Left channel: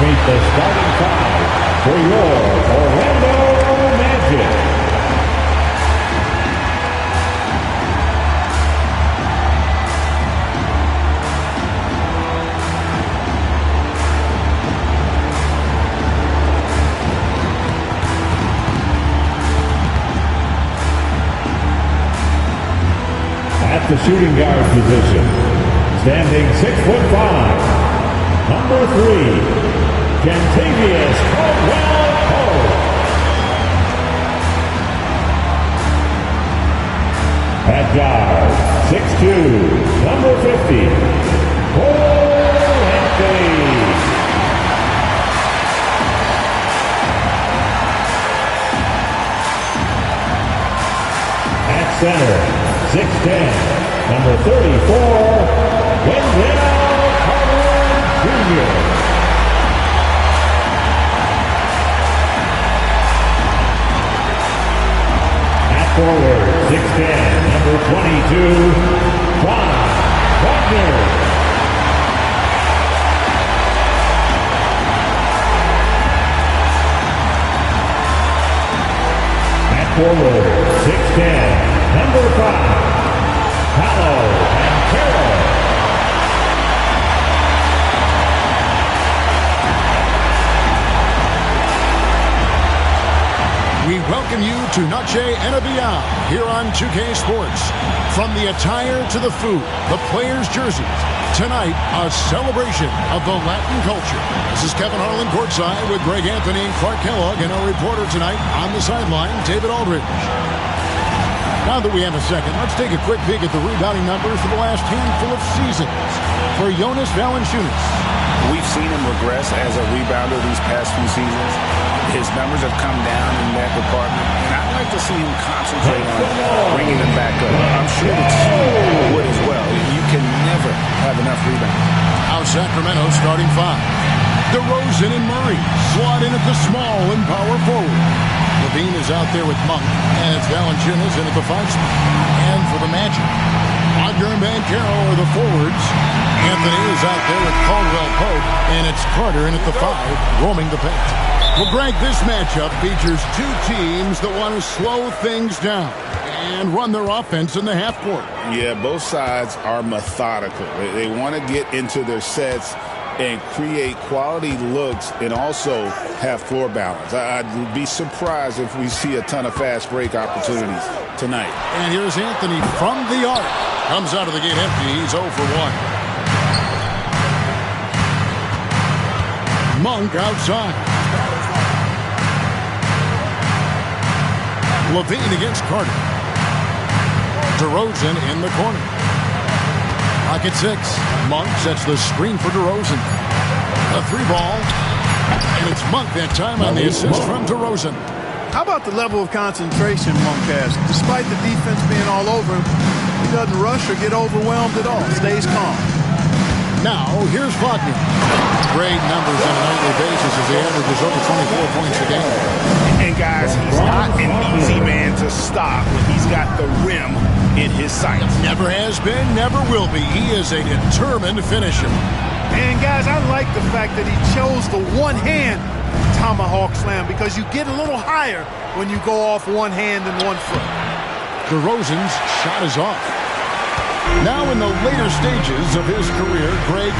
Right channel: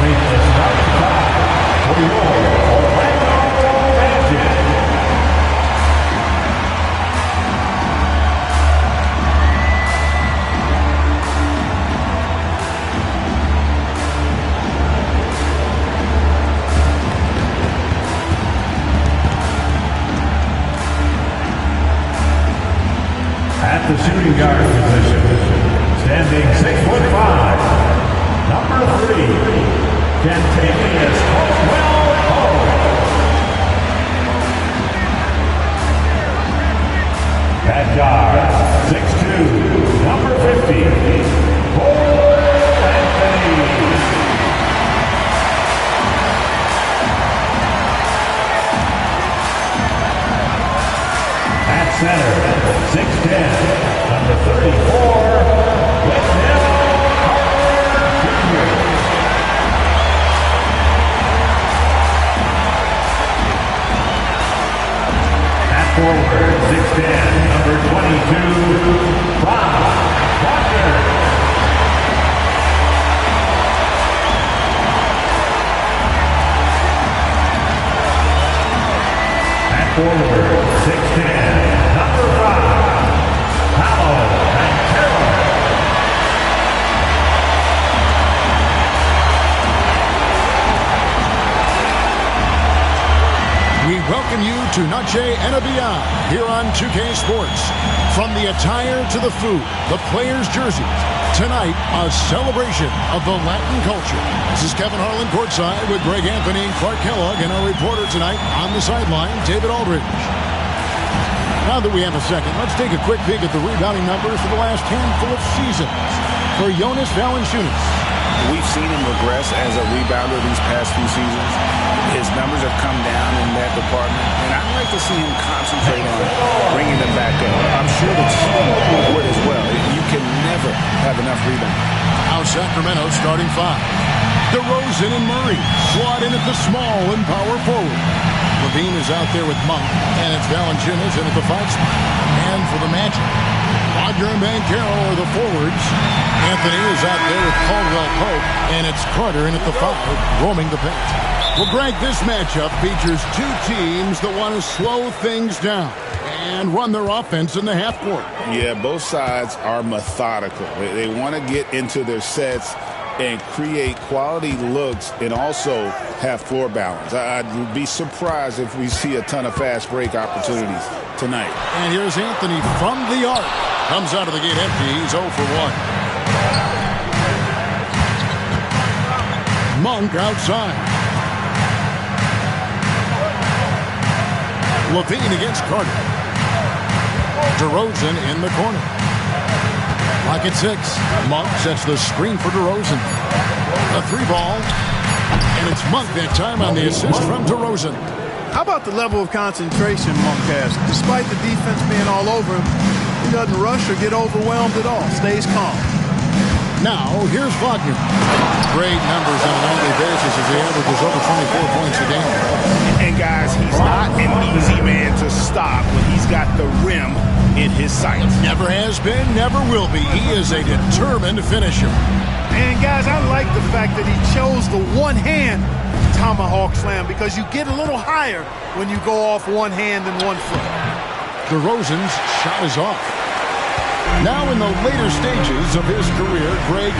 Meet the starting five for your Orlando Magic. At the shooting guard position, standing 6'5", number 3, Kentavious Caldwell-Pope. At guard, 6'2", number 50, Cole Anthony. At center, 6'10", number 34, Wendell Carter Jr. At forward, 6'10", number 22, Bob Wagner. Forward, 6'10", number 5, Paolo Banchero. We welcome you to Noche and Beyond here on 2K Sports. From the attire to the food, the players' jerseys. Tonight, a celebration of the Latin culture. This is Kevin Harlan courtside with Greg Anthony and Clark Kellogg, and our reporter tonight on the sideline, David Aldridge. Now that we have a second, let's take a quick peek at the rebounding numbers for the last handful of seasons. For Jonas Valanciunas, we've seen him regress as a rebounder these past few seasons. His numbers have come down in that department, and I'd like to see him concentrate on bringing them back up. I'm sure the team would as well. You can never have enough rebounds. Now Sacramento starting five. DeRozan and Murray slot in at the small and power forward. Levine is out there with Monk, and it's Valanciunas in at the 5 spot. And for the Magic, Wagner and Banchero are the forwards. Anthony is out there with Caldwell-Pope, and it's Carter in at the 5, roaming the paint. Well, Greg, this matchup features two teams that want to slow things down and run their offense in the half court. Yeah, both sides are methodical. They want to get into their sets and create quality looks and also have floor balance. I'd be surprised if we see a ton of fast break opportunities tonight. And here's Anthony from the arc. Comes out of the gate empty. He's 0 for 1. Monk outside. Levine against Carter. DeRozan in the corner. Pocket 6. Monk sets the screen for DeRozan. A 3 ball. And it's Monk that time on the assist from DeRozan. How about the level of concentration Monk has? Despite the defense being all over him, he doesn't rush or get overwhelmed at all. Stays calm. Now, here's Wagner. Great numbers on a nightly basis as he averages over 24 points a game. And guys, he's not an easy man to stop when he's got the rim in his sights. Never has been, never will be. He is a determined finisher. And guys, I like the fact that he chose the one-hand tomahawk slam because you get a little higher when you go off one hand and 1 foot. DeRozan's shot is off. Now in the later stages of his career, Greg,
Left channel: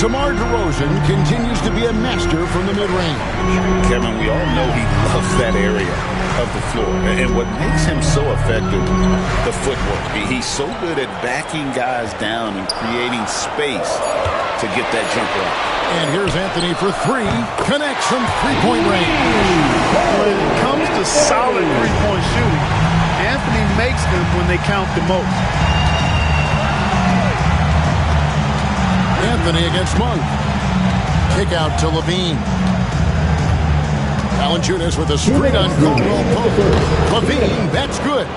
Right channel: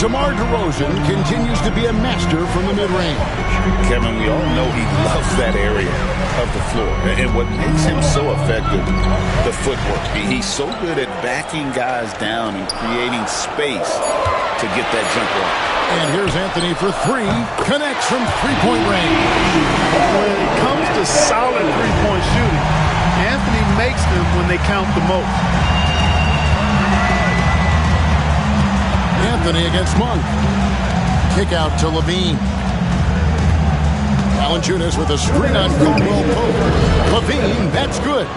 DeMar DeRozan continues to be a master from the mid-range. Kevin, we all know he loves that area of the floor. And what makes him so effective, the footwork. He's so good at backing guys down and creating space to get that jumper off. And here's Anthony for 3. Connects from three-point range. When it comes to solid three-point shooting, Anthony makes them when they count the most. Anthony against Monk. Kick out to Levine. Valanciunas with a screen on Caldwell-Pope. Levine, that's good.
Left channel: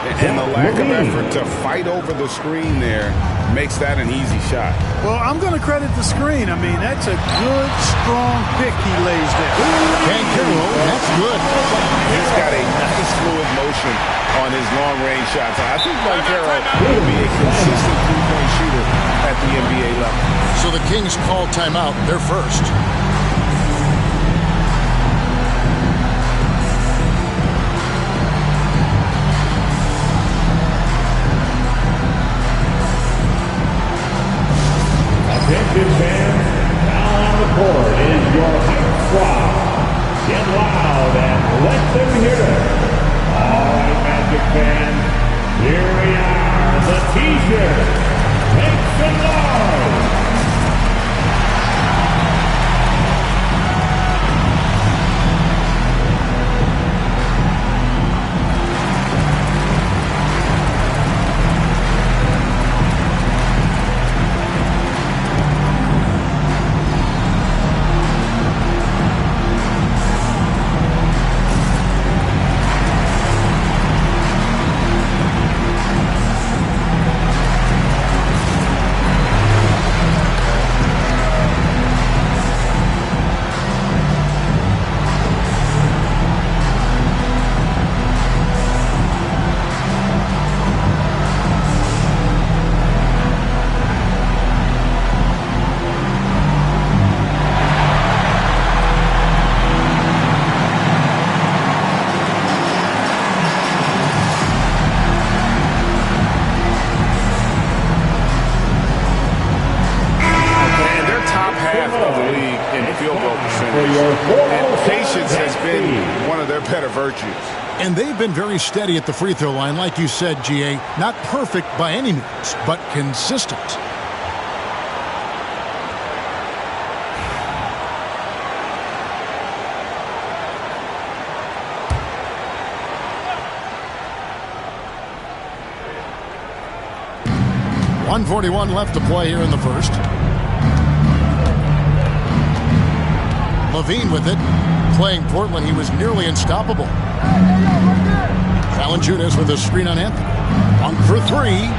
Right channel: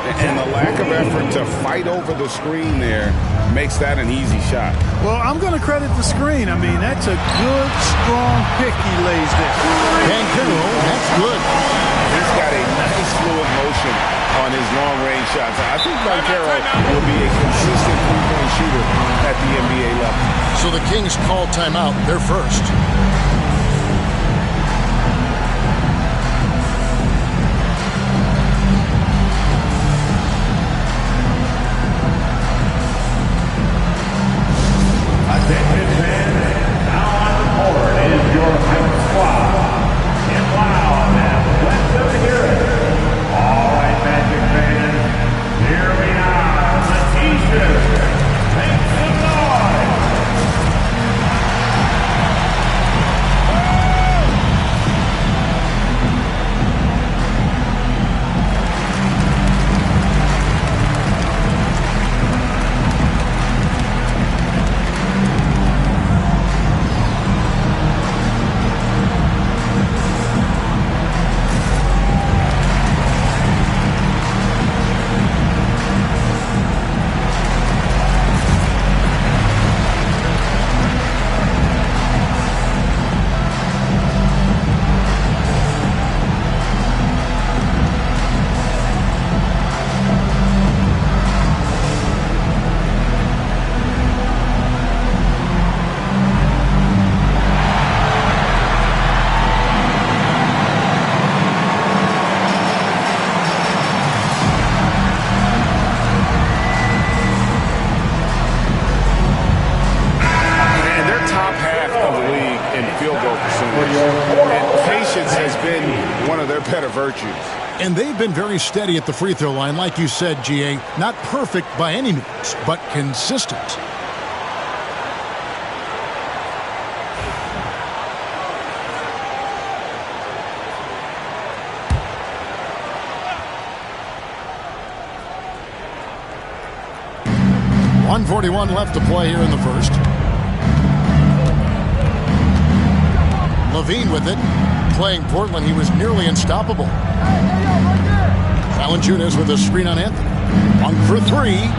And the lack of effort to fight over the screen there makes that an easy shot. Well, I'm going to credit the screen. I mean, that's a good, strong pick he lays there. Banchero, that's good. He's got a nice fluid motion on his long-range shots. I think Banchero will be a consistent three-point shooter at the NBA level. So the Kings call timeout. They're first. Memphis fans, now on the court is your hype squad. Get loud and let them hear it. All right, Magic fans, here we are, the T-shirt. Make some noise. Top half of the league in field goal percentage, and patience has been one of their better virtues. And they've been very steady at the free throw line, like you said, GA. Not perfect by any means, but consistent. .141 left to play here in the first. Levine with it. Playing Portland, he was nearly unstoppable. Valanciunas with a screen on Anthony. Monk for three.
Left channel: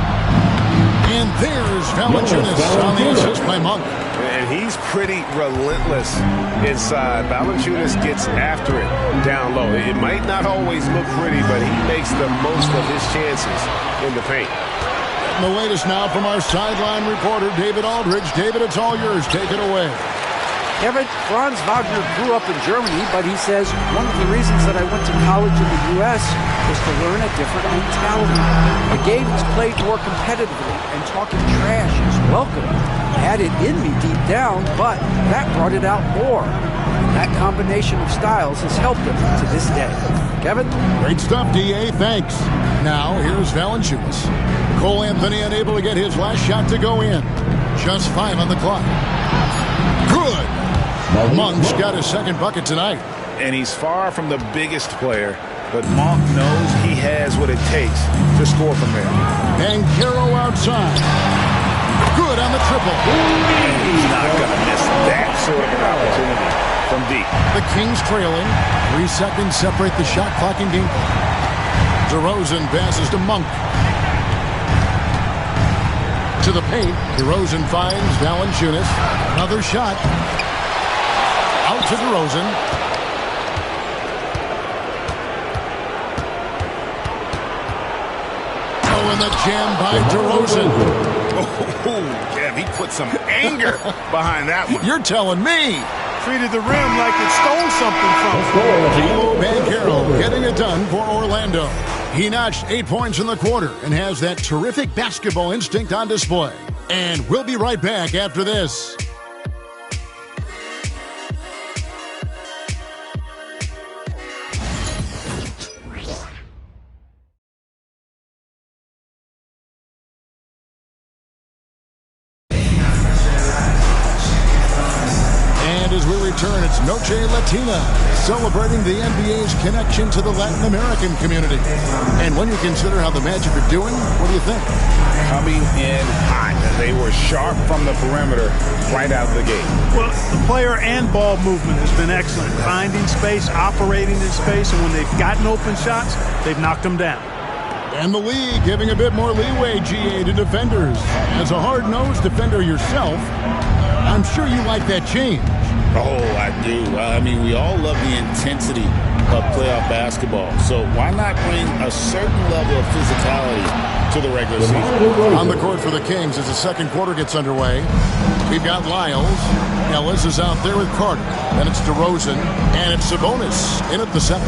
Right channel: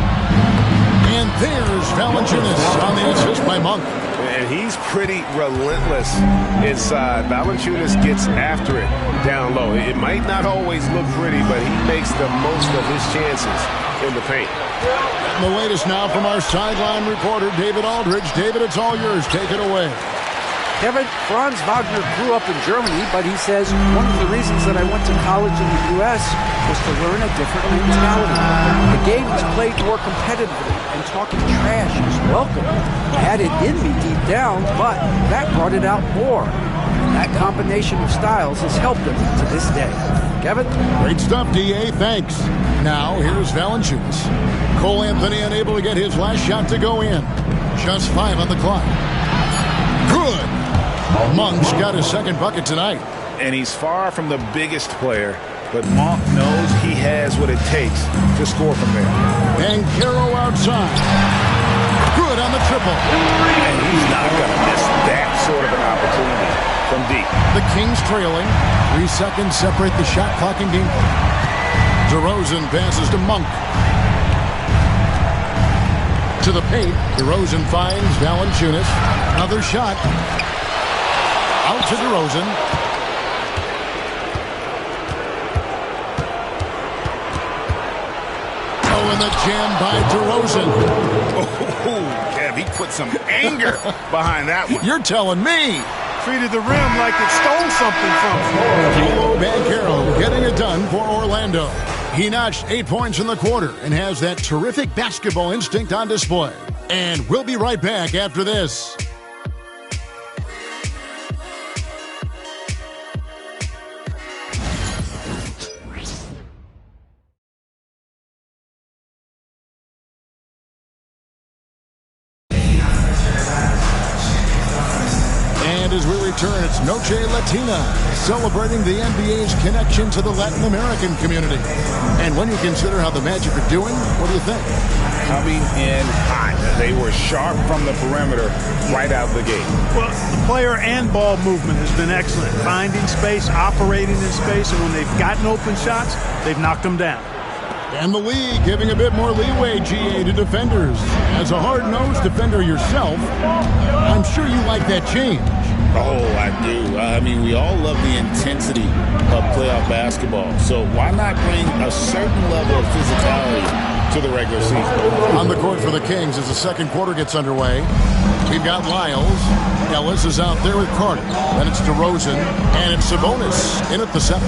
And there's Valanciunas on the assist by Monk. And he's pretty relentless inside. Valanciunas gets after it down low. It might not always look pretty, but he makes the most of his chances in the paint. And the latest now from our sideline reporter, David Aldridge. David, it's all yours. Take it away. Kevin, Franz Wagner grew up in Germany, but he says one of the reasons that I went to college in the U.S. was to learn a different mentality. The game is played more competitively, and talking trash is welcome. I had it in me deep down, but that brought it out more. And that combination of styles has helped him to this day. Kevin? Great stuff, D.A. Thanks. Now, here's Valanciunas. Cole Anthony unable to get his last shot to go in. Just 5 on the clock. Good. Monk's got his second bucket tonight. And he's far from the biggest player, but Monk knows he has what it takes to score from there. Banchero outside. Good on the triple. And he's not going to miss that sort of an opportunity from deep. The Kings trailing. 3 seconds separate the shot clock and game clock. DeRozan passes to Monk. To the paint. DeRozan finds Valanciunas. Another shot. Out to DeRozan. Oh, and the jam by DeRozan. Oh, Kev, he put some anger behind that one. You're telling me. Treated the rim like it stole something from him. Paolo Banchero getting it done for Orlando. He notched 8 points in the quarter and has that terrific basketball instinct on display. And we'll be right back after this. And as we return, it's Noche Latina, celebrating the NBA's connection to the Latin American community. And when you consider how the Magic are doing, what do you think? Coming in hot. They were sharp from the perimeter right out of the gate. Well, the player and ball movement has been excellent. Finding space, operating in space, and when they've gotten open shots, they've knocked them down. And the league giving a bit more leeway, GA, to defenders. As a hard-nosed defender yourself, I'm sure you like that change. Oh, I do. I mean, we all love the intensity of playoff basketball. So why not bring a certain level of physicality to the regular season? On the court for the Kings as the second quarter gets underway. We've got Lyles. Ellis is out there with Carter. Then it's DeRozan. And it's Sabonis in at the center.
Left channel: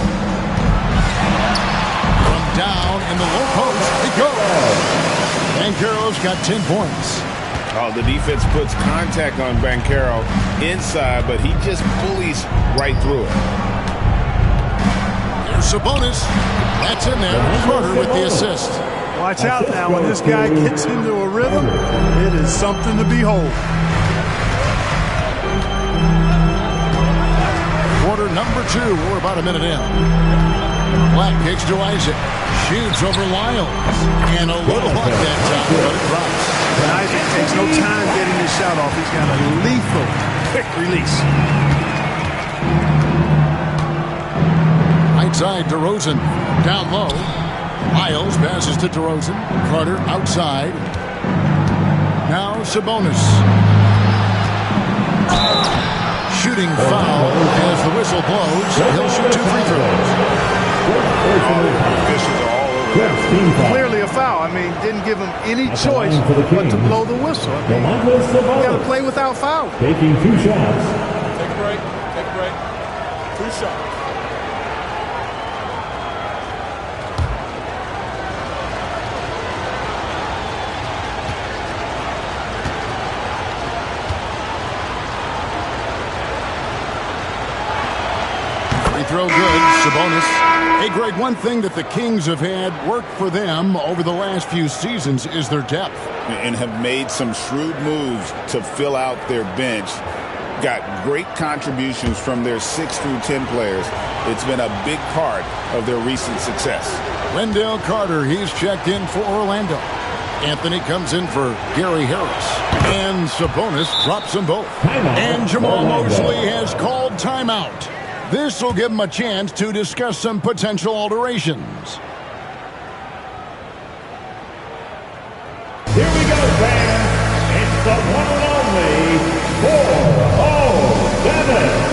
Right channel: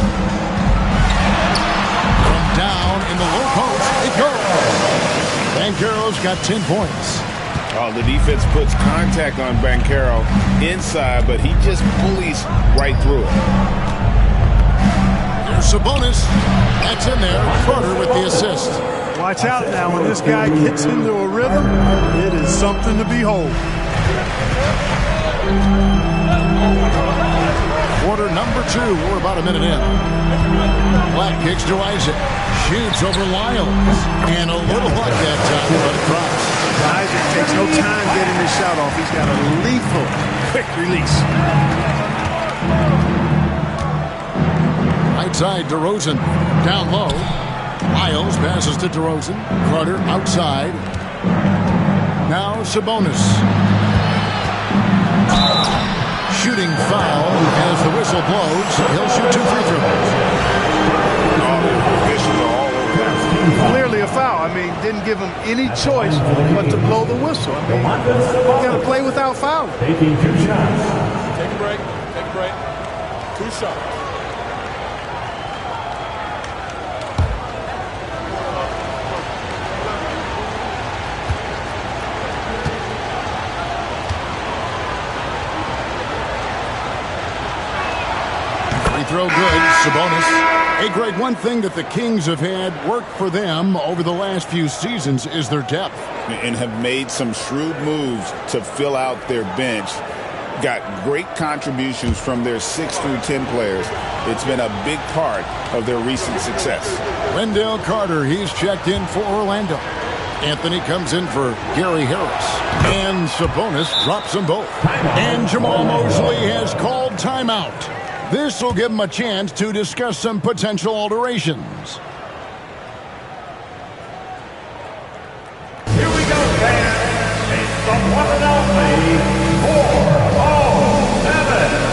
Down in the low post, it goes. Banchero's got 10 points. Oh, the defense puts contact on Banchero inside, but he just bullies right through it. Here's Sabonis. That's in there. Carter with the assist. Watch out now. When this guy gets into a rhythm, it is something to behold. Quarter number 2. We're about a minute in. Black kicks to Isaac. Shoots over Lyles. And a little luck that time, but it drops. And Isaac takes no time getting his shot off. He's got a lethal quick release. Right side, DeRozan. Down low. Lyles passes to DeRozan. Carter outside. Now Sabonis. Shooting foul as the whistle blows. He'll shoot 2 free throws. All the officials are all over that. Clearly a foul. I mean, didn't give him any choice but to blow the whistle. I mean, you got to play without foul. Taking 2 shots. Take a break. Take a break. 2 shots. Free throw good. Sabonis. Hey, Greg, one thing that the Kings have had work for them over the last few seasons is their depth. And have made some shrewd moves to fill out their bench. Got great contributions from their 6 through 10 players. It's been a big part of their recent success. Wendell Carter, he's checked in for Orlando. Anthony comes in for Gary Harris. And Sabonis drops them both. And Jamal Mosley has called timeout. This will give him a chance to discuss some potential alterations. Here we go, fans. It's the one and only 407.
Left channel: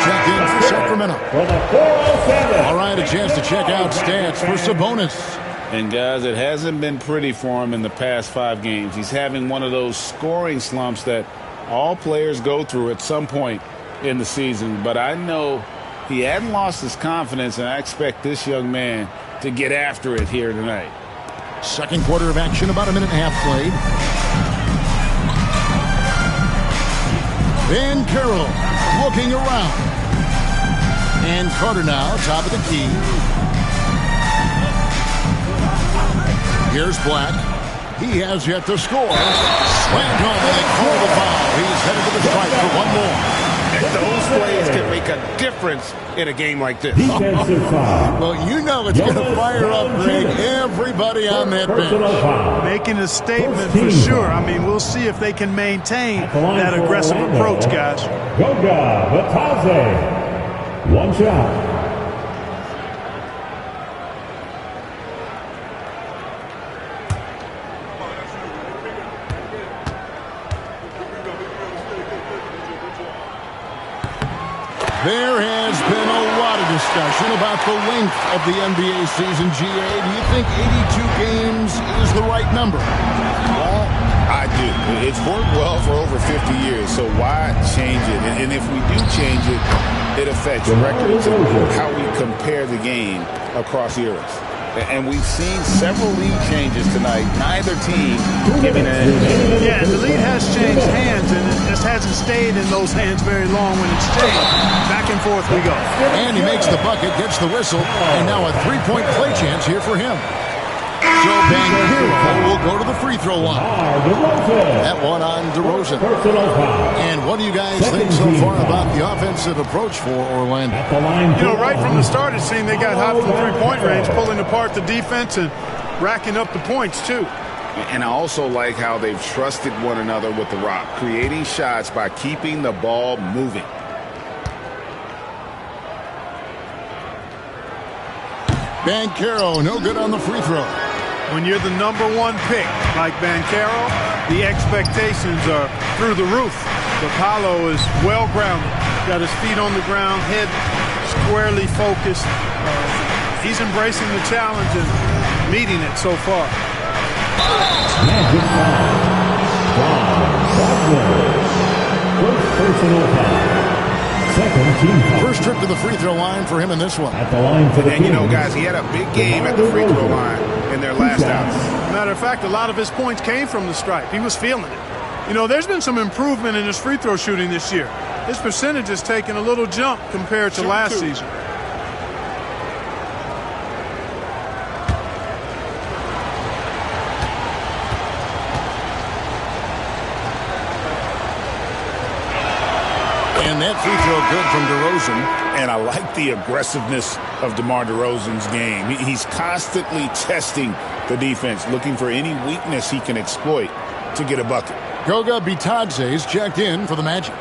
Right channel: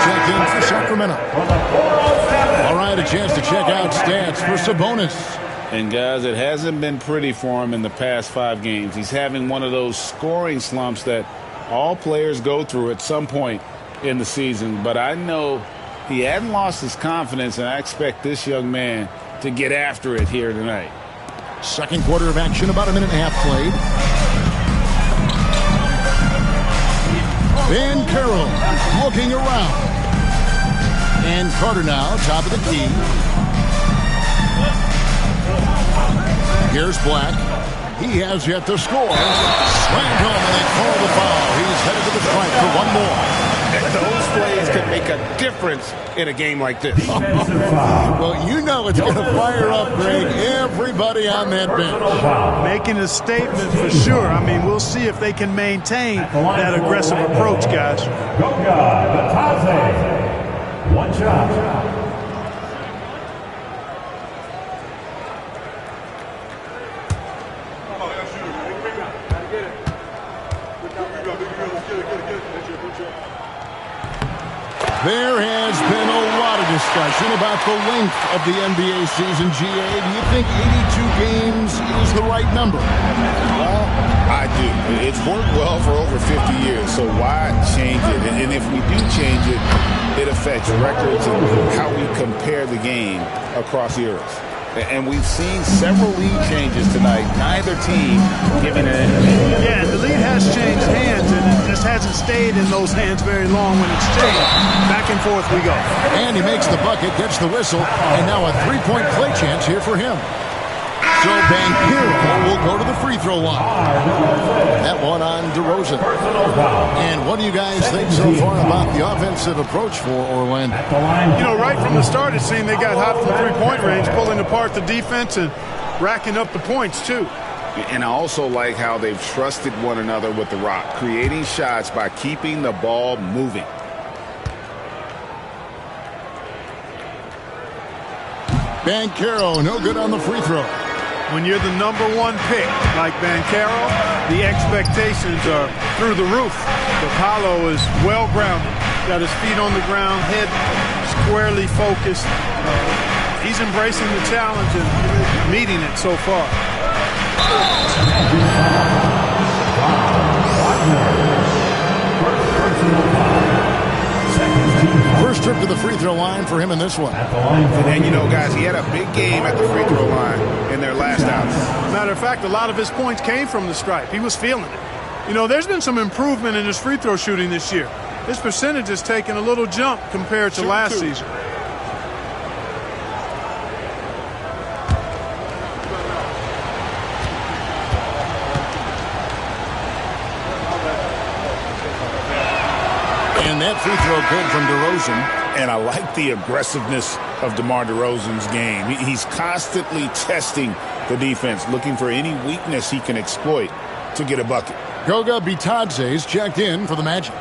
Checked in for Sacramento. All right, a chance to check out stats for Sabonis. And, guys, it hasn't been pretty for him in the past 5 games. He's having one of those scoring slumps that all players go through at some point in the season. But I know he hadn't lost his confidence, and I expect this young man to get after it here tonight. Second quarter of action, about a minute and a half played. Van Carroll looking around. And Carter now, top of the key. Here's Black. He has yet to score. Slammed home, and they call the foul. He's headed to the stripe for one more. And those plays can make a difference in a game like this. Well, you know it's going to fire up, Greg, everybody on that bench. Making a statement for sure. I mean, we'll see if they can maintain that aggressive approach, guys. Goga Batadze. One shot. There has been a lot of discussion about the length of the NBA season, GA. Do you think 82 games is the right number? Well, I do. It's worked well for over 50 years, so why change it? And if we do change it, it affects records and how we compare the game across eras. And we've seen several lead changes tonight. Neither team giving an edge. Yeah, and the lead has changed hands, and it just hasn't stayed in those hands very long when it's changed. Back and forth we go. And he makes the bucket, gets the whistle, and now a three-point play chance here for him. So Banchero will go to the free throw line. That one on DeRozan. And what do you guys think so far about the offensive approach for Orlando? You know, right from the start it seemed they got hot from three-point range, pulling apart the defense and racking up the points too. And I also like how they've trusted one another with the rock, creating shots by keeping the ball moving. Banchero, no good on the free throw. When you're the #1 pick, like Banchero, the expectations are through the roof. But Paolo is well-grounded. Got his feet on the ground, head squarely focused. He's embracing the challenge and meeting it so far. First trip to the free throw line for him in this one. And, you know, guys, he had a big game at the free throw line in their last outing. Matter of fact, a lot of his points came from the stripe. He was feeling it. You know, there's been some improvement in his free throw shooting this year. His percentage has taken a little jump compared to last season. And that free throw good from DeRozan. And I like the aggressiveness of DeMar DeRozan's game. He's constantly testing the defense, looking for any weakness he can exploit to get a bucket. Goga Bitadze's checked in for the Magic.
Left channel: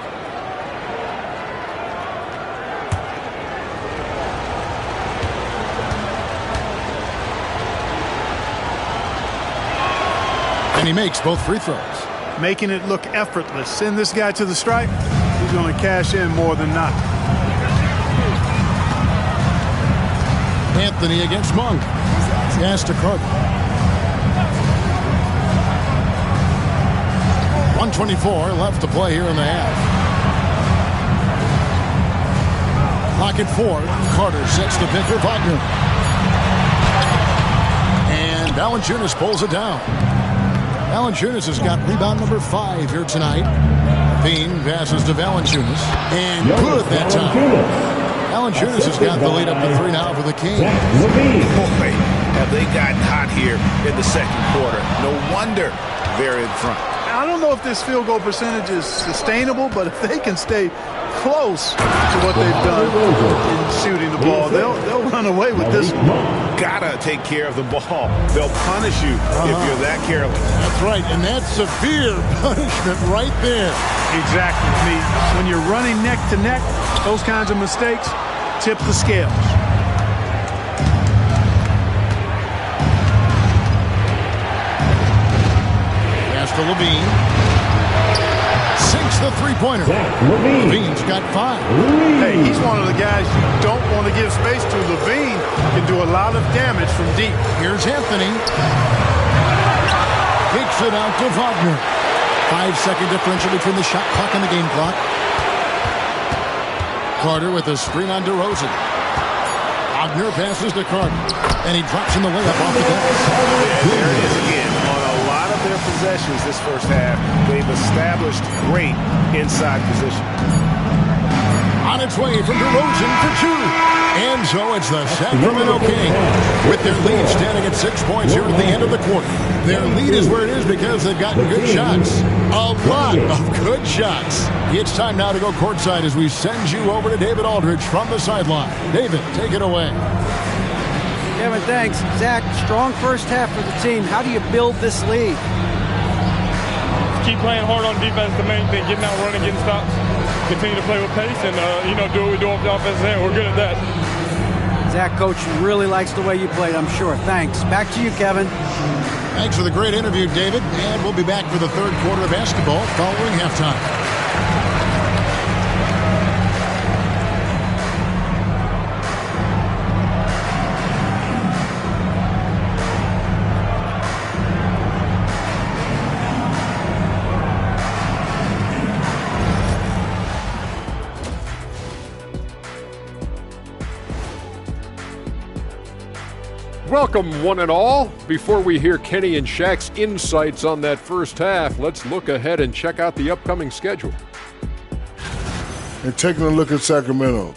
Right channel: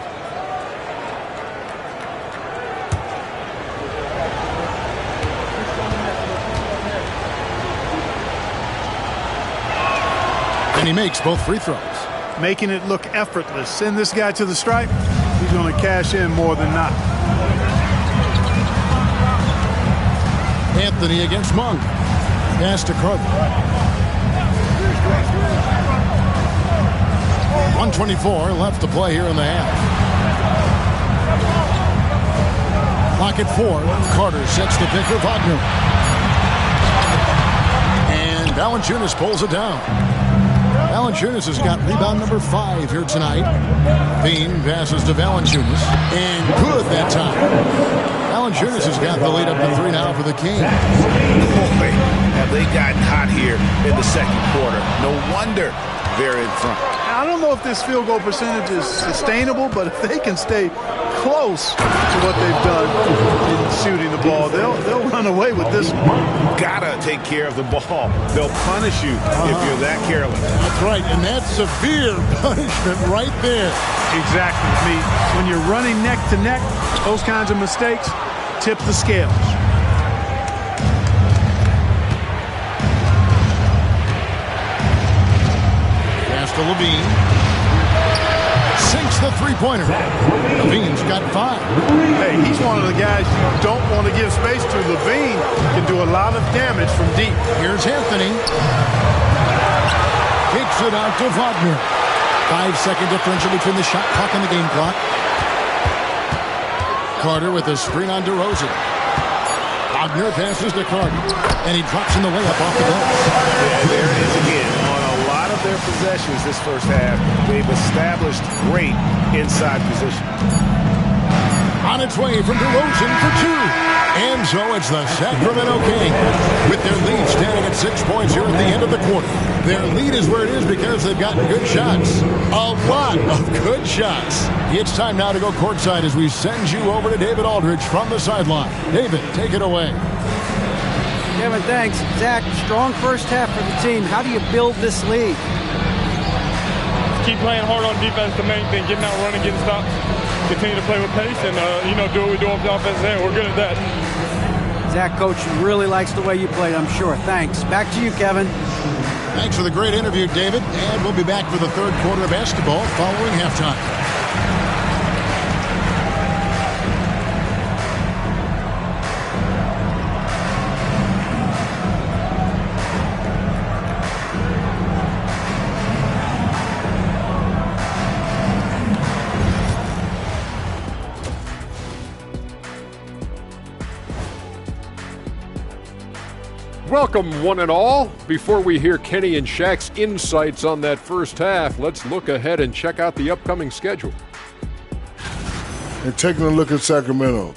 And he makes both free throws. Making it look effortless. Send this guy to the stripe. He's going to cash in more than not. Anthony against Monk. Pass to Carter. 1:24 left to play here in the half. Clock at 4. Carter sets the pick for Wagner. And Valanciunas pulls it down. Valanciunas has got rebound number 5 here tonight. Bean passes to Valanciunas. And good that time. Valanciunas has got the lead up to 3 now for the Kings. Boy, have they gotten hot here in the second quarter. No wonder they're in front. I don't know if this field goal percentage is sustainable, but if they can stay close to what they've done in shooting the ball, they'll run away with this one. Gotta take care of the ball. They'll punish you if you're that careless. That's right, and that's severe punishment right there. Exactly. I mean, when you're running neck to neck, those kinds of mistakes tip the scales. Pass to Levine. Sinks the three-pointer. Levine's got 5. Hey, he's one of the guys you don't want to give space to. Levine can do a lot of damage from deep. Here's Anthony. Kicks it out to Wagner. 5-second differential between the shot clock and the game clock. Carter with a screen on DeRozan. Wagner passes to Carter. And he drops in the layup off the glass. Yeah, there it is again. On a lot of their possessions this first half, they've established great inside position. On its way from DeRozan for 2. And so it's the Sacramento Kings with their lead standing at 6 points here at the end of the quarter. Their lead is where it is because they've gotten good shots. A lot of good shots. It's time now to go courtside as we send you over to David Aldridge from the sideline. David, take it away. Kevin, thanks. Zach, strong first half for the team. How do you build this lead? Keep playing hard on defense, the main thing. Getting out, running, getting stops. Continue to play with pace and, do what we do off the offensive end. We're good at that. Zach, Coach really likes the way you played, I'm sure. Thanks. Back to you, Kevin. Thanks for the great interview, David. And we'll be back for the third quarter of basketball following halftime. Welcome, one and all. Before we hear Kenny and Shaq's insights on that first half, let's look ahead and check out the upcoming schedule. And taking a look at Sacramento,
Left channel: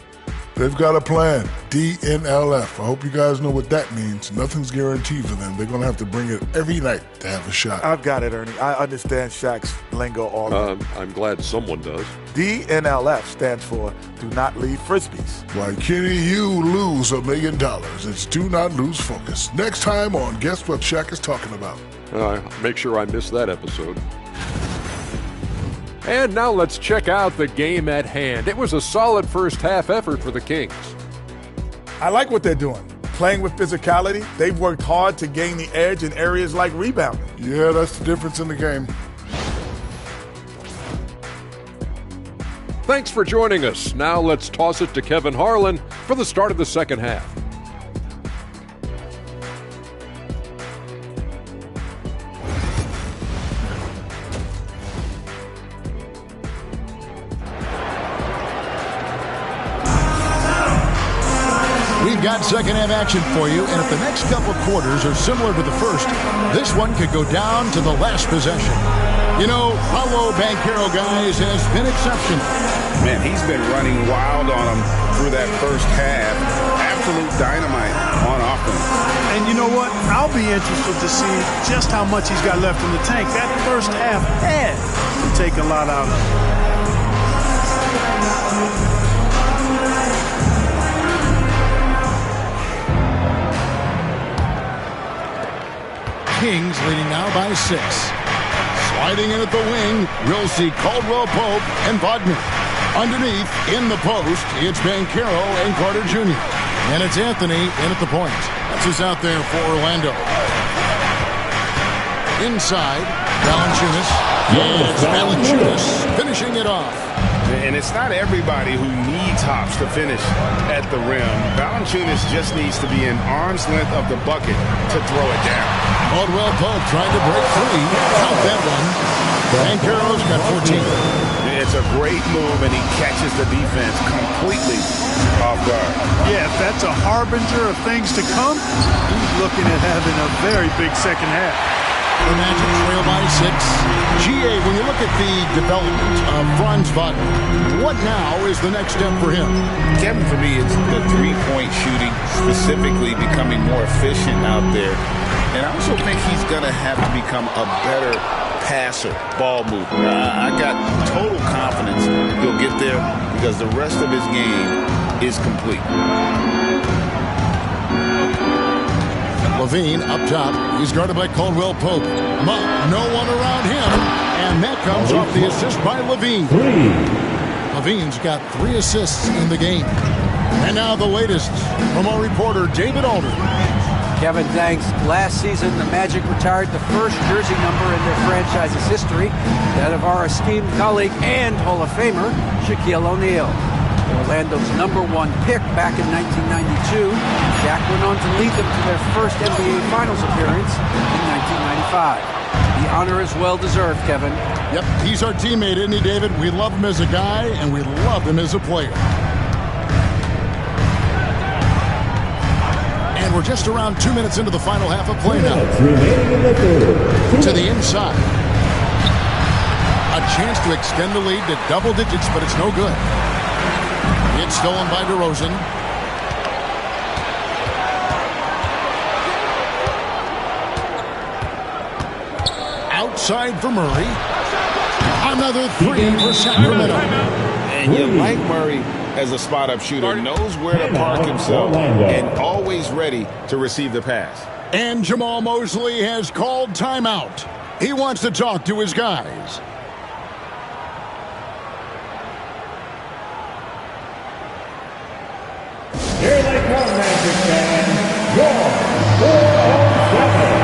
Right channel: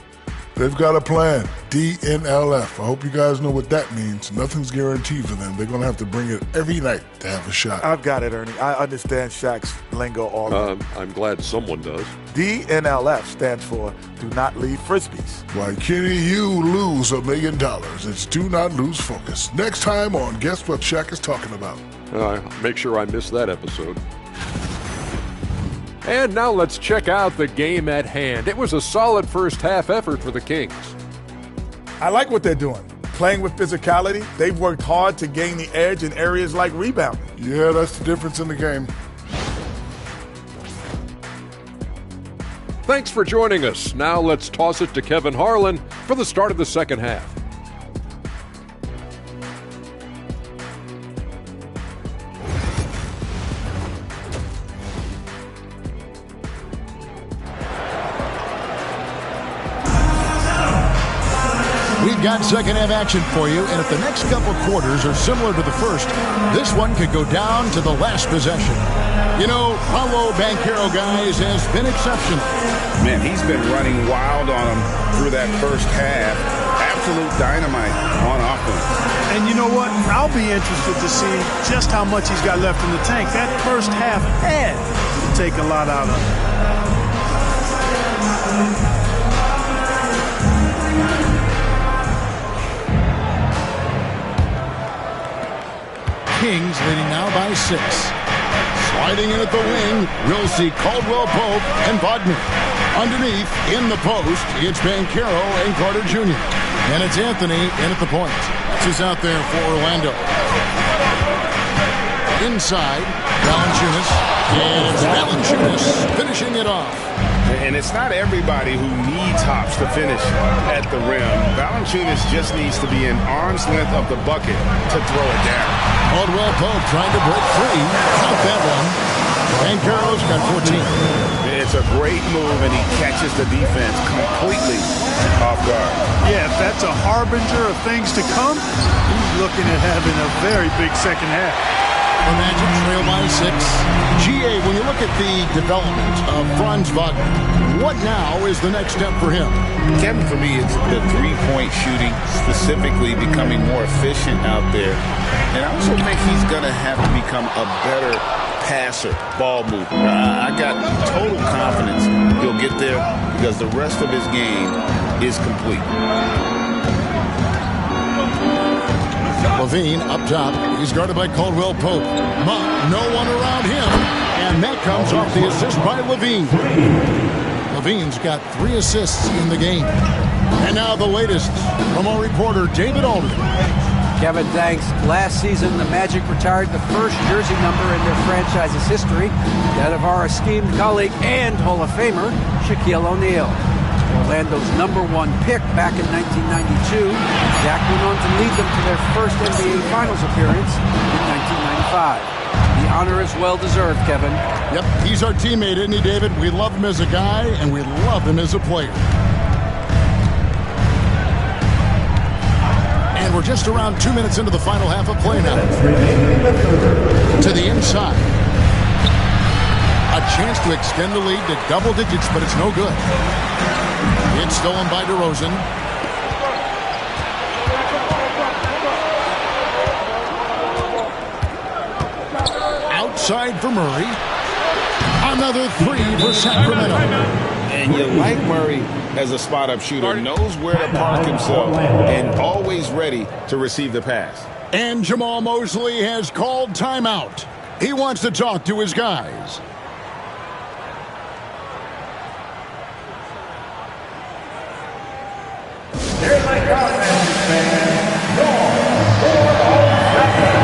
they've got a plan, DNLF. I hope you guys know what that means. Nothing's guaranteed for them. They're going to have to bring it every night to have a shot. I've got it, Ernie. I understand Shaq's lingo already. I'm glad someone does. DNLF stands for Do Not Leave Frisbees. Why, Kenny, you lose $1 million. It's Do Not Lose Focus. Next time on Guess What Shaq is Talking About. Make sure I miss that episode. And now let's check out the game at hand. It was a solid first half effort for the Kings. I like what they're doing. Playing with physicality, they've worked hard to gain the edge in areas like rebounding. Yeah, that's the difference in the game. Thanks for joining us. Now let's toss it to Kevin Harlan for the start of the second half. We've got second half action for you, and if the next couple quarters are similar to the first, this one could go down to the last possession. You know, Paolo Banchero, guys, has been exceptional. Man, he's been running wild on them through that first half. Absolute dynamite on offense. And you know what? I'll be interested to see just how much he's got left in the tank. That first half had to take a lot out of him. Kings leading now by 6. Sliding in at the wing, we'll see Caldwell Pope and Wagner. Underneath, in the post, it's Banchero and Carter Jr. And it's Anthony in at the point. That's who's out there for Orlando. Inside, Valanciunas. And it's Valanciunas finishing it off. And it's not everybody who needs hops to finish at the rim. Valanciunas just needs to be an arm's length of the bucket to throw it down. Caldwell Pope trying to break free. Count that one. Banchero's got 14. It's a great move, and he catches the defense completely off guard. Yeah, if that's a harbinger of things to come, he's looking at having a very big second half. The Magic trail by 6. GA, when you look at the development of Franz Wagner, what now is the next step for him? Kevin, for me, it's the three-point shooting, specifically becoming more efficient out there. And I also think he's going to have to become a better passer, ball mover. I got total confidence he'll get there because the rest of his game is complete. Levine up top. He's guarded by Caldwell Pope. Monk, no one around him. And that comes off the assist by Levine. Levine's got 3 assists in the game. And now the latest from our reporter, David Aldridge. Kevin, thanks. Last season, the Magic retired the first jersey number in their franchise's history, that of our esteemed colleague and Hall of Famer, Shaquille O'Neal. Orlando's #1 pick back in 1992, Shaq went on to lead them to their first NBA Finals appearance in 1995. The honor is well-deserved, Kevin. Yep, he's our teammate, isn't he, David? We love him as a guy, and we love him as a player. And we're just around 2 minutes into the final half of play now. To the inside. A chance to extend the lead to double digits, but it's no good. It's stolen by DeRozan. Outside for Murray. Another 3 for Sacramento. And you like Murray as a spot-up shooter, knows where to park himself, and always ready to receive the pass. And Jamal Mosley has called timeout. He wants to talk to his guys. Here they come, Magic fans. Your 407.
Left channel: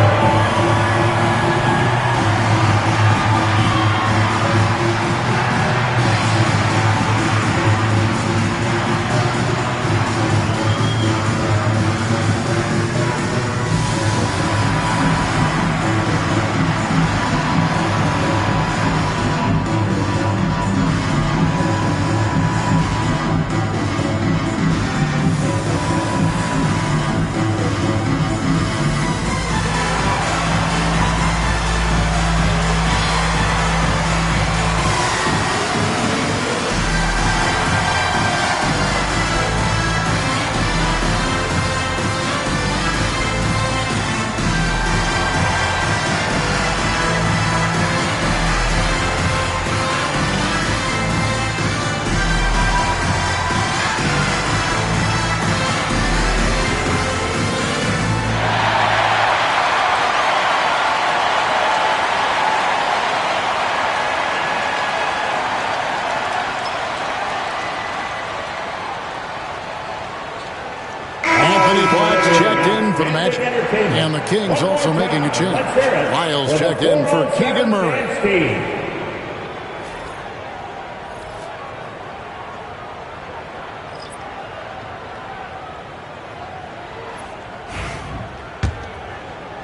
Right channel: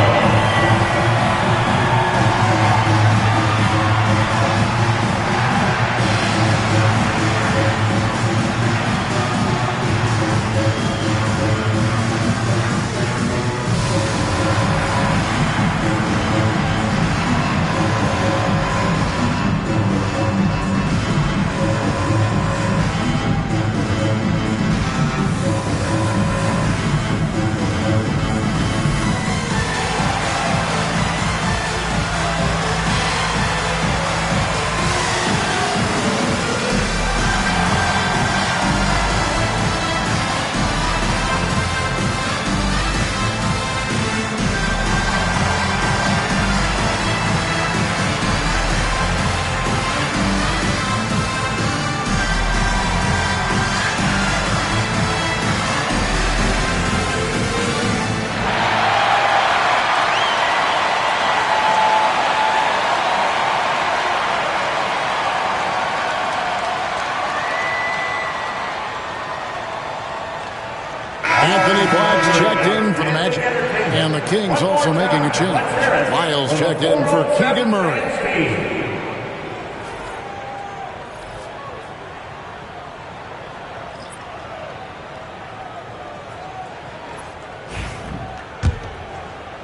Anthony Black's checked in for the Magic. And the Kings also making a change. Lyles checked in for Keegan Murray.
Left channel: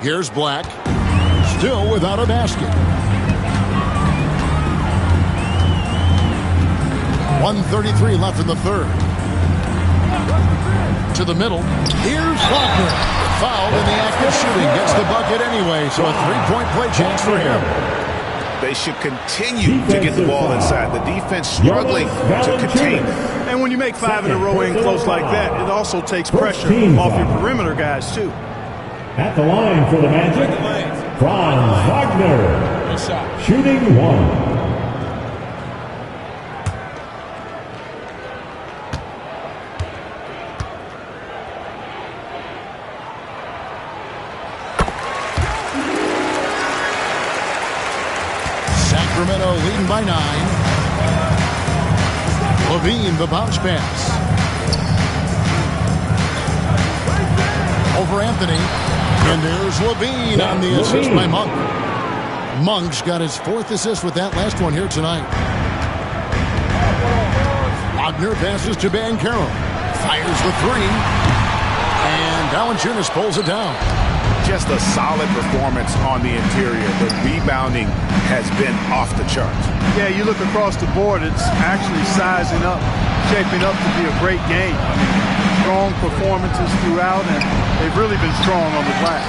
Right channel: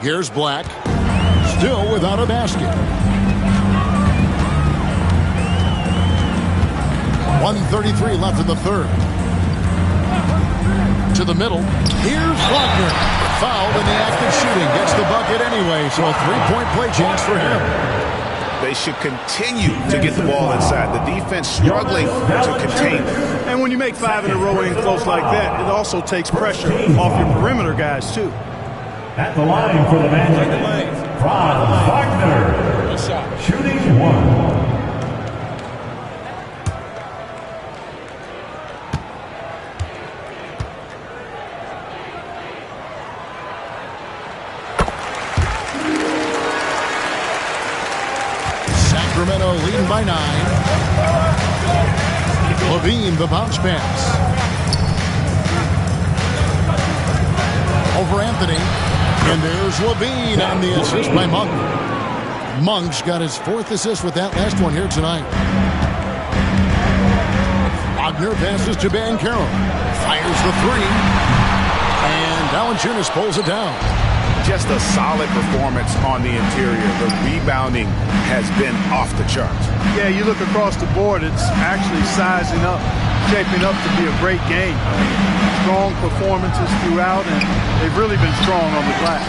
Here's Black. Still without a basket. 1:33 left in the third. To the middle. Here's Wagner. Fouled in the act of shooting. Gets the bucket anyway, so a three-point play chance for him. They should continue to get the ball inside. The defense struggling to contain them. And when you make 5 in a row in close like that, it also takes pressure off your perimeter guys, too. At the line for the Magic, Franz Wagner, shooting 1. Sacramento leading by 9. Levine, the bounce pass. Over Anthony. And there's Levine on the assist by Monk. Monk's got his 4th assist with that last one here tonight. Wagner passes to Banchero. Fires the 3. And Valanciunas pulls it down. Just a solid performance on the interior. The rebounding has been off the charts. Yeah, you look across the board, it's actually sizing up, shaping up to be a great game. I mean, strong performances throughout, and they've really been strong on the glass.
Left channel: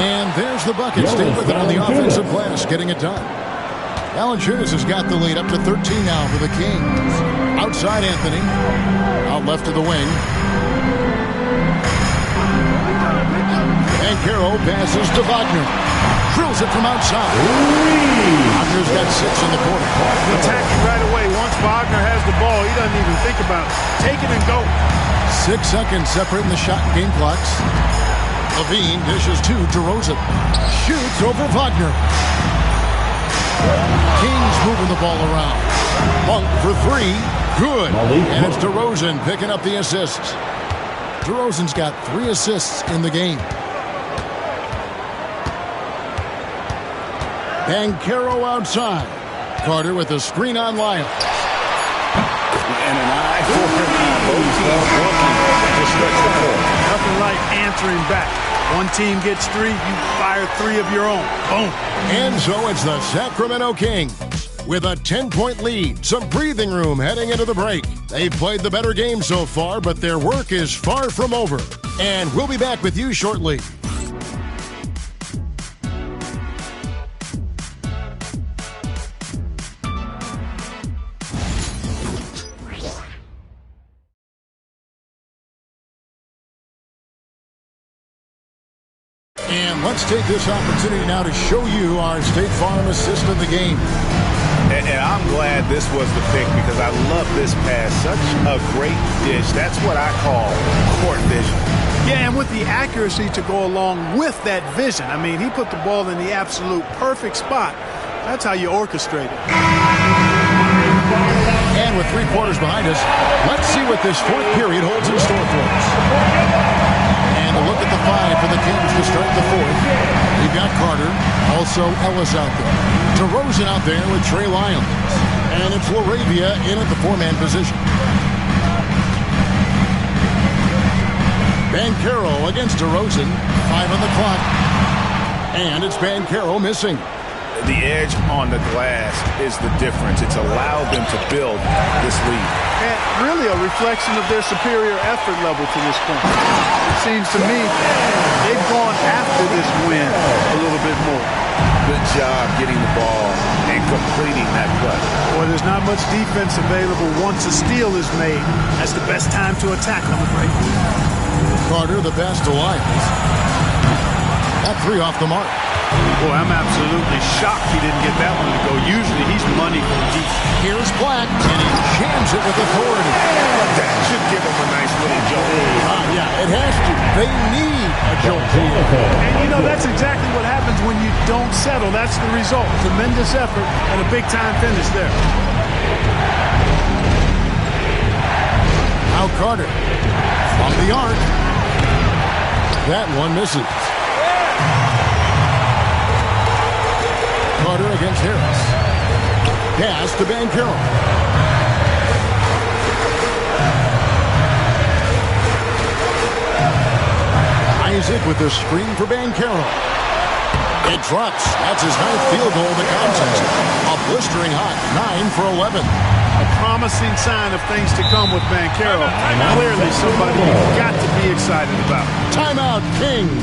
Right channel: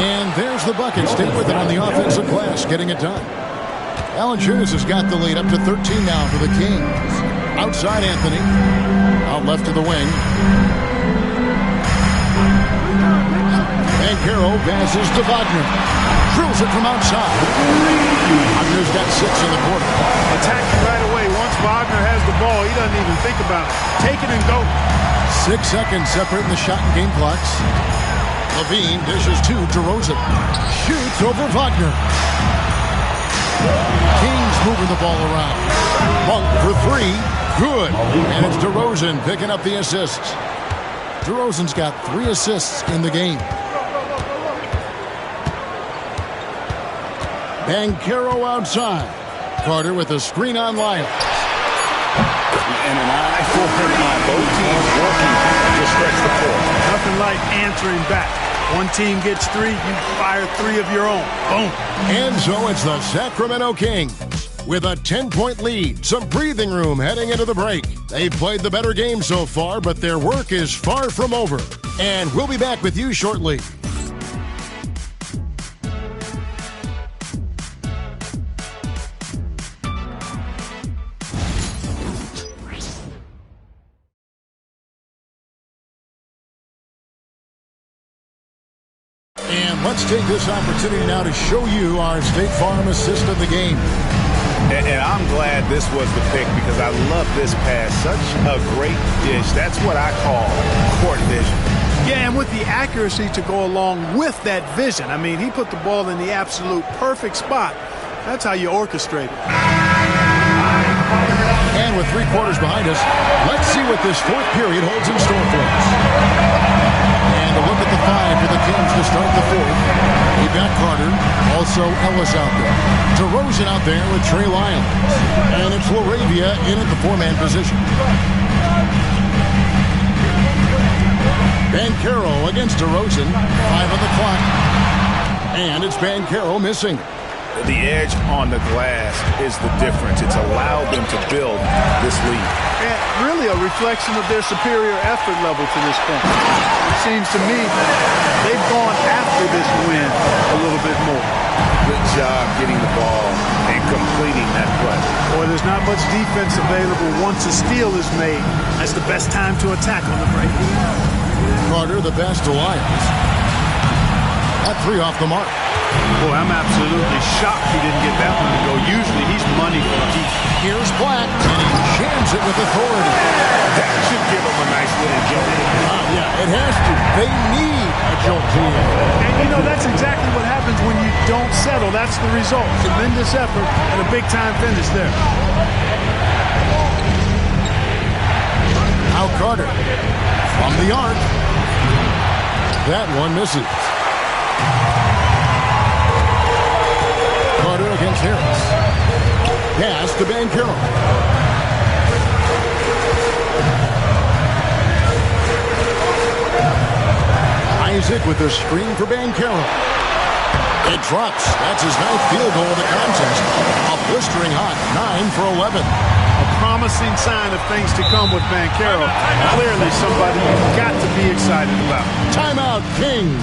And there's the bucket. Stay with it on the offensive glass, getting it done. Valanciunas has got the lead up to 13 now for the Kings. Outside Anthony. Out left to the wing. Banchero passes to Wagner. Drills it from outside. Wagner's got 6 in the quarter. Attacking right away. Once Wagner has the ball, he doesn't even think about it. Take it and go. 6 seconds separating the shot and game clocks. Levine dishes to DeRozan. Shoots over Wagner. Kings moving the ball around. Monk for 3. Good. And it's DeRozan picking up the assists. DeRozan's got 3 assists in the game. Banchero outside. Carter with a screen on Lyles. And an eye for an eye. Both teams working to stretch the floor. Nothing like answering back. One team gets 3, you fire 3 of your own. Boom. And so it's the Sacramento Kings with a 10-point lead. Some breathing room heading into the break. They've played the better game so far, but their work is far from over. And we'll be back with you shortly. And let's take this opportunity now to show you our State Farm assist of the game. And I'm glad this was the pick because I love this pass. Such a great dish. That's what I call court vision. Yeah, and with the accuracy to go along with that vision. I mean, he put the ball in the absolute perfect spot. That's how you orchestrate it. And with 3 quarters behind us, let's see what this 4th period holds in store for us. And a look at the 5 for the Kings to start the 4th. They've got Carter, also Ellis out there. DeRozan out there with Trey Lyles. And it's LaRavia in at the 4-man position. Banchero against DeRozan. 5 on the clock. And it's Banchero missing. The edge on the glass is the difference. It's allowed them to build this lead. And really a reflection of their superior effort level to this point. It seems to me they've gone after this win a little bit more. Good job getting the ball and completing that play. Boy, there's not much defense available once a steal is made. That's the best time to attack on the break. Carter, the pass to Lyles. That 3 off the mark. Boy, I'm absolutely shocked he didn't get that one to go. Usually he's money from deep. Here's Black, and he jams it with authority. That should give him a nice little jolt. Yeah, it has to. They need a jolt here. And, you know, that's exactly what happens when you don't settle. That's the result. Tremendous effort and a big-time finish there. Now Carter From the arc. That one misses. Carter against Harris. Pass to Banchero. Isaac with the screen for Banchero. It drops. That's his 9th field goal of the contest. A blistering hot 9 for 11. A promising sign of things to come with Banchero. Clearly somebody you've got to be excited about. Timeout, Kings.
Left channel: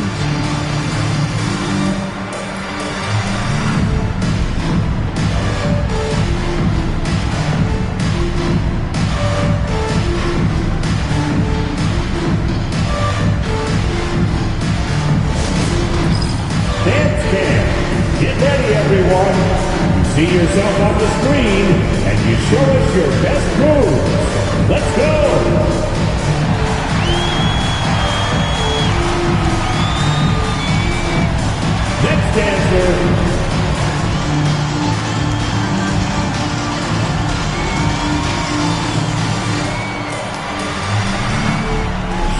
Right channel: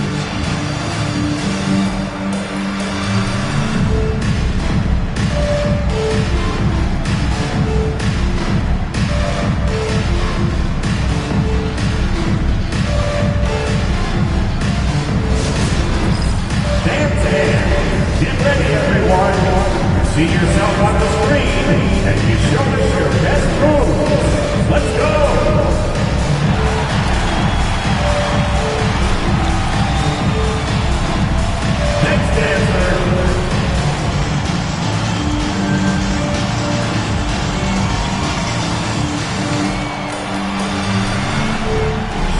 Get ready, everyone. You see yourself on the screen, and you show us your best moves. Let's go. Next dancer.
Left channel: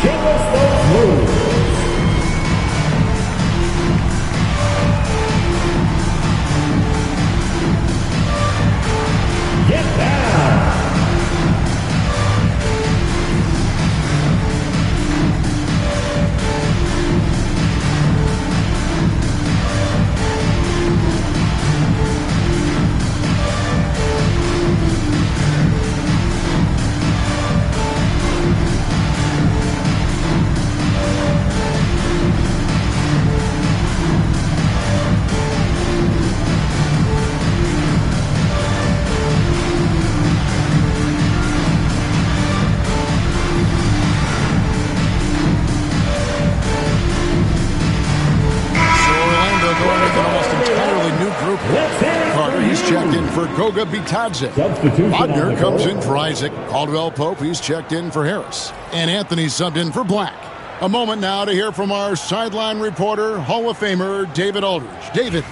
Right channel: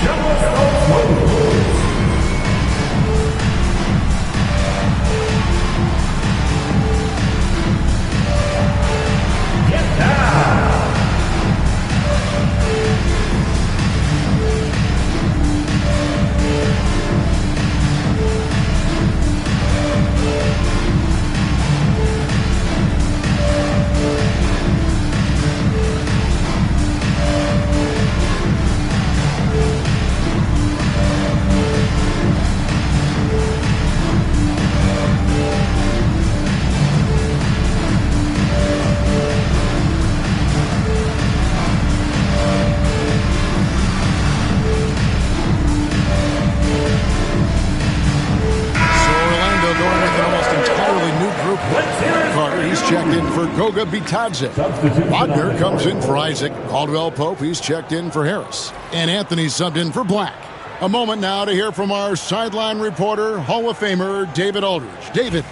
Show us those moves. Going with an almost entirely new group. Carter, he's checked in for Goga Bitadze. Wagner comes in for Isaac. Caldwell Pope, he's checked in for Harris. And Anthony subbed in for Black. A moment now to hear from our sideline reporter, Hall of Famer David Aldridge. David.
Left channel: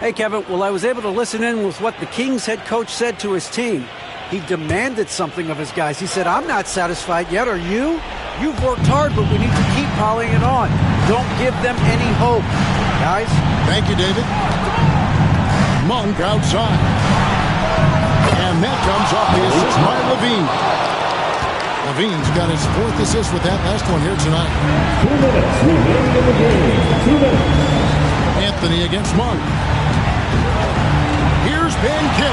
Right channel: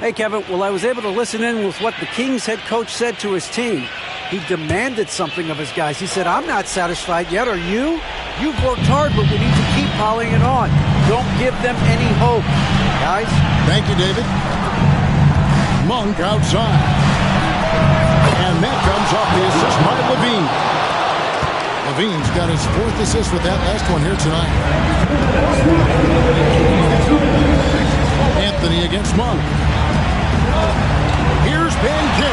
Hey, Kevin. Well, I was able to listen in with what the Kings head coach said to his team. He demanded something of his guys. He said, I'm not satisfied yet. Are you? You've worked hard, but we need to keep piling it on. Don't give them any hope. Guys? Thank you, David. Monk outside. And that comes off the assist by Levine. Levine's got his 4th assist with that last one here tonight. 2 minutes. Anthony against Monk. Here's Banchero.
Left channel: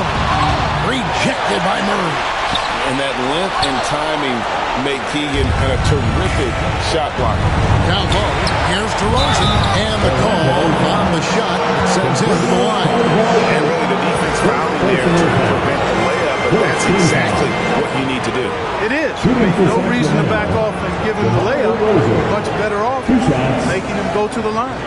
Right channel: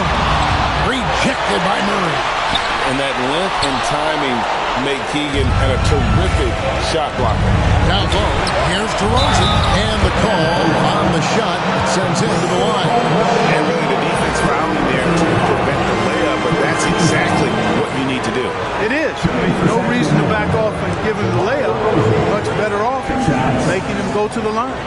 Rejected by Murray. And that length and timing make Keegan a terrific shot blocker. Down low, here's DeRozan, and the call on the shot that sends him to the line. And really the defense fouling there to prevent the layup, but that's exactly what you need to do. It is. No reason to back off and give him the layup. Much better off making him go to the line.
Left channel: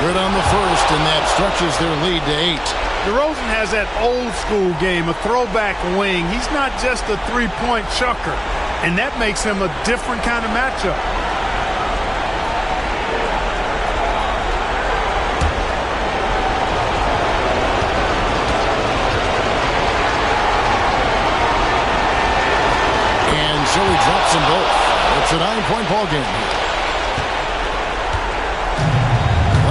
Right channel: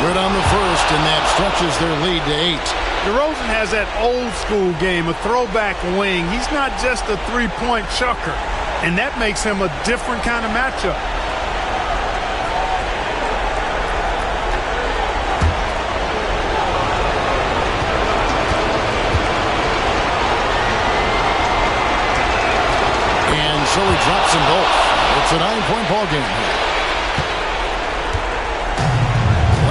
Good on the first, and that stretches their lead to 8. DeRozan has that old school game, a throwback wing. He's not just a three-point chucker, and that makes him a different kind of matchup. And so he drops them both. It's a 9-point ball game here.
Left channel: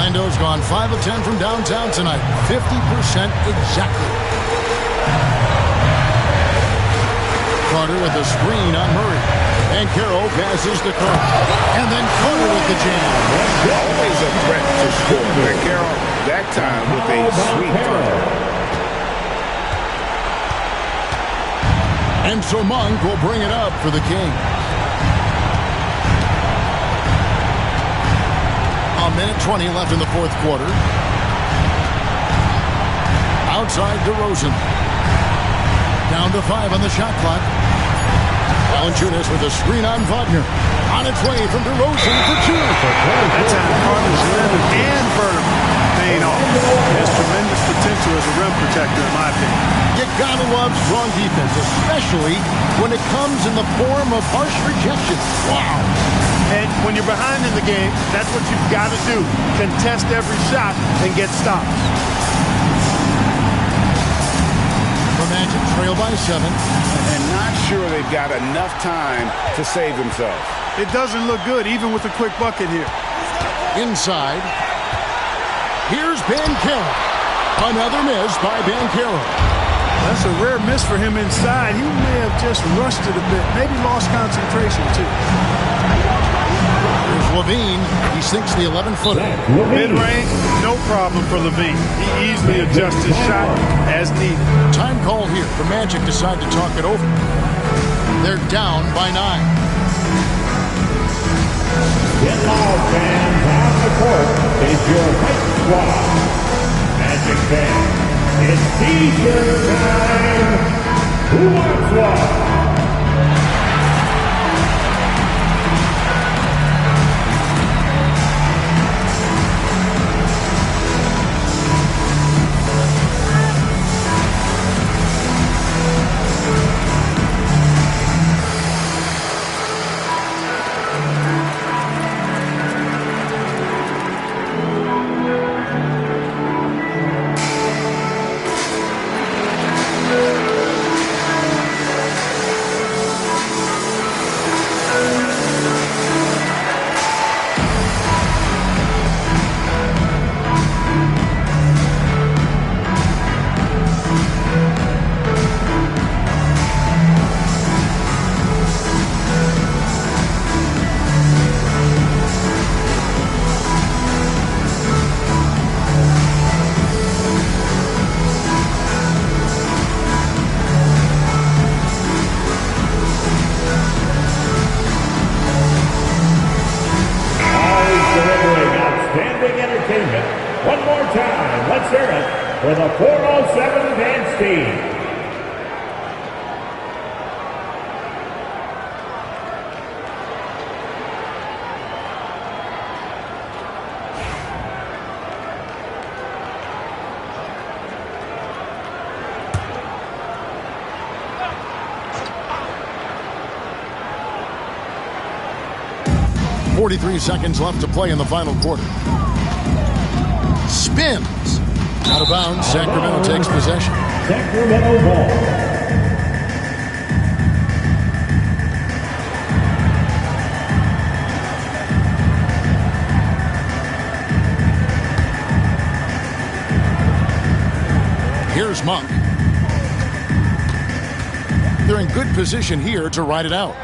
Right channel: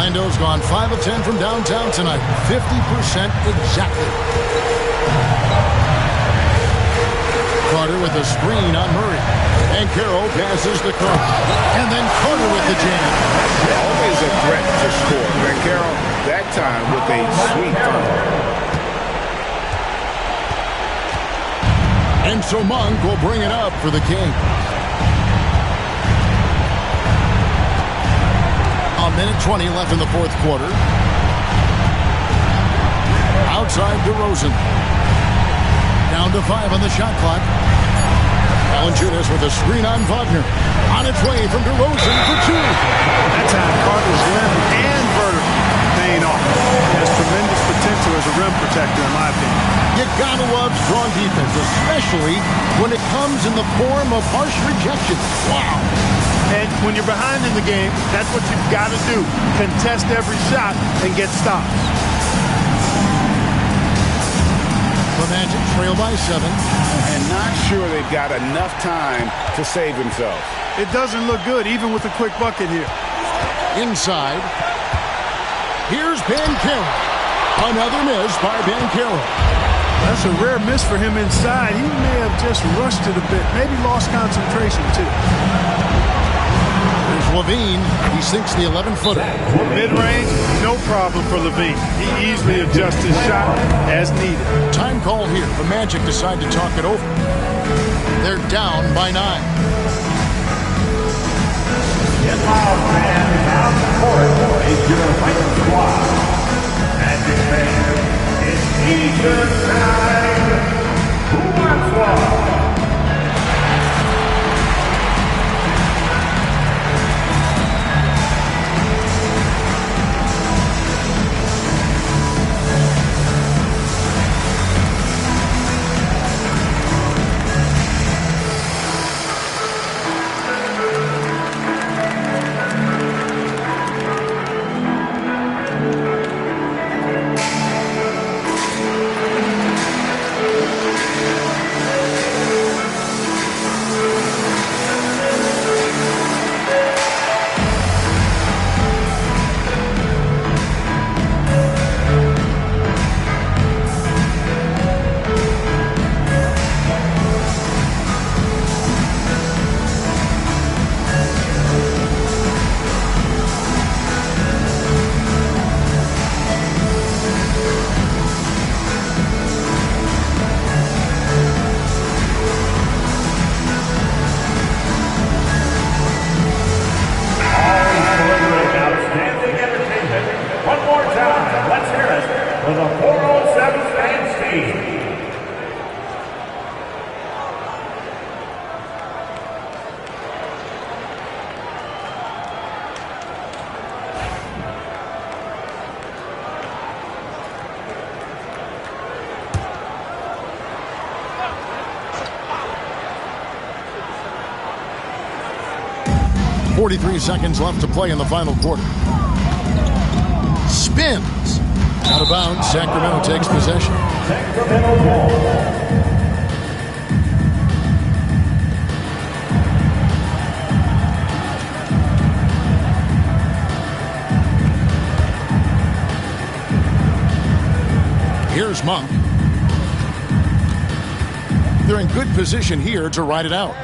Orlando's gone 5 of 10 from downtown tonight. 50% exactly. Carter with a screen on Murray. And Banchero passes the Carter. And then Carter with the jam. Always a threat to score. Banchero that time with a sweet thunder. And so Monk will bring it up for the Kings. A minute 20 left in the 4th quarter. Outside DeRozan. Down to 5 on the shot clock. Valanciunas with a screen on Wagner. On its way from DeRozan for 2. That time Carter's left and vertical. paying off. He has tremendous potential as a rim protector, in my opinion. You gotta love strong defense, especially when it comes in the form of harsh rejection. Wow. And when you're behind in the game, that's what you've got to do. Contest every shot and get stops. The Magic trail by 7. And not sure they've got enough time to save themselves. It doesn't look good, even with a quick bucket here. Inside. Here's Banchero. Another miss by Banchero. That's a rare miss for him inside. He may have just rushed it a bit. Maybe lost concentration, too. Here's Levine. He sinks the 11-footer. Mid-range, no problem for Levine. He easily adjusts his shot as needed. Time call here. The Magic decide to talk it over. They're down by 9. Get loud, fans. Out the court is your fight squad. Magic fans, it's Easter time. Who wants one? One more time, let's hear it for the 407 dance team. .43 seconds left to play in the final quarter. Spins. Out of bounds. Sacramento takes possession. Sacramento ball. Here's Monk. They're in good position here to ride it out.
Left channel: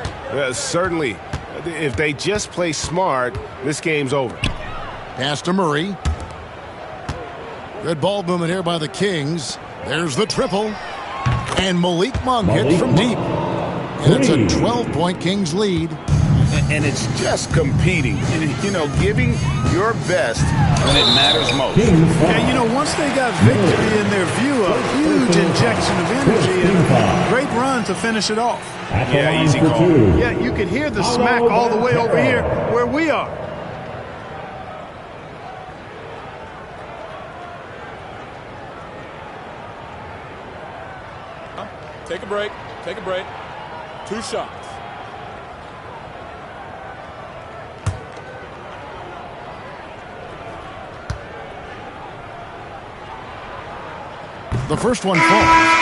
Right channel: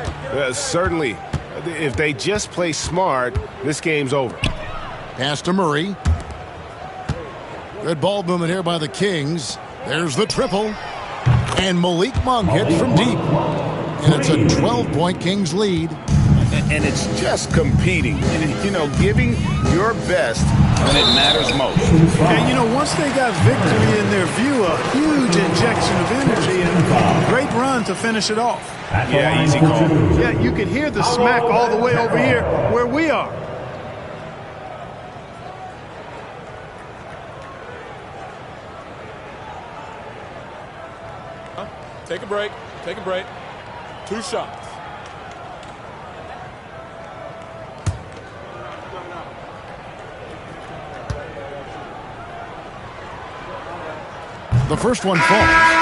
Certainly. If they just play smart, this game's over. Pass to Murray. Good ball movement here by the Kings. There's the triple. And Malik Monk hits from deep. And it's a 12-point Kings lead. And it's just competing. You know, giving your best when it matters most. And, you know, once they got victory in their view, a huge injection of energy and a great run to finish it off. Yeah, easy call. Yeah, you could hear the smack all the way over here where we are. Take a break. Take a break. 2 shots. The first one falls.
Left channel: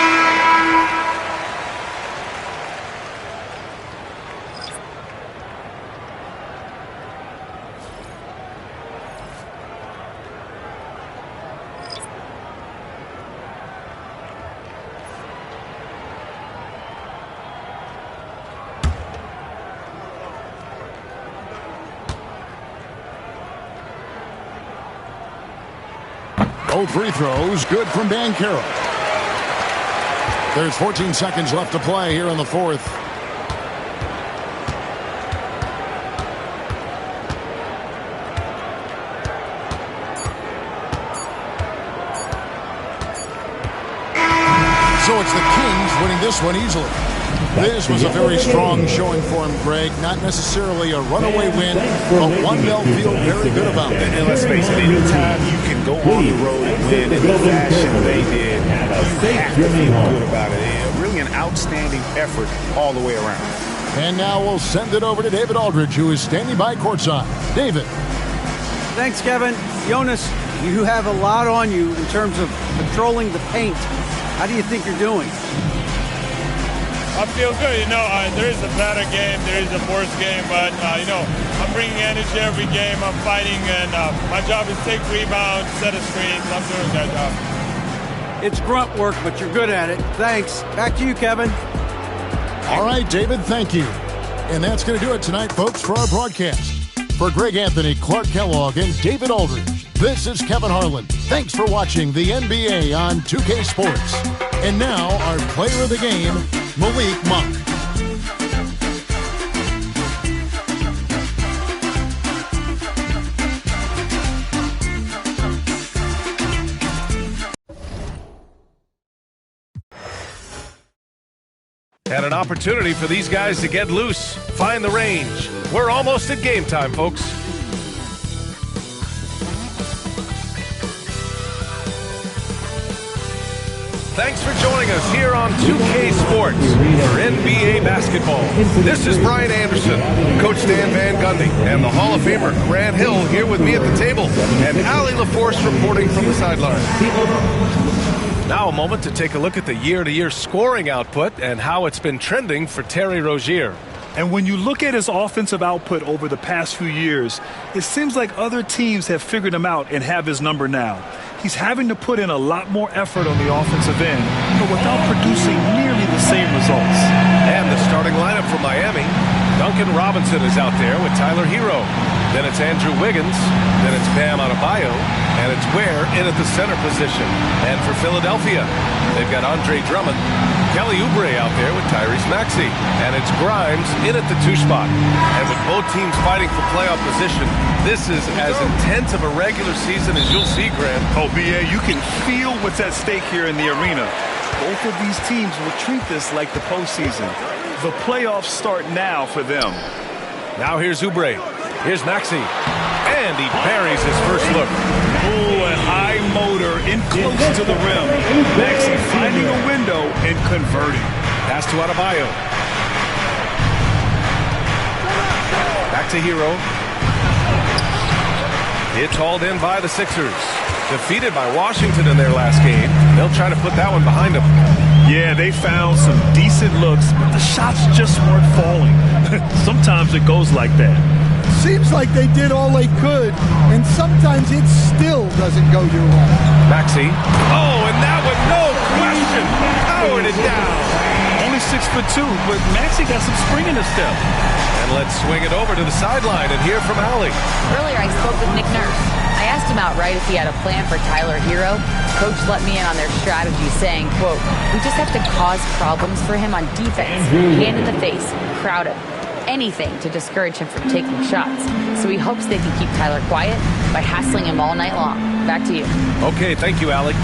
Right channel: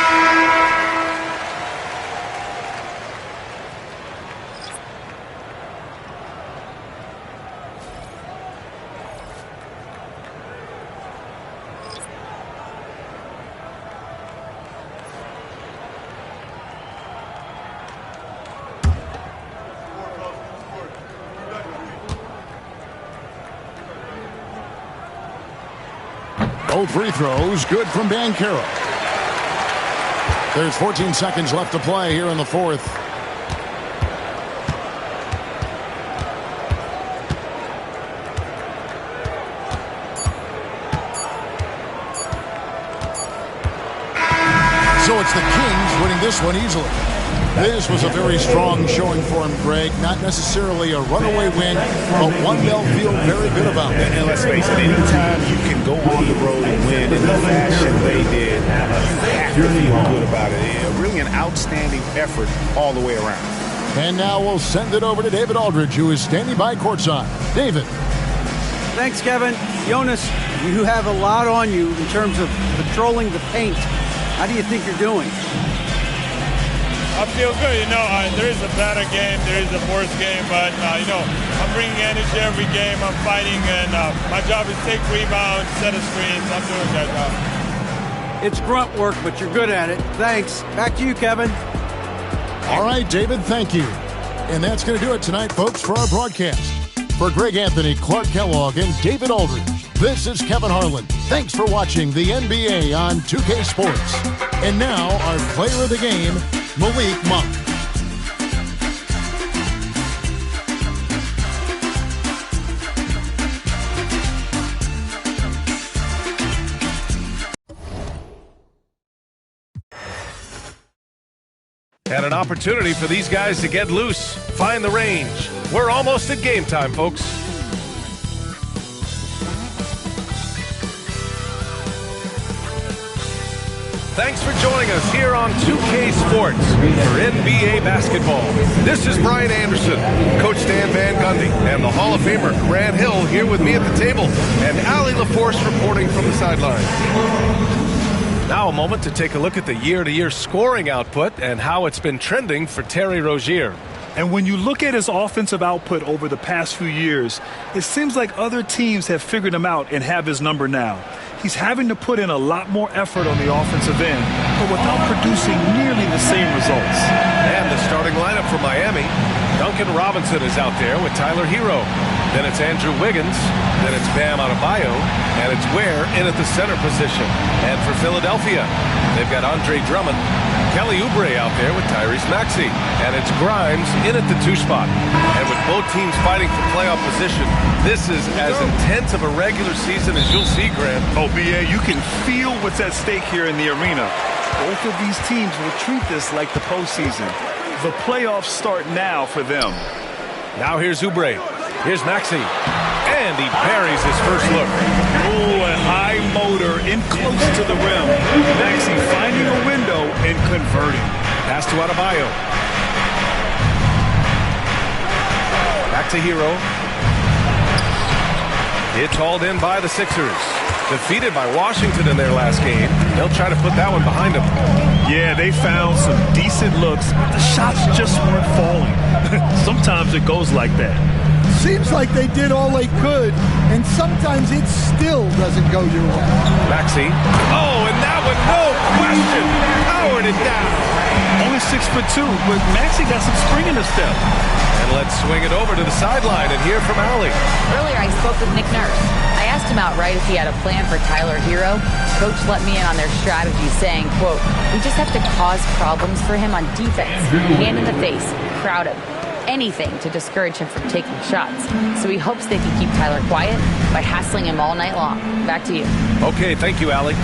Both free throws good from Banchero. There's 14 seconds left to play here in the fourth. So it's the Kings winning this one easily. This was a very strong showing for him, Greg. Not necessarily a runaway win, but one they'll feel very good about. And let's face it, anytime you can go on the road and win in the fashion they did, you have to feel good about it. Really an outstanding effort all the way around. And now we'll send it over to David Aldridge, who is standing by courtside. David. Thanks, Kevin. Jonas, you have a lot on you in terms of patrolling the paint. How do you think you're doing? I feel good. There is a better game, there is a worse game, but, I'm bringing energy every game. I'm fighting, and my job is take rebounds, set a screens. I'm doing that job. It's grunt work, but you're good at it. Thanks. Back to you, Kevin. All right, David, thank you. And that's going to do it tonight, folks, for our broadcast. For Greg Anthony, Clark Kellogg, and David Aldridge, this is Kevin Harlan. Thanks for watching the NBA on 2K Sports. And now, our player of the game, Malik Monk. And an opportunity for these guys to get loose, find the range. We're almost at game time, folks. Thanks for joining us here on 2K Sports for NBA basketball. This is Brian Anderson, Coach Dan Van Gundy, and the Hall of Famer Grant Hill here with me at the table, and Allie LaForce reporting from the sideline. Now a moment to take a look at the year-to-year scoring output and how it's been trending for Terry Rozier. And when you look at his offensive output over the past few years, it seems like other teams have figured him out and have his number now. He's having to put in a lot more effort on the offensive end, but without producing nearly the same results. And the starting lineup for Miami, Duncan Robinson is out there with Tyler Hero. Then it's Andrew Wiggins. Then it's Bam Adebayo. And it's Ware in at the center position. And for Philadelphia, they've got Andre Drummond, Kelly Oubre out there with Tyrese Maxey. And it's Grimes in at the 2 spot. And with both teams fighting for playoff position, this is as intense of a regular season as you'll see, Grant. Oh, B.A., you can feel what's at stake here in the arena. Both of these teams will treat this like the postseason. The playoffs start now for them. Now here's Oubre. Here's Maxey. And he buries his first look. Oh, a high motor in close to the rim. Maxey finding a window and converting. Pass to Adebayo. Back to Hero. It's hauled in by the Sixers. Defeated by Washington in their last game. They'll try to put that one behind them. Yeah, they found some decent looks, but the shots just weren't falling. Sometimes it goes like that. Seems like they did all they could, and sometimes it still doesn't go your way. Maxey. Oh, and that one, no question, powered it down. Only 6'2", but Maxey got some spring in his step. And let's swing it over to the sideline and hear from Allie. Earlier, I spoke with Nick Nurse. I asked him outright if he had a plan for Tyler Hero. Coach let me in on their strategy, saying, quote, "We just have to cause problems for him on defense. Hand in the face, crowd him. Anything to discourage him from taking shots. So he hopes they can keep Tyler quiet by hassling him all night long." Back to you. Okay, thank you, Allie.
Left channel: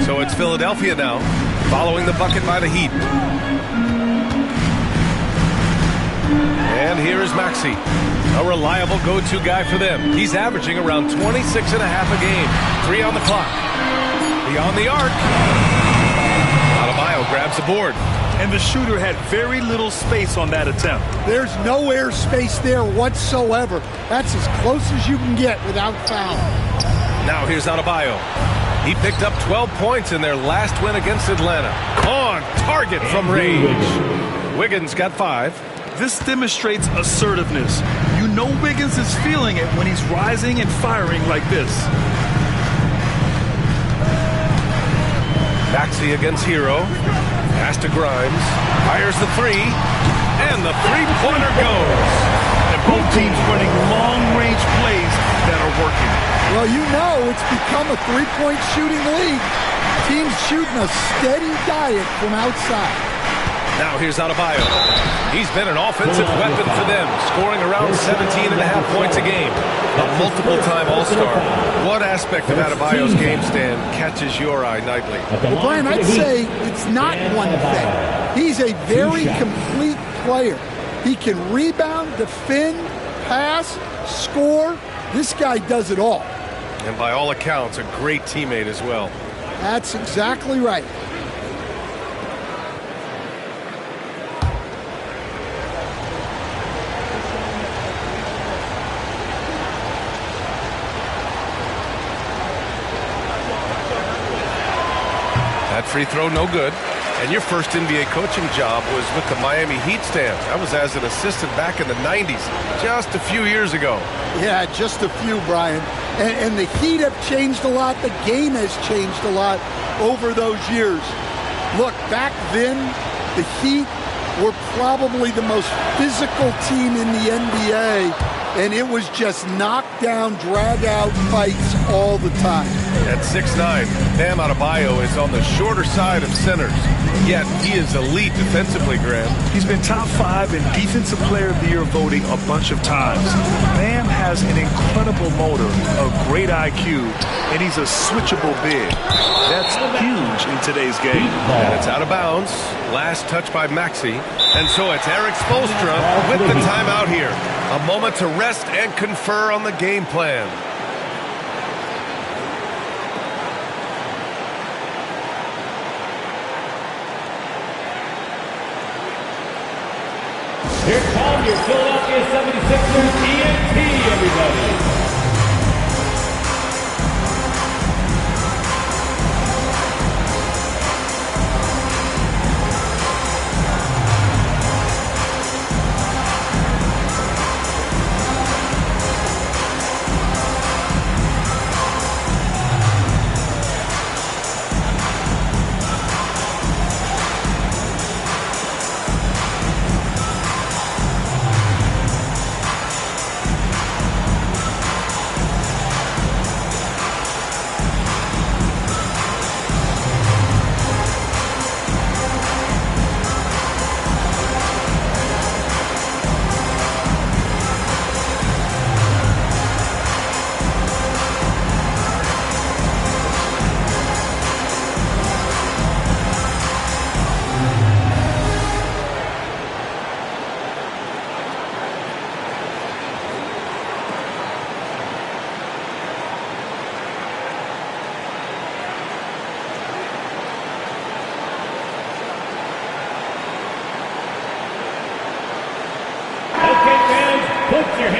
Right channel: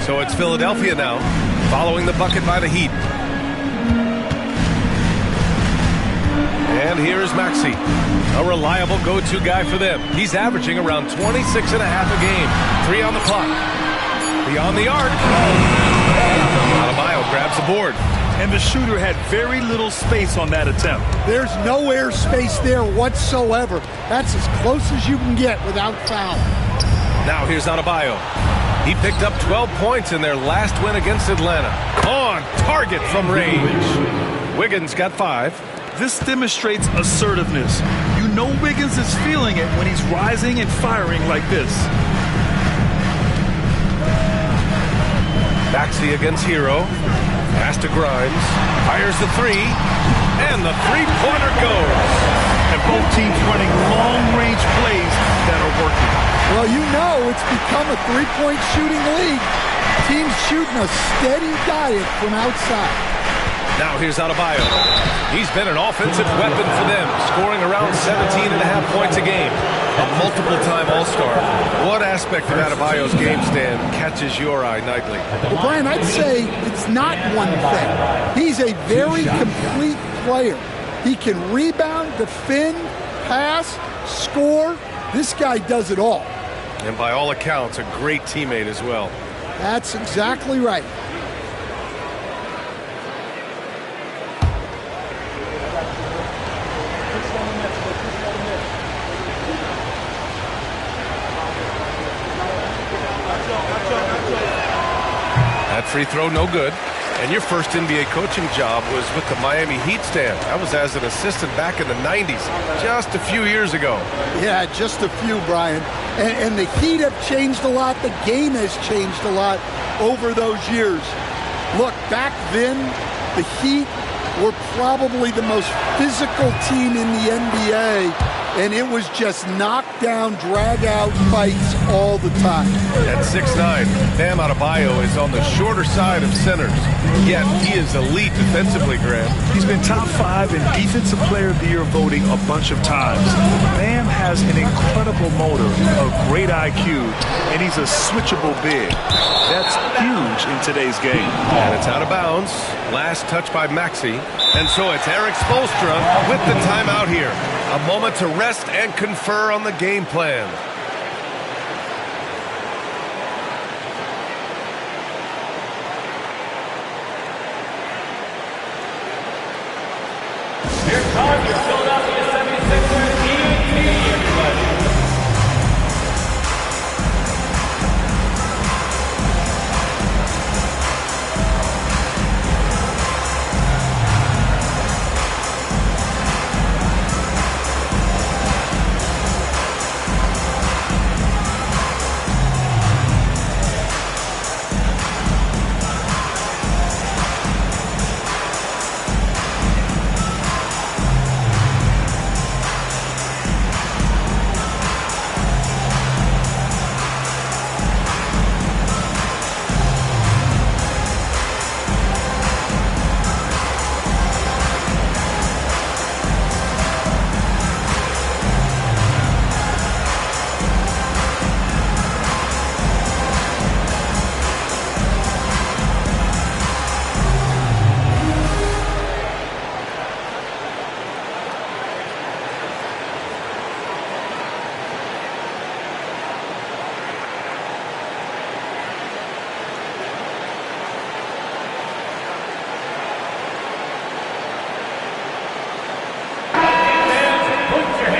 So it's Philadelphia now, following the bucket by the Heat. And here is Maxey, a reliable go-to guy for them. He's averaging around 26 and a half a game. 3 on the clock. Beyond the arc. Adebayo grabs the board. And the shooter had very little space on that attempt. There's no air space there whatsoever. That's as close as you can get without foul. Now here's Adebayo. He picked up 12 points in their last win against Atlanta. On target from range. Wiggins got 5. This demonstrates assertiveness. You know Wiggins is feeling it when he's rising and firing like this. Maxey against Hero. Pass to Grimes. Fires the 3. And the three-pointer goes. And both teams running long-range plays that are working. Well, you know it's become a three-point shooting league. Teams shooting a steady diet from outside. Now here's Adebayo. He's been an offensive weapon for them, scoring around 17.5 points a game. A multiple-time All-Star. What aspect of Adebayo's game, Stan, catches your eye nightly? Well, Brian, I'd say it's not one thing. He's a very complete player. He can rebound, defend, pass, score. This guy does it all. And by all accounts, a great teammate as well. That's exactly right. That free throw, no good. And your first NBA coaching job was with the Miami Heat, Stan. That was as an assistant back in the 90s, just a few years ago. Yeah, just a few, Brian. And the Heat have changed a lot. The game has changed a lot over those years. Look, back then, the Heat were probably the most physical team in the NBA. And it was just knockdown, drag-out fights all the time. At 6'9", Bam Adebayo is on the shorter side of centers. Yet he is elite defensively, Graham. He's been top 5 in Defensive Player of the Year voting a bunch of times. Bam has an incredible motor, a great IQ, and he's a switchable big. That's huge in today's game. And it's out of bounds. Last touch by Maxey. And so it's Eric Spoelstra with the timeout here. A moment to rest and confer on the game plan. Here come your Philadelphia 76ers ENT, everybody.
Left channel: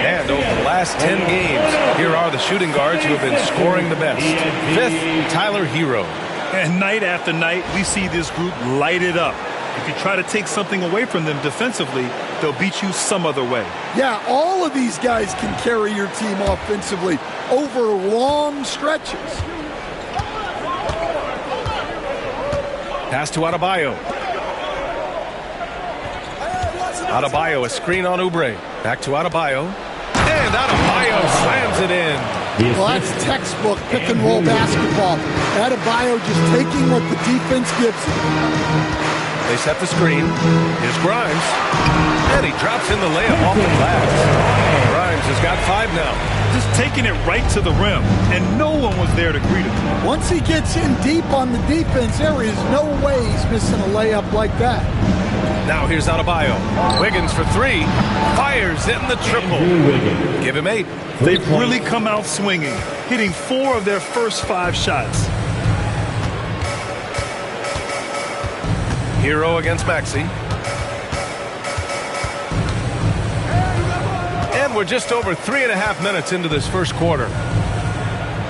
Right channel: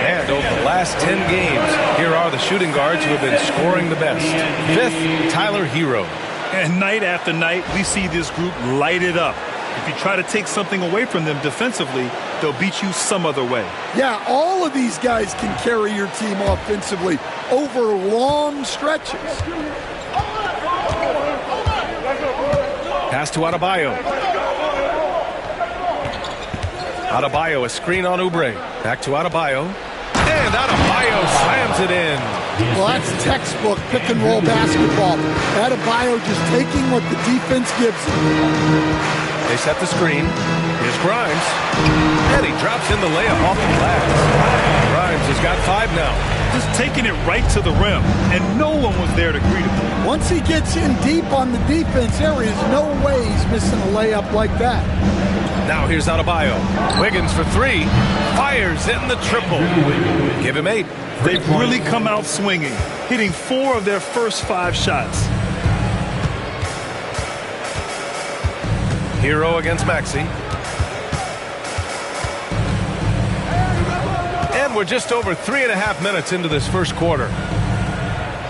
And over the last 10 games, here are the shooting guards who have been scoring the best. Fifth, Tyler Hero. And night after night, we see this group light it up. If you try to take something away from them defensively, they'll beat you some other way. Yeah, all of these guys can carry your team offensively over long stretches. Pass to Adebayo. Adebayo, a screen on Oubre. Back to Adebayo. And Adebayo slams it in. Well, that's textbook pick-and-roll basketball. Adebayo just taking what the defense gives him. They set the screen. Here's Grimes. And he drops in the layup off the glass. Grimes has got 5 now. Just taking it right to the rim, and no one was there to greet him. Once he gets in deep on the defense, there is no way he's missing a layup like that. Now here's Adebayo. Wiggins for 3. Fires in the triple. Give him 8. They've really come out swinging, hitting 4 of their first 5 shots. Hero against Maxey. And we're just over 3.5 minutes into this first quarter.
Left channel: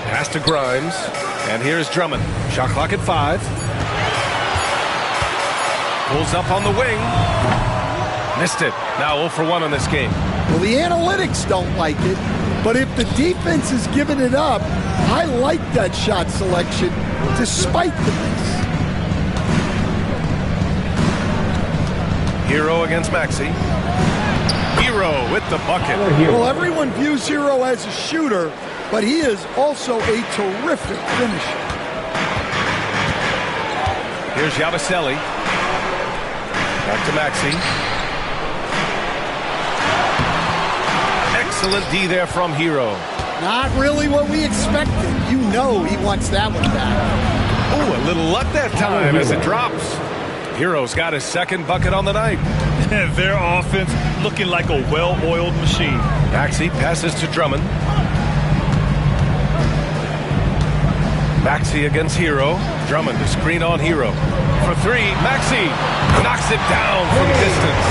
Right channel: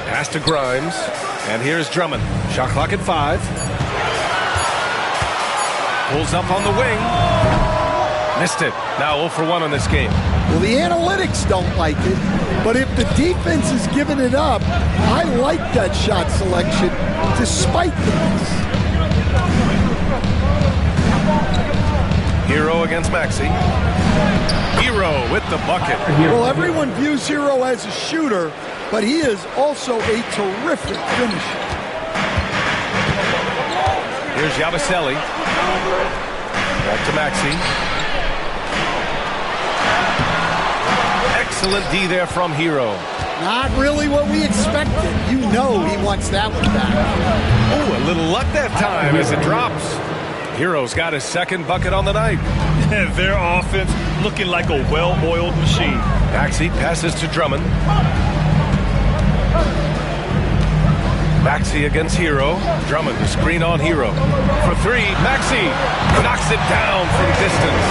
Pass to Grimes. And here's Drummond. Shot clock at 5. Pulls up on the wing. Missed it. Now 0 for 1 on this game. Well, the analytics don't like it, but if the defense is giving it up, I like that shot selection despite the miss. Hero against Maxey. Hero with the bucket. Well, everyone views Hero as a shooter, but he is also a terrific finisher. Here's Yabusele. Back to Maxey. Excellent D there from Hero. Not really what we expected. You know he wants that one back. Oh, a little luck that time as it drops. Hero's got his second bucket on the night. Their offense looking like a well-oiled machine. Maxey passes to Drummond. Maxey against Hero. Drummond to screen on Hero. For three, Maxey knocks it down from distance.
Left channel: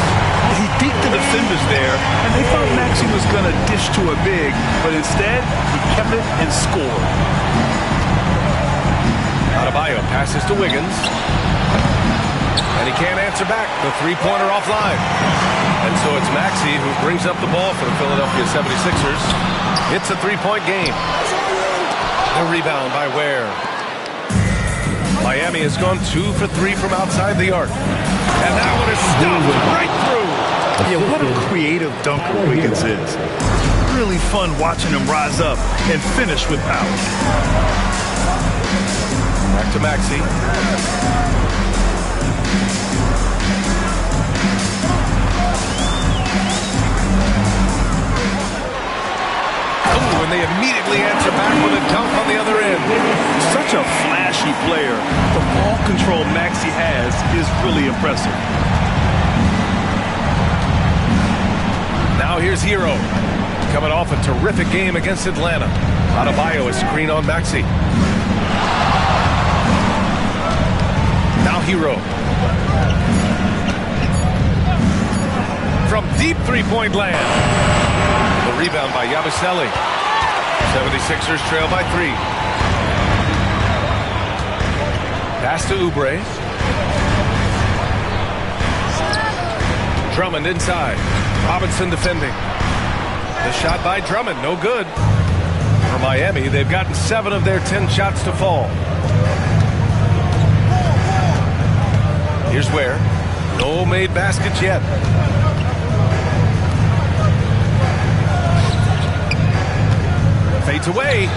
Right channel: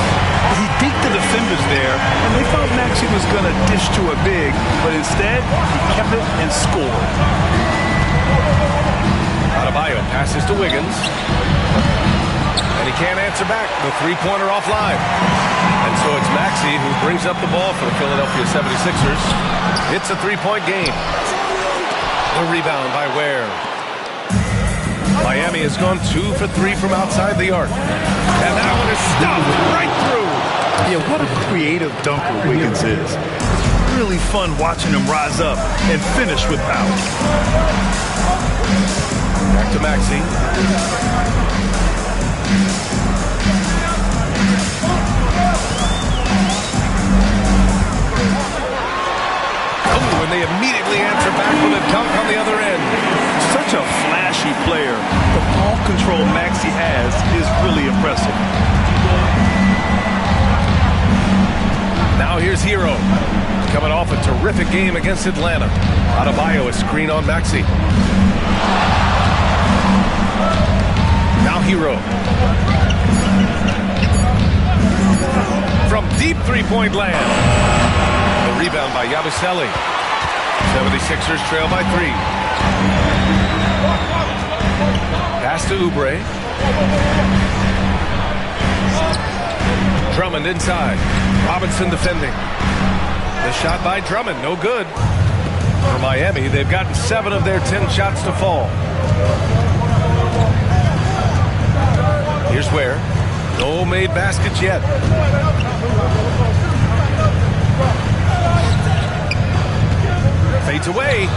He deked the defenders there, and they thought Maxey was going to dish to a big, but instead, he kept it and scored. Adebayo passes to Wiggins. And he can't answer back. The three-pointer offline. And so it's Maxey who brings up the ball for the Philadelphia 76ers. It's a three-point game. The rebound by Ware. Miami has gone 2 for 3 from outside the arc. And that one is stuffed right through. Yeah, what a creative dunker Wiggins is. It's really fun watching him rise up and finish with power. Back to Maxey. Oh, and they immediately answer back with a dunk on the other end. Such a flashy player. The ball control Maxey has is really impressive. Now here's Hero. Coming off a terrific game against Atlanta. Adebayo is screen on Maxey. Now Hero. From deep three-point land. The rebound by Yabusele. 76ers trail by 3. Pass to Oubre. Drummond inside. Robinson defending. The shot by Drummond, no good. For Miami, they've gotten 7 of their 10 shots to fall. Here's Ware. No made baskets yet. Fades away.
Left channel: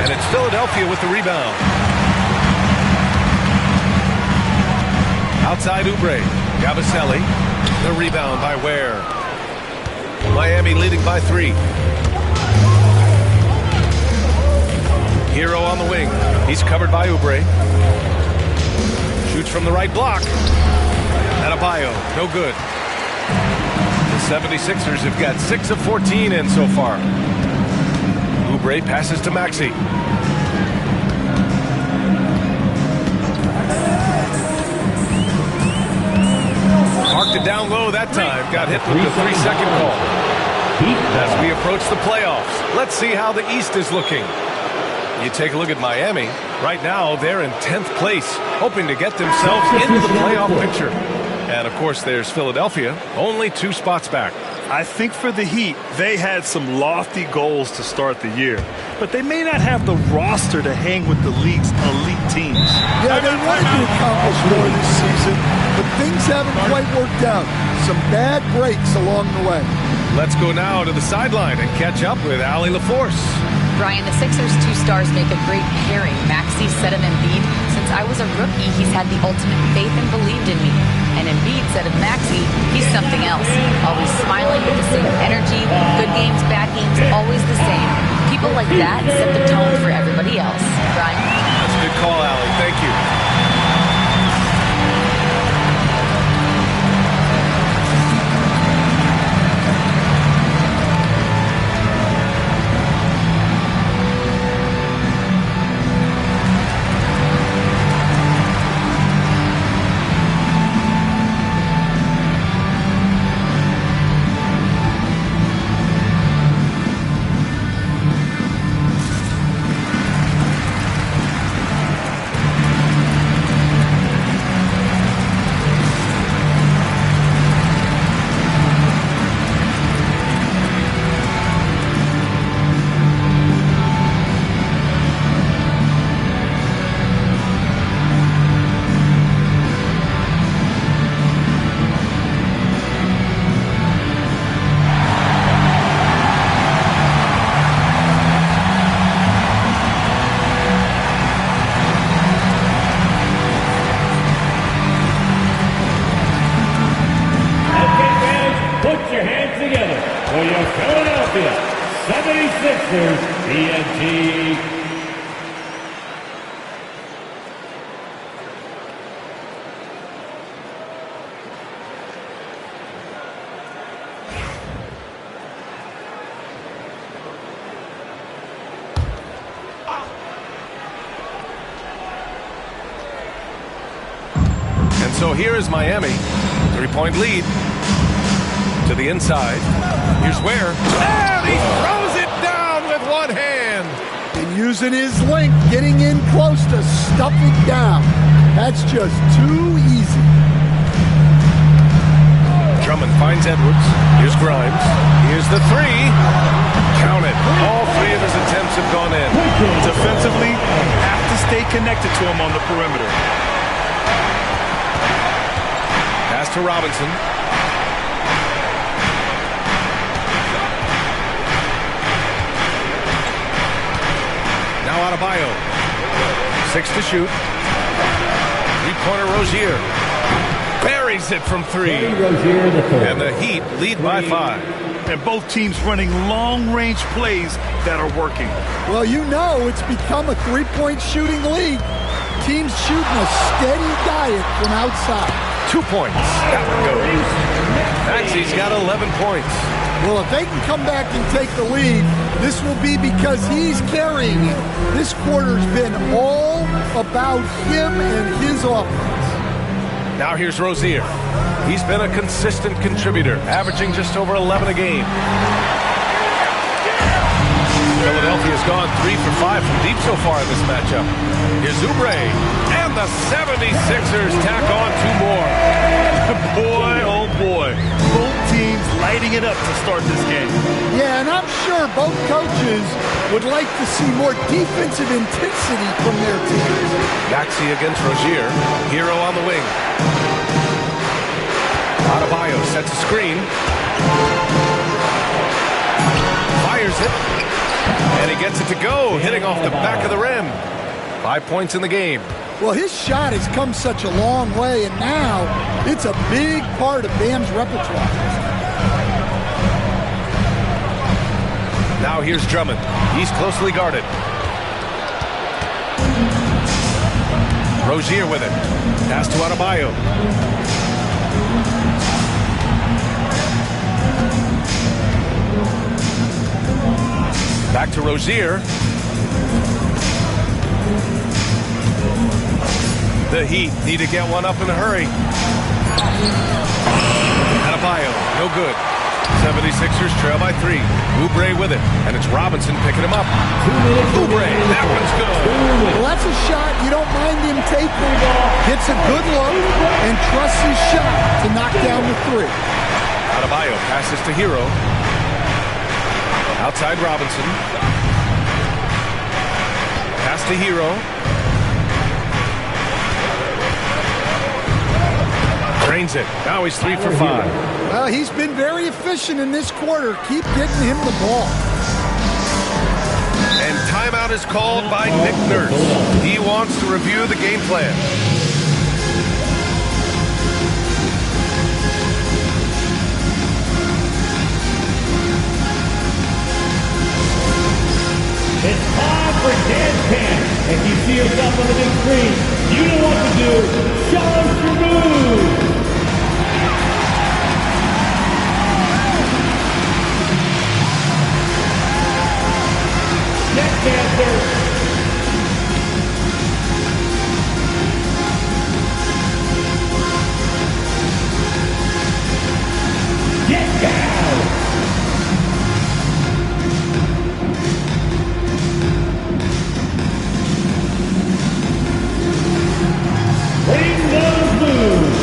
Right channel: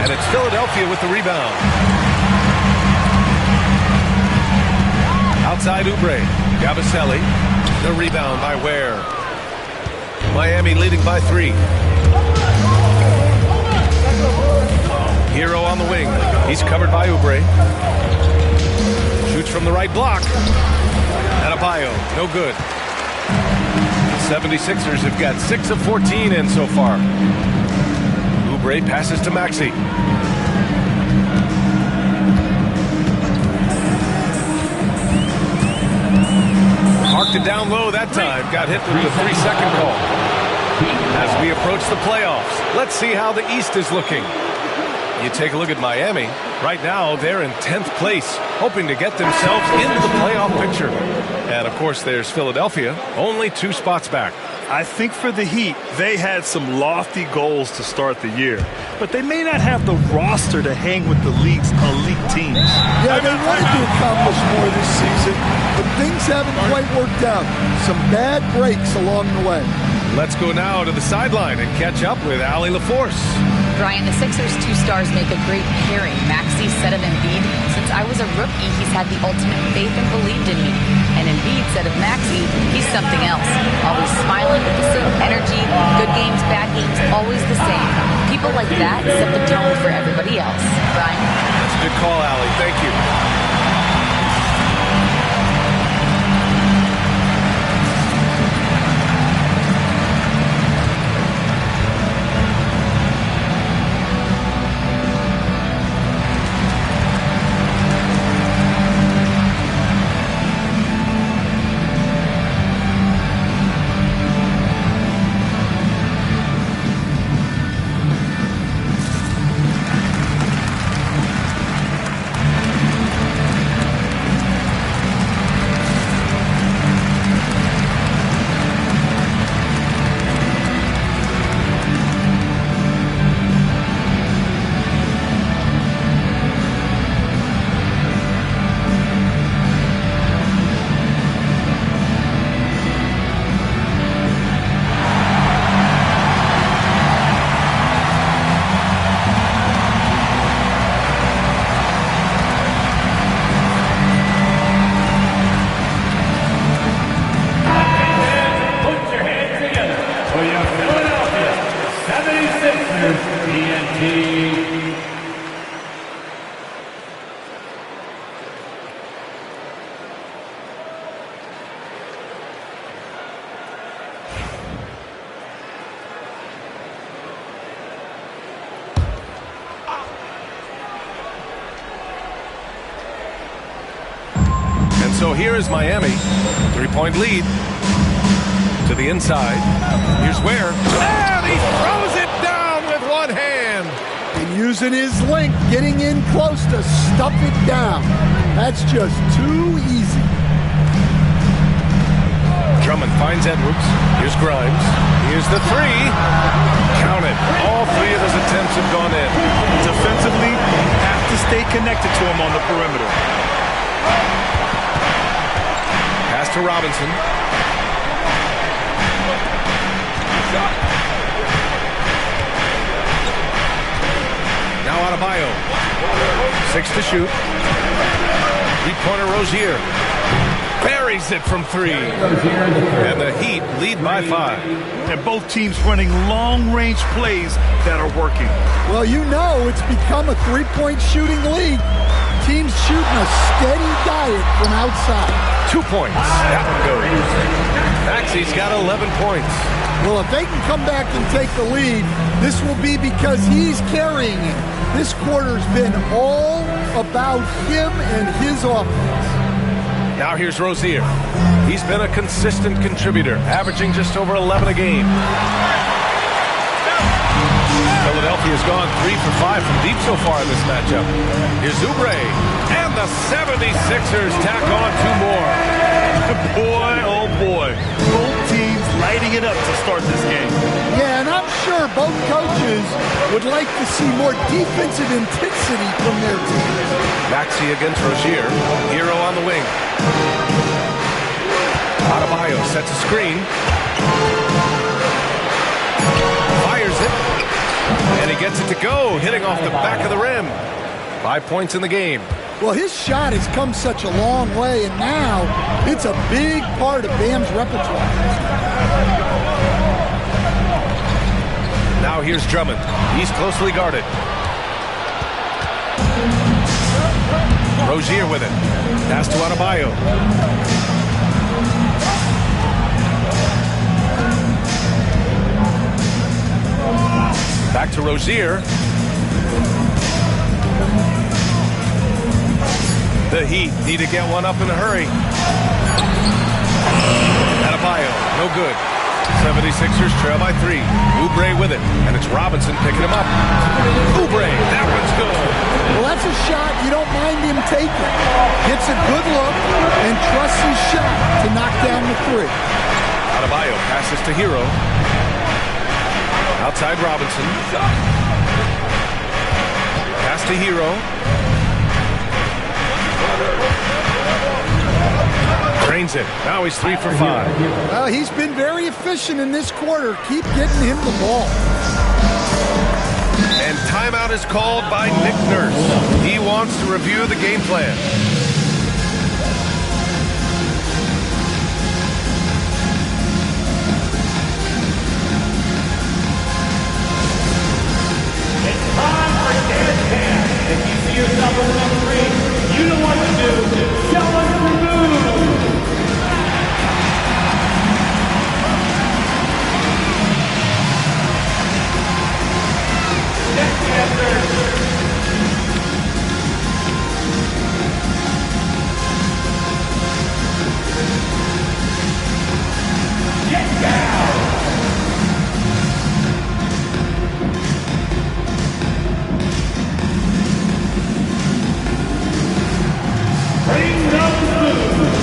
And it's Philadelphia with the rebound. Outside Oubre. Yabusele. The rebound by Ware. Miami leading by 3. Hero on the wing. He's covered by Oubre. Shoots from the right block. Adebayo, no good. The 76ers have got 6 of 14 in so far. Oubre passes to Maxey. Marked it down low that time. Got hit with the 3-second call. As we approach the playoffs, let's see how the East is looking. You take a look at Miami. Right now, they're in 10th place, hoping to get themselves into the playoff picture. And, of course, there's Philadelphia, only 2 spots back. I think for the Heat, they had some lofty goals to start the year, but they may not have the roster to hang with the league's elite teams. Yeah, they wanted to accomplish more this season, but things haven't quite worked out. Some bad breaks along the way. Let's go now to the sideline and catch up with Allie LaForce. Brian, the Sixers' 2 stars make a great pairing. Maxey said of Embiid, since I was a rookie, he's had the ultimate faith and believed in me. And Embiid said of Maxey, he's something else. Always smiling with the same energy. Good games, bad games, always the same. People like that set the tone for everybody else. Brian? That's a good call, Allie. Thank you. 76ers, TNT. And so here is Miami. 3-point lead. To the inside. Here's Ware. And he throws it down with one hand. And using his length, getting in close to stuff it down. That's just too easy. Drummond finds Edwards. Here's Grimes. Here's the three. Count it. All three of his attempts have gone in. Defensively, you have to stay connected to him on the perimeter. Pass to Robinson. Now Adebayo. 6 to shoot. Three-pointer Rozier. Buries it from 3. And the Heat lead by 5. And both teams running long-range plays that are working. Well, you know it's become a three-point shooting league. Teams shooting a steady diet from outside. 2 points. That one goes. Maxey's got 11 points. Well, if they can come back and take the lead, this will be because he's carrying it. This quarter's been all about him and his offense. Now here's Rozier. He's been a consistent contributor, averaging just over 11 a game. Philadelphia's gone 3 for 5 from deep so far in this matchup. Here's Oubre, and the 76ers tack on 2 more. Boy, oh boy. Both teams lighting it up to start this game. Yeah, and I'm sure both coaches would like to see more defensive intensity from their teams. Maxey against Rozier. Hero on the wing. Adebayo sets a screen. Fires it. And he gets it to go, hitting off the back of the rim. 5 points in the game. Well, his shot has come such a long way, and now it's a big part of Bam's repertoire. Now here's Drummond. He's closely guarded. Rozier with it. Pass to Adebayo. Back to Rozier. The Heat need to get one up in a hurry. Adebayo, no good. 76ers trail by 3. Oubre with it, and it's Robinson picking him up. Oubre, that one's good. Well, that's a shot you don't mind him taking. Gets a good look and trusts his shot to knock down the 3. Adebayo passes to Hero. Outside Robinson. Pass to Hero. Drains it. Now he's 3 for 5. Well, he's been very efficient in this quarter. Keep getting him the ball. And timeout is called by Nick Nurse. He wants to review the game plan. It's time for dance camp. If you see yourself on the big screen, you know what to do. Challenge your move. Next dancer. Get down. Bring those moves.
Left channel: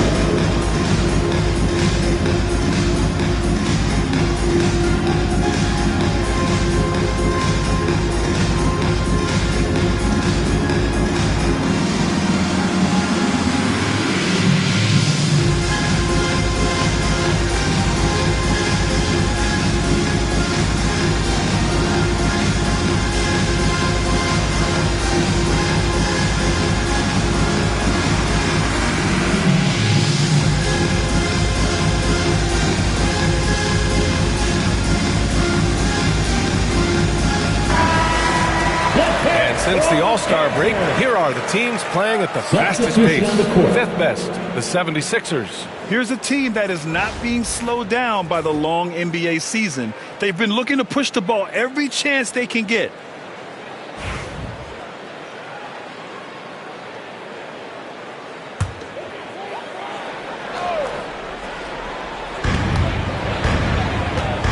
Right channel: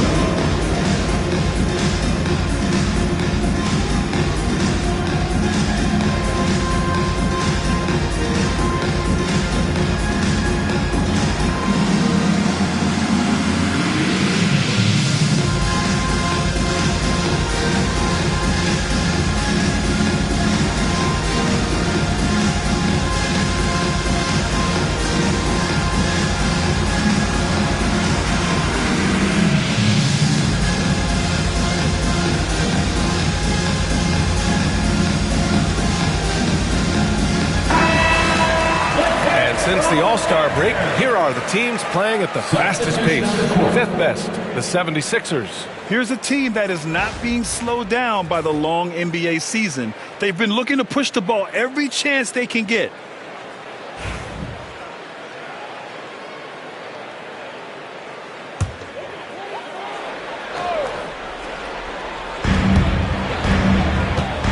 Since the All-Star break, here are the teams playing at the fastest pace. Fifth best, the 76ers. Here's a team that is not being slowed down by the long NBA season. They've been looking to push the ball every chance they can get.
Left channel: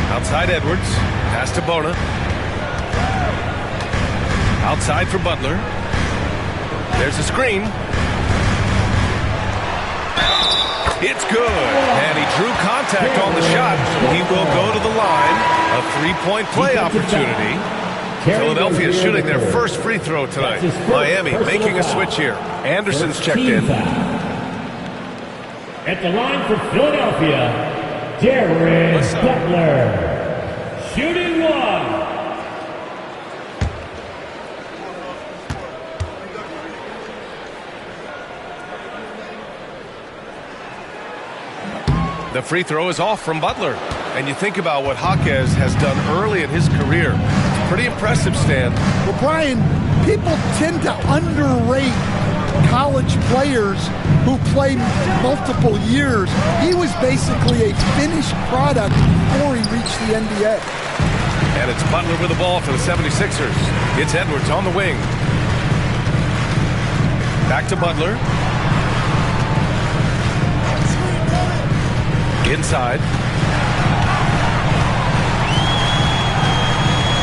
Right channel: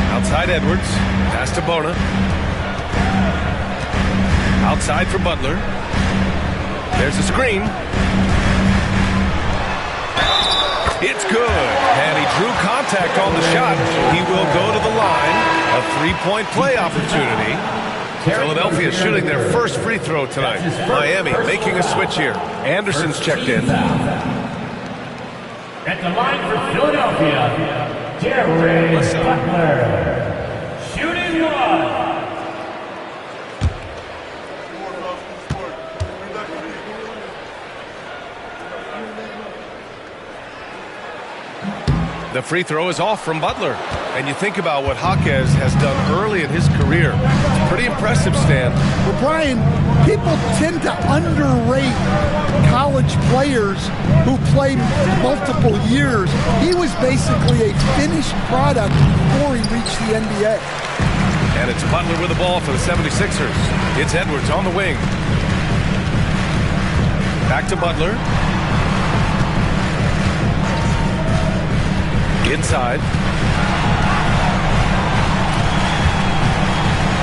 Outside Edwards, pass to Bona. Outside for Butler. There's a screen. It's good. And he drew contact on the shot, so he will go to the line. A three-point play opportunity. Philadelphia shooting their first free throw tonight. Miami making a switch here. Anderson's checked in. At the line for Philadelphia, Jared Butler. Shooting one. The free throw is off from Butler. And you think about what Jaquez has done early in his career. It's pretty impressive, Stan. Well, Brian, people tend to underrate college players who play multiple years. He was basically a finished product before he reached the NBA. And it's Butler with the ball for the 76ers. It's Edwards on the wing. Back to Butler. Inside.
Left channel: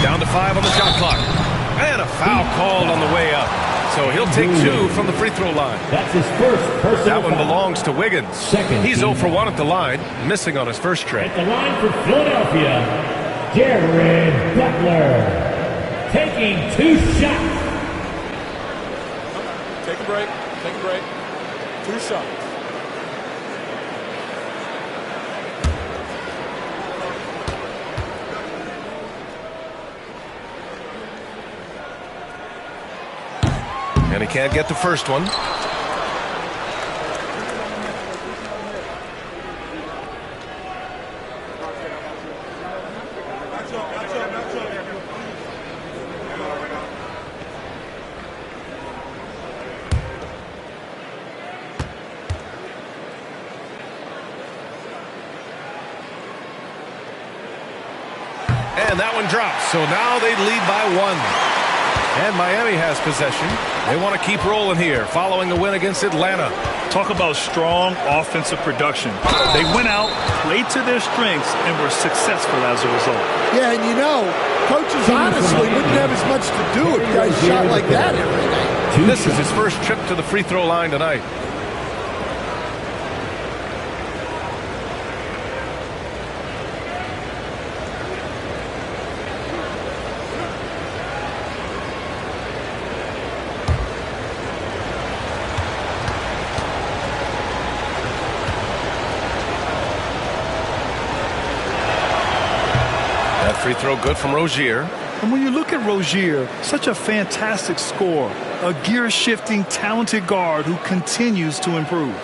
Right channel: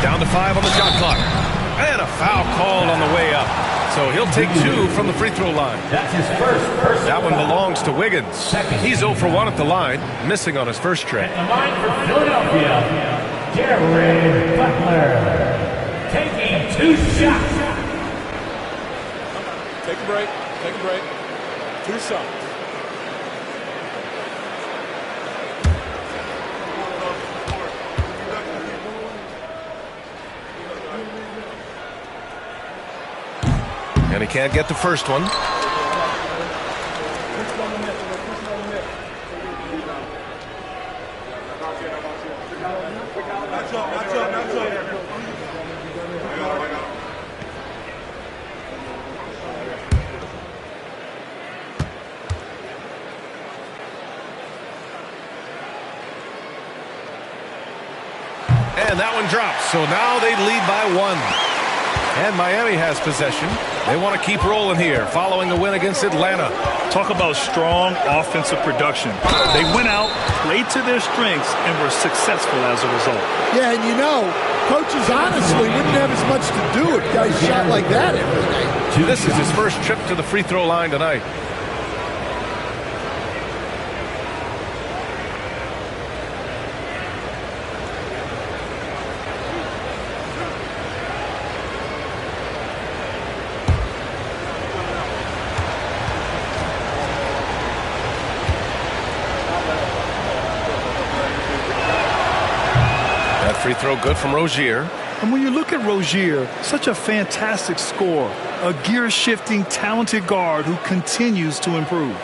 Down to 5 on the shot clock. And a foul called on the way up. So he'll take 2 from the free throw line. That's his first personal That one foul. belongs to Wiggins. He's 0 for 1 at the line, missing on his first trip. At the line for Philadelphia, Jared Butler. Taking 2 shots. Take a break. Take a break. 2 shots. And he can't get the first one. And that one drops. So now they lead by 1. And Miami has possession. They want to keep rolling here following the win against Atlanta. Talk about strong offensive production. They went out, played to their strengths, and were successful as a result. Yeah, and you know, coaches honestly wouldn't have as much to do if guys shot like that every night. This is his first trip to the free throw line tonight. Free throw good from Rozier. And when you look at Rozier, such a fantastic scorer, a gear-shifting, talented guard who continues to improve.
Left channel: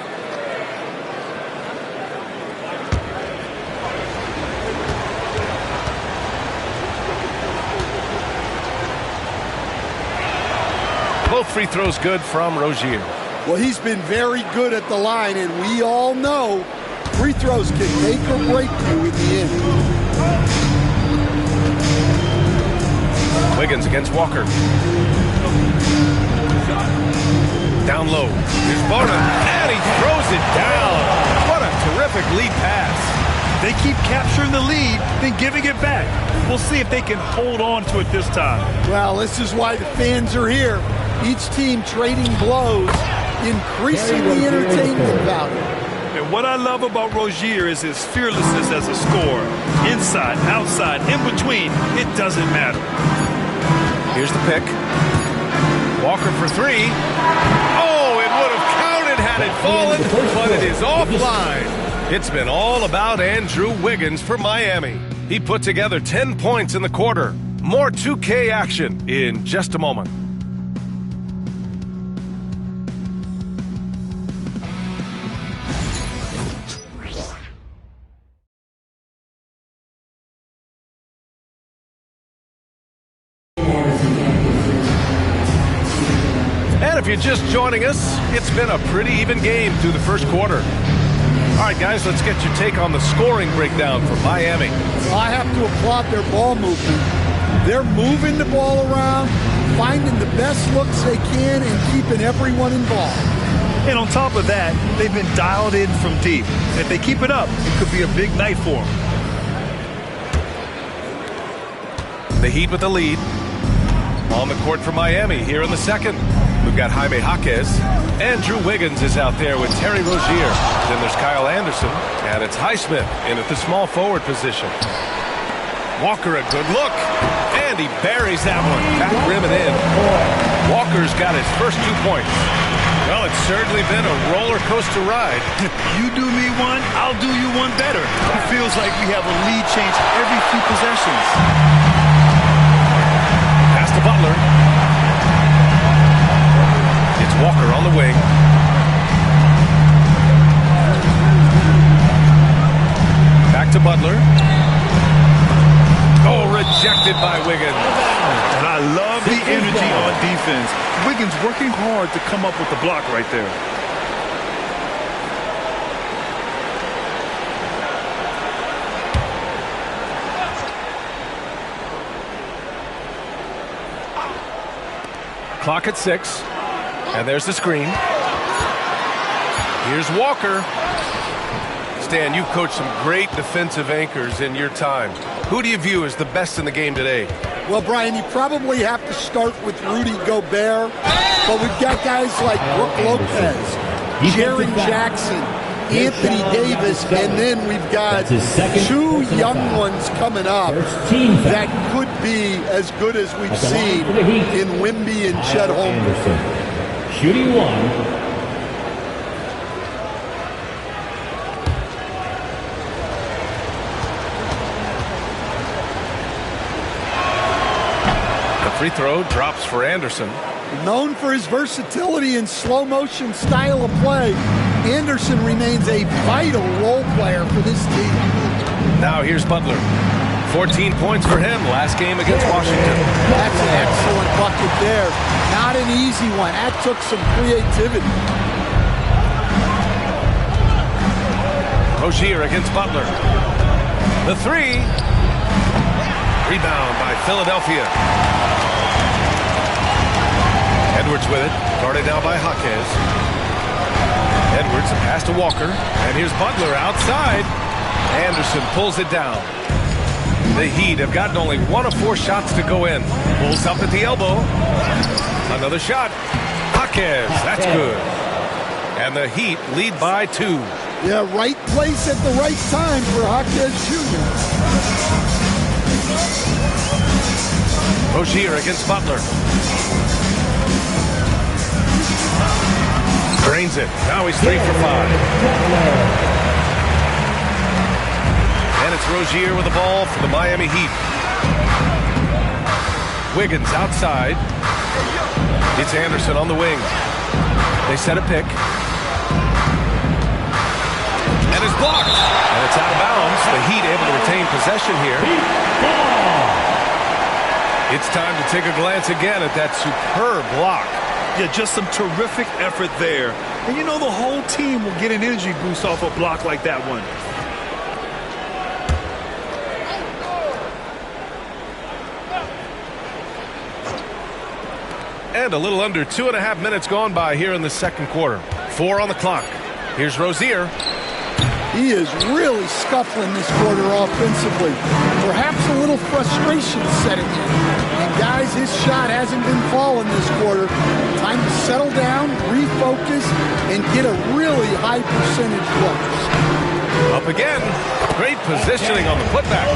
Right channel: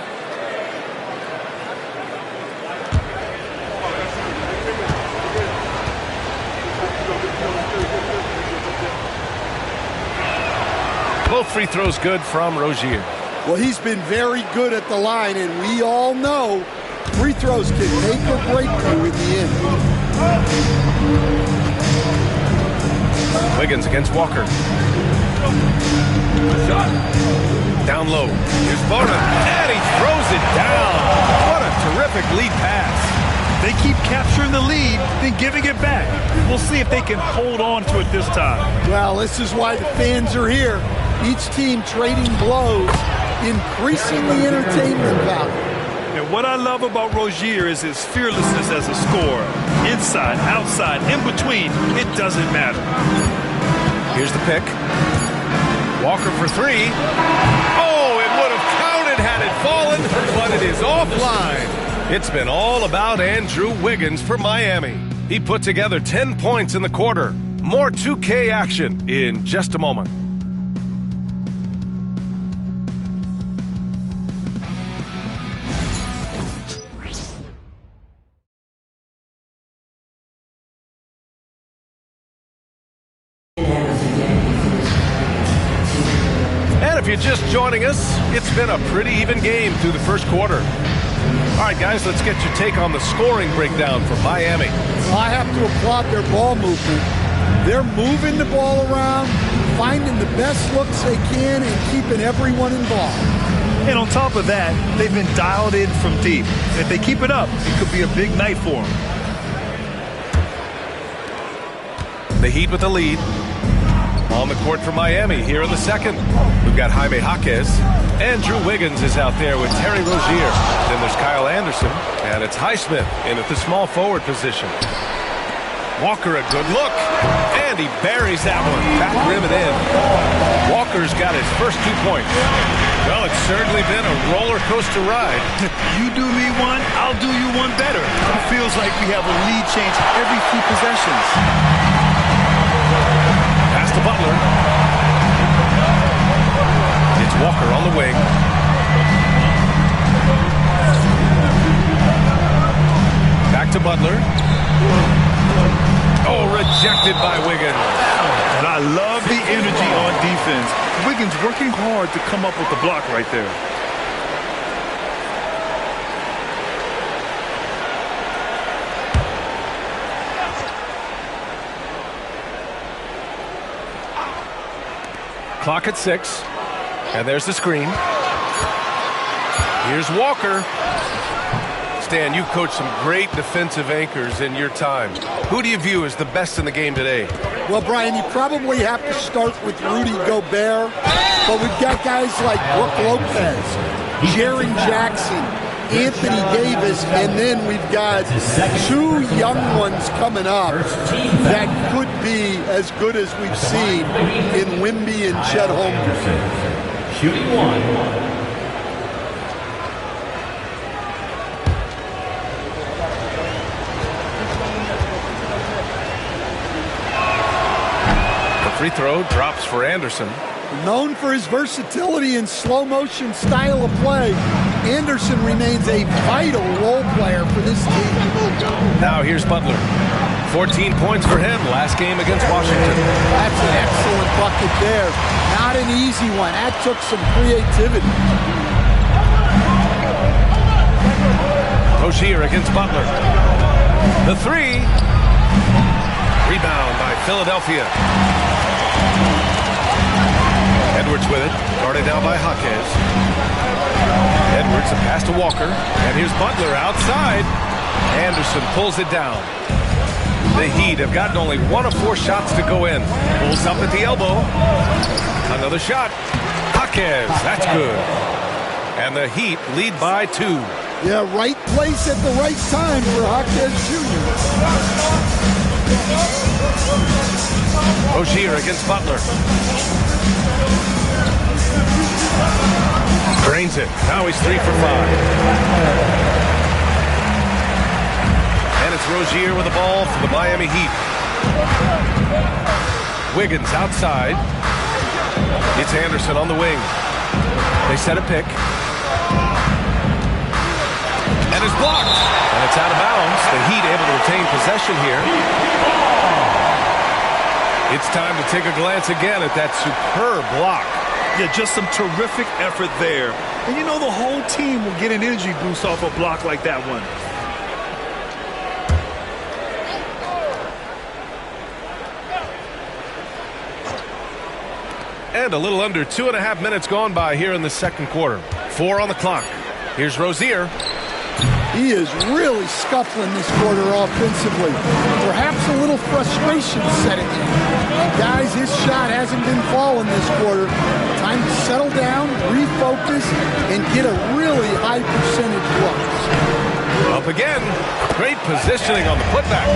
Both free throws good from Rozier. Well, he's been very good at the line, and we all know free throws can make or break you in the end. Wiggins against Walker. Down low. Here's Bona. And he throws it down. What a terrific lead pass. They keep capturing the lead, then giving it back. We'll see if they can hold on to it this time. Well, this is why the fans are here. Each team trading blows, increasing the entertainment value. And what I love about Rozier is his fearlessness as a scorer. Inside, outside, in between, it doesn't matter. Here's the pick. Walker for 3. Oh, it would have counted had it fallen, but it is offline. It's been all about Andrew Wiggins for Miami. He put together 10 points in the quarter. More 2K action in just a moment. And if you're just joining us, it's been a pretty even game through the first quarter. All right, guys, let's get your take on the scoring breakdown for Miami. Well, I have to applaud their ball movement. They're moving the ball around, finding the best looks they can, and keeping everyone involved. And on top of that, they've been dialed in from deep. If they keep it up, it could be a big night for them. The Heat with the lead. On the court for Miami here in the second. We've got Jaime Jaquez. Andrew Wiggins is out there with Terry Rozier. Then there's Kyle Anderson. And it's Highsmith in at the small forward position. Walker, a good look. And he buries that one. Back rim and in. Walker's got his first 2 points. Well, it's certainly been a roller coaster ride. You do me one, I'll do you one better. It feels like we have a lead change every few possessions. Pass to Butler. It's Walker on the wing. Back to Butler. Oh, rejected by Wiggins. And I love the energy on defense. Wiggins working hard to come up with the block right there. Clock at 6. And there's the screen. Here's Walker. Stan, you've coached some great defensive anchors in your time. Who do you view as the best in the game today? Well, Brian, you probably have to start with Rudy Gobert, but we've got guys like Brook Lopez, Jaren Jackson, Anthony Davis, and then we've got 2 young ones coming up that could be as good as we've seen in Wemby and Chet Holmgren. Shooting 1. Free throw drops for Anderson. Known for his versatility and slow motion style of play, Anderson remains a vital role player for this team. Now here's Butler. 14 points for him last game against Washington. That's an excellent bucket there. Not an easy one. That took some creativity. Rozier against Butler. The 3. Rebound by Philadelphia. Edwards with it, guarded now by Jaquez. Edwards, a pass to Walker, and here's Butler outside. Anderson pulls it down. The Heat have gotten only 1 of 4 shots to go in. Pulls up at the elbow. Another shot. Jaquez, that's good. And the Heat lead by 2. Yeah, right place at the right time for Jaquez Jr. Rozier against Butler. Drains it. Now he's 3 for 5. And it's Rozier with the ball for the Miami Heat. Wiggins outside. It's Anderson on the wing. They set a pick. And it's blocked. And it's out of bounds. The Heat able to retain possession here. It's time to take a glance again at that superb block. Yeah, just some terrific effort there. And you know the whole team will get an energy boost off a block like that one. And a little under 2.5 minutes gone by here in the second quarter. 4 on the clock. Here's Rozier. He is really scuffling this quarter offensively. Perhaps a little frustration setting in. And guys, his shot hasn't been falling this quarter. Time to settle down, refocus, and get a really high percentage look. Up again. Great positioning on the putback.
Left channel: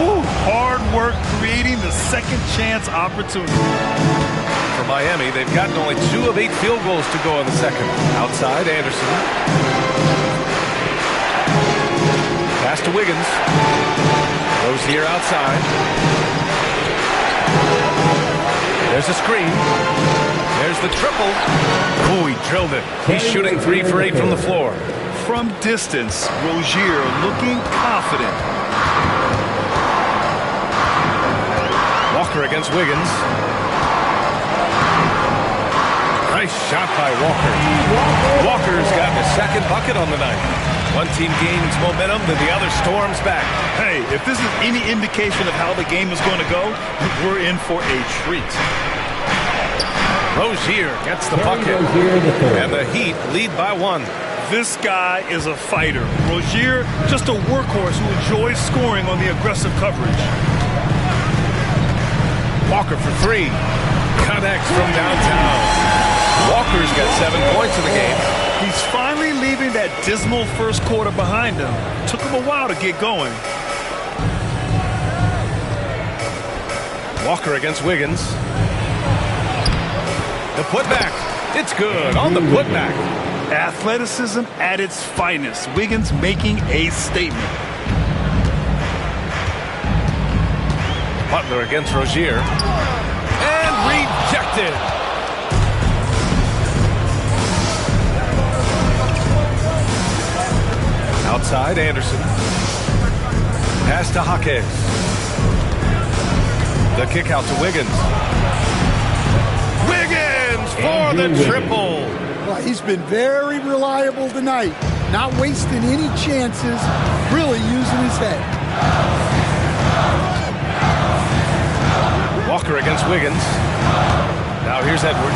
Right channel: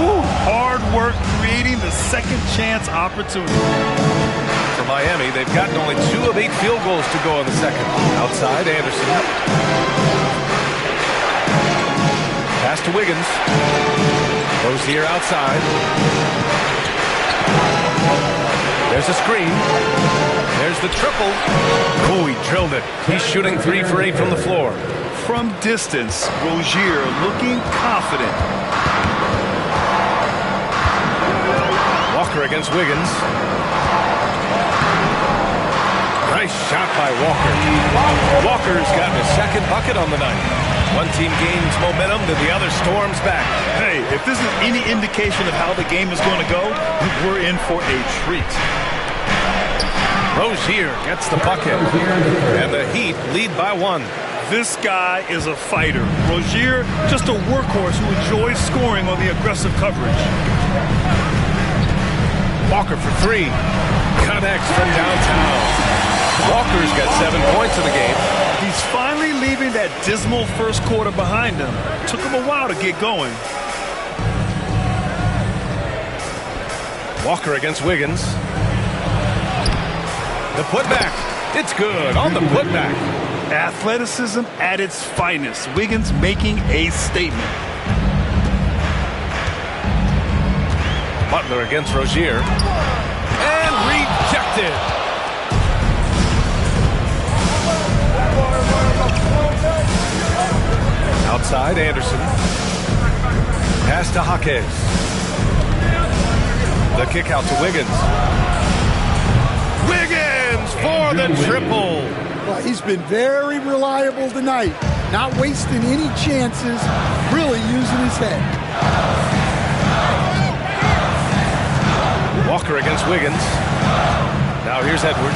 Ooh, hard work creating the second chance opportunity. For Miami, they've gotten only 2 of 8 field goals to go in the second. Outside, Anderson. Pass to Wiggins. Rozier outside. There's a screen. There's the triple. Oh, he drilled it. He's shooting 3 for 8 from the floor. From distance, Rozier looking confident. Walker against Wiggins. Nice shot by Walker. Walker's gotten his second bucket on the night. One team gains momentum, then the other storms back. Hey, if this is any indication of how the game is going to go, we're in for a treat. Rozier gets the bucket, and the Heat lead by 1. This guy is a fighter. Rozier, just a workhorse who enjoys scoring on the aggressive coverage. Walker for 3. Connects from downtown. Walker's got 7 points in the game. He's finally leaving that dismal first quarter behind him. Took him a while to get going. Walker against Wiggins. The putback. It's good on the putback. Athleticism at its finest. Wiggins making a statement. Butler against Rozier. And rejected. Outside, Anderson. Pass to Jaquez. The kick out to Wiggins. Wiggins for the triple. Well, he's been very reliable tonight. Not wasting any chances. Really using his head. Walker against Wiggins. Now here's Edwards.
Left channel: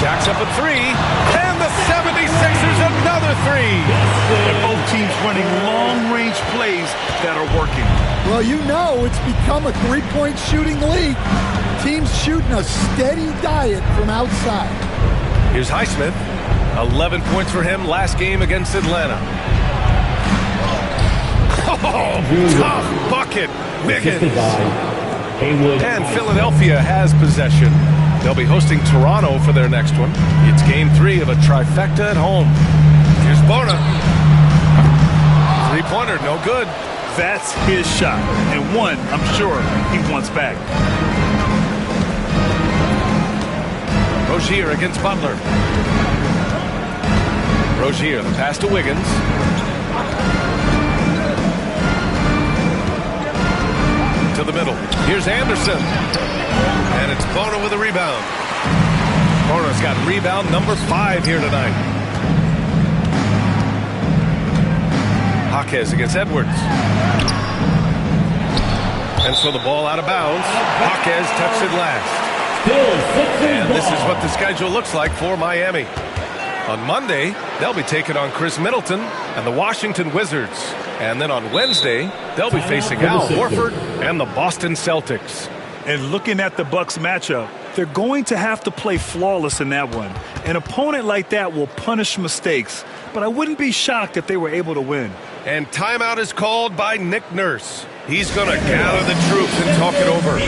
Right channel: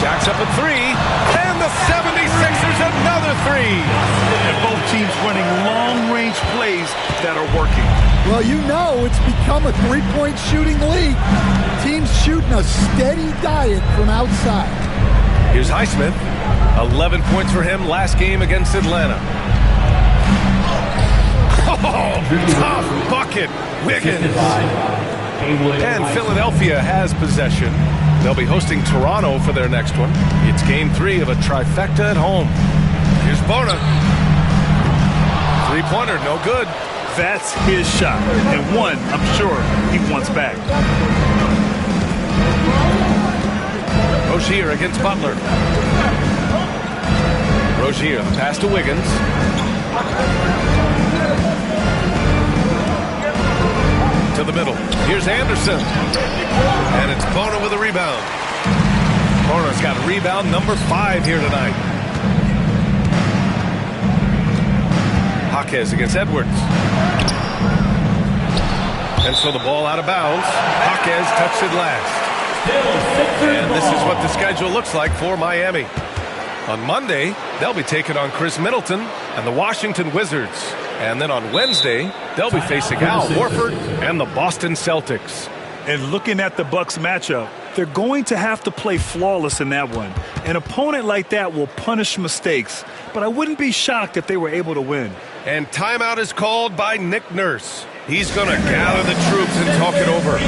Jacks up a 3. And the 76ers another 3. And both teams running long-range plays that are working. Well, you know it's become a three-point shooting league. Teams shooting a steady diet from outside. Here's Highsmith. 11 points for him last game against Atlanta. Oh, tough bucket. Wiggins. And Philadelphia has possession. They'll be hosting Toronto for their next one. It's game 3 of a trifecta at home. Here's Bona. Three-pointer, no good. That's his shot, and one I'm sure he wants back. Rozier against Butler. Rozier, the pass to Wiggins. To the middle. Here's Anderson. And it's Bona with a rebound. Bona's got rebound number 5 here tonight. Jaquez against Edwards. And so the ball out of bounds. Jaquez touched it last. And this is what the schedule looks like for Miami. On Monday, they'll be taking on Chris Middleton and the Washington Wizards. And then on Wednesday, they'll be facing Al Horford and the Boston Celtics. And looking at the Bucks matchup, they're going to have to play flawless in that one. An opponent like that will punish mistakes, but I wouldn't be shocked if they were able to win. And timeout is called by Nick Nurse. He's going to gather the troops and talk it over.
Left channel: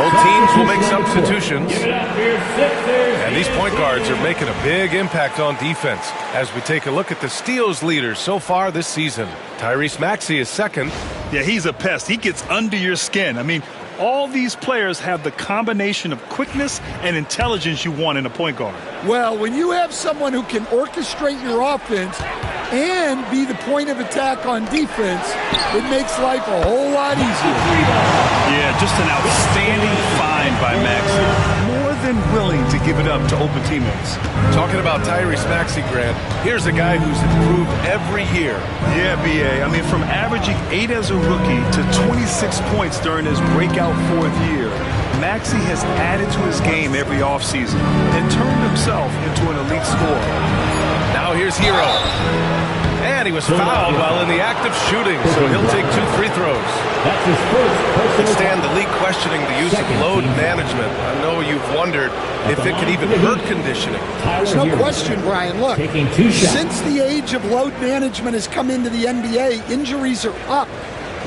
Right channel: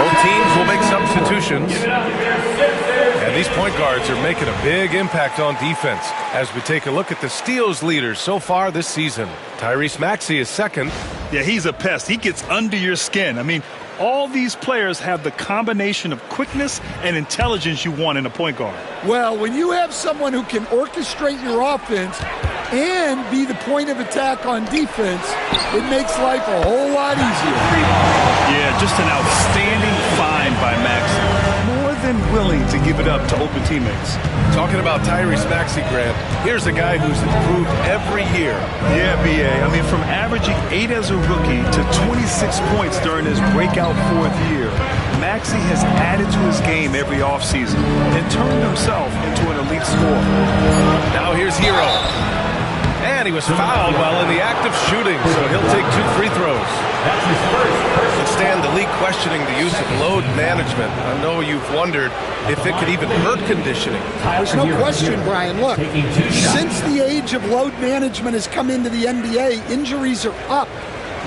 Both teams will make substitutions. And these point guards are making a big impact on defense as we take a look at the steals leaders so far this season. Tyrese Maxey is second. Yeah, he's a pest. He gets under your skin. I mean, all these players have the combination of quickness and intelligence you want in a point guard. Well, when you have someone who can orchestrate your offense and be the point of attack on defense, it makes life a whole lot easier. Yeah, just an outstanding find by Maxey. More than willing to give it up to open teammates. Talking about Tyrese Maxey, Grant, here's a guy who's improved every year. Yeah, B.A. I mean, from averaging 8 as a rookie to 26 points during his breakout 4th year, Maxey has added to his game every offseason and turned himself into an elite scorer. Now here's Hero. And he was fouled while in the act of shooting, so he'll take 2 free throws. But Stan, the league questioning the use of load management. I know you've wondered if it could even hurt conditioning. There's no question, Brian. Look, since the age of load management has come into the NBA, injuries are up,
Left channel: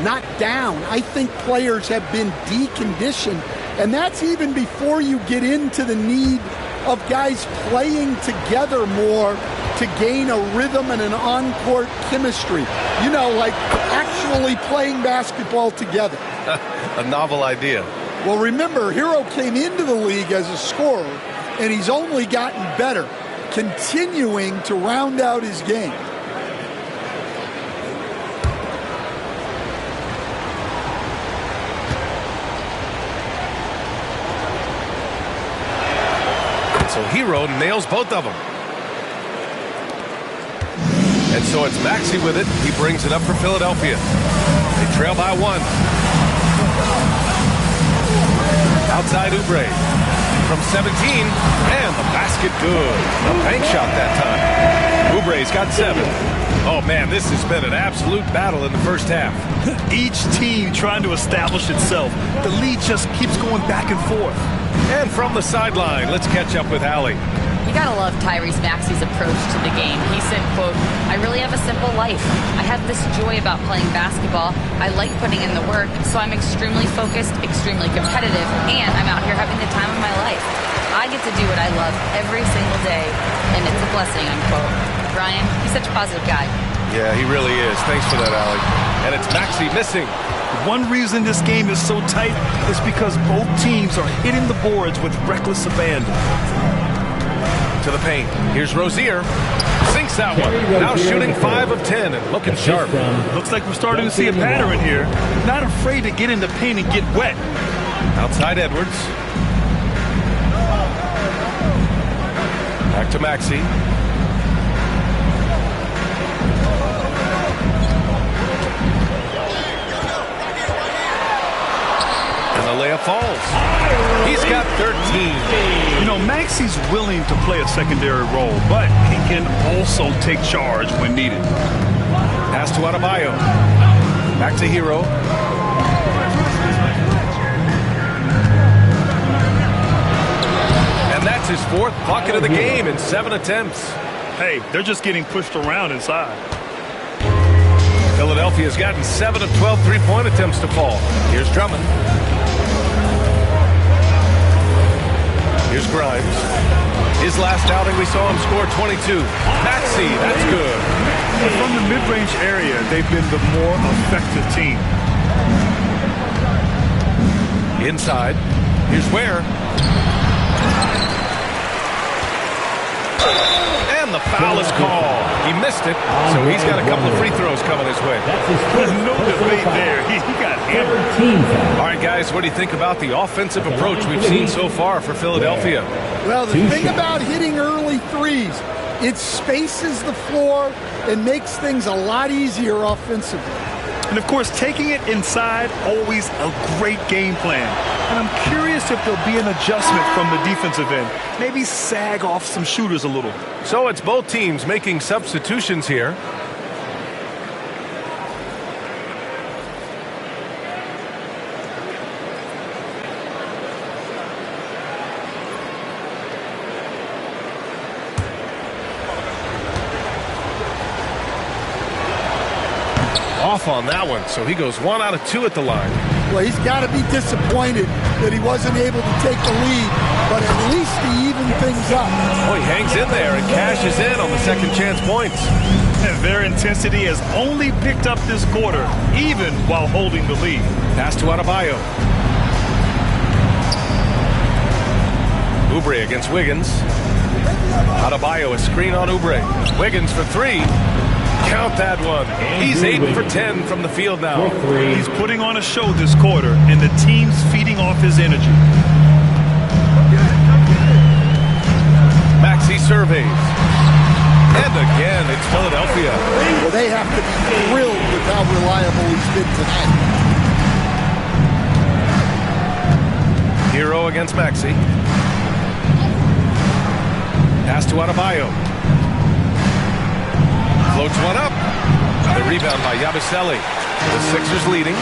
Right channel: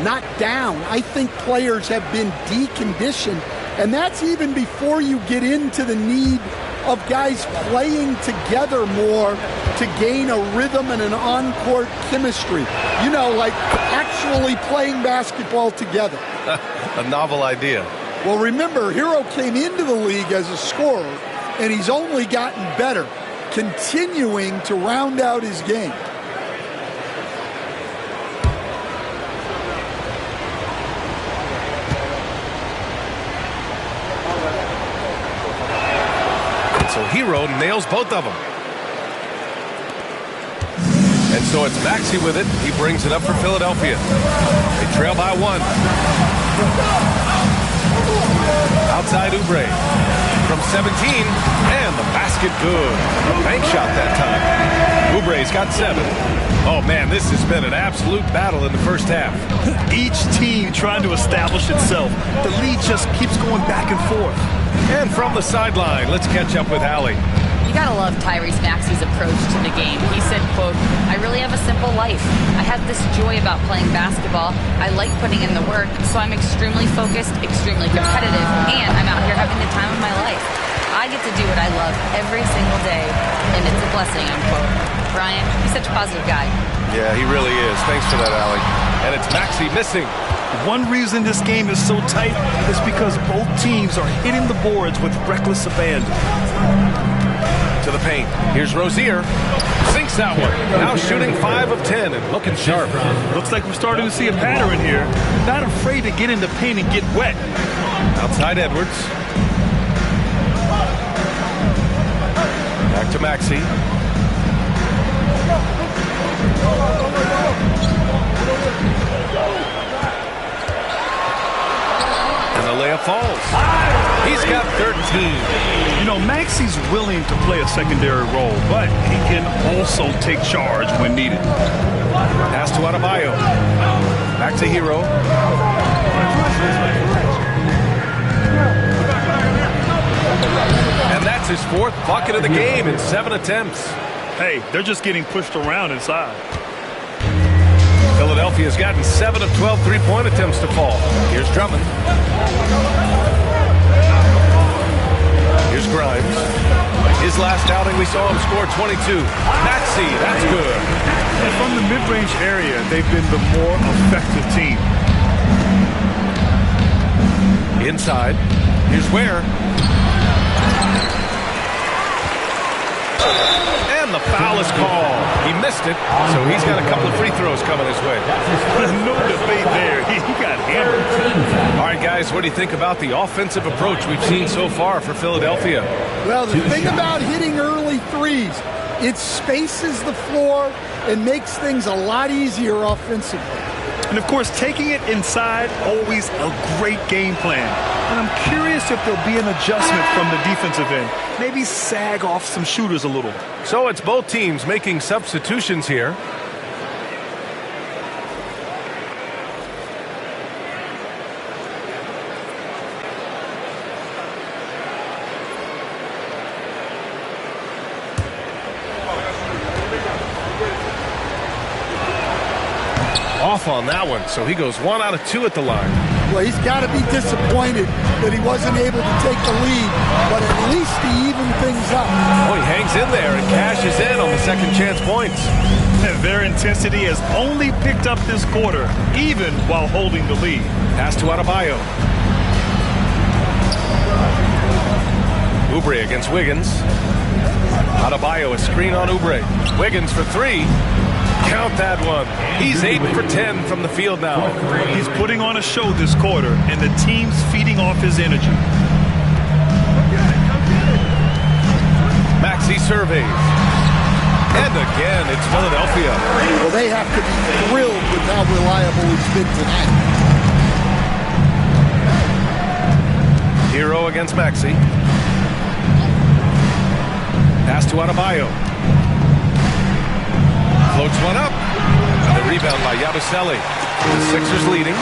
not down. I think players have been deconditioned, and that's even before you get into the need of guys playing together more to gain a rhythm and an on-court chemistry. You know, like actually playing basketball together. A novel idea. Well, remember, Hero came into the league as a scorer, and he's only gotten better, continuing to round out his game. So Hero nails both of them. And so it's Maxey with it. He brings it up for Philadelphia. They trail by 1. Outside Oubre. From 17. And the basket good. A bank shot that time. Oubre's got 7. Oh, man, this has been an absolute battle in the first half. Each team trying to establish itself. The lead just keeps going back and forth. And from the sideline, let's catch up with Allie. You gotta love Tyrese Maxey's approach to the game. He said, quote, "I really have a simple life. I have this joy about playing basketball. I like putting in the work, so I'm extremely focused, extremely competitive, and I'm out here having the time of my life. I get to do what I love every single day, and it's a blessing," unquote. Brian, he's such a positive guy. Yeah, he really is. Thanks for that, Allie. And it's Maxey missing. One reason this game is so tight is because both teams are hitting the boards with reckless abandon. To the paint. Here's Rozier. Sinks that one. Now shooting 5 of 10 and looking sharp. Looks like we're starting to see a pattern here. Not afraid to get in the paint and get wet. Outside Edwards. Back to Maxey. And the layup falls. He's got 13. You know, Maxey's willing to play a secondary role, but he can also take charge when needed. Pass to Adebayo. Back to Hero. And that's his 4th bucket of the game in 7 attempts. Hey, they're just getting pushed around inside. Philadelphia's gotten 7 of 12 3-point attempts to fall. Here's Drummond. Here's Grimes. His last outing, we saw him score 22. Maxey, that's good. And from the mid-range area, they've been the more effective team. Inside. Here's Ware. And the foul is called. He missed it, so he's got a couple of free throws coming his way. No debate there. He got hammered. All right, guys, what do you think about the offensive approach we've seen so far for Philadelphia? Well, the thing about hitting early threes, it spaces the floor and makes things a lot easier offensively. And, of course, taking it inside, always a great game plan. And I'm curious if there'll be an adjustment from the defensive end. Maybe sag off some shooters a little. So it's both teams making substitutions here. Off on that one, so he goes 1 out of 2 at the line. Well, he's got to be disappointed that he wasn't able to take the lead, but at least he evened things up. Oh, he hangs in there and cashes in on the second chance points. And their intensity has only picked up this quarter, even while holding the lead. Pass to Adebayo. Oubre against Wiggins. Adebayo, a screen on Oubre. Wiggins for 3. Count that one. He's 8 for 10 from the field now. He's putting on a show this quarter, and the team's feeding off his energy. Maxey surveys. And again, it's Philadelphia. Well, they have to be thrilled with how reliable he's been tonight. Hero against Maxey. Pass to Adebayo. Floats one up. The rebound by Yabusele. The Sixers leading.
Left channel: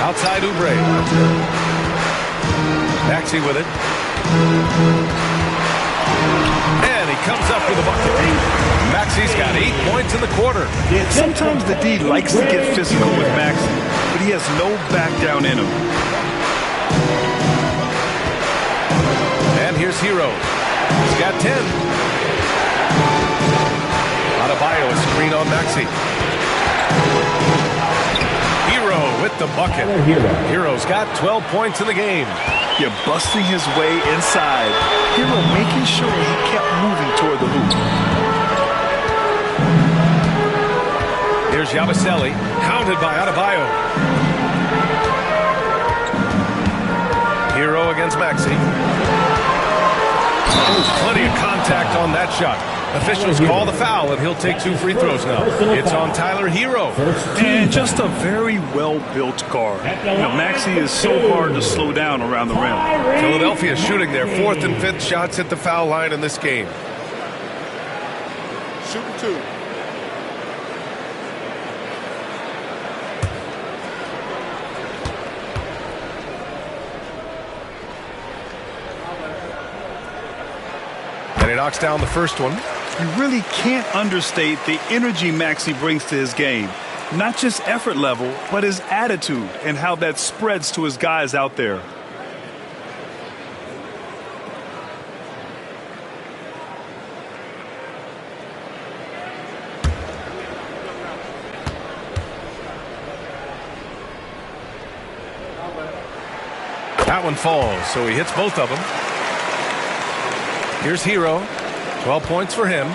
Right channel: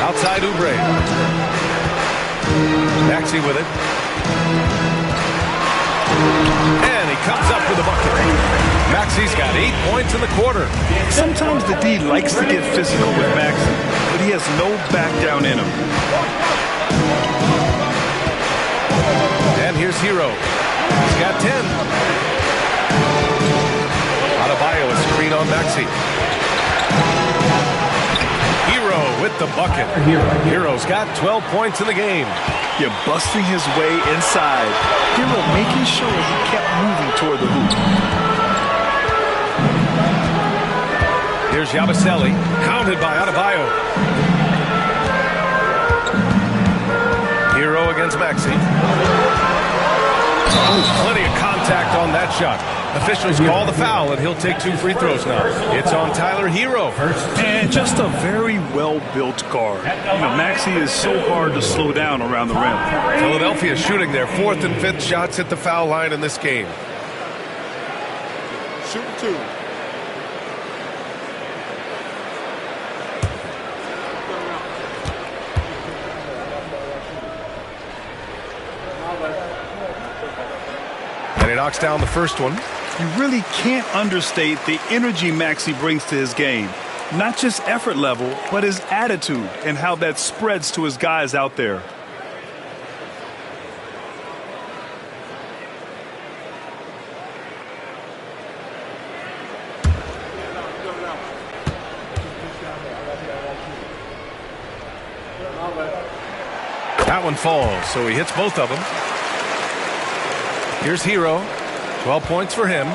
Outside Oubre. Maxey with it. And he comes up with a bucket. Maxey's got 8 points in the quarter. Sometimes the D likes to get physical with Maxey, but he has no back down in him. And here's Hero. He's got 10. Adebayo, a screen on Maxey. Hero with the bucket. Hero's got 12 points in the game. You're busting his way inside. Hero making sure he kept moving toward the hoop. Here's Yabusele, hounded by Adebayo. Hero against Maxey. Oh, plenty of contact on that shot. Officials call the foul, and he'll take 2 free throws now. It's on Tyler Hero. And just a very well-built guard. Maxey is so hard to slow down around the rim. Philadelphia shooting their 4th and 5th shots at the foul line in this game. Shooting 2. And he knocks down the first one. You really can't understate the energy Maxey brings to his game. Not just effort level, but his attitude and how that spreads to his guys out there. That one falls, so he hits both of them. Here's Hero. 12 points for him.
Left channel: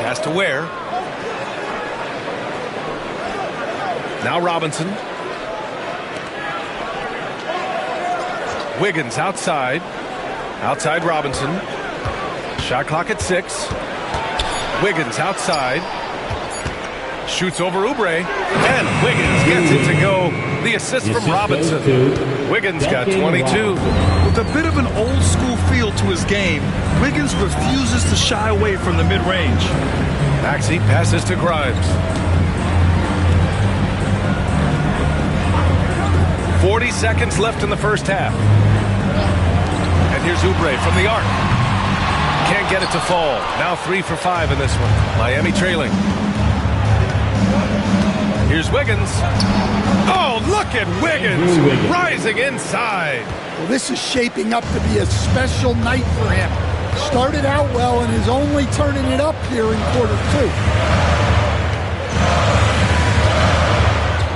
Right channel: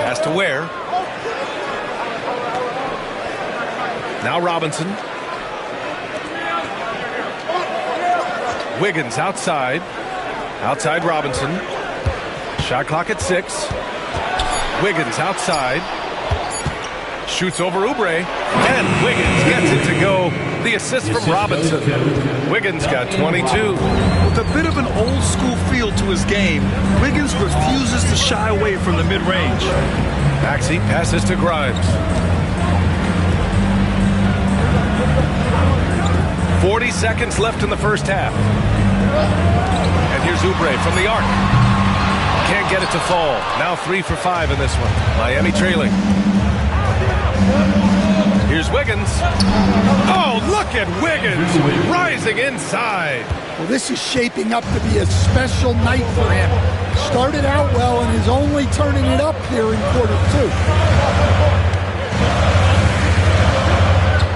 Pass to Ware. Now Robinson. Wiggins outside. Outside Robinson. Shot clock at 6. Wiggins outside. Shoots over Oubre. And Wiggins gets it to go. The assist from Robinson. Wiggins got 22. With a bit of an old school feel to his game, Wiggins refuses to shy away from the mid-range. Maxey passes to Grimes. 40 seconds left in the first half. And here's Oubre from the arc. Can't get it to fall. Now 3 for 5 in this one. Miami trailing. Here's Wiggins. Oh, look at Wiggins rising inside. Well, this is shaping up to be a special night for him. Started out well and is only turning it up here in quarter 2.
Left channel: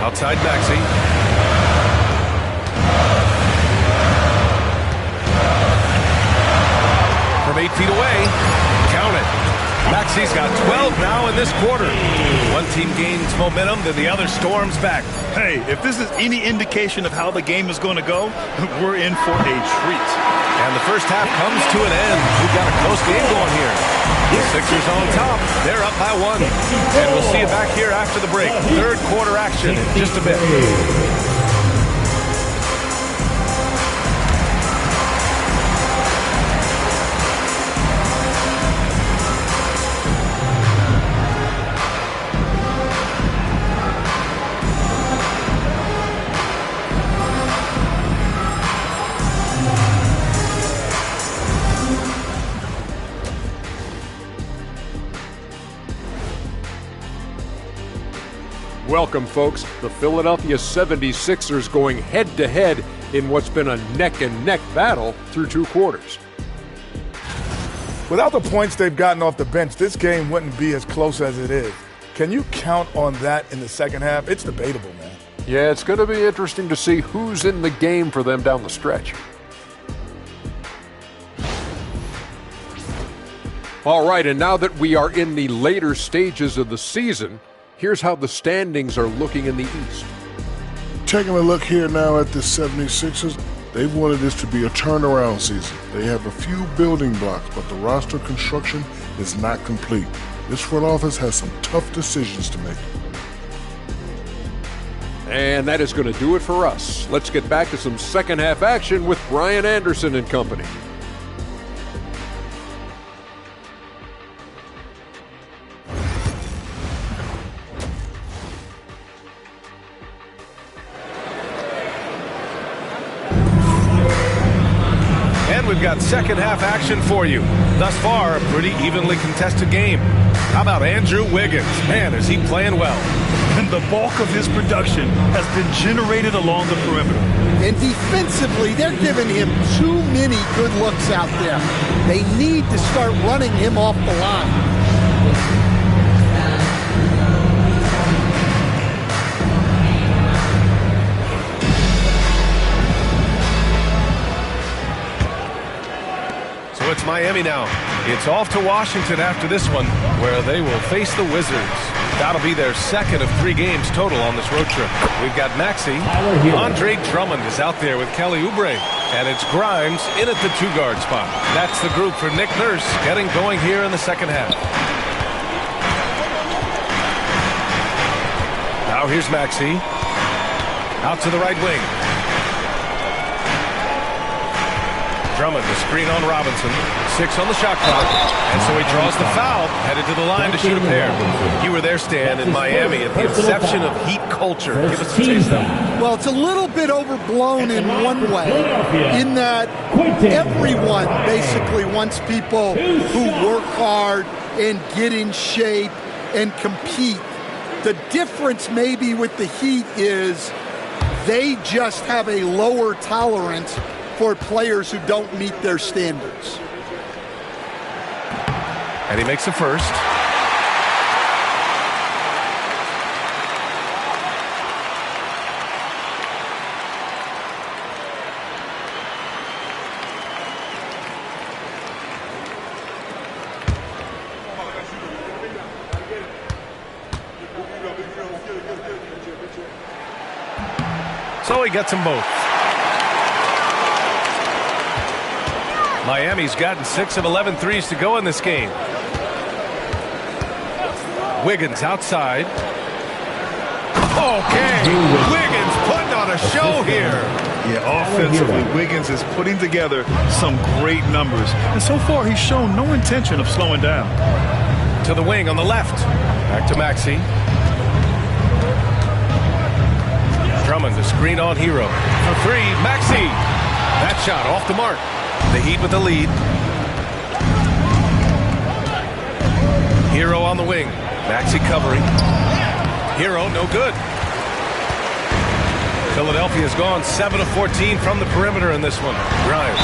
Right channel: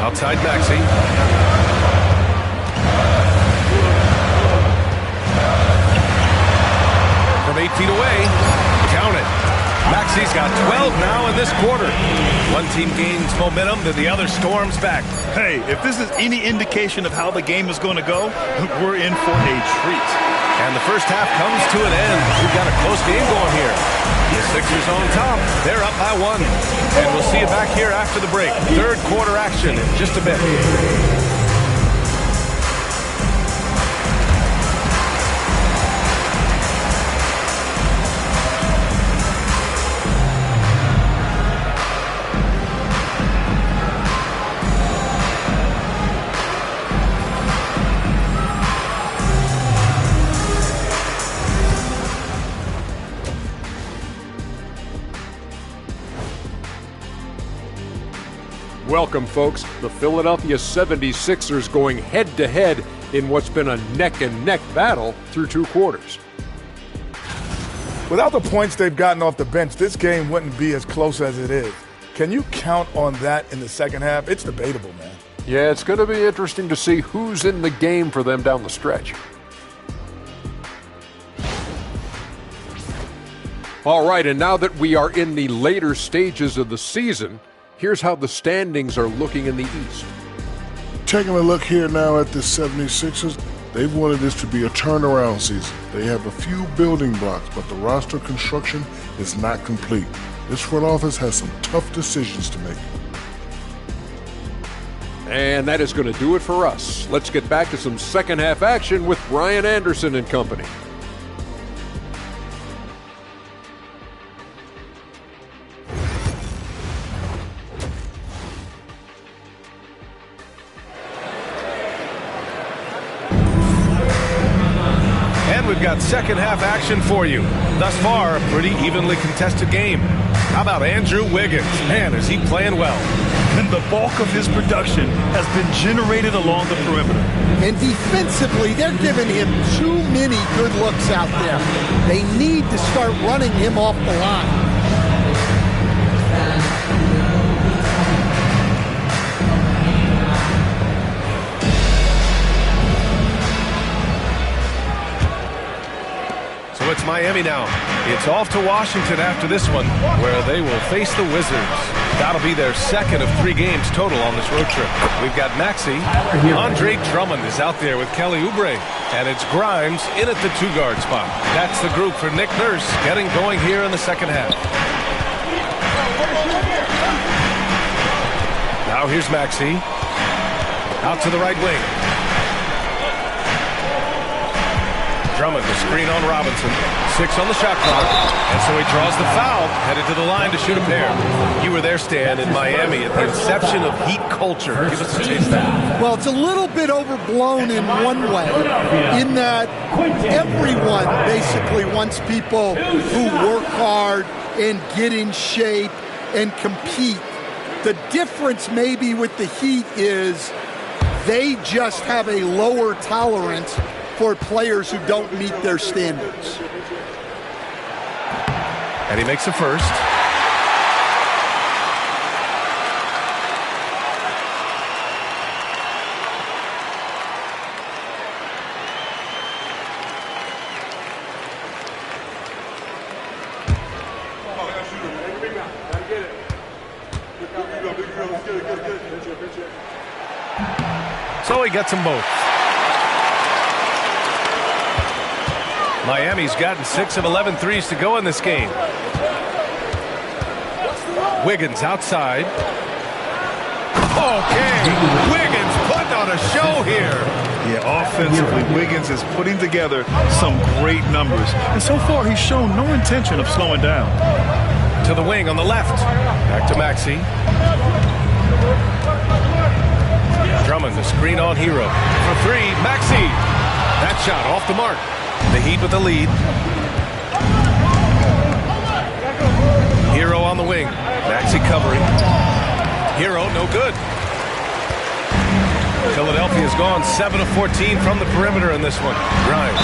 Outside Maxey. From 8 feet away. Count it. Maxey's got 12 now in this quarter. One team gains momentum, then the other storms back. Hey, if this is any indication of how the game is going to go, we're in for a treat. And the first half comes to an end. We've got a close game going here. The Sixers on top. They're up by 1. And we'll see you back here after the break. Third quarter action in just a bit. Welcome, folks. The Philadelphia 76ers going head-to-head in what's been a neck-and-neck battle through 2 quarters. Without the points they've gotten off the bench, this game wouldn't be as close as it is. Can you count on that in the second half? It's debatable, man. Yeah, it's going to be interesting to see who's in the game for them down the stretch. All right, and now that we are in the later stages of the season, here's how the standings are looking in the East. Taking a look here now at the 76ers, they've wanted this to be a turnaround season. They have a few building blocks, but the roster construction is not complete. This front office has some tough decisions to make. And that is going to do it for us. Let's get back to some second half action with Brian Anderson and company. And we've got second half action for you. Thus far, a pretty evenly contested game. How about Andrew Wiggins? Man, is he playing well. And the bulk of his production has been generated along the perimeter. And defensively, they're giving him too many good looks out there. They need to start running him off the line. So it's Miami now. It's off to Washington after this one, where they will face the Wizards. That'll be their second of 3 games total on this road trip. We've got Maxey. Andre Drummond is out there with Kelly Oubre. And it's Grimes in at the 2-guard spot. That's the group for Nick Nurse getting going here in the second half. Now here's Maxey. Out to the right wing. Drummond, the screen on Robinson. 6 on the shot clock. And so he draws the foul, headed to the line to shoot a pair. You were there, Stan, in Miami at the inception of Heat culture. Give us a taste of it. Well, it's a little bit overblown in one way, in that everyone basically wants people who work hard and get in shape and compete. The difference maybe with the Heat is they just have a lower tolerance for players who don't meet their standards. And he makes the first. So he gets them both. Miami's gotten 6 of 11 threes to go in this game. Wiggins outside. Okay, Wiggins putting on a show here. Yeah, offensively, Wiggins is putting together some great numbers. And so far, he's shown no intention of slowing down. To the wing on the left. Back to Maxey. Drummond, the screen on Hero. For 3, Maxey. That shot off the mark. The Heat with the lead. Hero on the wing. Maxey covering. Hero, no good. Philadelphia's gone 7 of 14 from the perimeter in this one. Grimes.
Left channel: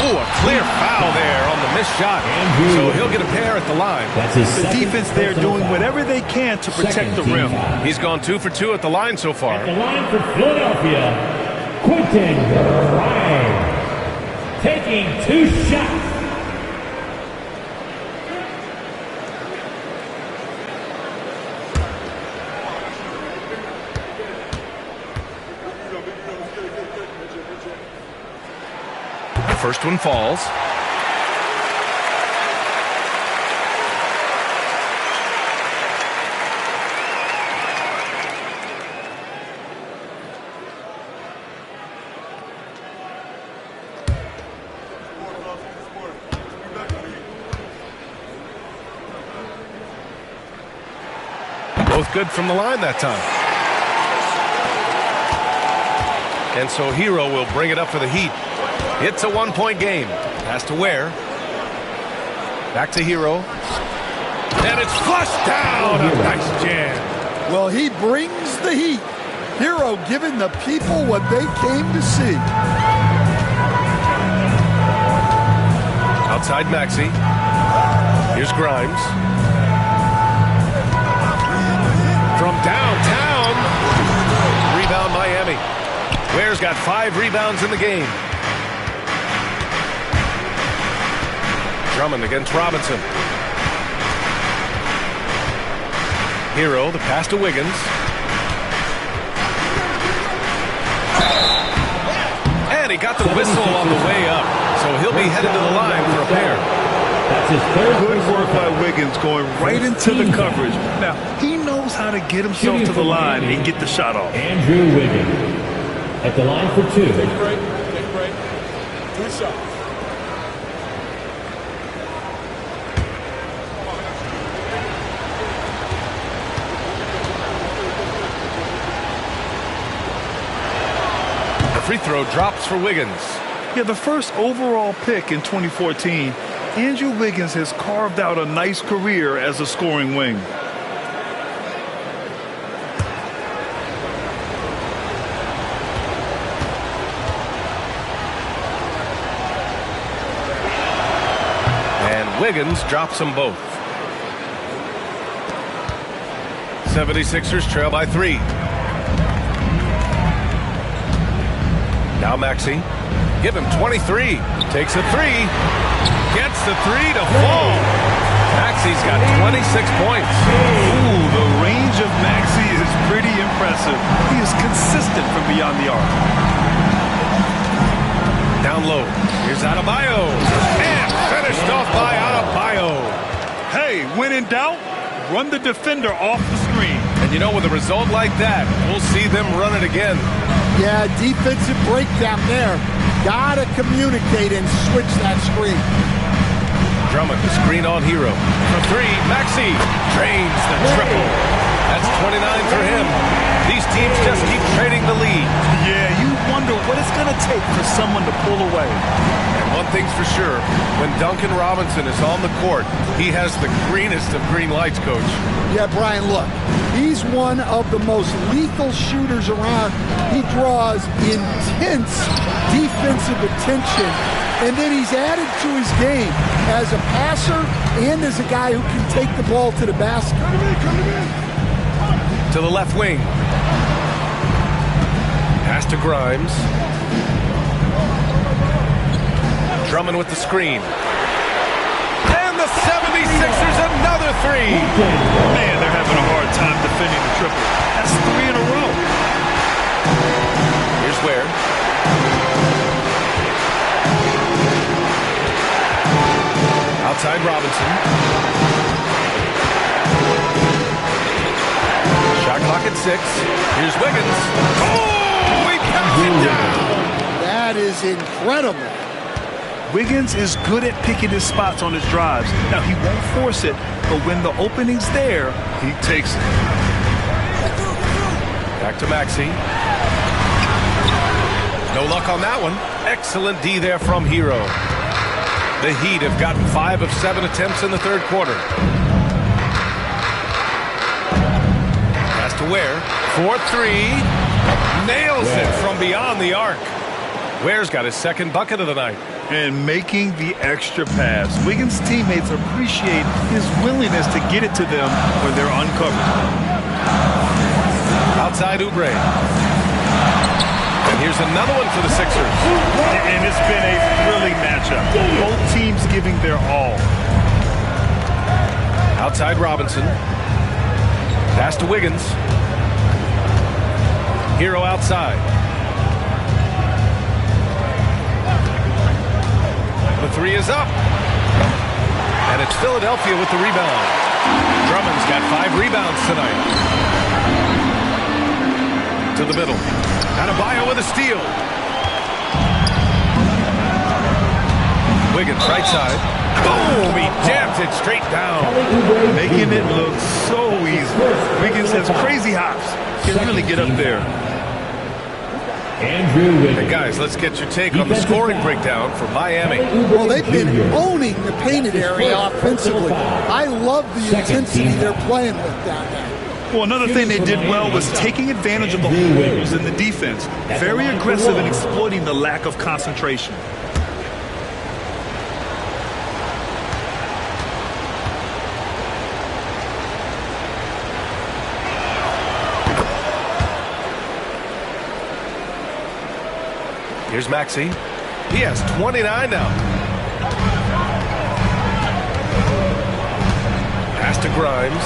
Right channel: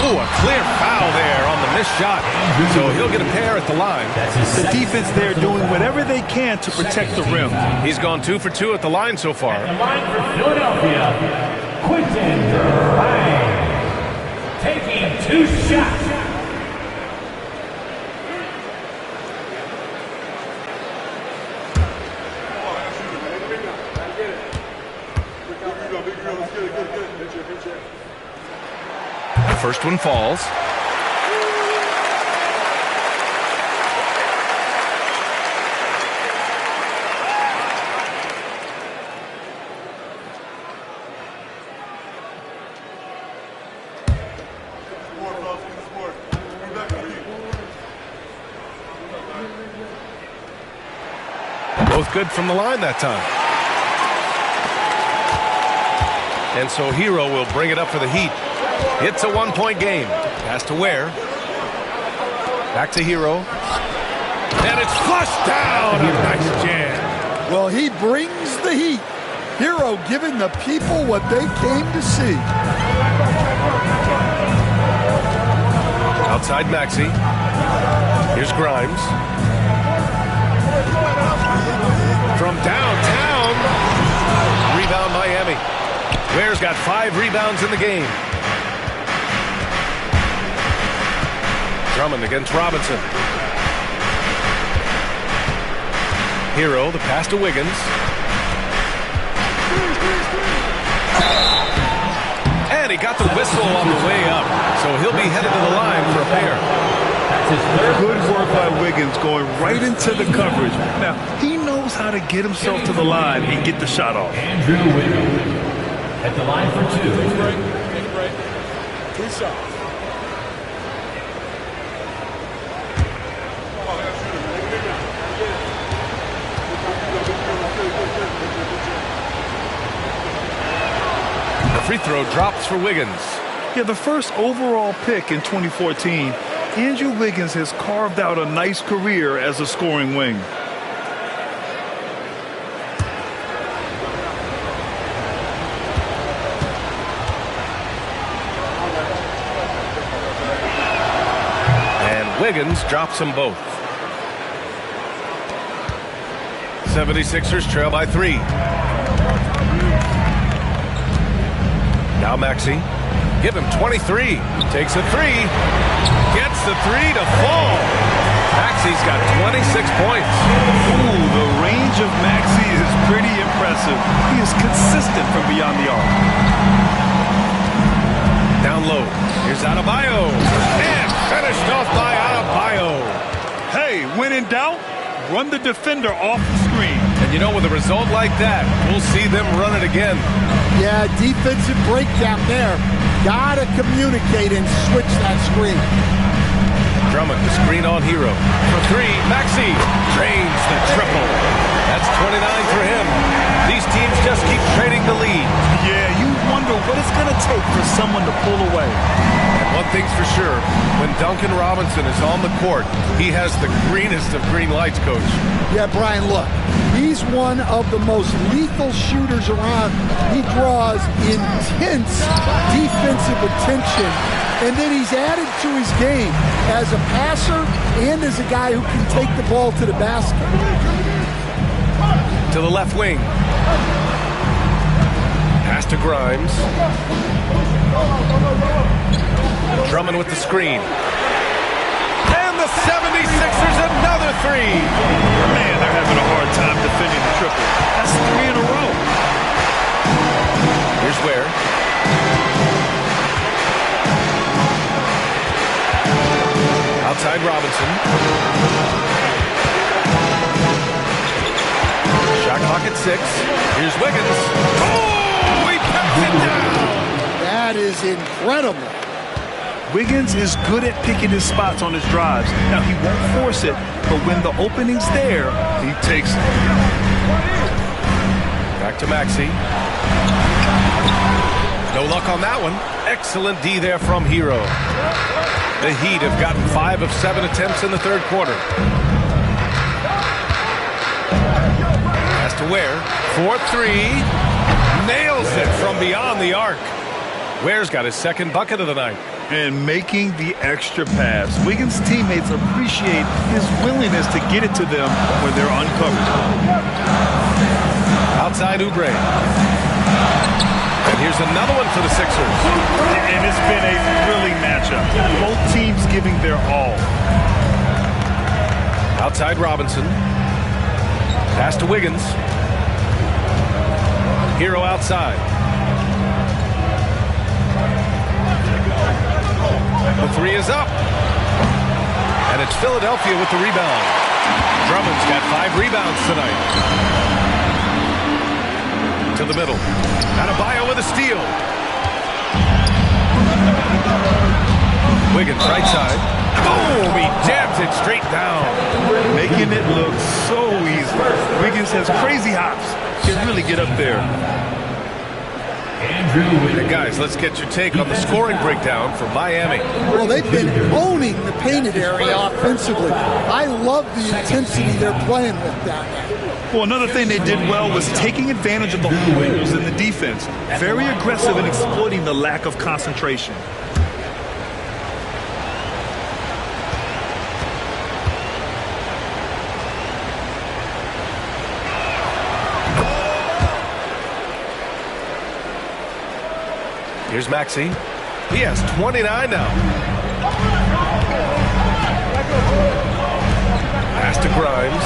Oh, a clear foul there on the missed shot. So he'll get a pair at the line. The defense there doing whatever they can to protect the rim. He's gone 2 for 2 at the line so far. At the line for Philadelphia, Quentin Grimes. Taking 2 shots. The first one falls. Both good from the line that time. And so Hero will bring it up for the Heat. It's a 1-point game. Pass to Ware. Back to Hero. And it's flushed down. A nice jam. Well, he brings the heat. Hero giving the people what they came to see. Outside Maxey. Here's Grimes. From downtown. Rebound Miami. Ware's got 5 rebounds in the game. Drummond against Robinson. Hero, the pass to Wiggins. And he got the whistle on the way up, so he'll be headed to the line for a pair. That's his third. Good work by Wiggins going right into the coverage. Now, he knows how to get himself to the line and get the shot off. Andrew Wiggins at the line for 2. Take a break. Take a break. 2 shots. The free throw drops for Wiggins. Yeah, the first overall pick in 2014, Andrew Wiggins has carved out a nice career as a scoring wing. And Wiggins drops them both. 76ers trail by 3. Now Maxey. Give him 23. Takes a 3. Gets the 3 to fall. Maxey's got 26 points. Ooh, the range of Maxey is pretty impressive. He is consistent from beyond the arc. Down low. Here's Adebayo. And finished off by Adebayo. Hey, when in doubt, run the defender off the screen. And you know, with a result like that, we'll see them run it again. Yeah, defensive breakdown there. Gotta communicate and switch that screen. Drummond, the screen on Hero. For 3, Maxey drains the triple. That's 29 for him. These teams just keep trading the lead. Yeah, you wonder what it's going to take for someone to pull away. And one thing's for sure, when Duncan Robinson is on the court, he has the greenest of green lights, Coach. Yeah, Brian, look, he's one of the most lethal shooters around. He draws intense defensive attention, and then he's added to his game as a passer and as a guy who can take the ball to the basket. To the left wing. Pass to Grimes. Drummond with the screen. And the 76ers another 3. Man, they're having a hard time defending the triple. That's 3 in a row. Here's Ware. Outside Robinson. Shot clock at 6. Here's Wiggins. Oh, he pats it down. That is incredible. Wiggins is good at picking his spots on his drives. Now, he won't force it, but when the opening's there, he takes it. Back to Maxey. No luck on that one. Excellent D there from Hero. The Heat have gotten 5 of 7 attempts in the third quarter. Pass to Ware. 4-3. Nails it from beyond the arc. Ware's got his second bucket of the night. And making the extra pass. Wiggins' teammates appreciate his willingness to get it to them when they're uncovered. Outside Oubre. And here's another one for the Sixers. And it's been a thrilling matchup. Both teams giving their all. Outside Robinson. Pass to Wiggins. Hero outside. The 3 is up. And it's Philadelphia with the rebound. Drummond's got 5 rebounds tonight. To the middle. Adebayo with a steal. Wiggins right side. Boom! He jams it straight down. Making it look so easy. Wiggins has crazy hops. Can really get up there. Hey guys, let's get your take on the scoring breakdown for Miami. Well, they've been owning the painted area offensively. I love the intensity they're playing with down there. Well, another thing they did well was taking advantage of the holes in the defense. Very aggressive in exploiting the lack of concentration. Here's Maxey. He has 29 now. Pass to Grimes.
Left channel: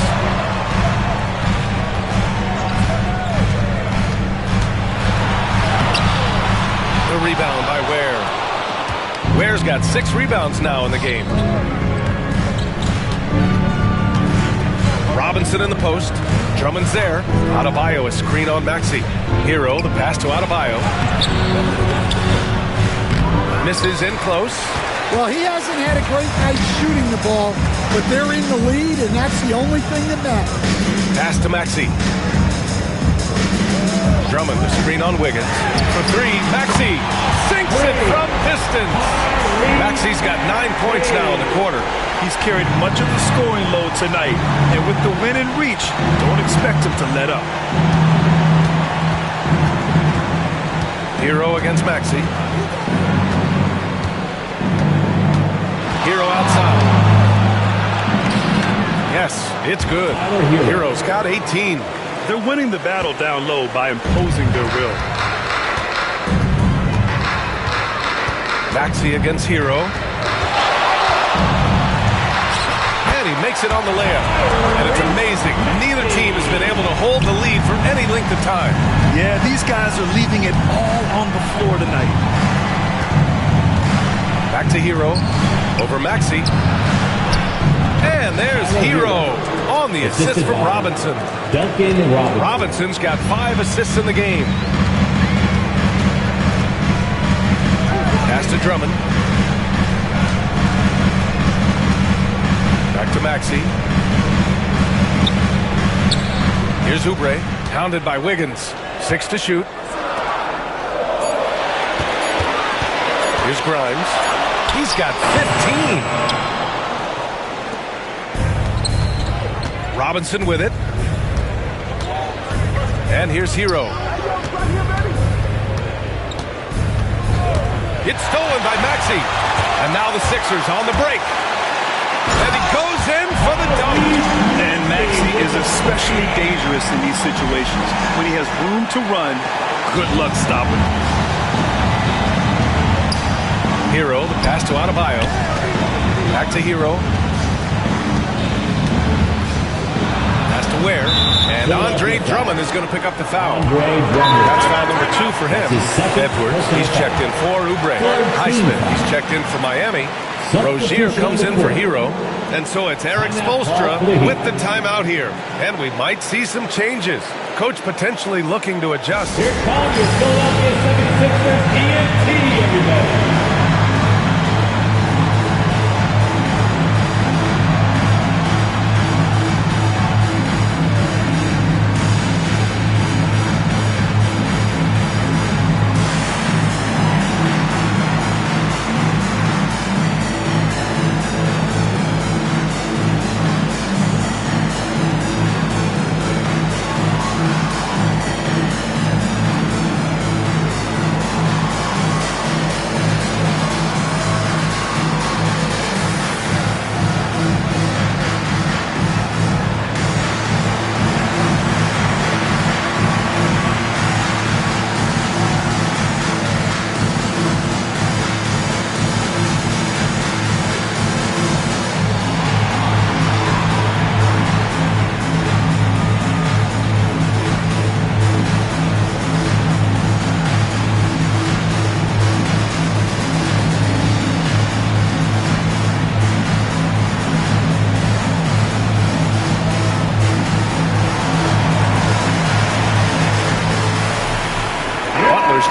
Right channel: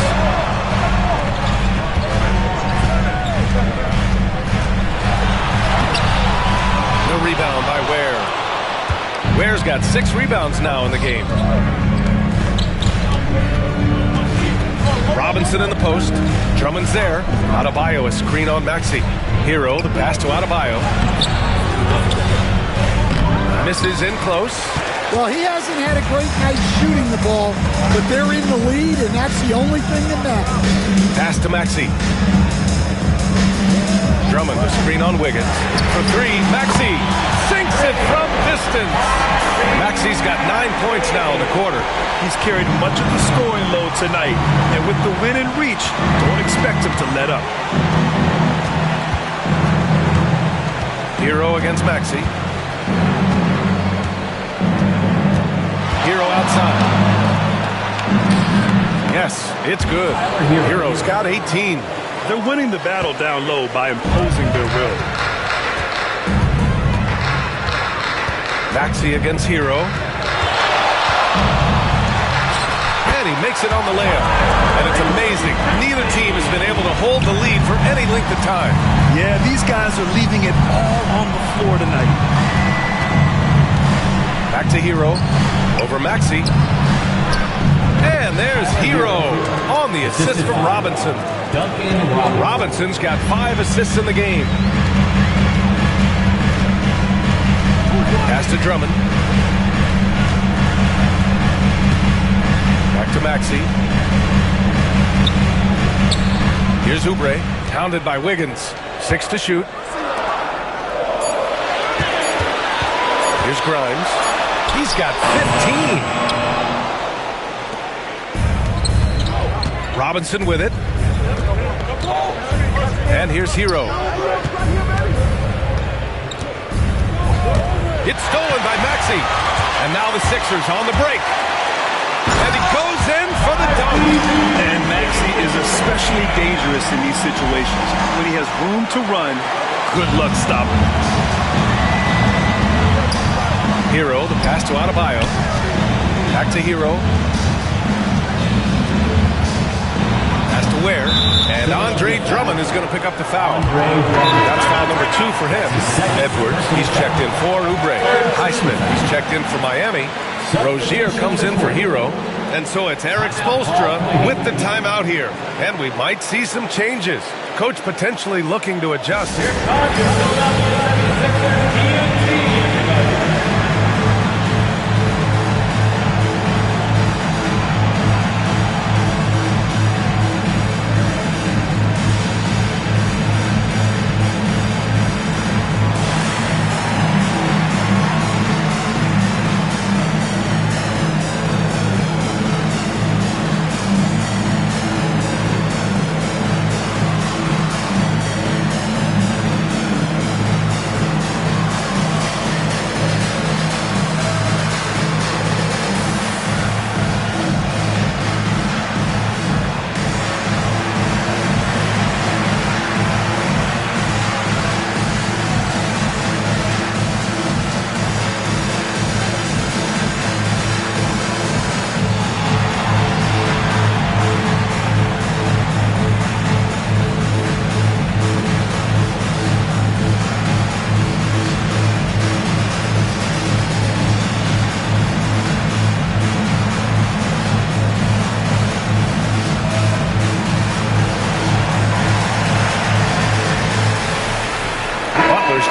rebound by Ware. Ware's got 6 rebounds now in the game. Robinson in the post. Drummond's there. Adebayo, a screen on Maxey. Hero, the pass to Adebayo. Misses in close. Well, he hasn't had a great night shooting the ball, but they're in the lead, and that's the only thing that matters. Pass to Maxey. Drummond, the screen on Wiggins. For 3, Maxey sinks it from distance. Maxey's got 9 points now in the quarter. He's carried much of the scoring load tonight, and with the win in reach, don't expect him to let up. Hero against Maxey. Hero outside. Yes, it's good. Hero's got 18. They're winning the battle down low by imposing their will. Maxey against Hero. And he makes it on the layup. And it's amazing. Neither team has been able to hold the lead for any length of time. Yeah, these guys are leaving it all on the floor tonight. Back to Hero. Over Maxey. And there's Hero on the assist from Robinson. Robinson's got 5 assists in the game. Pass to Drummond. Back to Maxey. Here's Oubre, hounded by Wiggins. 6 to shoot. Here's Grimes. He's got 15. Robinson with it. And here's Hero. It's stolen by Maxey. And now the Sixers on the break. And he goes in for the dunk. And Maxey is especially dangerous in these situations. When he has room to run, good luck stopping him. Hero, the pass to Adebayo. Back to Hero. Pass to Ware. And Andre Drummond is going to pick up the foul. That's foul number 2 for him. Edwards, he's checked in for Oubre. Highsmith, he's checked in for Miami. Rozier comes in for Hero. And so it's Eric Spoelstra with the timeout here. And we might see some changes. Coach potentially looking to adjust. Here comes your Philadelphia 76ers TNT, everybody.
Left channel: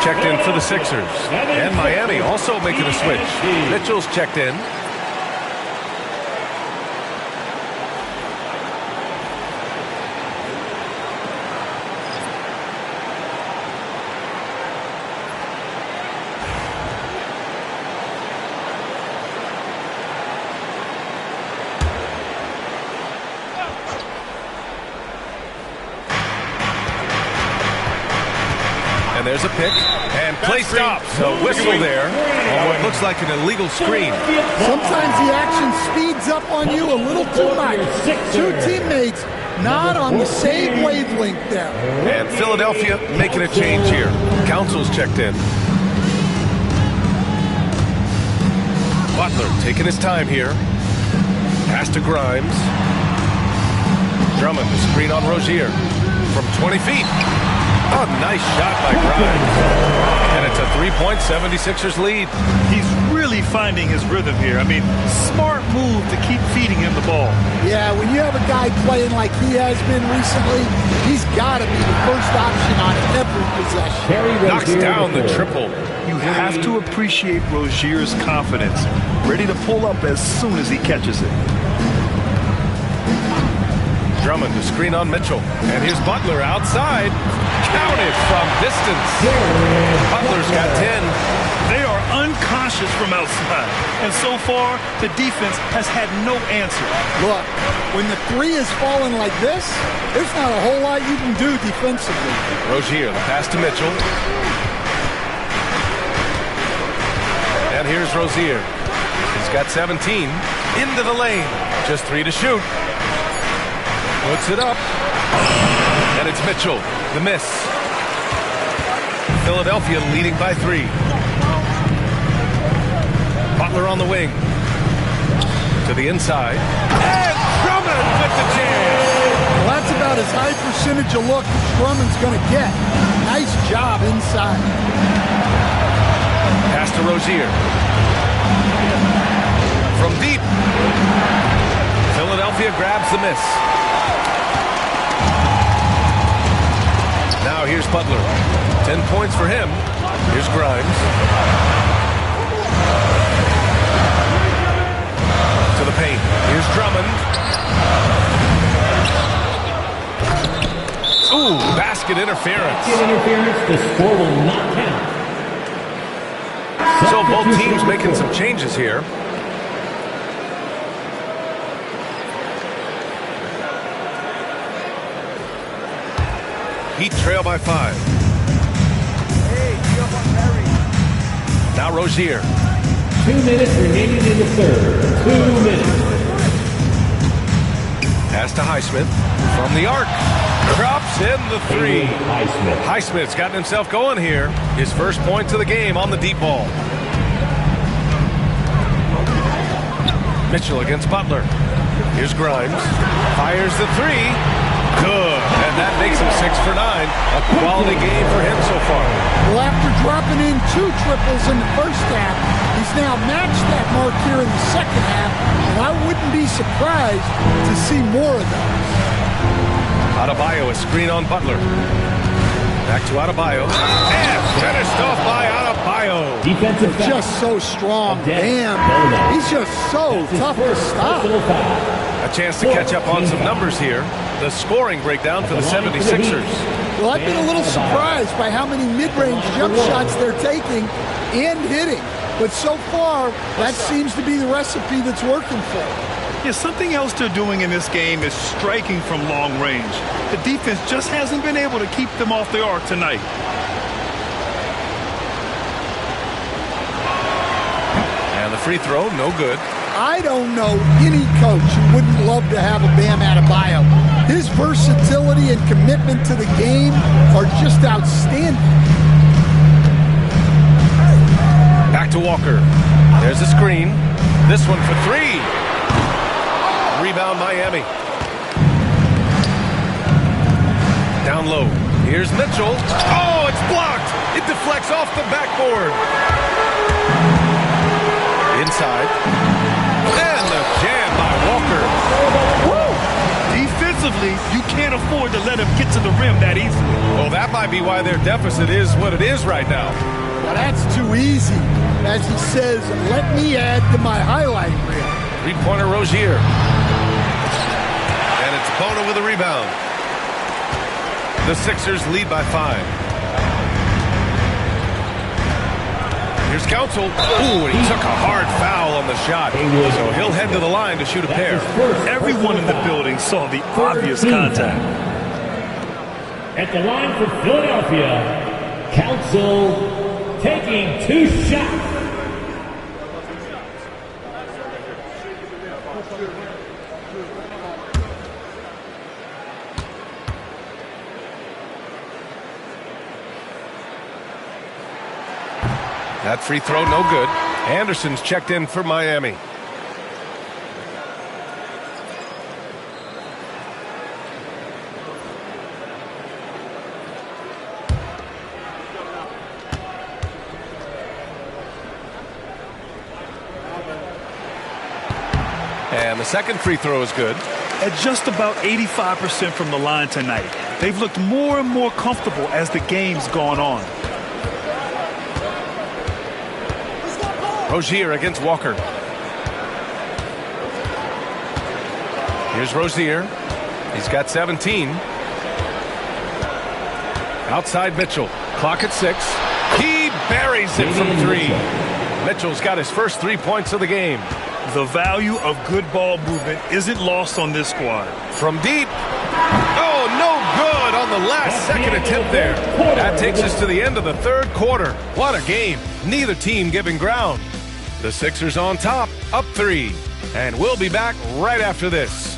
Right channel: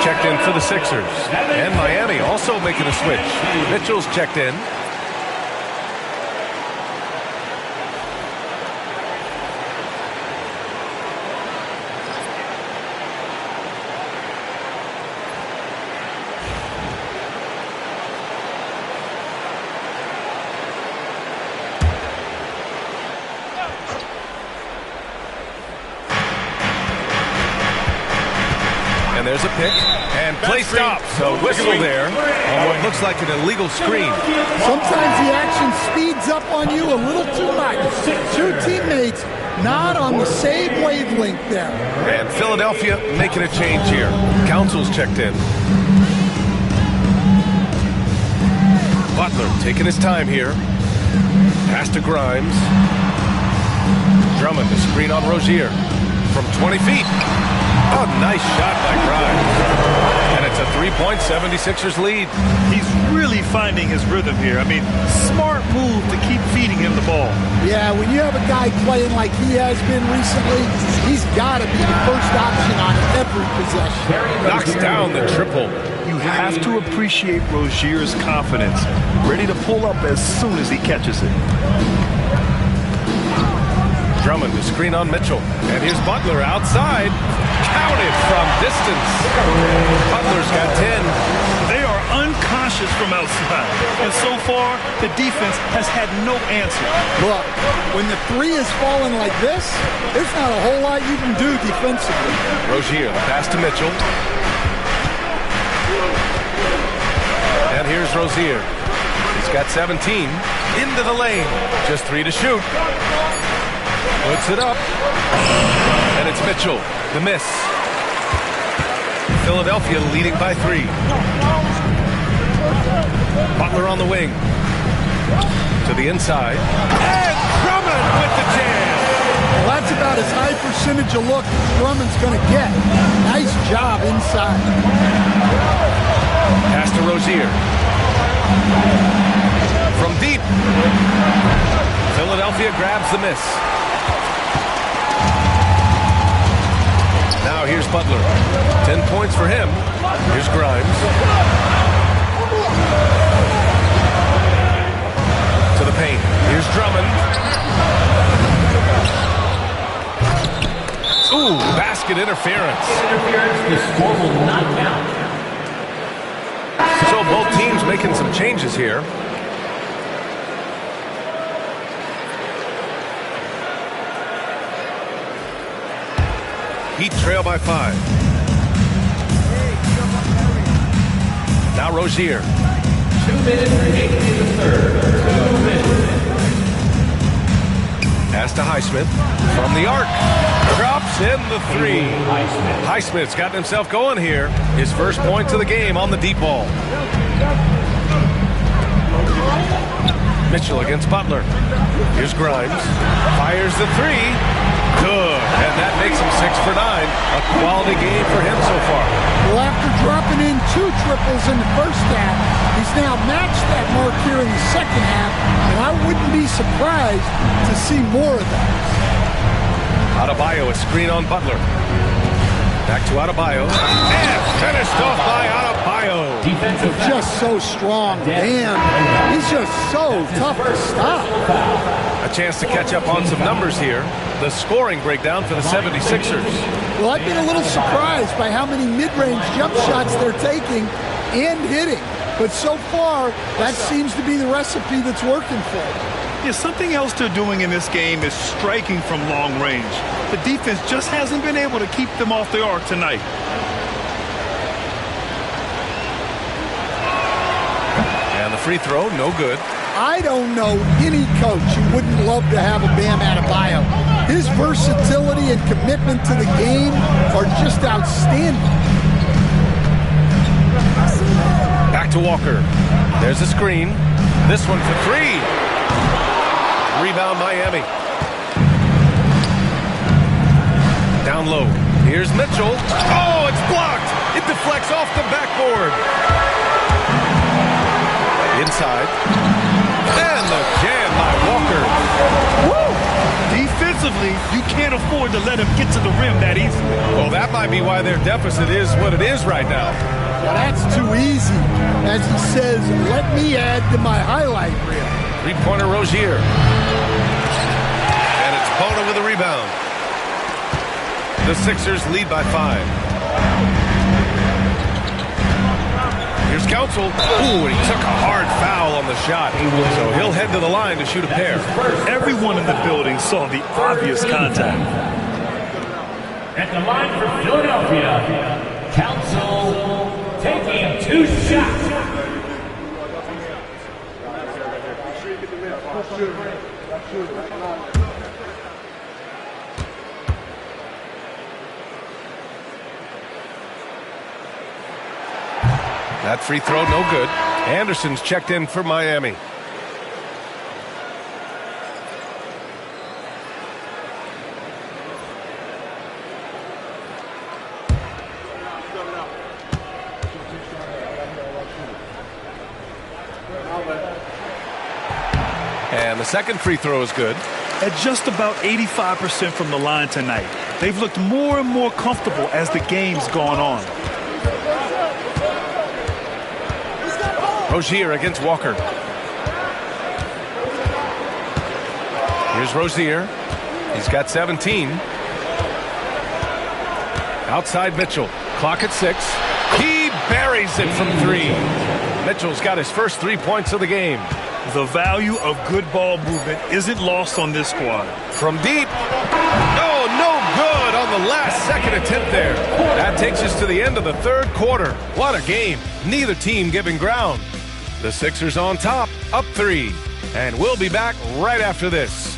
Checked in for the Sixers. And Miami also making a switch. Mitchell's checked in. And there's a pick. And play stops. A whistle there on what looks like an illegal screen. Sometimes the action speeds up on you a little too much. 2 teammates not on the same wavelength there. And Philadelphia making a change here. Council's checked in. Butler taking his time here. Pass to Grimes. Drummond, the screen on Rozier. From 20 feet. Oh, nice shot by Grimes. And it's a 3-point 76ers lead. He's really finding his rhythm here. I mean, smart move to keep feeding him the ball. Yeah, when you have a guy playing like he has been recently, he's got to be the first option on every possession. Knocks down the triple. You have to appreciate Rozier's confidence. Ready to pull up as soon as he catches it. Drummond to screen on Mitchell. And here's Butler outside. Counted from distance. Butler's got 10. They are unconscious from outside. And so far, the defense has had no answer. Look, when the three is falling like this, there's not a whole lot you can do defensively. Rozier, the pass to Mitchell. And here's Rozier. He's got 17. Into the lane. Just 3 to shoot. Puts it up. And it's Mitchell. The miss. Philadelphia leading by 3. Butler on the wing. To the inside. And Drummond with the jam. Well, that's about as high percentage of look as Drummond's going to get. Nice job inside. Pass to Rozier. From deep. Philadelphia grabs the miss. Now here's Butler. 10 points for him. Here's Grimes. To the paint. Here's Drummond. Ooh, basket interference. The score will not count. So both teams making some changes here. Heat trail by 5. Now Rozier. 2 minutes remaining in the third. 2 minutes. Pass to Highsmith. From the arc. Drops in the 3. Highsmith's gotten himself going here. His first point to the game on the deep ball. Mitchell against Butler. Here's Grimes. Fires the 3. Good. And that makes him 6 for 9. A quality game for him so far. Well, after dropping in 2 triples in the first half, he's now matched that mark here in the second half, and I wouldn't be surprised to see more of those. Adebayo, a screen on Butler. Back to Adebayo. And finished off by Adebayo. Defensive just so strong. Damn. He's just so tough to stop. A chance to catch up on some numbers here. The scoring breakdown for the 76ers. Well, I've been a little surprised by how many mid-range jump shots they're taking and hitting. But so far, that seems to be the recipe that's working for them. Yeah, something else they're doing in this game is striking from long range. The defense just hasn't been able to keep them off the arc tonight. And the free throw, no good. I don't know any coach who wouldn't love to have a Bam Adebayo. His versatility and commitment to the game are just outstanding. Back to Walker. There's a screen. This one for 3. Rebound Miami. Down low. Here's Mitchell. Oh, it's blocked. It deflects off the backboard. Inside. And the jam by Walker. Woo! Defensively, you can't afford to let him get to the rim that easily. Well, that might be why their deficit is what it is right now. Well, that's too easy. As he says, let me add to my highlight reel. 3-pointer Rozier. And it's Bona with a rebound. The Sixers lead by 5. Here's Council. Ooh, and he took a hard foul on the shot. So he'll head to the line to shoot a pair. Everyone in the building saw the obvious contact. At the line for Philadelphia, Council taking 2 shots. That free throw, no good. Anderson's checked in for Miami. And the second free throw is good. At just about 85% from the line tonight, they've looked more and more comfortable as the game's gone on. Rozier against Walker. Here's Rozier. He's got 17. Outside Mitchell. Clock at 6. He buries it from 3. Mitchell's got his first 3 points of the game. The value of good ball movement isn't lost on this squad. From deep. Oh, no good on the last second attempt there. That takes us to the end of the third quarter. What a game. Neither team giving ground. The Sixers on top, up 3. And we'll be back right after this.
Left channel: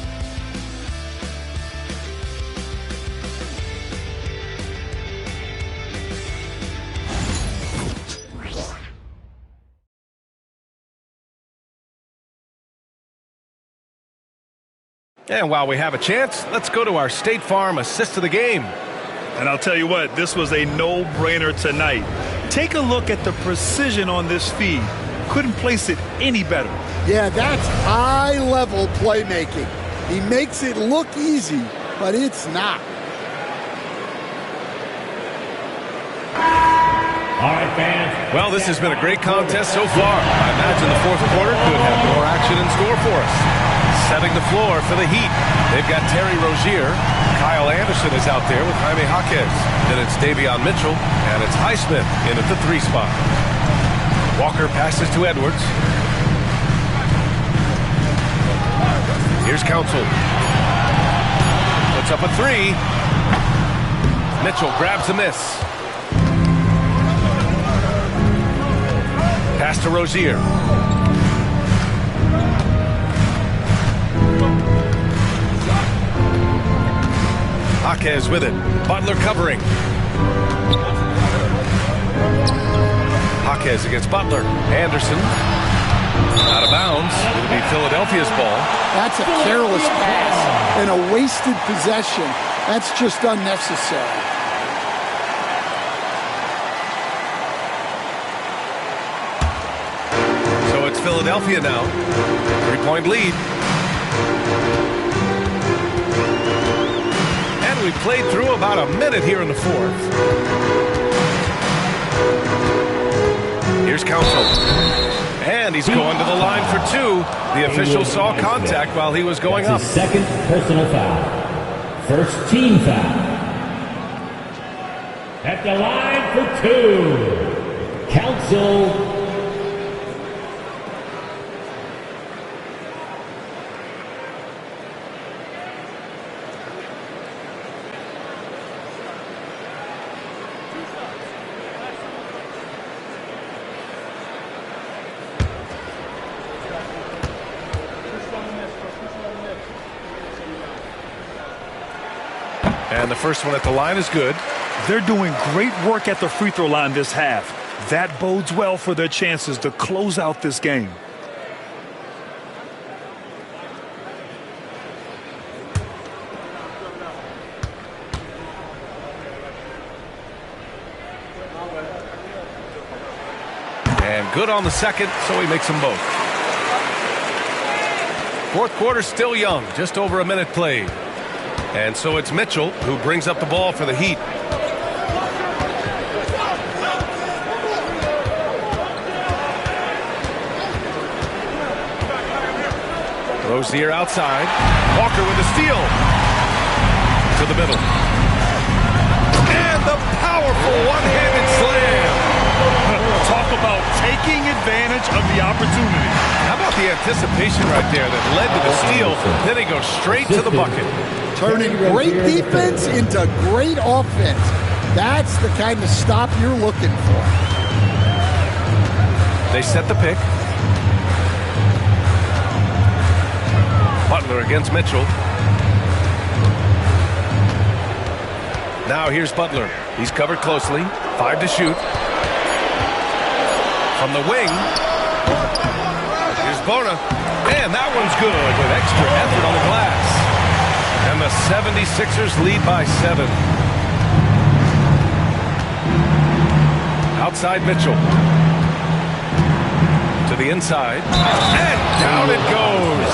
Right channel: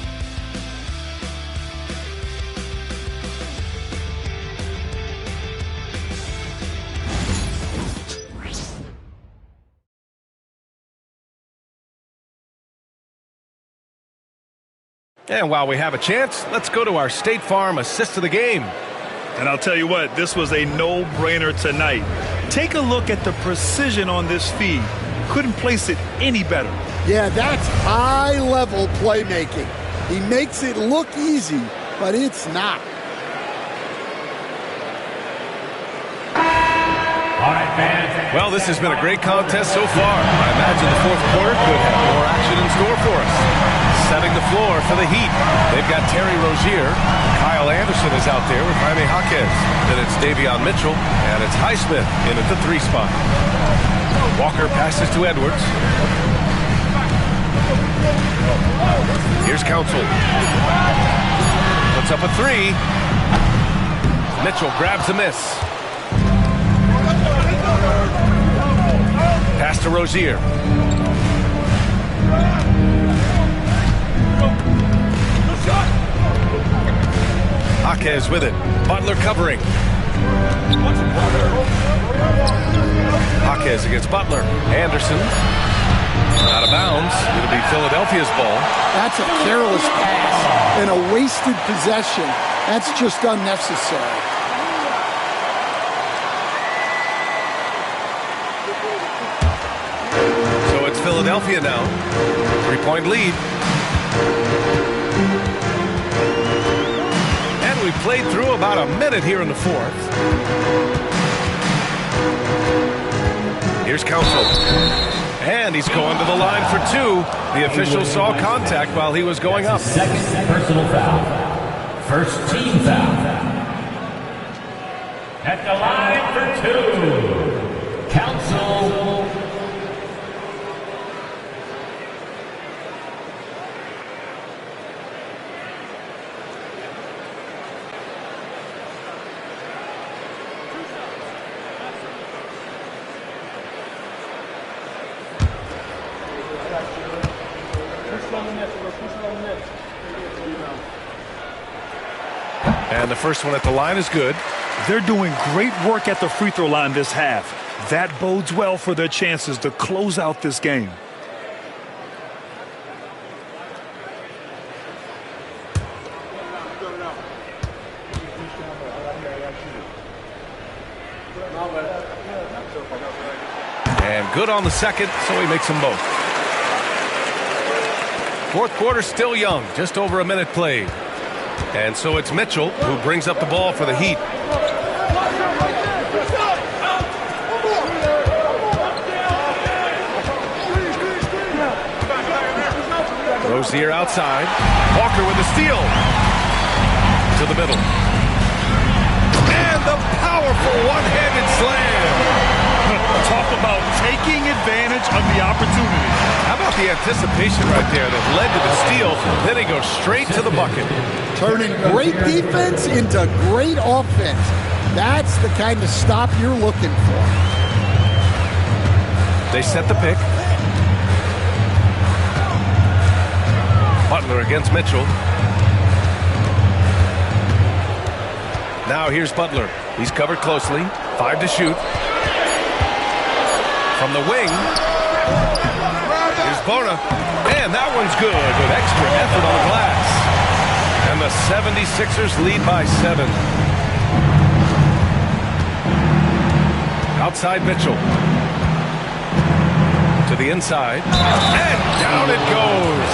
And while we have a chance, let's go to our State Farm assist of the game. And I'll tell you what, this was a no-brainer tonight. Take a look at the precision on this feed. Couldn't place it any better. Yeah, that's high-level playmaking. He makes it look easy, but it's not. All right, fans. Well, this has been a great contest so far. I imagine the fourth quarter could have more action in store for us. Setting the floor for the Heat. They've got Terry Rozier. Kyle Anderson is out there with Jaime Jaquez. Then it's Davion Mitchell, and it's Highsmith in at the 3 spot. Walker passes to Edwards. Here's Council. Puts up a 3. Mitchell grabs a miss. Pass to Rozier. Jaquez with it. Butler covering. Jaquez against Butler. Anderson. Out of bounds. It'll be Philadelphia's ball. That's a careless pass and a wasted possession. That's just unnecessary. So it's Philadelphia now. 3-point lead. And we played through about a minute here in the fourth. Here's Council. And he's going to the line for 2. The official saw contact while he was going up. Second personal foul. First team foul. At the line for 2. Council. And the first one at the line is good. They're doing great work at the free throw line this half. That bodes well for their chances to close out this game. And good on the second, so he makes them both. Fourth quarter still young, just over a minute played. And so it's Mitchell who brings up the ball for the Heat. Rozier outside. Walker with the steal. To the middle. And the powerful one-handed slam. Talk about taking advantage of the opportunity. How about the anticipation right there that led to the steal? Then he goes straight to the bucket. Turning great defense into great offense. That's the kind of stop you're looking for. They set the pick. Butler against Mitchell. Now here's Butler. He's covered closely. 5 to shoot. From the wing. Here's Bona. And that one's good with extra effort on the glass. And the 76ers lead by 7. Outside Mitchell. To the inside. And down it goes.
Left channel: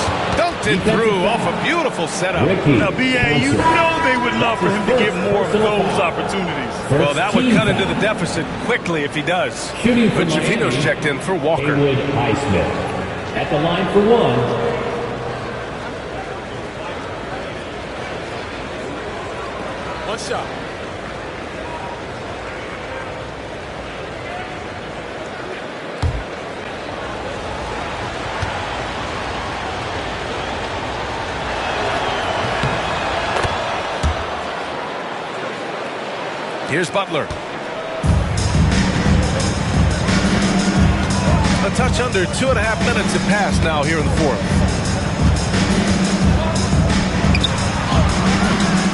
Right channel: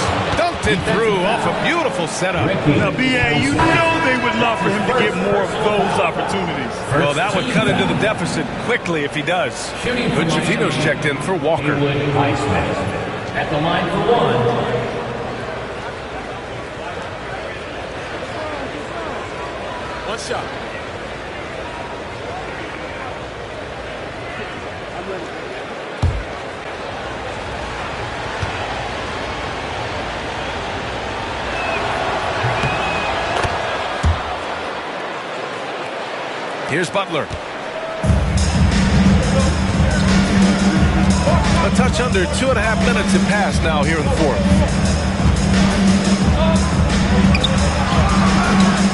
Poked it through off a beautiful setup. Now, B.A., you know they would love for him to get more of those opportunities. Well, that would cut into the deficit quickly if he does. But Shafino's checked in for Walker. Highsmith at the line for one. One shot. Here's Butler. A touch under 2.5 minutes have passed now here in the fourth.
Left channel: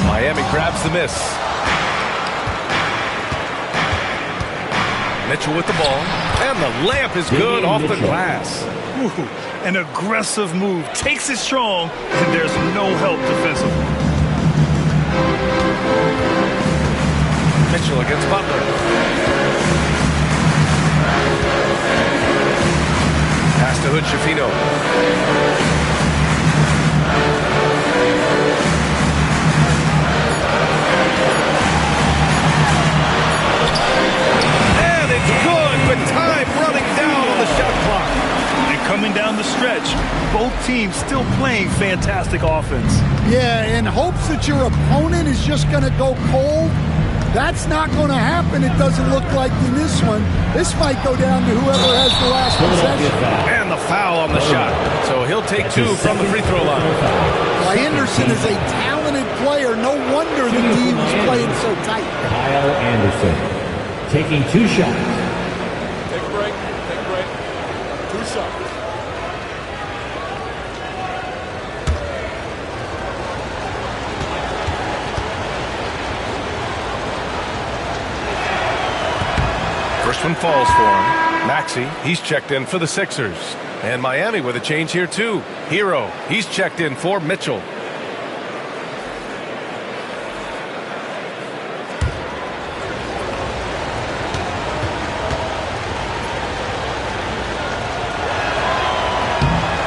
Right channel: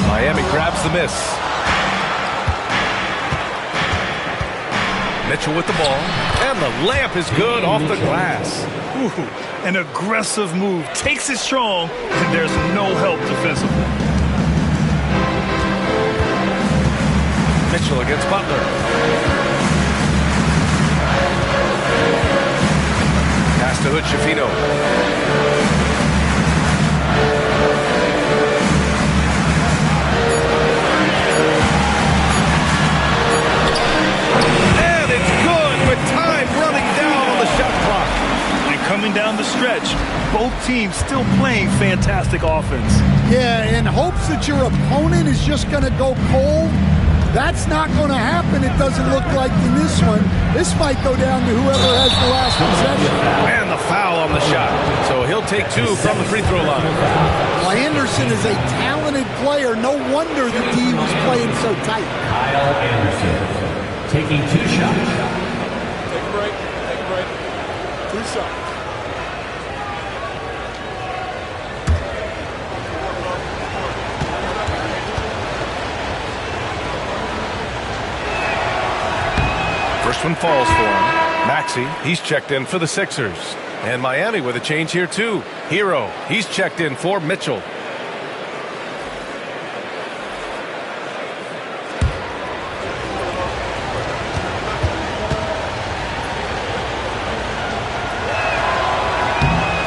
Miami grabs the miss. Mitchell with the ball. And the layup is good off the glass. Ooh, an aggressive move. Takes it strong, and there's no help defensively. Mitchell against Butler. Pass to Hood Shafino. And it's good with time running down on the shot clock. And coming down the stretch, both teams still playing fantastic offense. Yeah, in hopes that your opponent is just going to go cold. That's not going to happen, it doesn't look like in this one. This might go down to whoever has the last possession. And the foul on the shot. So he'll take two from the free throw line. Well, Anderson is a talented player. No wonder the D was playing so tight. Kyle Anderson taking two shots. Take a break. Take a break. Two shots. First one falls for him. Maxey, he's checked in for the Sixers. And Miami with a change here too. Hero, he's checked in for Mitchell.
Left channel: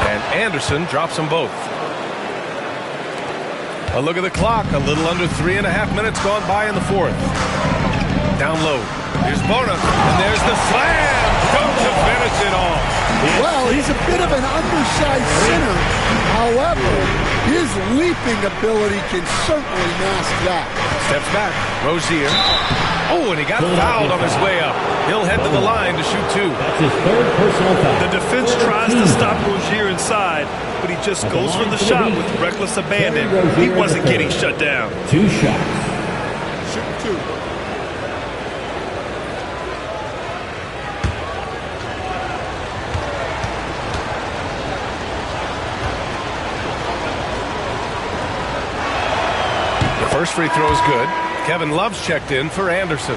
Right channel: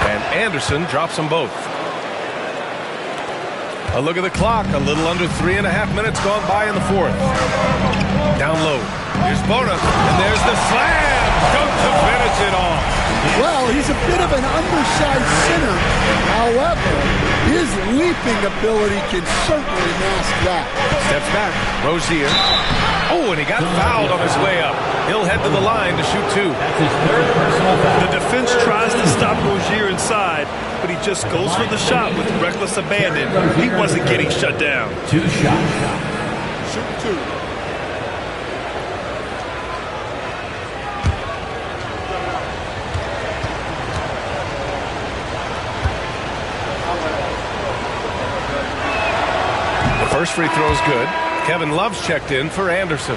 And Anderson drops them both. A look at the clock. A little under 3.5 minutes gone by in the fourth. Down low. Here's Bona, and there's the slam. Don't to finish it off. Well, he's a bit of an undersized center. However, his leaping ability can certainly mask that. Steps back. Rozier. Oh, and he got fouled on his way up. He'll head to the line to shoot two. That's his third personal foul. The defense tries to stop Rozier inside, but he just goes for the shot with reckless abandon. He wasn't getting shut down. Two shots. Shoot two. First free throw is good. Kevin Love's checked in for Anderson.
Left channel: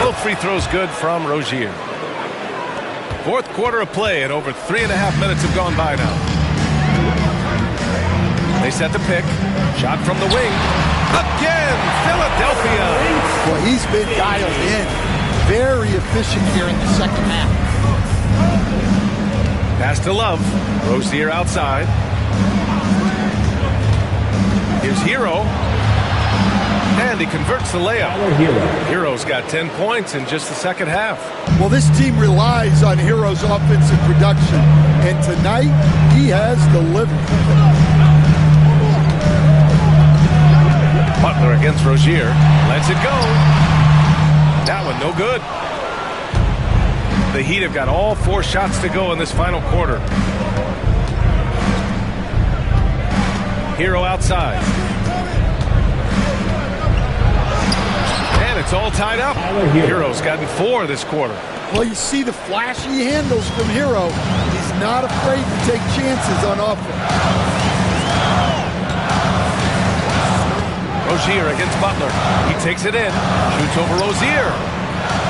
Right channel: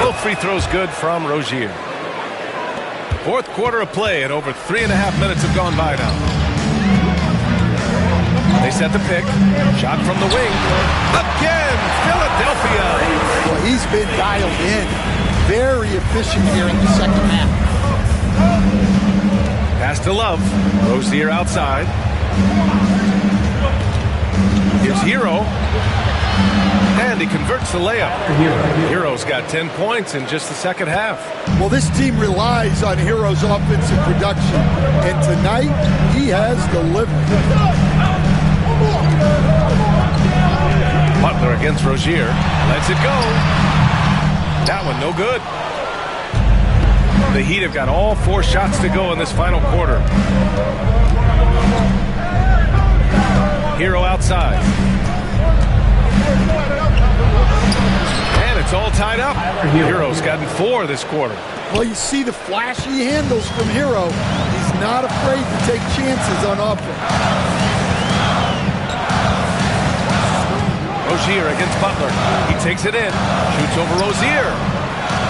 Both free throws good from Rozier. Fourth quarter of play, and over 3.5 minutes have gone by now. They set the pick. Shot from the wing. Again, Philadelphia. Well, he's been dialed in. Very efficient here in the second half. Pass to Love. Rozier outside. Here's Hero. And he converts the layup. Hero's got 10 points in just the second half. Well, this team relies on Hero's offensive production. And tonight, he has delivered. Butler against Rozier. Lets it go. That one no good. The Heat have got all 4 shots to go in this final quarter. Hero outside. And it's all tied up. Hero's gotten 4 this quarter. Well, you see the flashy handles from Hero. He's not afraid to take chances on offense. Rozier against Butler. He takes it in. Shoots over Rozier.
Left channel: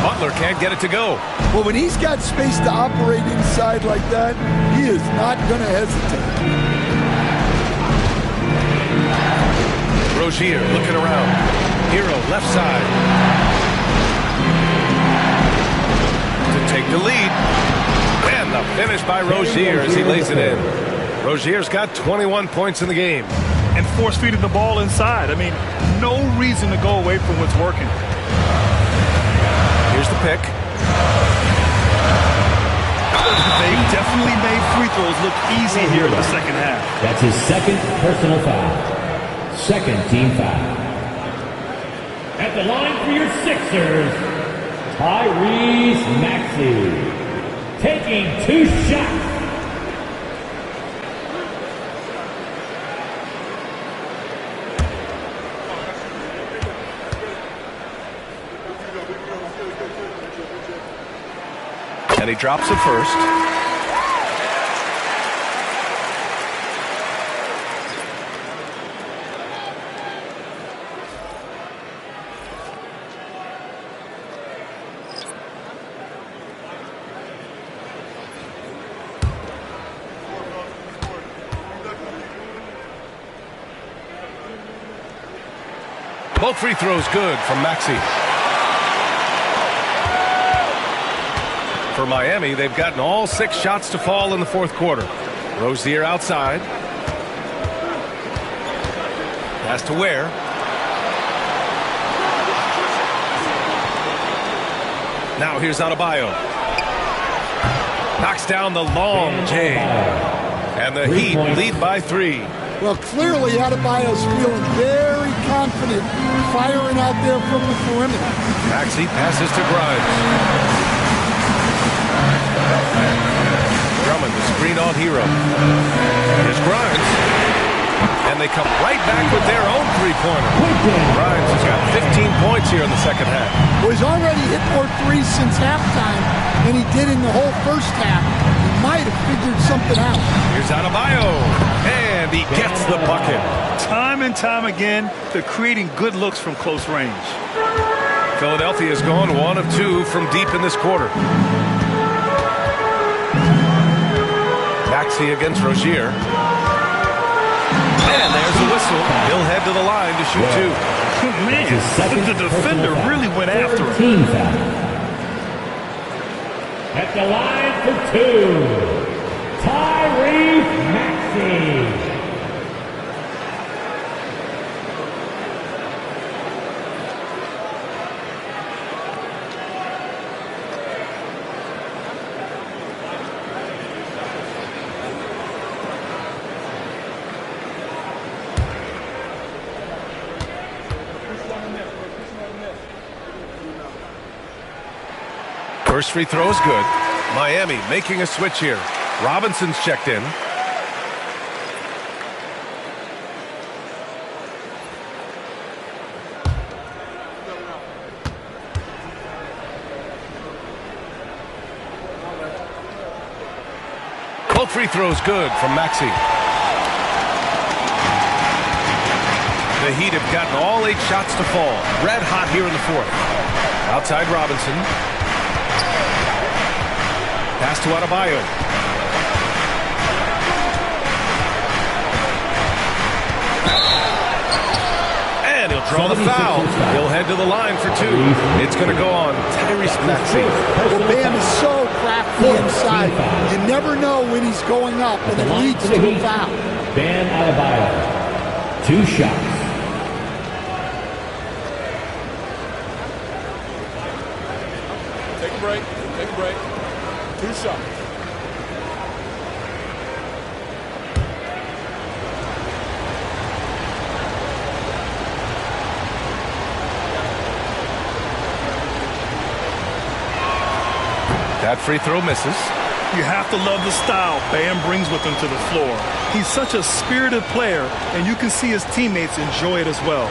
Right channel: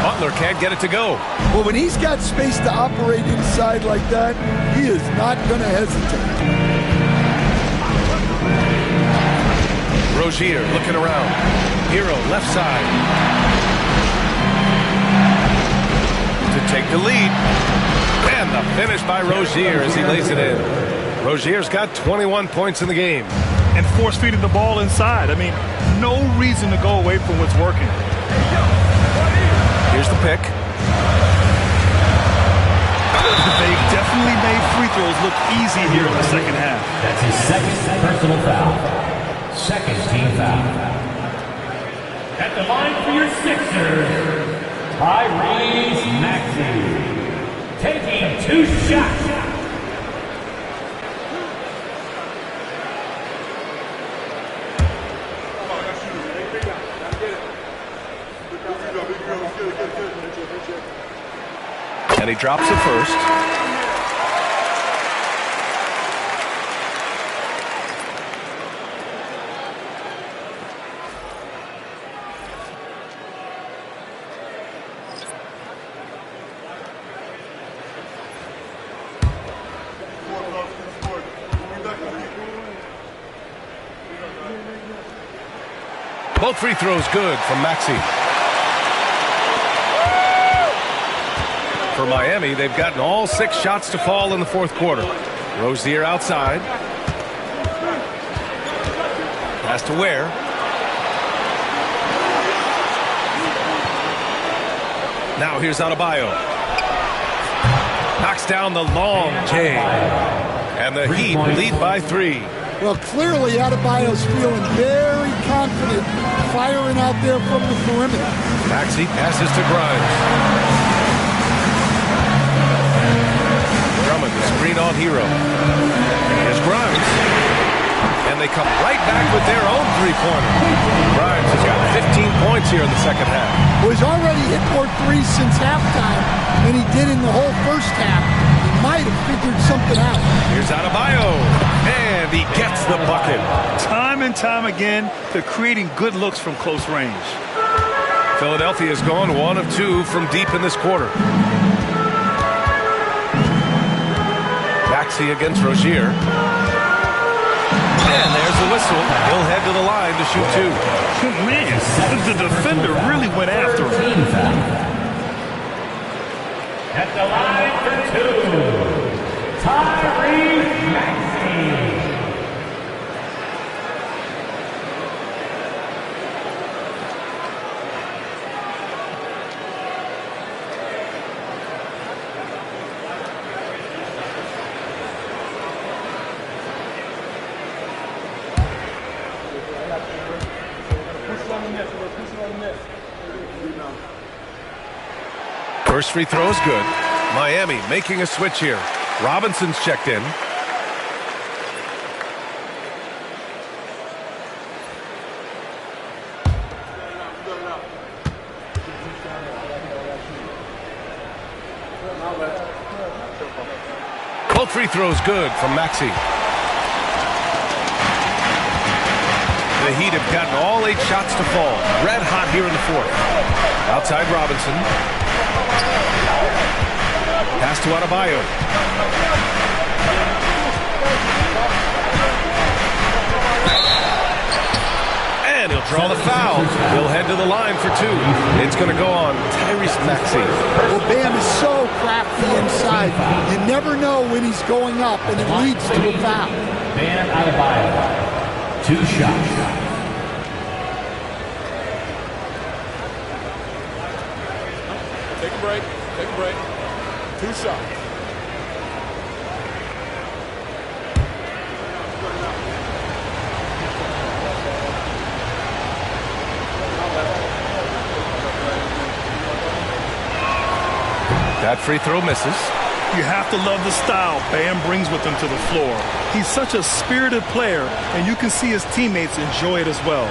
Butler can't get it to go. Well, when he's got space to operate inside like that, he is not going to hesitate. Rozier looking around. Hero left side. To take the lead. And the finish by Rozier as he lays it in. Rozier's got 21 points in the game. And force feeding the ball inside. I mean, no reason to go away from what's working. Here's the pick. They've definitely made free throws look easy here in the second half. That's his second personal foul. Second team foul. At the line for your Sixers, Tyrese Maxey. Taking 2 shots. And he drops it first. Both free throws good from Maxey. For Miami, they've gotten all 6 shots to fall in the fourth quarter. Rozier outside. Pass to Ware. Now here's Adebayo. Knocks down the long J. And the Heat lead by 3. Well, clearly Adebayo's feeling very confident firing out there from the perimeter. Maxey passes to Grimes. Drummond, the screen on Hero. Here's Grimes. And they come right back with their own three-pointer. Grimes has got 15 points here in the second half. Well, he's already hit more threes since halftime than he did in the whole first half. He might have figured something out. Here's Adebayo. And he gets the bucket. Time and time again, they're creating good looks from close range. Philadelphia's gone 1 of 2 from deep in this quarter. Maxey against Rozier. And there's the whistle. He'll head to the line to shoot 2. Man, the defender really went after him. At the line for 2, Tyrese Maxey. First free throw is good. Miami making a switch here. Robinson's checked in. Both free throws good from Maxey. The Heat have gotten all 8 shots to fall. Red hot here in the fourth. Outside Robinson. Pass to Adebayo. And he'll draw the foul. He'll head to the line for 2. It's going to go on Tyrese Maxey. Well, Bam is so crafty inside. You never know when he's going up, and it leads to a foul. Bam Adebayo. 2 shots. Take a break. Take a break. 2 shots. That free throw misses. You have to love the style Bam brings with him to the floor. He's such a spirited player, and you can see his teammates enjoy it as well.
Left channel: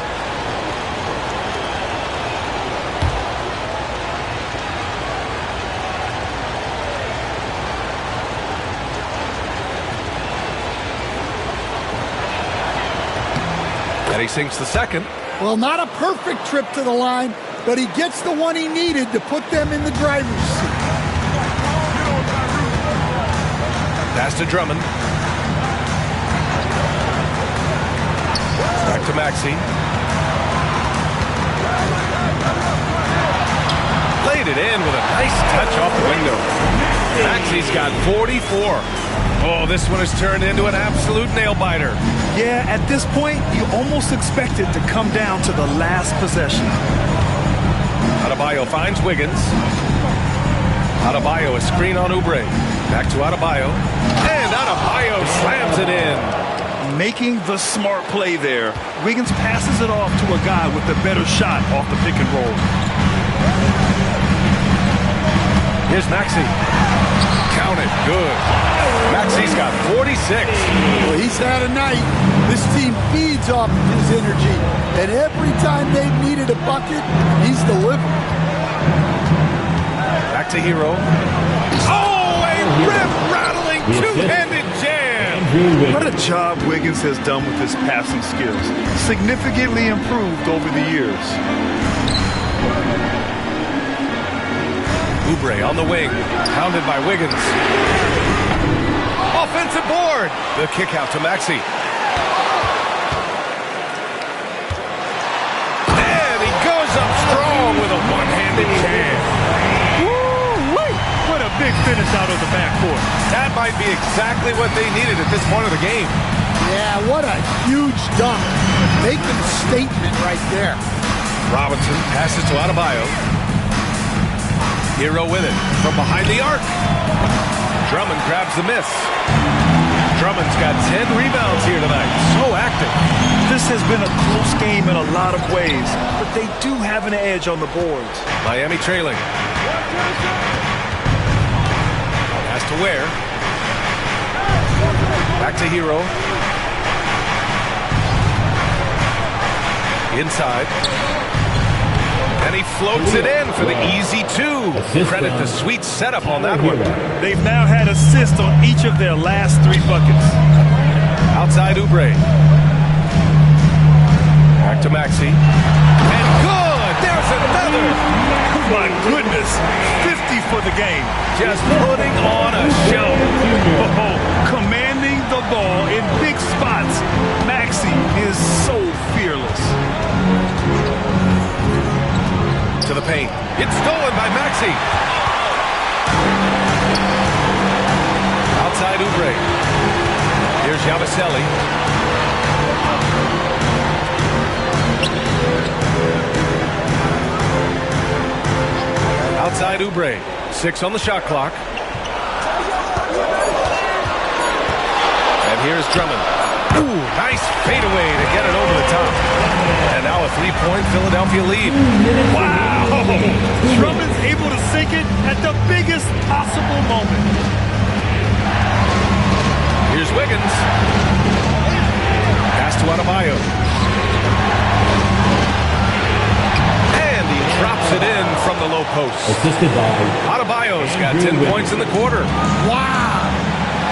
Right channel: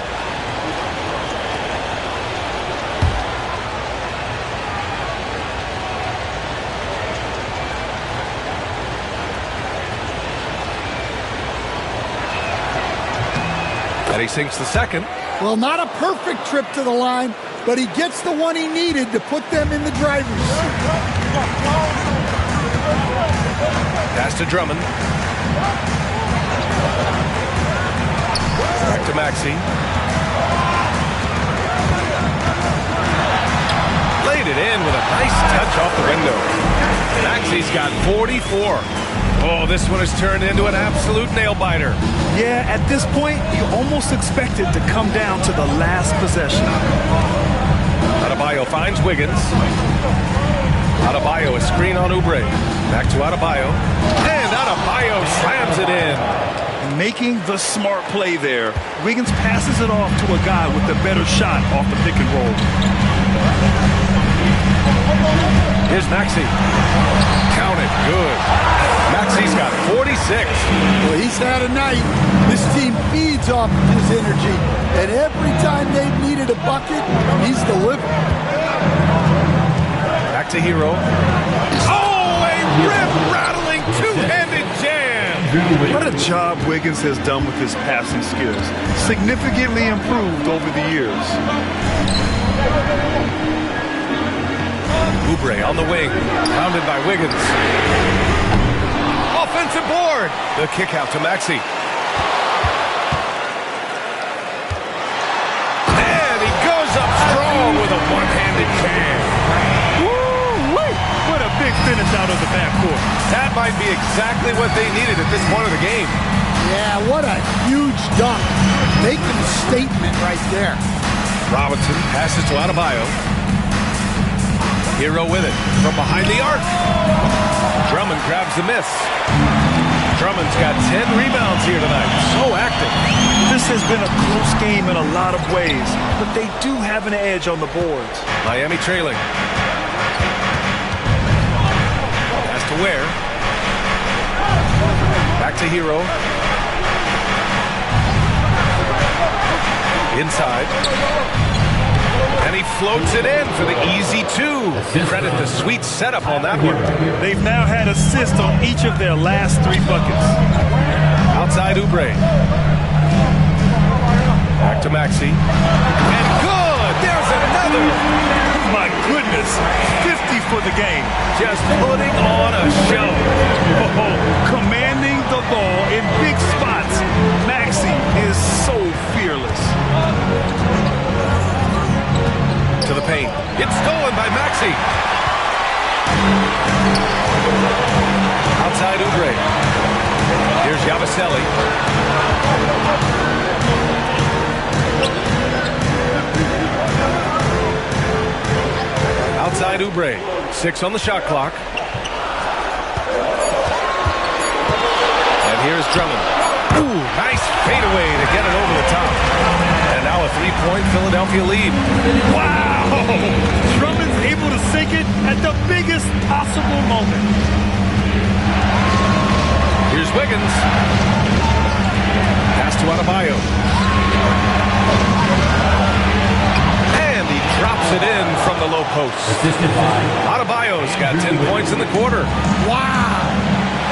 And he sinks the second. Well, not a perfect trip to the line, but he gets the one he needed to put them in the driver's seat. Pass to Drummond. Back to Maxey. Laid it in with a nice touch off the window. Maxey's got 44. Oh, this one has turned into an absolute nail-biter. Yeah, at this point, you almost expect it to come down to the last possession. Adebayo finds Wiggins. Adebayo, a screen on Oubre. Back to Adebayo. And Adebayo slams it in. Making the smart play there. Wiggins passes it off to a guy with a better shot off the pick and roll. Here's Maxey. Count it. Good. Maxey's got 46. Well, he's had a night. This team feeds off of his energy. And every time they've needed a bucket, he's delivered. Back to Hero. Oh, a rim-rattling two-handed jam. What a job Wiggins has done with his passing skills. Significantly improved over the years. Oubre on the wing. Pounded by Wiggins. Offensive board. The kick out to Maxey. And he goes up strong with a one-handed jam. Woo-wee! What a big finish out of the backcourt. That might be exactly what they needed at this point of the game. Yeah, what a huge dunk. Making a statement right there. Robinson passes to Adebayo. Hero with it from behind the arc. Drummond grabs the miss. Drummond's got 10 rebounds here tonight. So active. This has been a close game in a lot of ways, but they do have an edge on the boards. Miami trailing. Pass to Ware. Back to Hero. Inside. And he floats it in for the easy two. Credit the sweet setup on that one. They've now had assists on each of their last 3 buckets. Outside Oubre. Back to Maxey. And good! There's another! My goodness! 50 for the game. Just putting on a show. Oh, commanding the ball in big spots. Maxey is so fearless. To the paint. It's stolen by Maxey. Outside Oubre. Here's Yabusele. Outside Oubre. 6 on the shot clock. And here's Drummond. Ooh, nice fadeaway to get it over the top. And now a 3-point Philadelphia lead. Wow! Drummond's able to sink it at the biggest possible moment. Here's Wiggins. Pass to Adebayo. And he drops it in from the low post. Assisted by Adebayo's got 10 points in the quarter. Wow!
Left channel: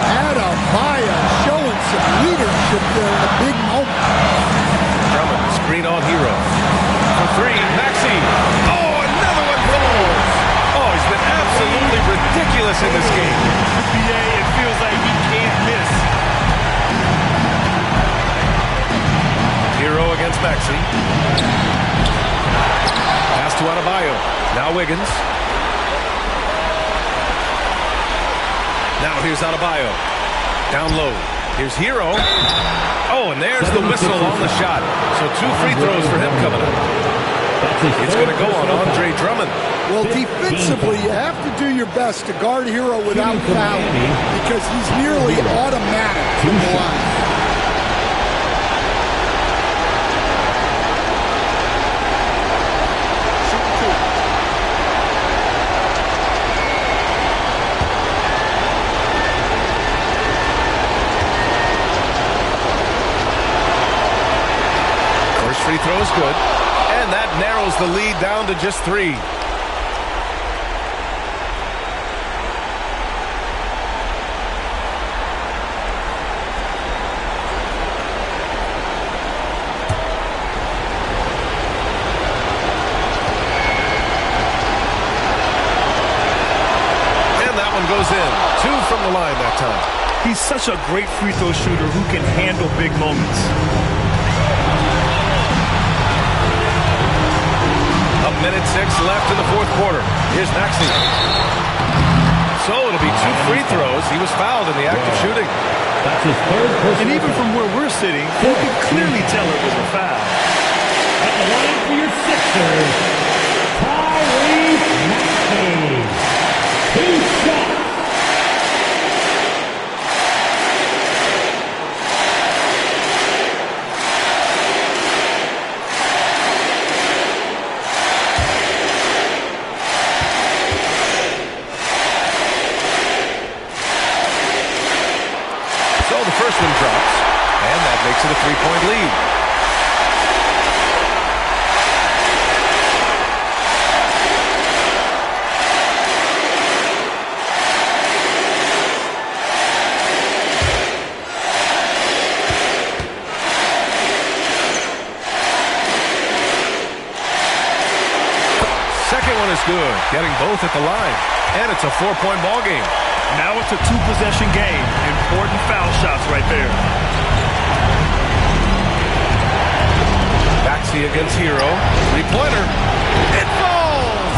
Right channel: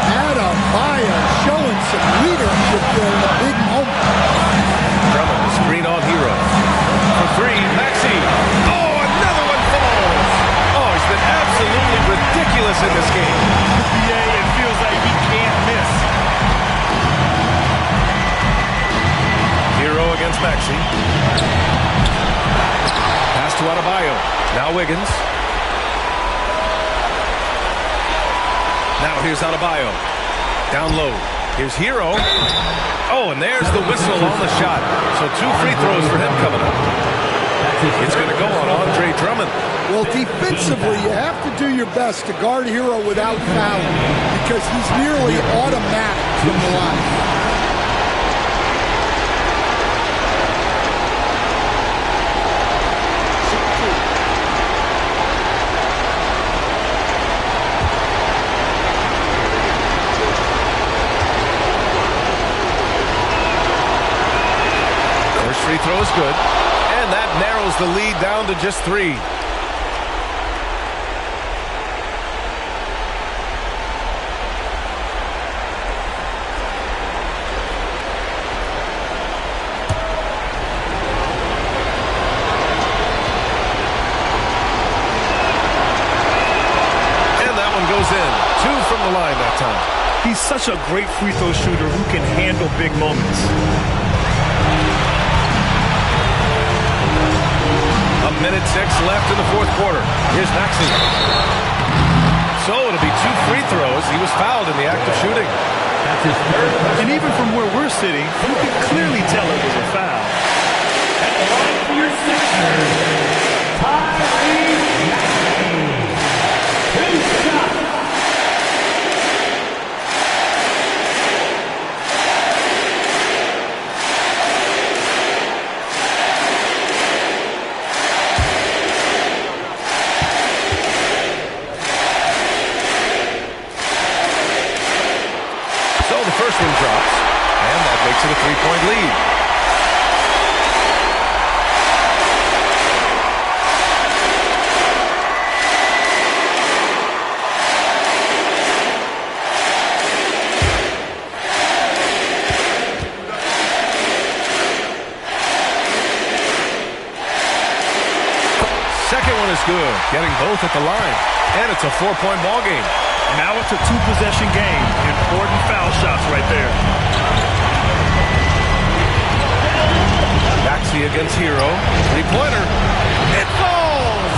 Adebayo showing some leadership there in a big moment. Drummond, screen on Hero. For 3, Maxey. Oh, another one falls. Oh, he's been absolutely ridiculous in this game. BA, it feels like he can't miss. Hero against Maxey. Pass to Adebayo. Now Wiggins. Now here's Adebayo. Down low. Here's Hero. Oh, and there's the whistle on the shot. So 2 free throws for him coming up. It's going to go on Andre Drummond. Well, defensively, you have to do your best to guard Hero without fouling because he's nearly automatic from the line. Free throw is good, and that narrows the lead down to just 3. one goes in. 2 from the line that time. He's such a great free throw shooter who can handle big moments. A minute 6 left in the fourth quarter. Here's Maxey. So it'll be 2 free throws. He was fouled in the act of shooting. That's his third. And even from where we're sitting, you can clearly tell it was a foul. At the line for your Sixers, Tyrese Maxey. 2 shots. So the first one drops, and that makes it a 3-point lead. Second one is good, getting both at the line, and it's a 4-point ball game. Now it's a 2-possession game. Important foul shots right there. Maxey against Hero. 3-pointer. It falls!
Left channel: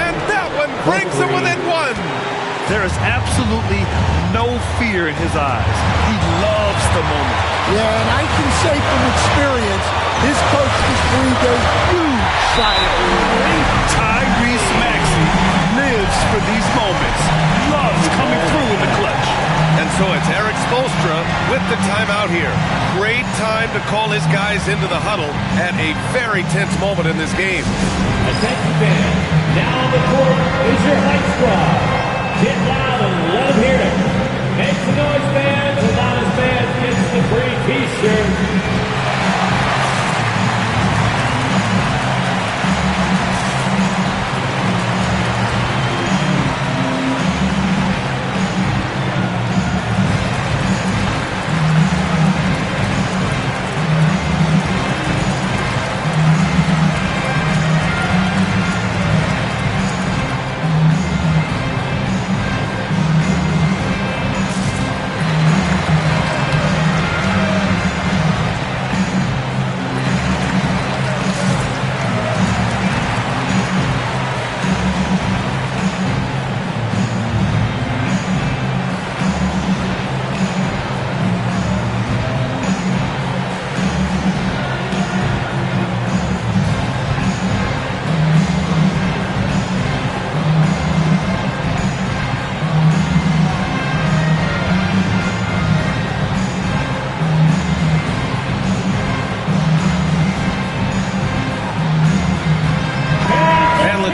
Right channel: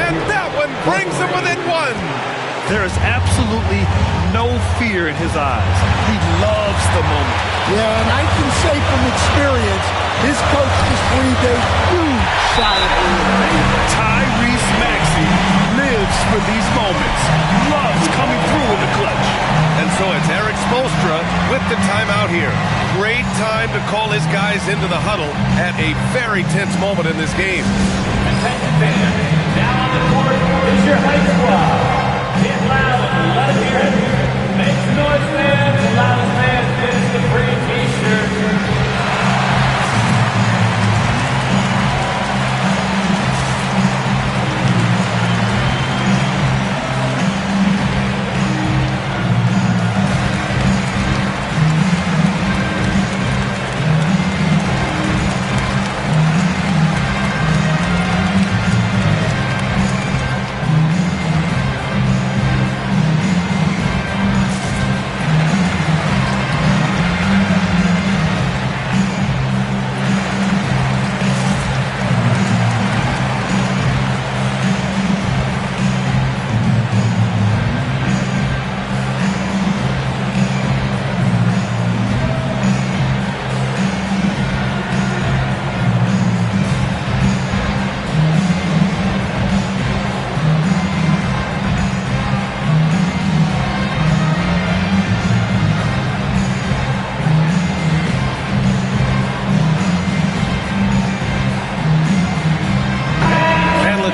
And that one brings him within 1. There is absolutely no fear in his eyes. He loves the moment. Yeah, and I can say from experience, his coach just breathed a huge sigh of relief. Tyrese Maxey lives for these moments, loves coming through in the clutch. And so it's Eric Spoelstra with the timeout here. Great time to call his guys into the huddle at a very tense moment in this game. Attention fans, now on the court is your hype squad. Get loud and let them hear it. Make some noise, fans. The loudest fans gets the free t-shirt.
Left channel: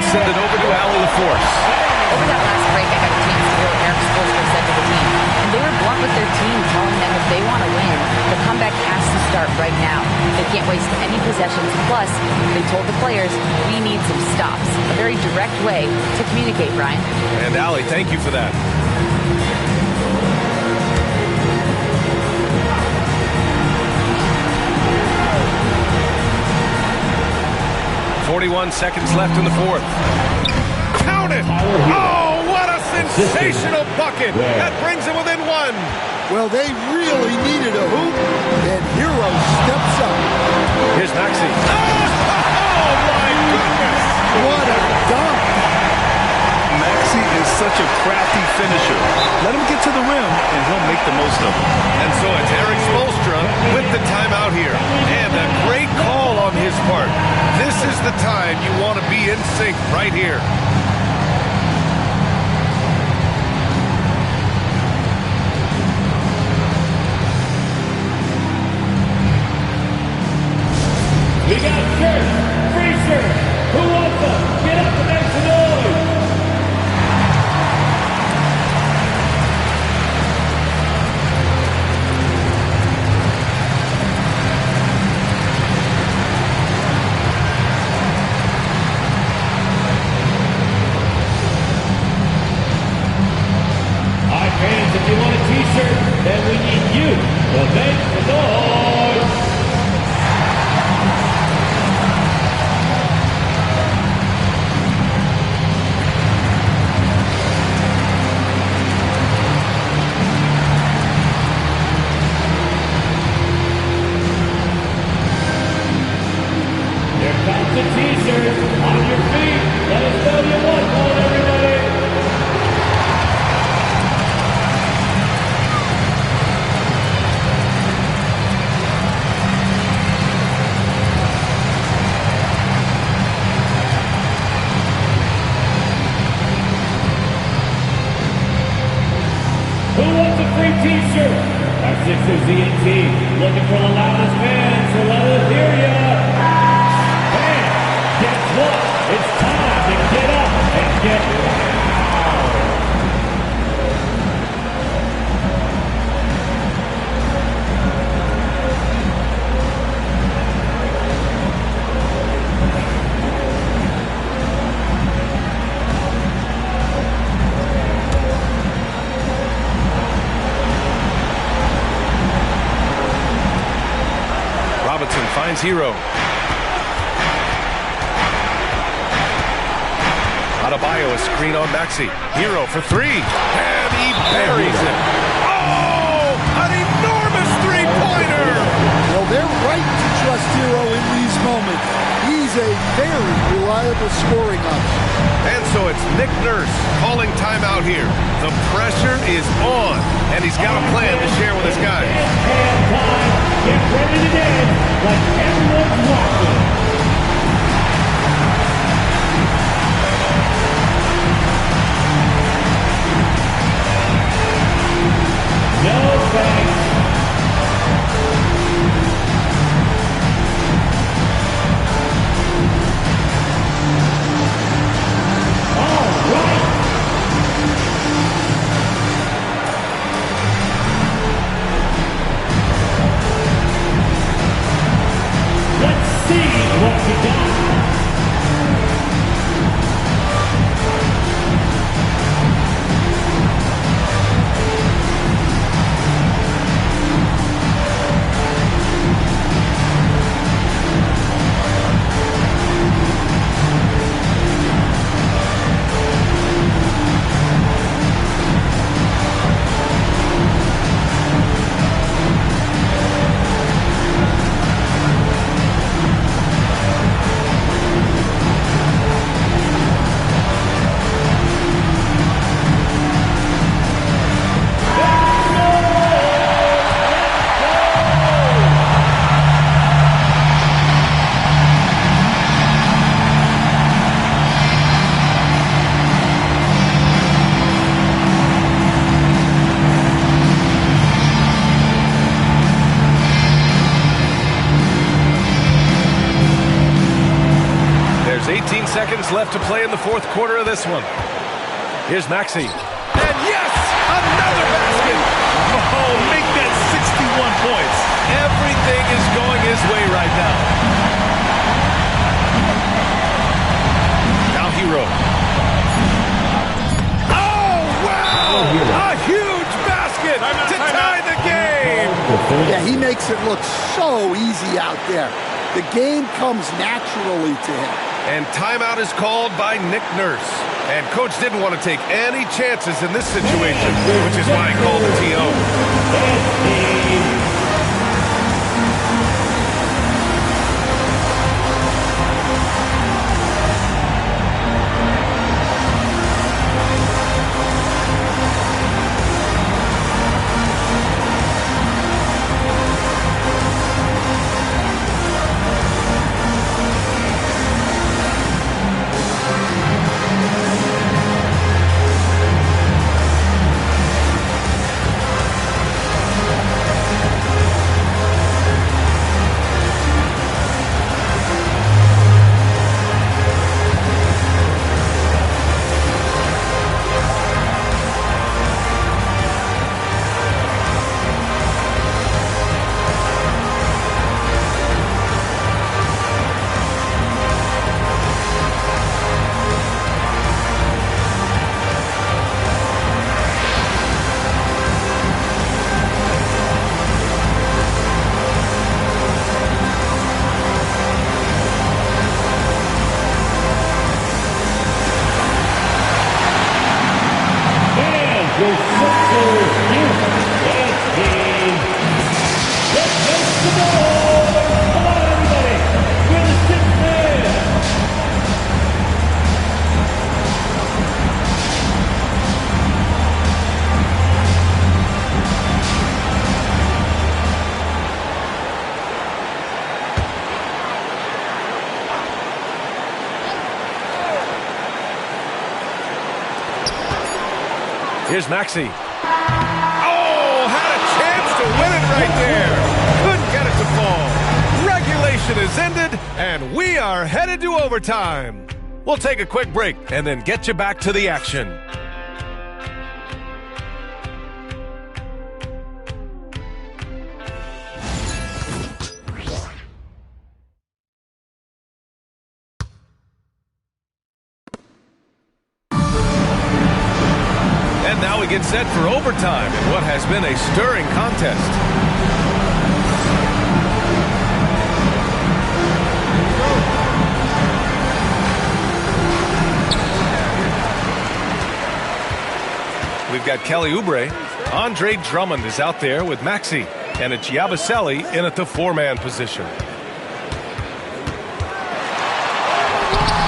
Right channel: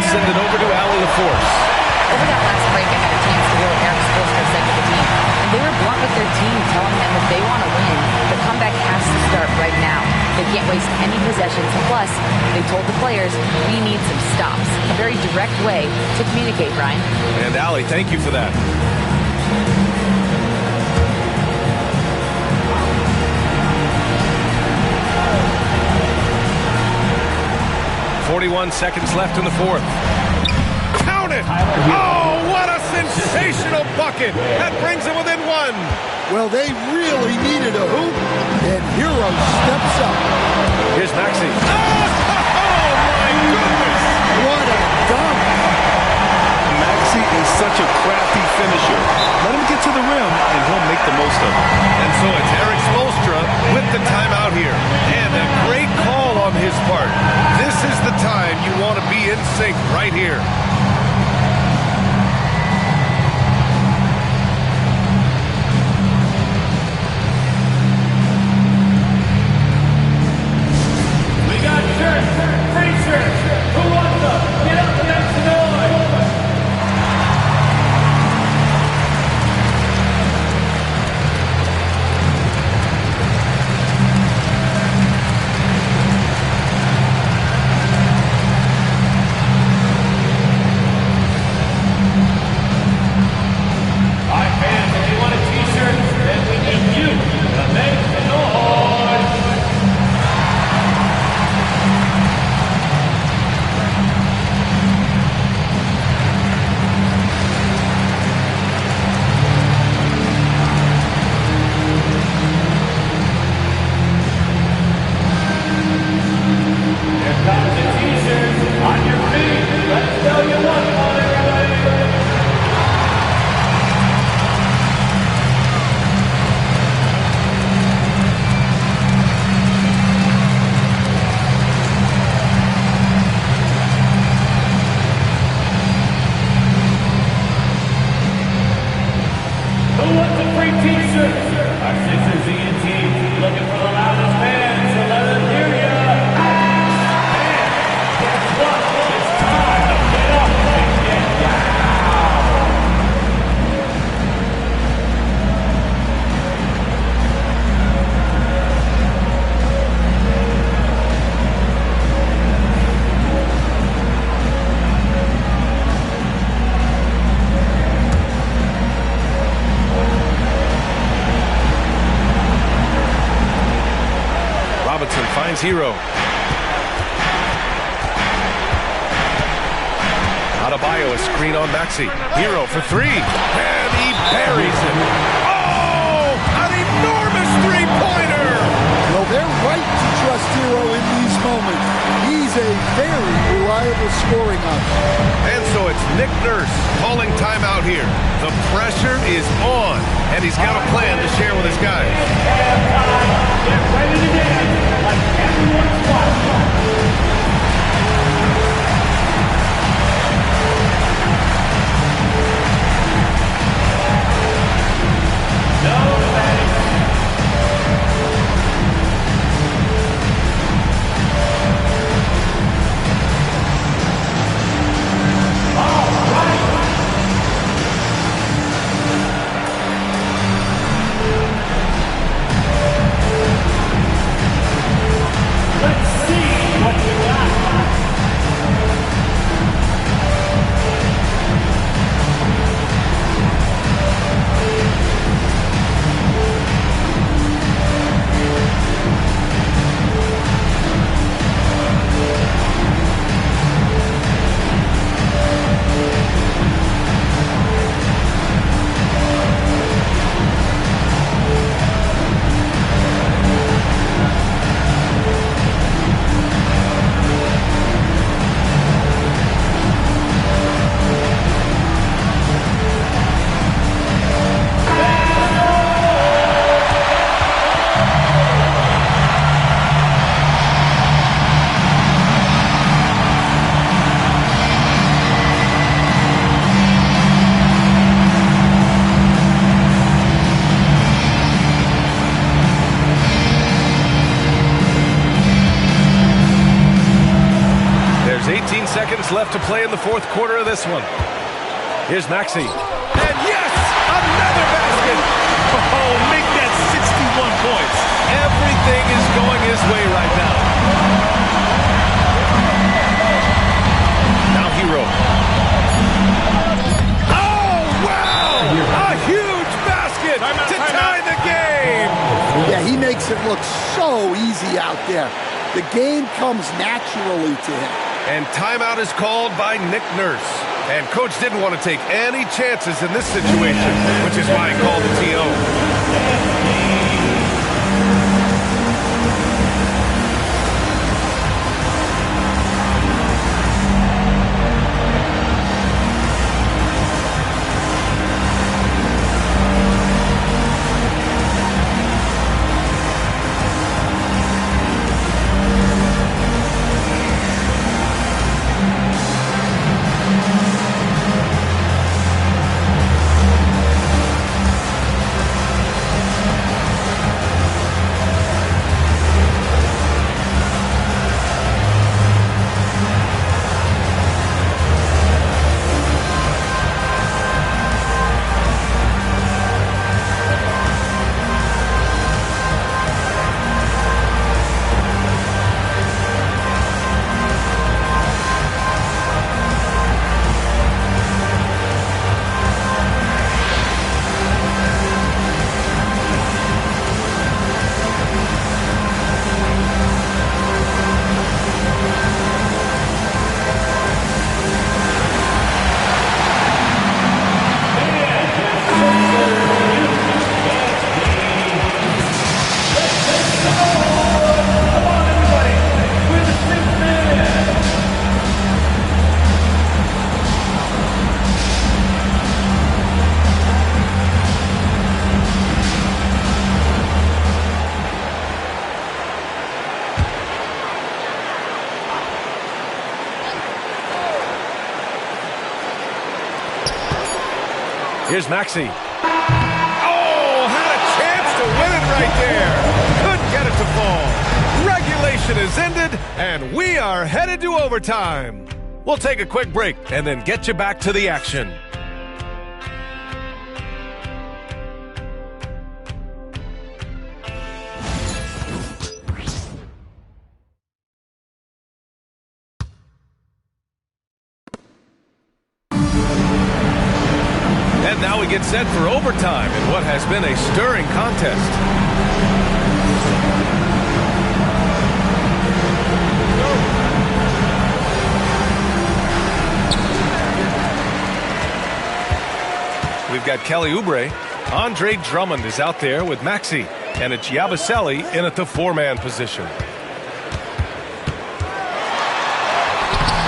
Send it over to Allie LaForce. Over that last break, I got a chance to hear what Eric Spoelstra said to the team. And they were blunt with their team, telling them if they want to win, the comeback has to start right now. They can't waste any possessions. Plus, they told the players, we need some stops. A very direct way to communicate, Brian. And Allie, thank you for that. .41 seconds left in the fourth. Count it! Oh, what a sensational bucket! That brings him within 1. Well, they really needed a hoop, and Hero steps up. Here's Maxey. Oh, my goodness! What a dunk! Maxey is such a crafty finisher. Let him get to the rim, and he'll make the most of it. And so it's Eric Spoelstra with the timeout here. And a great call on his part. This is the time you want to be in sync right here. We got shirts, free shirts. Who wants them? Get up and make some noise. back to t-shirts. On your feet. Let us know you want one, everybody. Who wants a free t-shirt? Our Sixers ENT looking for the loudest fans, so let us hear ya. Hey, guess what? It's time to get up and get loud. Robinson finds Hero. Adebayo, a screen on Maxey. Hero for three. And he buries it. Oh, an enormous three-pointer. Well, they're right to trust Hero in these moments. He's a very reliable scoring option. And so it's Nick Nurse calling timeout here. The pressure is on, and he's got a plan to share with his guys. Get ready to dance like everyone's watching. No thanks. All right. Let's see what we got. There's 18 seconds left to play in the fourth quarter of this one. Here's Maxey. And yes, another basket. Oh, make that 61 points. Everything is going his way right now. Now Hero. Oh, wow! A huge basket to tie the game. Yeah, he makes it look so easy out there. The game comes naturally to him. And timeout is called by Nick Nurse. And coach didn't want to take any chances in this situation, which is why he called the TO. Here's Maxey. Oh, had a chance to win it right there. Couldn't get it to fall. Regulation is ended, and we are headed to overtime. We'll take a quick break and then get you back to the action. And now we get set for overtime in what has been a stirring contest. We've got Kelly Oubre. Andre Drummond is out there with Maxey. And it's Yabusele in at the four-man position.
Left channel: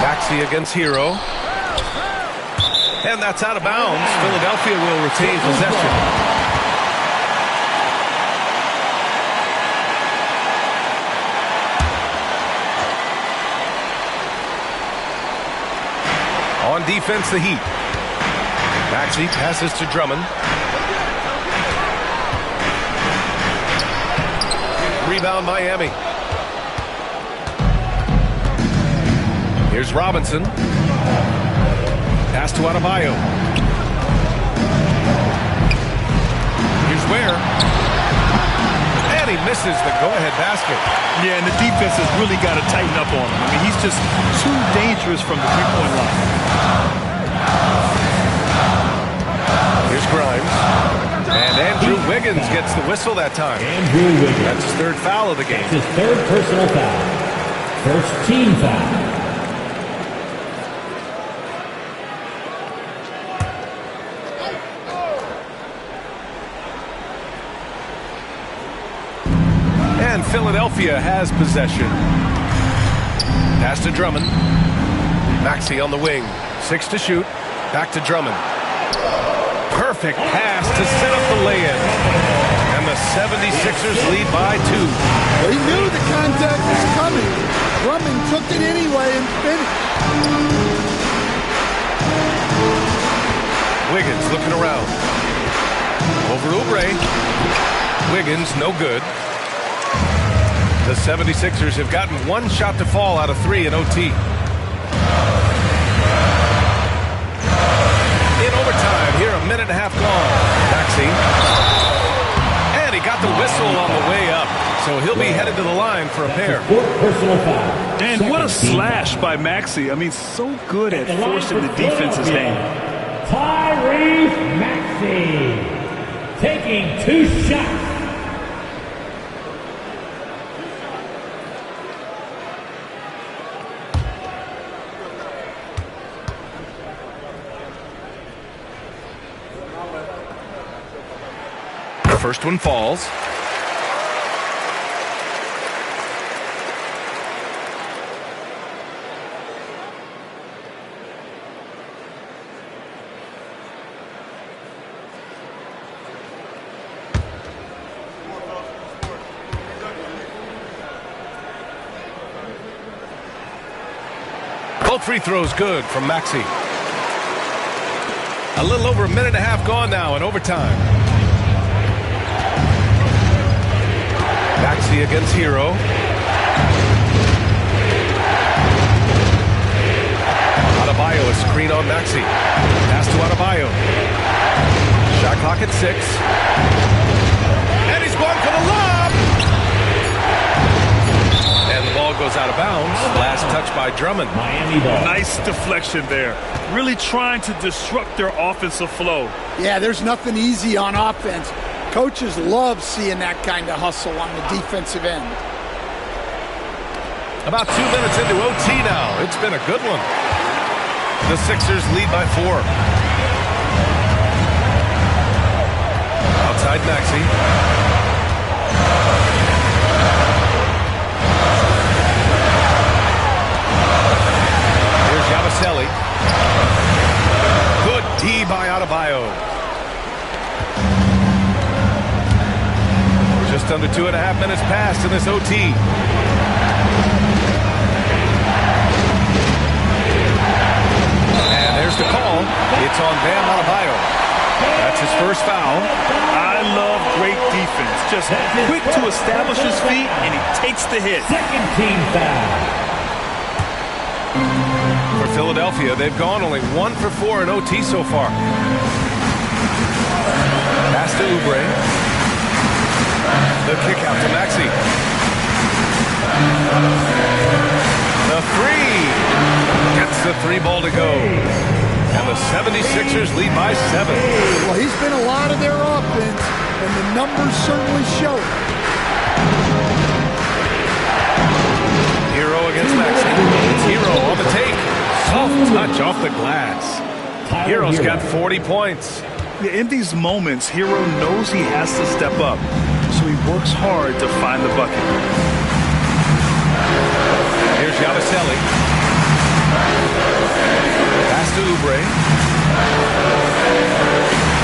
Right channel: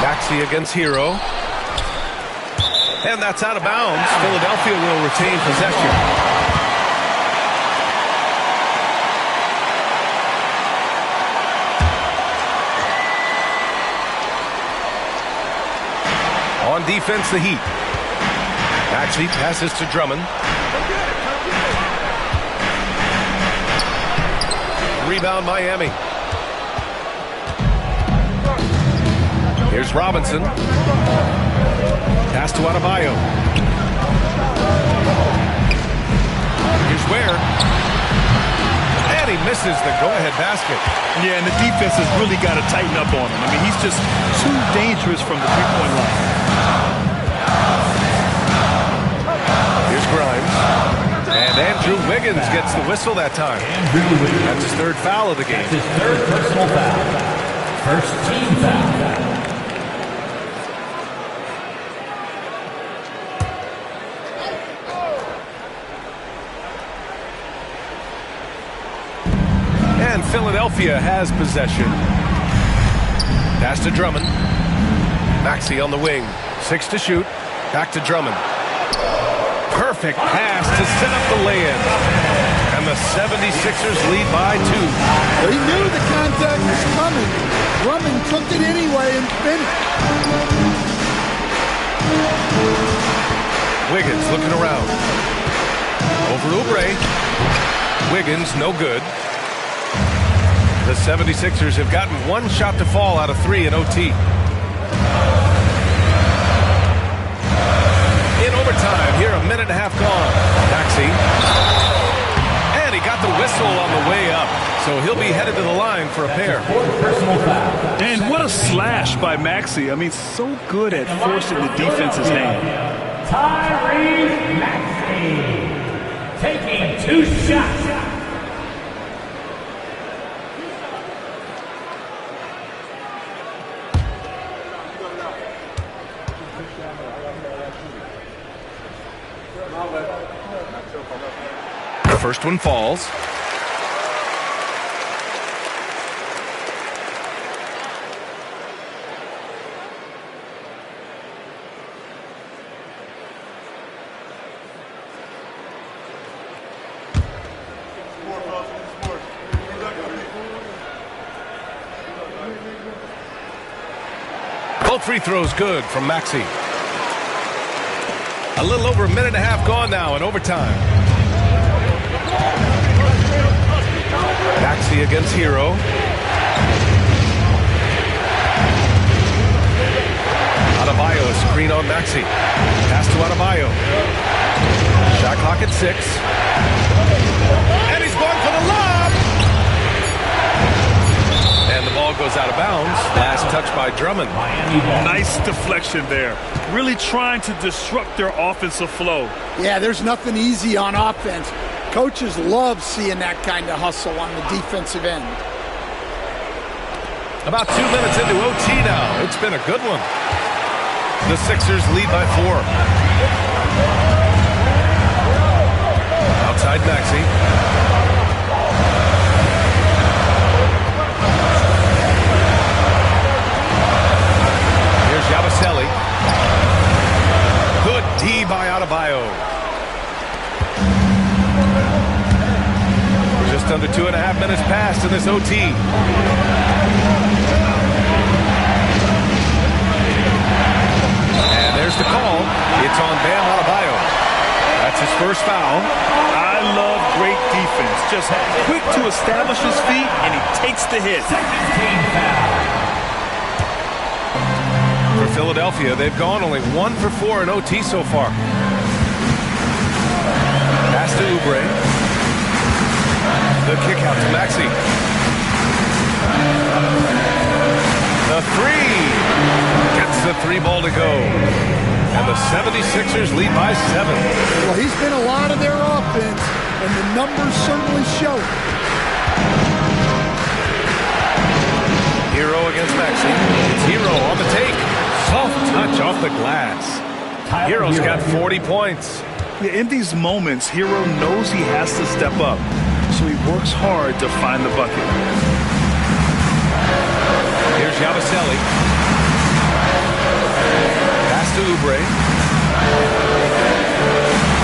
Maxey against Hero. And that's out of bounds. Philadelphia will retain possession. On defense, the Heat. Maxey passes to Drummond. Rebound, Miami. Here's Robinson. Pass to Adebayo. Here's Ware. And he misses the go-ahead basket. Yeah, and the defense has really got to tighten up on him. I mean, he's just too dangerous from the three-point line. Here's Grimes. And Andrew Wiggins gets the whistle that time. That's his third foul of the game. That's his third personal foul. First team foul. And Philadelphia has possession. Pass to Drummond. Maxey on the wing. 6 to shoot. Back to Drummond. Perfect pass to set up the lay-in. And the 76ers lead by 2. He knew the contact was coming. Drummond took it anyway and finished. Wiggins looking around. Over Oubre. Wiggins, no good. The 76ers have gotten one shot to fall out of 3 in OT. In overtime, here a minute and a half gone. Maxey. And he got the whistle on the way up. So he'll be headed to the line for a pair. And what a slash by Maxey. I mean, so good at forcing the defense's hand. Tyrese Maxey taking 2 shots. The first one falls. Both free throws good from Maxey. A little over a minute and a half gone now in overtime. Maxey against Hero. Adebayo, a screen on Maxey. Pass to Adebayo. Shot clock at 6. And he's going for the lob. And the ball goes out of bounds. Last touch by Drummond. Miami ball. Nice deflection there. Really trying to disrupt their offensive flow. Yeah, there's nothing easy on offense. Coaches love seeing that kind of hustle on the defensive end. About 2 minutes into OT now. It's been a good one. The Sixers lead by 4. Outside Maxey. Here's Yabusele. Good D by Adebayo. Just under 2.5 minutes passed in this OT. And there's the call. It's on Bam Adebayo. That's his first foul. I love great defense. Just quick to establish his feet, and he takes the hit. Second team foul. For Philadelphia, they've gone only 1 for 4 in OT so far. Pass to Oubre. The kick out to Maxey. The three. Gets the three ball to go. And the 76ers lead by 7. Well, he's been a lot of their offense, and the numbers certainly show it. Hero against Maxey. It's Hero on the take. Soft touch off the glass. Hero's got 40 points. In these moments, Hero knows he has to step up, so he works hard to find the bucket. Here's Yabusele. Pass to Oubre.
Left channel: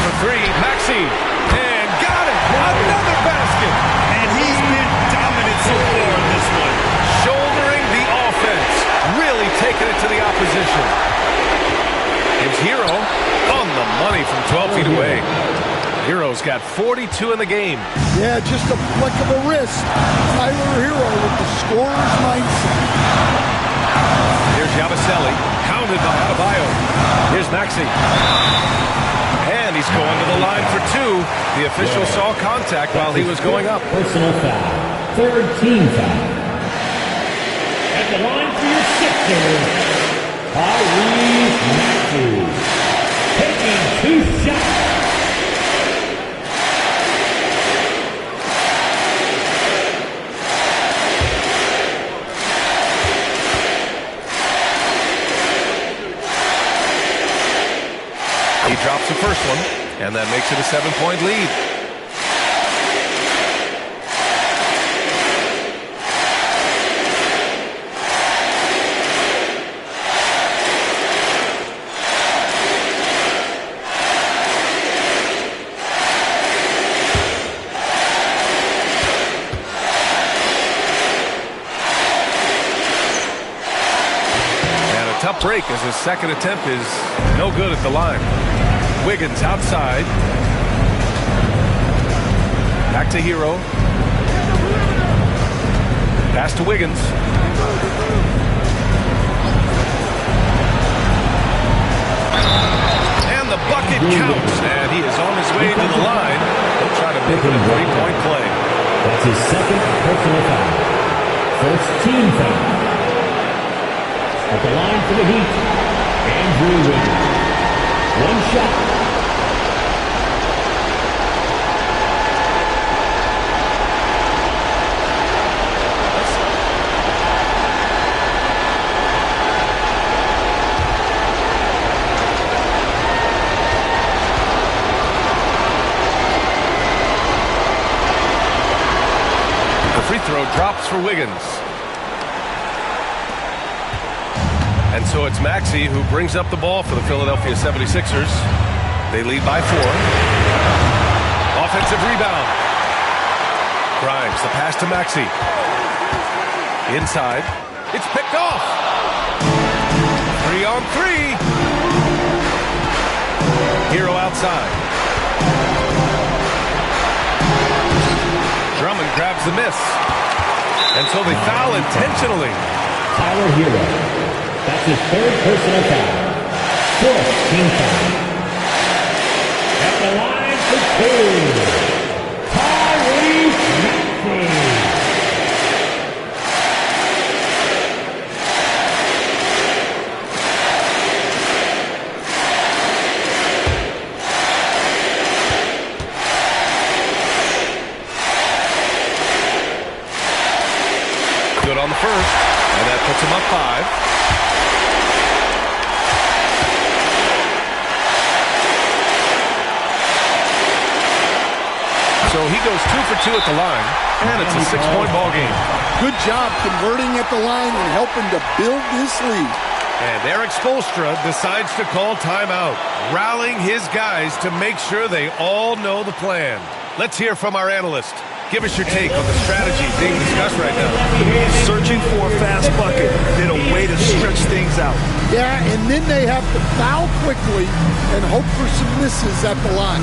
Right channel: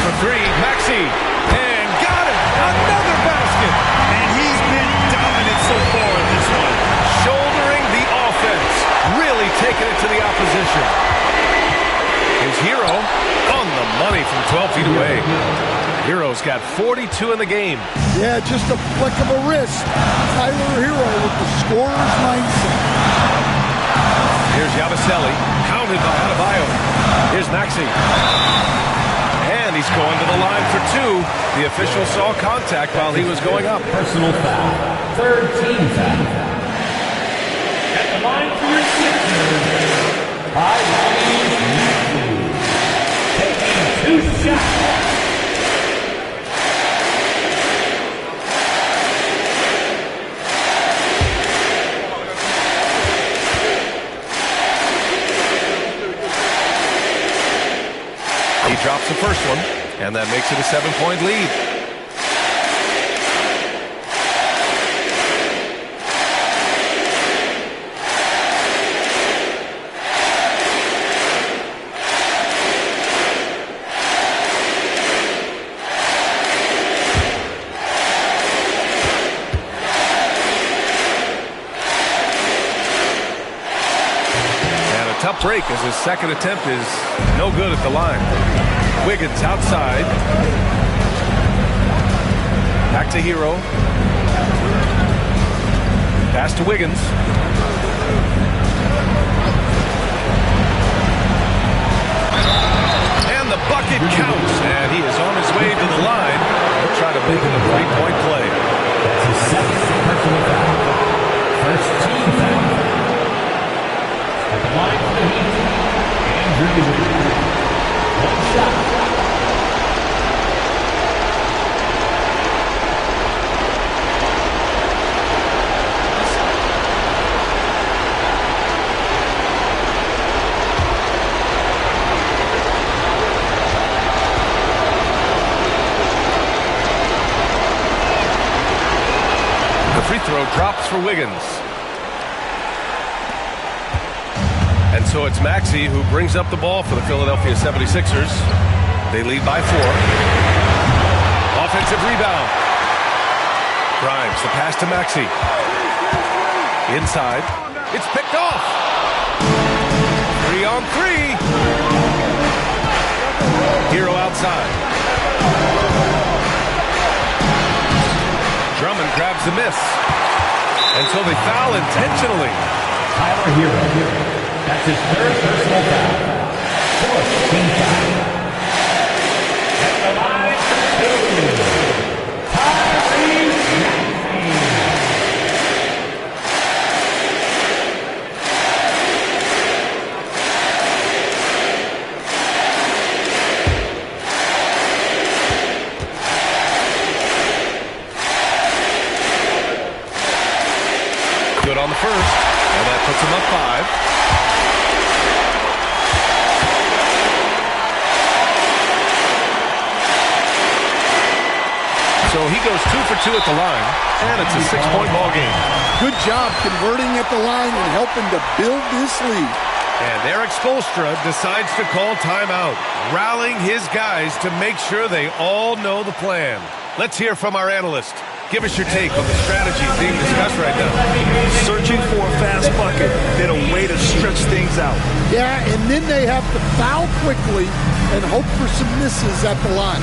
For three, Maxey. And got it! Another basket! And he's been dominant so far in this one. Shouldering the offense. Really taking it to the opposition. Here's Hero on the money from 12 feet away. Hero's got 42 in the game. Yeah, just a flick of a wrist. Tyler Hero with the scorer's mindset. Here's Yabusele, pounded by Adebayo. Here's Maxey. And he's going to the line for 2. The official saw contact while he was going up. Personal foul. Third team foul. At the line for your Sixers, Maxey. Taking 2 shots. He drops the first one, and that makes it a 7-point lead. And a tough break as his second attempt is no good at the line. Wiggins outside. Back to Hero. Pass to Wiggins. And the bucket counts. And he is on his way to the line. He'll try to make it a 3-point play. That's his second personal foul. First team foul. At the line for the Heat, Andrew Wiggins. 1 shot. Free throw drops for Wiggins. And so it's Maxey who brings up the ball for the Philadelphia 76ers. They lead by 4. Offensive rebound. Grimes, the pass to Maxey. Inside. It's picked off. 3-on-3. Hero outside. Drummond grabs the miss. And so they foul intentionally. Tyler Hero. That's his third personal foul. Fourth team foul. At the line for 2. Tyrese Maxey. Good on the first, and that puts him up 5. So he goes 2 for 2 at the line, and it's a 6-point ball game. Good job converting at the line and helping to build this lead. And Eric Spoelstra decides to call timeout, rallying his guys to make sure they all know the plan. Let's hear from our analyst. Give us your take on the strategy being discussed right now. Searching for a fast bucket, then a way to stretch things out. Yeah, and then they have to foul quickly and hope for some misses at the line.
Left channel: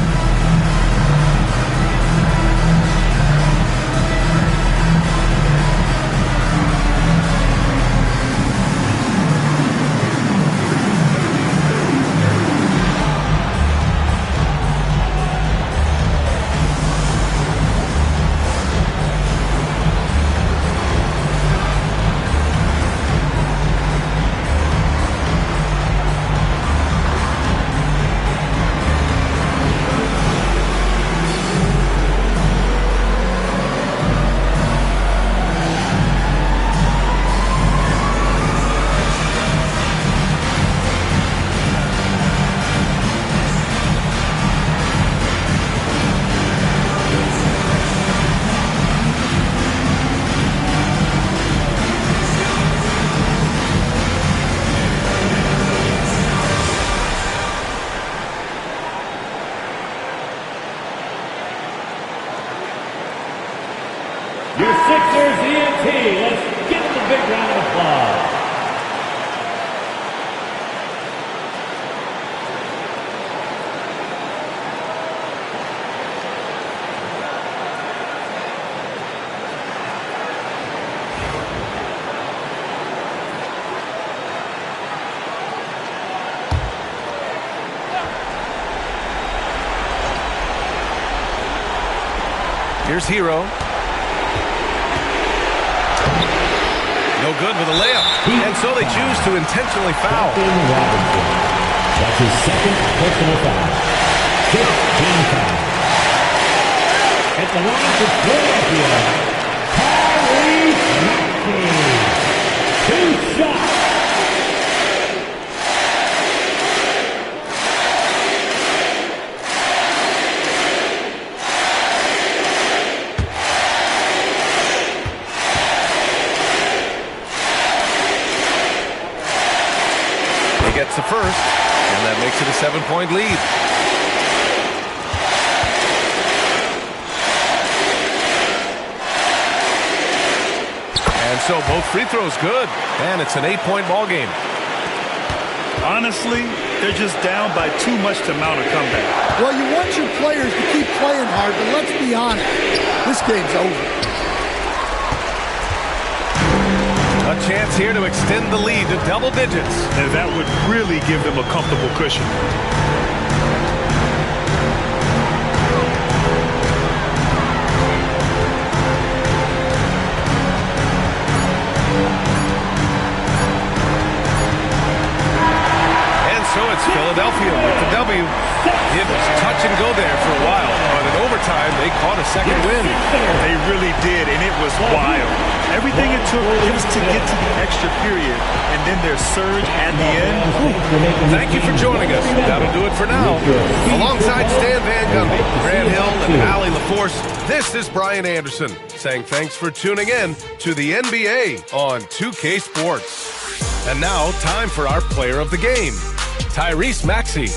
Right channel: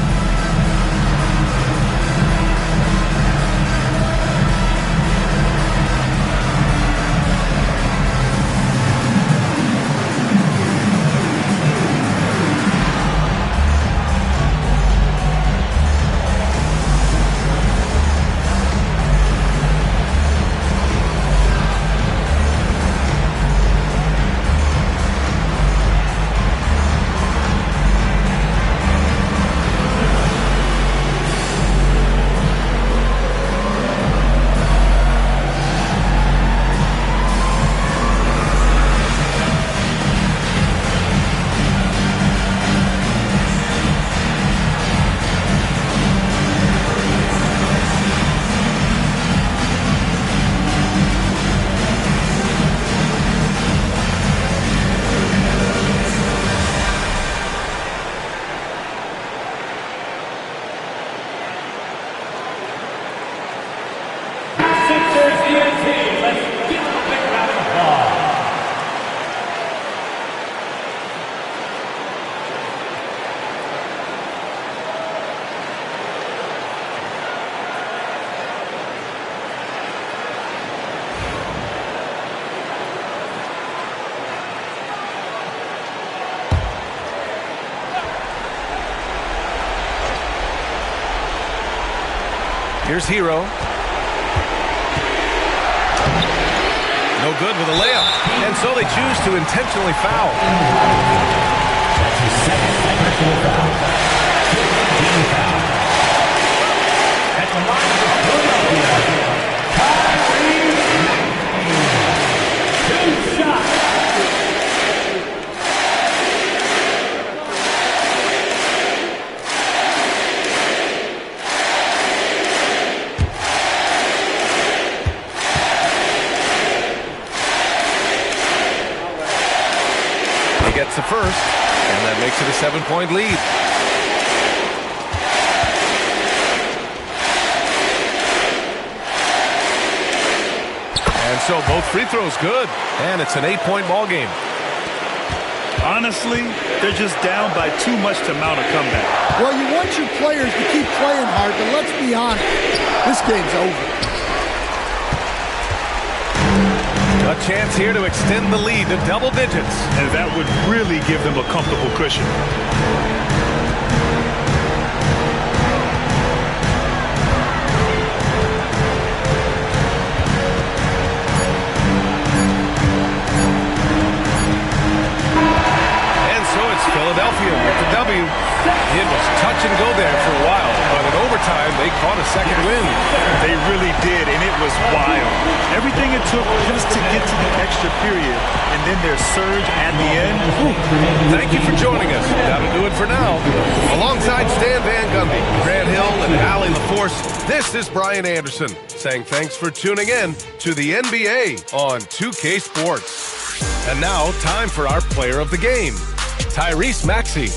Here's Hero. No good with a layup. And so they choose to intentionally foul. That's his second personal foul. 15 foul. At the line for Philadelphia, Tyrese Maxey. 2 shots. Gets the first, and that makes it a 7-point lead. And so both free throws good, and it's an 8-point ball game. Honestly, they're just down by too much to mount a comeback. Well, you want your players to keep playing hard, but let's be honest, this game's over. A chance here to extend the lead to double digits. And that would really give them a comfortable cushion. And so it's Philadelphia with the W. It was touch and go there for a while, but in overtime, they caught a second win. They really did, and it was wild. Everything it took just to get to the extra period, and then their surge at the end. Whew. Thank you for joining us. That'll do it for now. Alongside Stan Van Gundy, Grant Hill, and Allie LaForce, this is Brian Anderson saying thanks for tuning in to the NBA on 2K Sports. And now, time for our player of the game, Tyrese Maxey.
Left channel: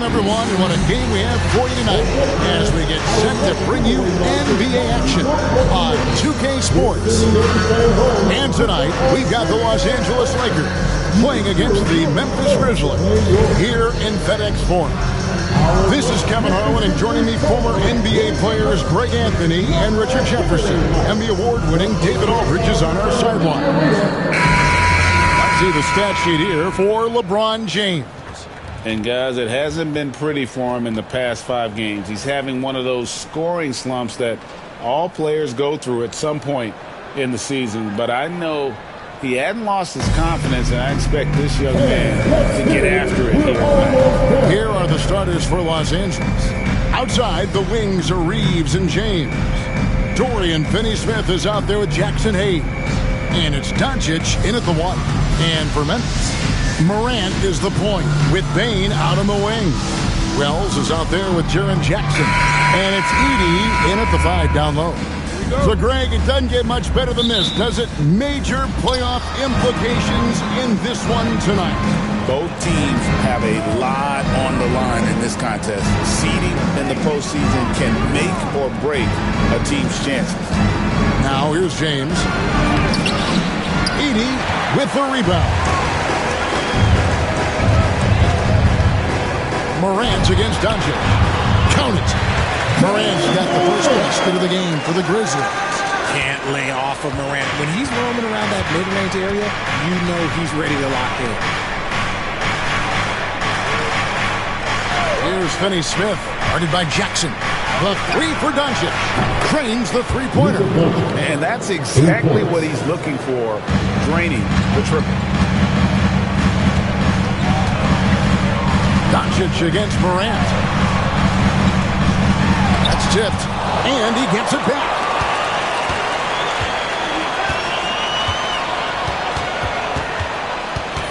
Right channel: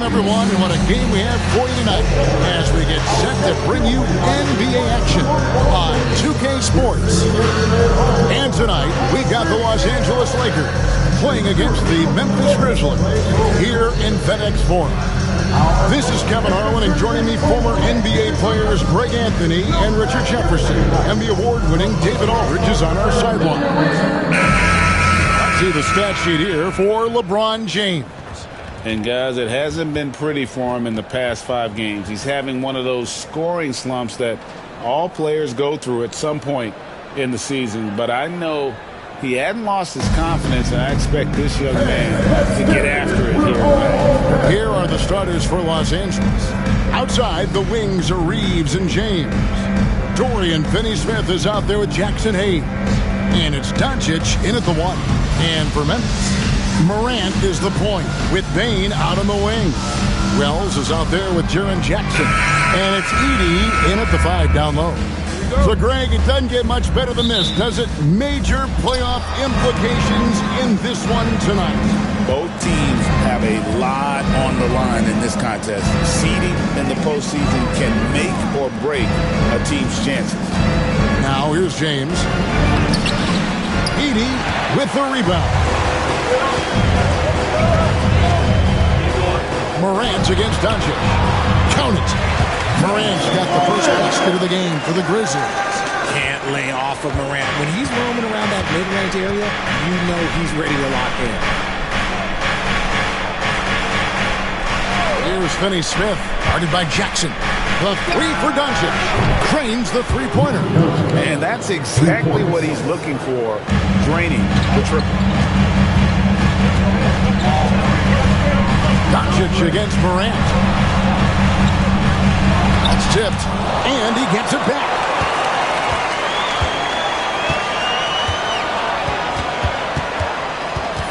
Everyone, and what a game we have for you tonight as we get set to bring you NBA action on 2K Sports. And tonight, we've got the Los Angeles Lakers playing against the Memphis Grizzlies here in FedEx Forum. This is Kevin Harlan, and joining me, former NBA players Greg Anthony and Richard Jefferson, and the award-winning David Aldridge is on our sideline. Let's see the stat sheet here for LeBron James. And, guys, it hasn't been pretty for him in the past 5 games. He's having one of those scoring slumps that all players go through at some point in the season. But I know he hadn't lost his confidence, and I expect this young man to get after it here tonight. Here are the starters for Los Angeles. Outside, the wings are Reeves and James. Dorian Finney-Smith is out there with Jackson Hayes. And it's Doncic in at the 1. And for Memphis, Morant is the point with Bane out on the wing. Wells is out there with Jaren Jackson. And it's Edey in at the 5 down low. So, Greg, it doesn't get much better than this, does it? Major playoff implications in this one tonight. Both teams have a lot on the line in this contest. Seeding in the postseason can make or break a team's chances. Now, here's James. Edey with the rebound. Morant against Doncic. Count it. Morant's got the first basket of the game for the Grizzlies. Can't lay off of Morant. When he's roaming around that mid-range area, you know he's ready to lock in. Here's Finney-Smith, guarded by Jackson. The 3 for Doncic. Cranes the three-pointer. And that's exactly what he's looking for, draining the triple. Doncic against Morant. That's tipped, and he gets it back.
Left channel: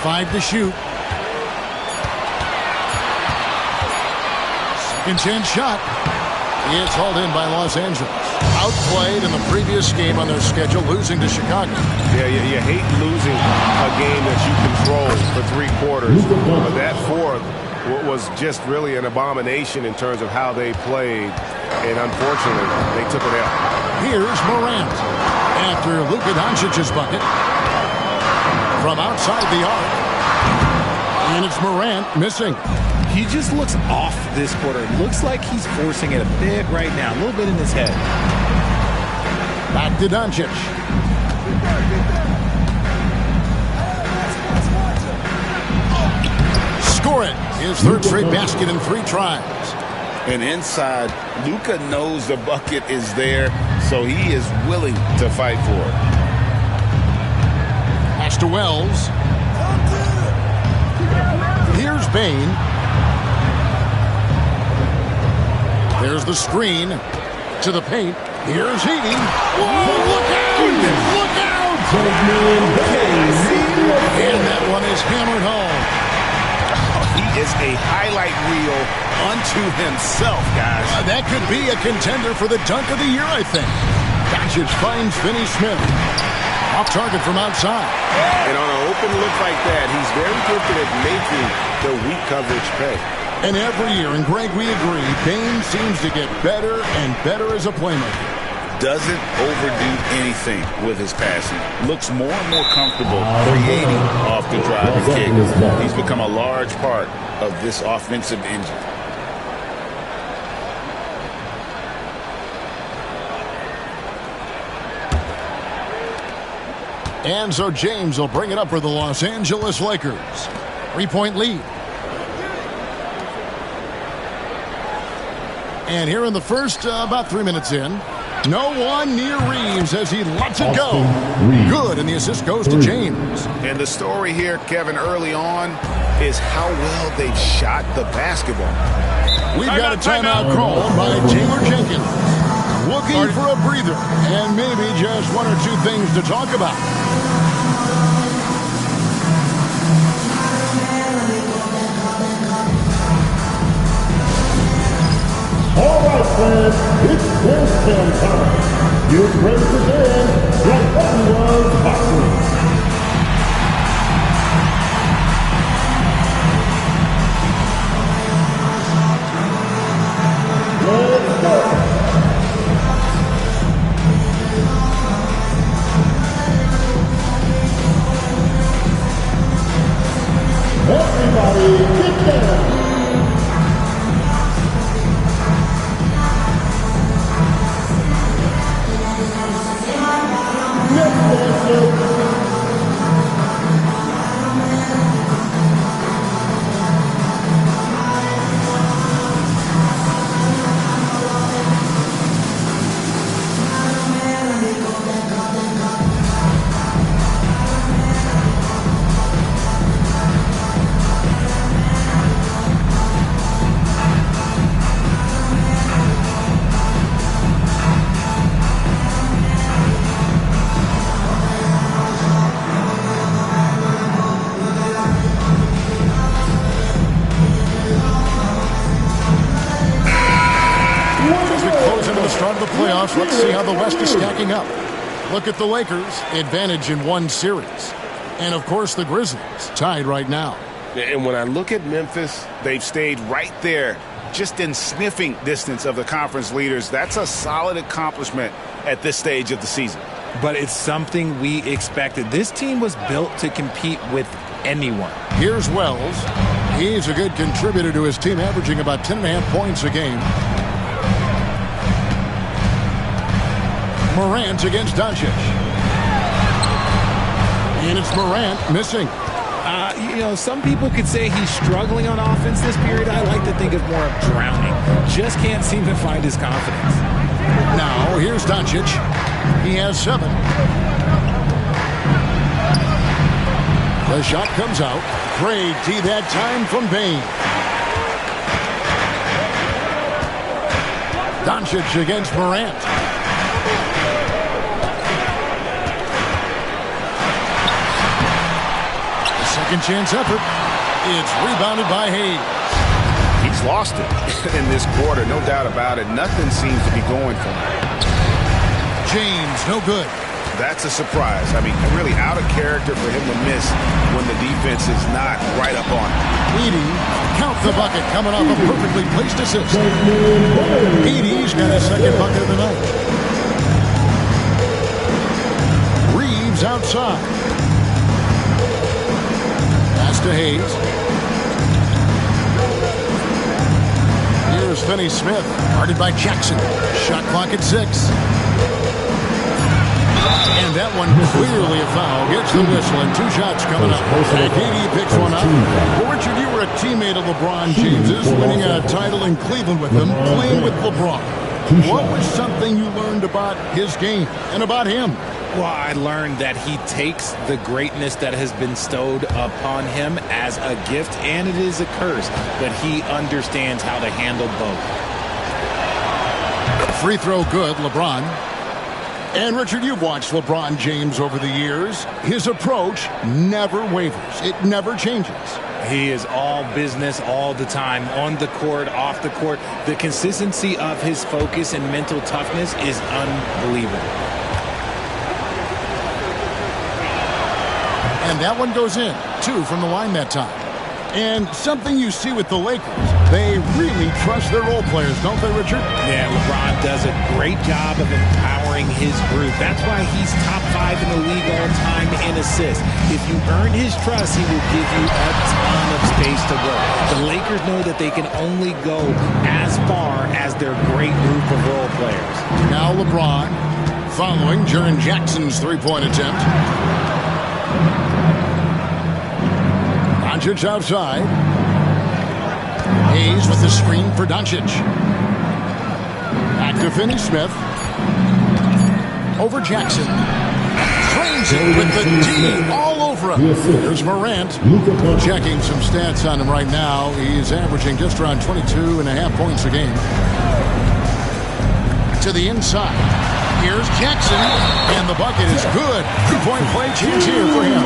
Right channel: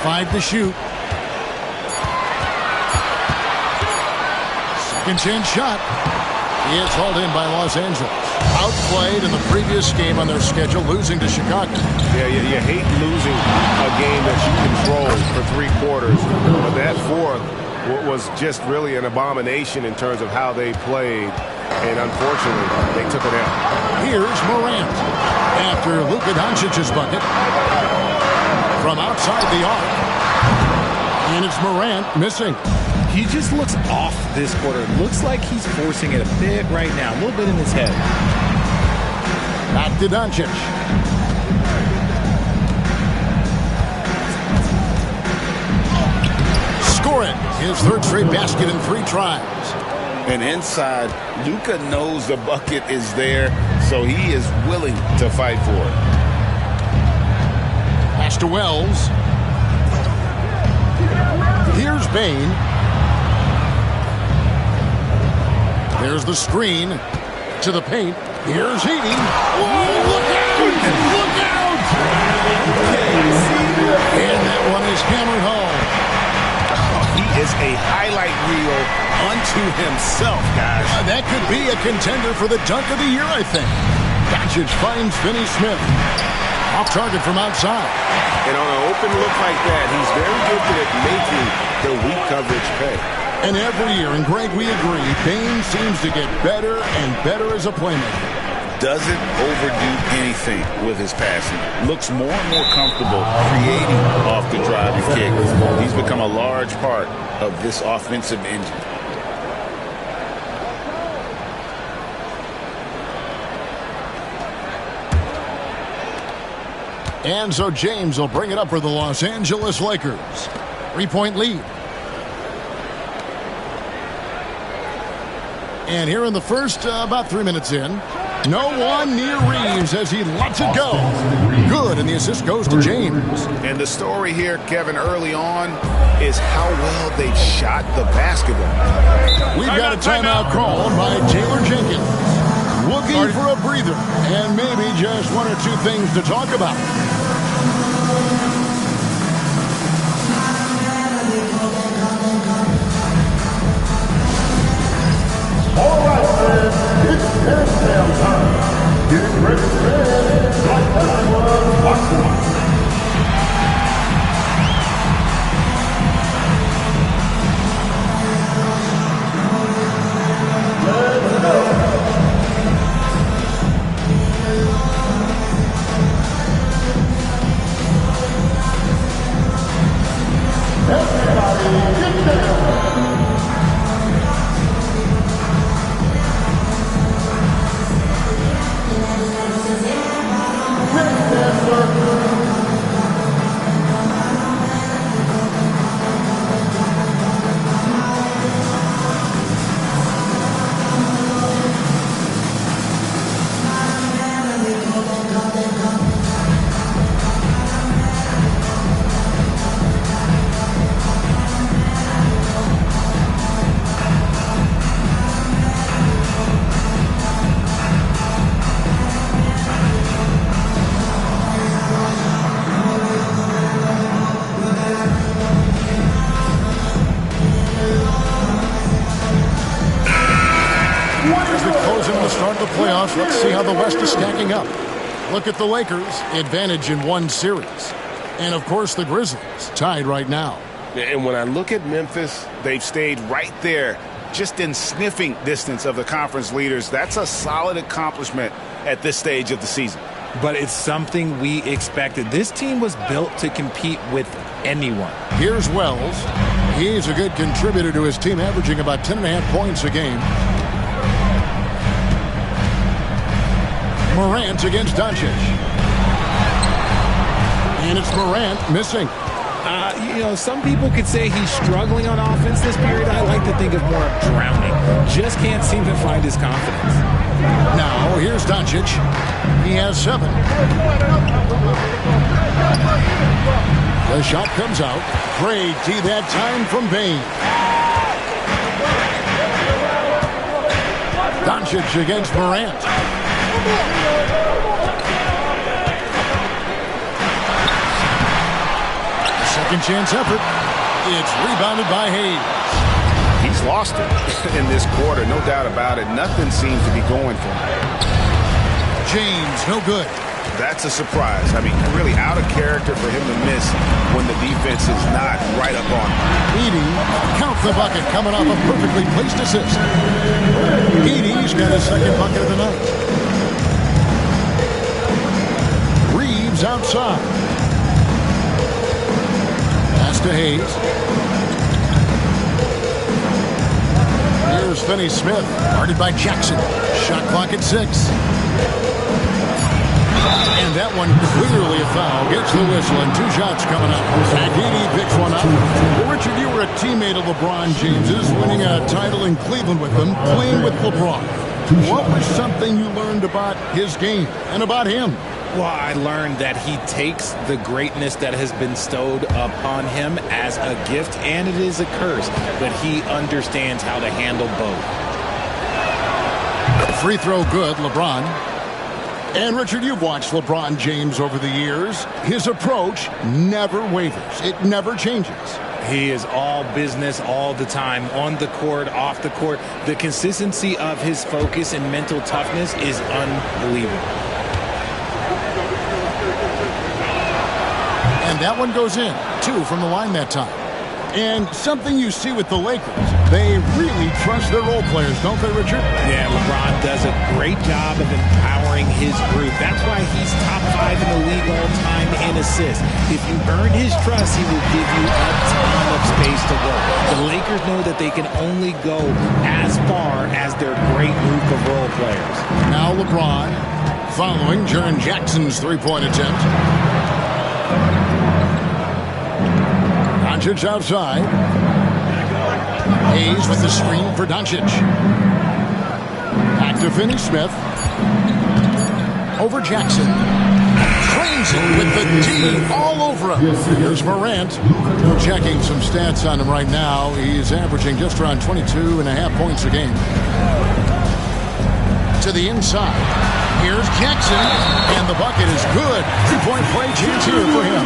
Five to shoot. Second chance shot. It's hauled in by Los Angeles. Outplayed in the previous game on their schedule, losing to Chicago. Yeah, you hate losing a game that you control for 3 quarters, but that fourth was just really an abomination in terms of how they played, and unfortunately, they took it out. Here's Morant after Luka Doncic's bucket from outside the arc, and it's Morant missing. He just looks off this quarter. It looks like he's forcing it a bit right now, a little bit in his head. Back to Doncic. Score it. His third straight basket in 3 tries. And inside, Luka knows the bucket is there, so he is willing to fight for it. Pass to Wells. Here's Bane. There's the screen to the paint. Here's Edey. Whoa, look out! Look out! And that one is hammered home. He is a highlight reel unto himself, guys. That could be a contender for the dunk of the year, I think. Doncic finds Finney-Smith. Off target from outside. And on an open look like that, he's very gifted at making the weak coverage pay. And every year, and Greg, we agree, Bane seems to get better and better as a playmaker. Doesn't overdo anything with his passing. Looks more and more comfortable creating off the drive and kick. He's become a large part of this offensive engine. And so James will bring it up for the Los Angeles Lakers. 3-point lead. And here in the first, about 3 minutes in, no one near Reeves as he lets it go. Good, and the assist goes to James. And the story here, Kevin, early on is how well they've shot the basketball. We've got a timeout called by Taylor Jenkins. Looking for a breather and maybe just 1 or 2 things to talk about. All right, fans, it's dance time. Get ready to dance like everyone boxing. the start of the playoffs. Let's see how the West is stacking up. Look at the Lakers, advantage in one series. And, of course, the Grizzlies, tied right now. And when I look at Memphis, they've stayed right there, just in sniffing distance of the conference leaders. That's a solid accomplishment at this stage of the season. But it's something we expected. This team was built to compete with anyone. Here's Wells. He's a good contributor to his team, averaging about 10.5 points a game. Morant against Doncic. And it's Morant missing. Some people could say he's struggling on offense this period. I like to think of more of drowning. Just can't seem to find his confidence. Now, here's Doncic. He has 7. The shot comes out. Great D that time from Bain. Doncic against Morant. The second chance effort. It's rebounded by Hayes. He's lost it in this quarter, no doubt about it. Nothing seems to be going for him. James, no good. That's a surprise. I mean, really out of character for him to miss when the defense is not right up on him. Edey, count the bucket, coming off a perfectly placed assist. Edey's got his second bucket of the night. Reeves outside. Pass to Hayes. Here's Finney-Smith, guarded by Jackson. Shot clock at 6. And that one clearly a foul. Gets the whistle, and 2 shots coming up. And Edey picks one up. Well, Richard, you were a teammate of LeBron James's, winning a title in Cleveland with them, playing with LeBron. What was something you learned about his game and about him? Well, I learned that he takes the greatness that has been bestowed upon him as a gift, and it is a curse, but he understands how to handle both. Free throw good, LeBron. And, Richard, you've watched LeBron James over the years. His approach never wavers. It never changes. He is all business all the time, on the court, off the court. The consistency of his focus and mental toughness is unbelievable. And that one goes in. 2 from the line that time. And something you see with the Lakers, they really trust their role players, don't they, Richard? Yeah, LeBron does a great job of empowering his group. That's why he's top 5 in the league all time in assists. If you earn his trust, he will give you a ton of space to work. The Lakers know that they can only go as far as their great group of role players. Now LeBron following Jaren Jackson's three-point attempt. Doncic outside. Hayes with the screen for Doncic. Back to Finney-Smith. Over Jackson. Trains it with the D all over him. Here's Morant. Checking some stats on him right now. He's averaging just around 22.5 points a game. To the inside. Here's Jackson, and the bucket is good. 3-point play chance here for him.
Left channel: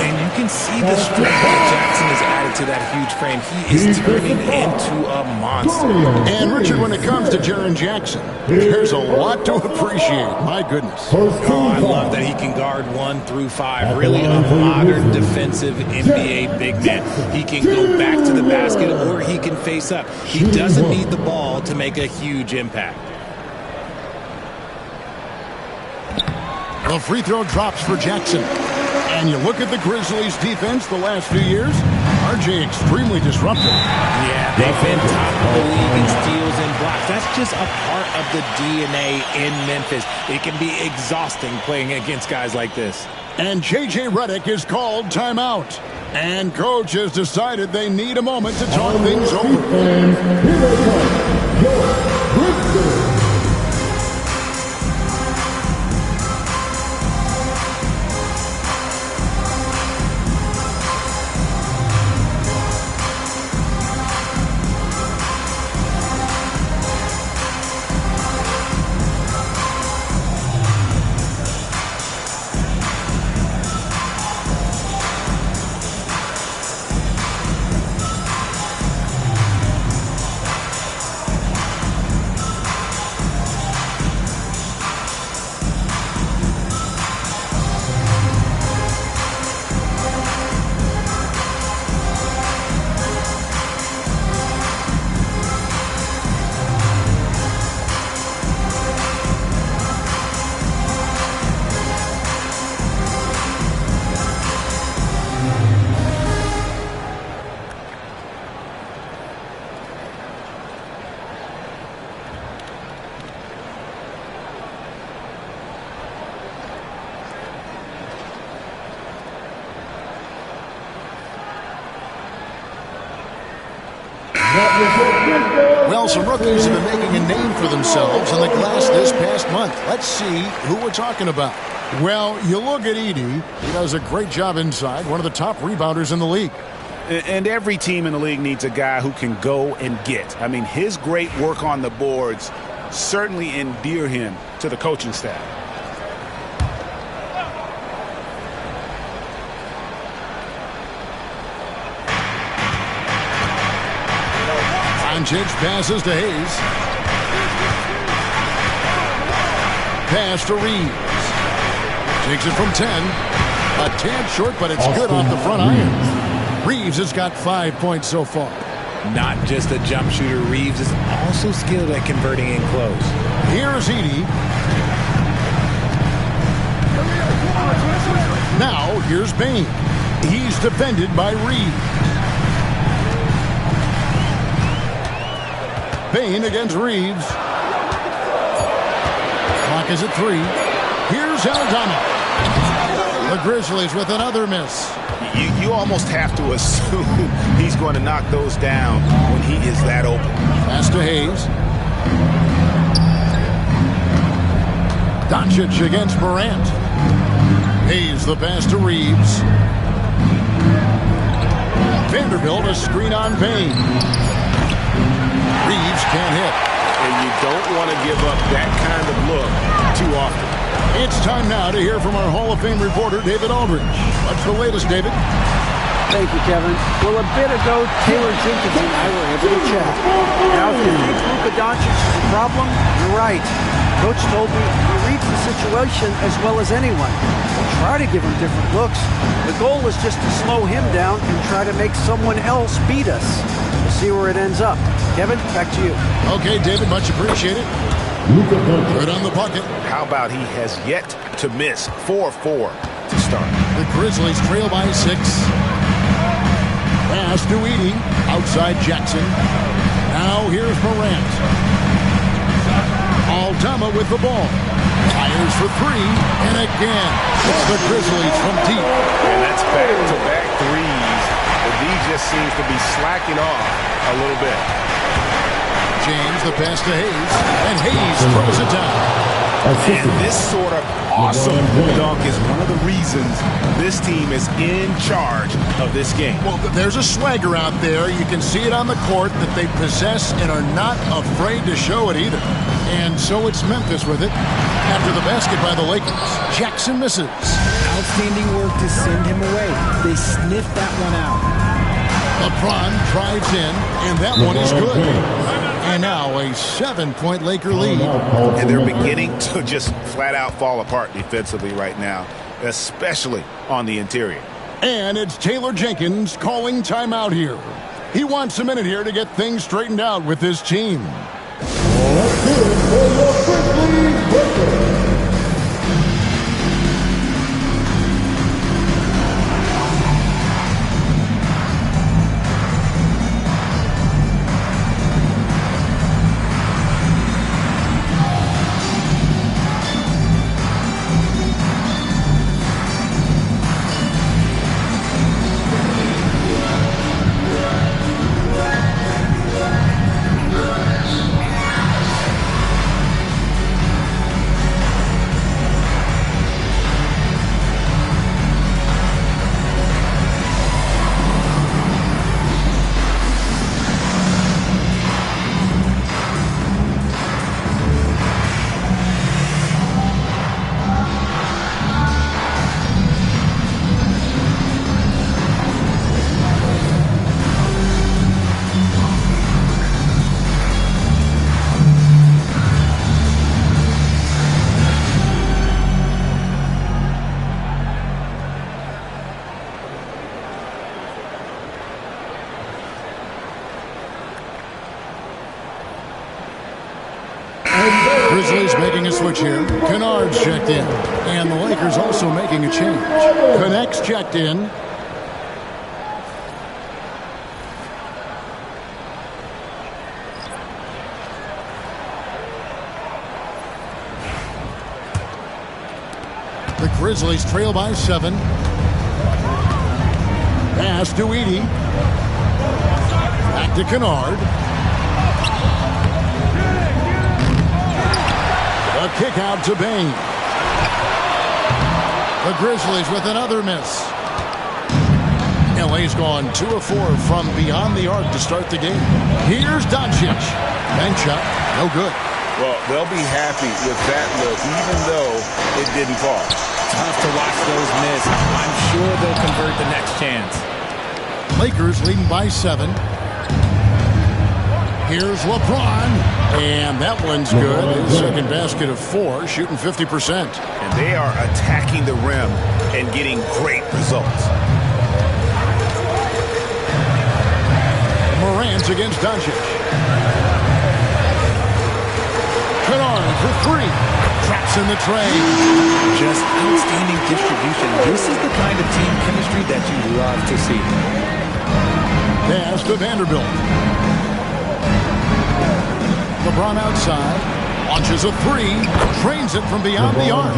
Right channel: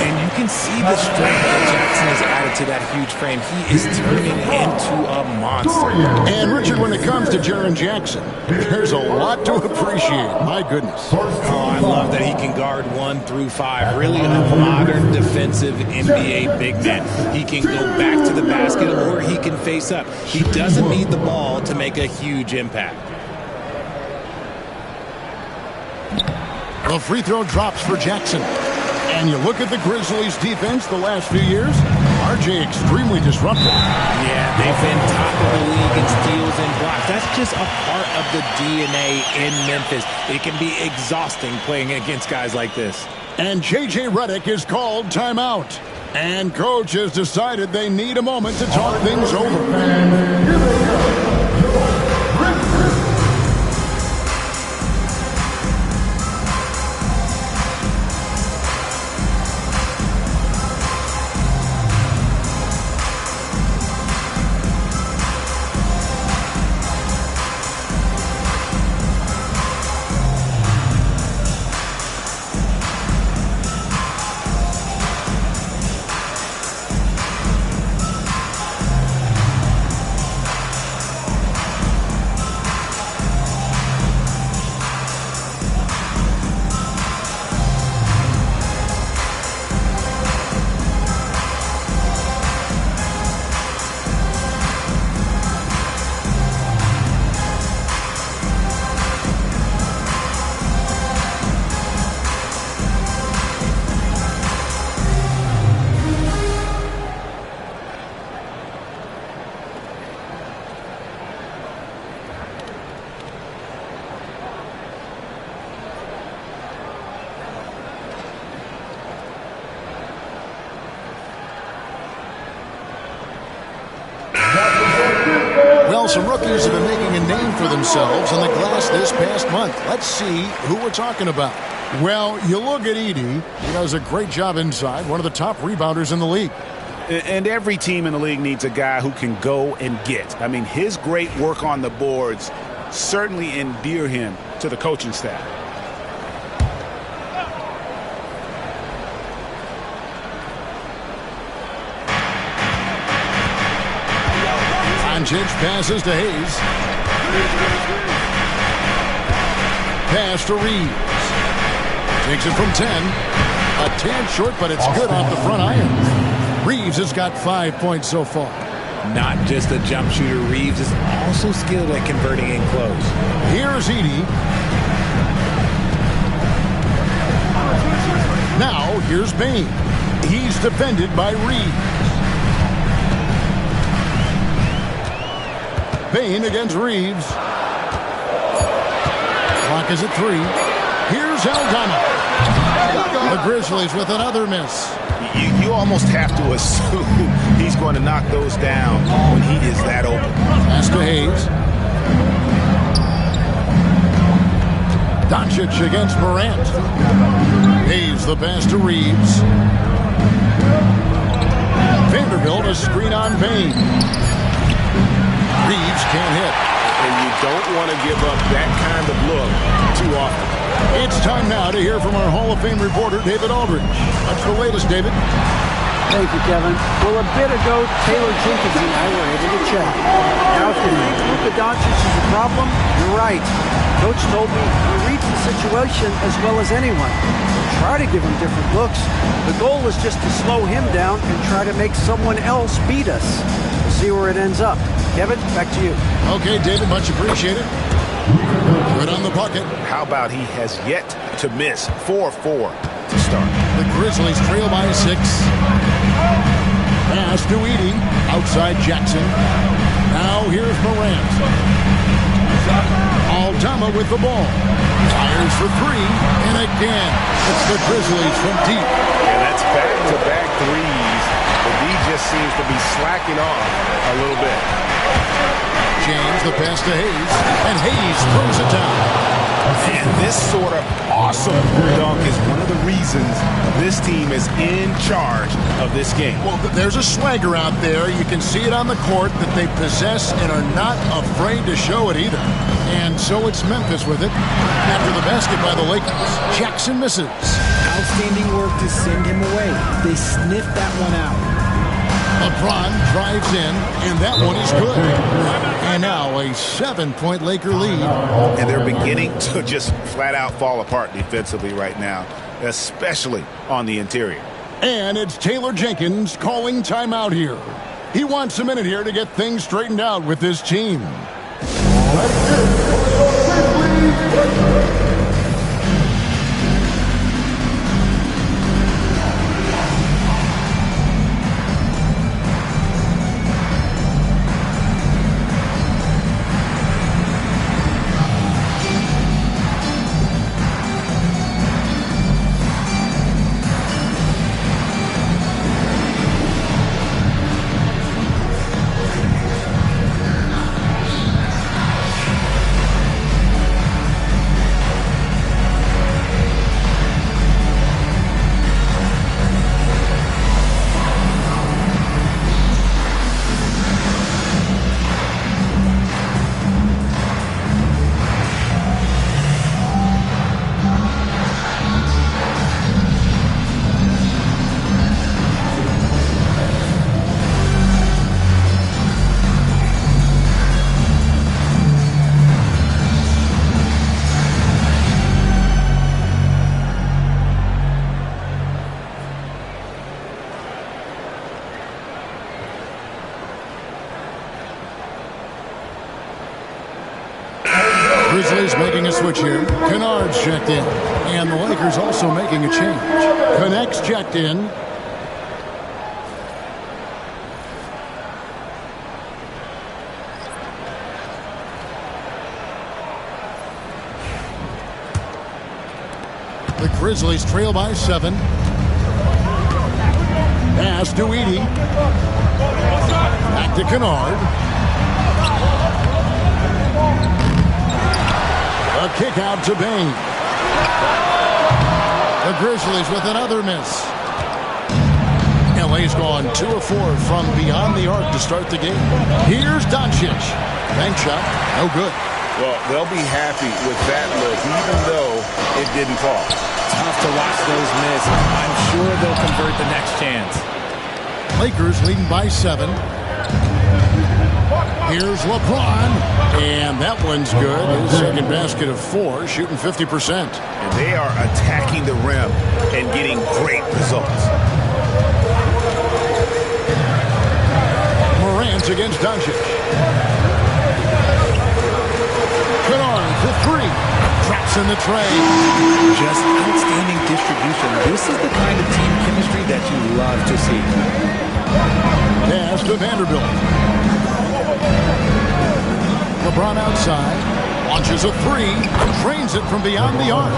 And you can see the strength that Jackson has added to that huge frame. He is turning into a monster. And, Richard, when it comes to Jaren Jackson, there's a lot to appreciate. My goodness. Oh, I love that he can guard 1 through 5. Really a modern defensive NBA big man. He can go back to the basket or he can face up. He doesn't need the ball to make a huge impact. The free throw drops for Jackson. And you look at the Grizzlies' defense the last few years, RJ extremely disruptive. Yeah, they've been top of the league in steals and blocks. That's just a part of the DNA in Memphis. It can be exhausting playing against guys like this. And J.J. Redick is called timeout. And coach has decided they need a moment to talk things over. And here they go, your Grizzlies. Well, some rookies have been making a name for themselves in the glass this past month. Let's see who we're talking about. Well, you look at Edey. He does a great job inside, one of the top rebounders in the league. And every team in the league needs a guy who can go and get. I mean, his great work on the boards certainly endear him to the coaching staff. Doncic passes to Hayes. Pass to Reeves. Takes it from 10. A tad short, but it's good off the front iron. Reeves has got 5 points so far. Not just a jump shooter, Reeves is also skilled at converting in close. Here's Edey. Now, here's Bane. He's defended by Reeves. Bane against Reeves. Clock is at 3. Here's Aldama. The Grizzlies with another miss. You almost have to assume he's going to knock those down when he is that open. Pass to Hayes. Doncic against Morant. Hayes the pass to Reeves. Vanderbilt a screen on Bane. Reeves can't hit. And you don't want to give up that kind of look too often. It's time now to hear from our Hall of Fame reporter, David Aldridge. What's the latest, David? Thank you, Kevin. Well, a bit ago, Taylor Jenkins and I were able to chat. Now, if you think Luka Doncic is a problem, you're right. Coach told me he reads the situation as well as anyone. We'll try to give him different looks. The goal is just to slow him down and try to make someone else beat us. We'll see where it ends up. Kevin, back to you. Okay, David, much appreciated. Good on the bucket. How about he has yet to miss 4-4 to start. The Grizzlies trail by 6. Pass to Edey. Outside Jackson. Now here's Morant. Aldama with the ball. Fires for 3. And again, it's the Grizzlies from deep. And that's back-to-back threes. The D just seems to be slacking off a little bit. James, the pass to Hayes, and Hayes throws it down. And this sort of awesome dunk is one of the reasons this team is in charge of this game. Well, there's a swagger out there. You can see it on the court that they possess and are not afraid to show it either. And so it's Memphis with it. After the basket by the Lakers, Jackson misses. Outstanding work to send him away. They sniffed that one out. LeBron drives in, and that one is good. And now a 7-point Laker lead. And they're beginning to just flat out fall apart defensively right now, especially on the interior. And it's Taylor Jenkins calling timeout here. He wants a minute here to get things straightened out with his team. Let's get it for your Grizzlies. Grizzlies making a switch here. Kennard's checked in. And the Lakers also making a change. Connects checked in. The Grizzlies trail by 7. Pass to Edey. Back to Kennard. A kick out to Bain. The Grizzlies with another miss. LA's gone 2 of 4 from beyond the arc to start the game. Here's Doncic. Bank shot, no good. Well, they'll be happy with that look, even though it didn't fall. Tough to watch those miss. I'm sure they'll convert the next chance. Lakers leading by 7. Here's LeBron, and that one's good. His second basket of 4, shooting 50%. And they are attacking the rim and getting great results. Morant against Doncic. Kennard for 3. Traps in the tray. Just outstanding distribution. This is the kind of team chemistry that you love to see. Pass to Vanderbilt. LeBron outside. Launches a 3. Trains it from beyond the arc.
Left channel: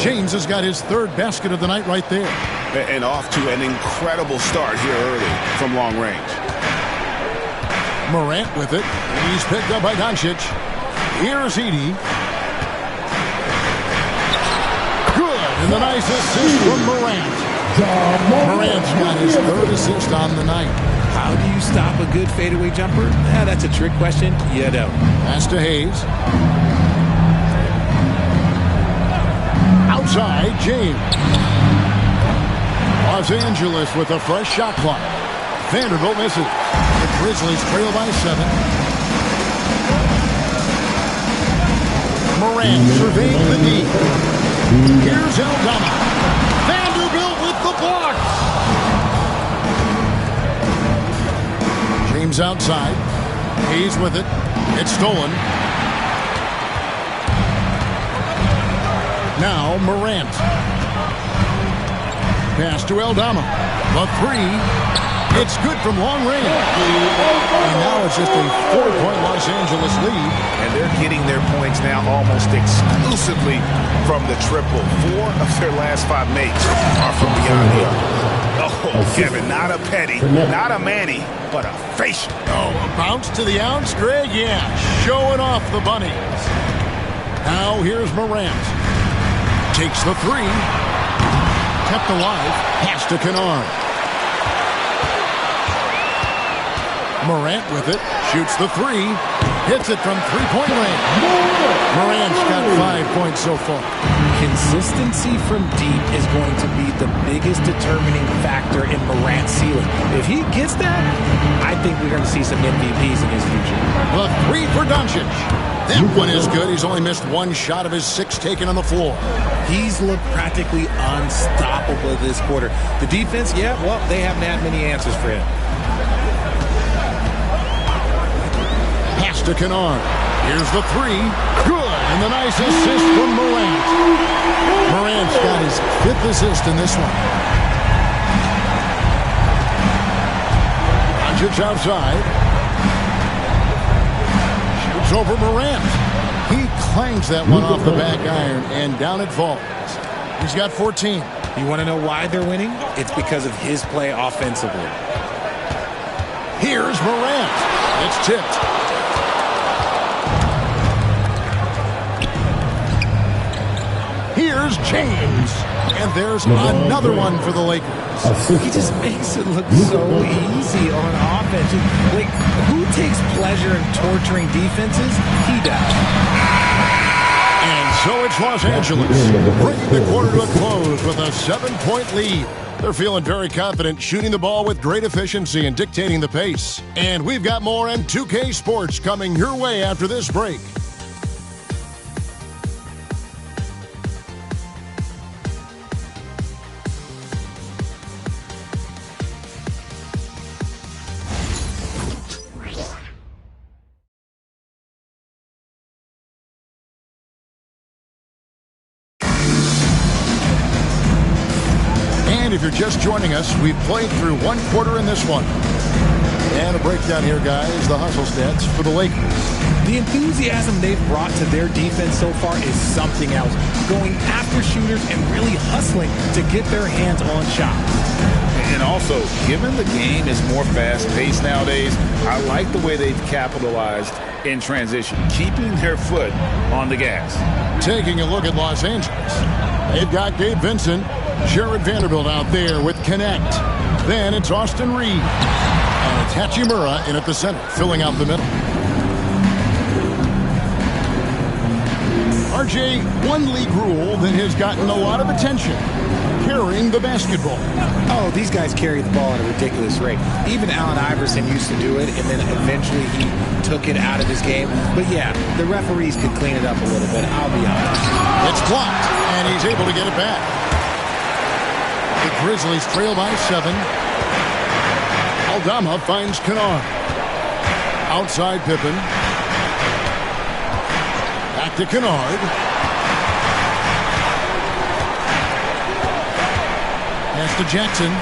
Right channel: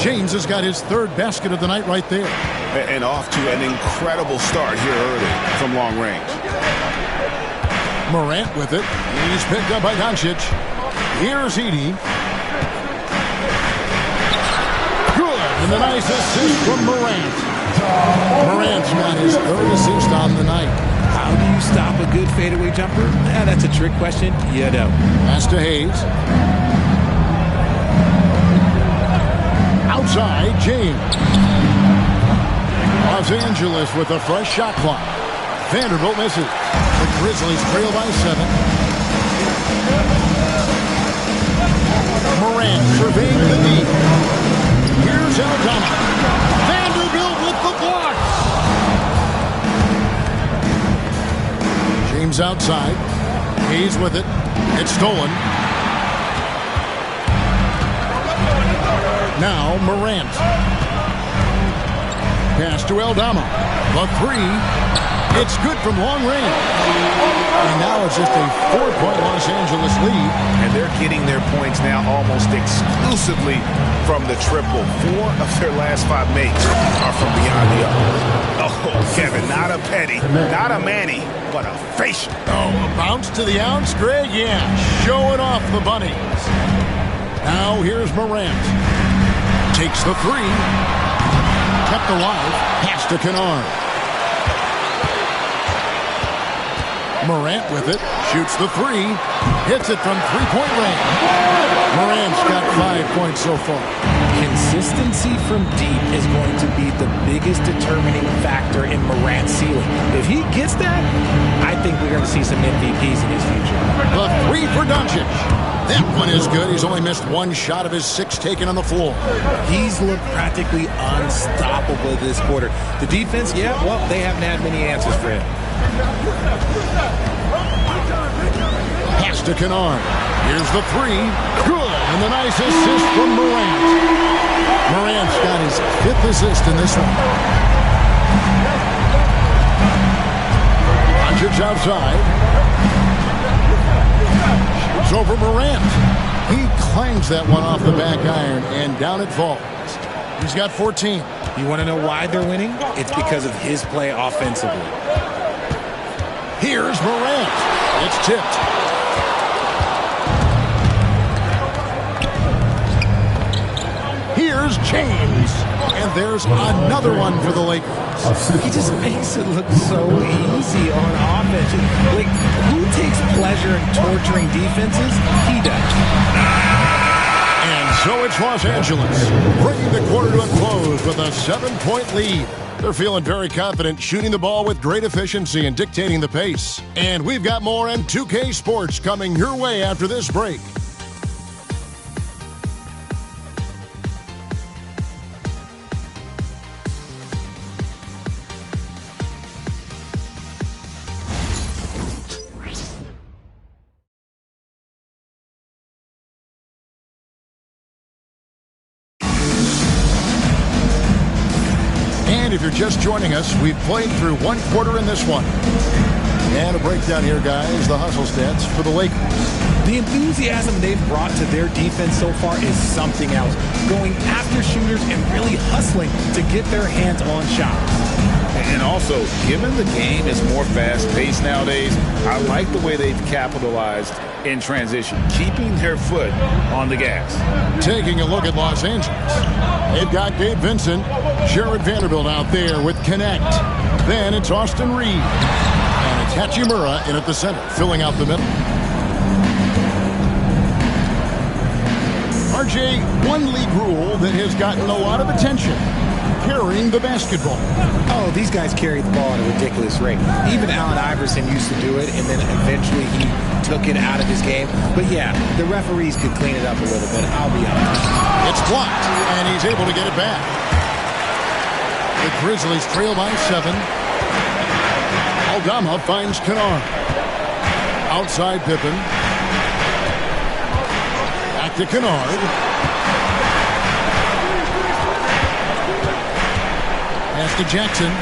James has got his 3rd basket of the night right there. And off to an incredible start here early from long range. Morant with it. He's picked up by Doncic. Here's Edey. Good. And the nice assist from Morant. Morant's got his 3rd assist on the night. How do you stop a good fadeaway jumper? That's a trick question. You don't. Pass to Hayes. Outside, James. Los Angeles with a fresh shot clock. Vanderbilt misses. The Grizzlies trail by 7. Morant surveying the D. Here's Aldama. Vanderbilt with the block. James outside. Hayes with it. It's stolen. Now Morant. Pass to Aldama. The 3. It's good from long range. And now it's just a 4-point Los Angeles lead. And they're getting their points now almost exclusively from the triple. 4 of their last 5 makes are from beyond the arc. Oh, Kevin, not a petty, not a Manny, but a facial. Oh, a bounce to the ounce, Greg? Yeah, showing off the bunnies. Now here's Morant. Takes the 3. Kept alive. Pass to Kennard. Morant with it. Shoots the 3. Hits it from 3-point range. Morant's got 5 points so far. Consistency from deep is going to be the biggest determining factor in Morant's ceiling. If he gets that, I think we're going to see some MVPs in his future. The 3 for Doncic. That one is good. He's only missed 1 shot of his 6 taken on the floor. He's looked practically unstoppable this quarter. The defense, yeah, well, they haven't had many answers for him. Pass to Kennard. Here's the 3. Good. And the nice assist from Morant. Morant's got his 5th assist in this one. Doncic outside. Shoots over Morant. He clangs that one off the back iron, and down it falls. He's got 14. You want to know why they're winning? It's because of his play offensively. Here's Morant. It's tipped. Here's James. And there's another one for the Lakers. He just makes it look so easy on offense. Like, who takes pleasure in torturing defenses? He does. And so it's Los Angeles, bringing the quarter to a close with a 7-point lead. They're feeling very confident, shooting the ball with great efficiency and dictating the pace. And we've got more M2K Sports coming your way after this break. And if you're just joining us, we've played through 1 quarter in this one. And a breakdown here, guys, the hustle stats for the Lakers. The enthusiasm they've brought to their defense so far is something else. Going after shooters and really hustling to get their hands on shots. And also, given the game is more fast-paced nowadays, I like the way they've capitalized in transition, keeping their foot on the gas. Taking a look at Los Angeles, they've got Gabe Vincent, Jared Vanderbilt out there with Connect. Then it's Austin Reed, and it's Hachimura in at the center, filling out the middle. RJ, one league rule that has gotten a lot of attention, carrying the basketball. Oh, these guys carry the ball at a ridiculous rate. Even Allen Iverson used to do it, and then eventually he took it out of his game. But yeah, the referees could clean it up a little bit, I'll be honest. It's blocked, and he's able to get it back. The Grizzlies trail by 7. Aldama finds Kennard. Outside Pippen. Back to Kennard. Pass to Jackson.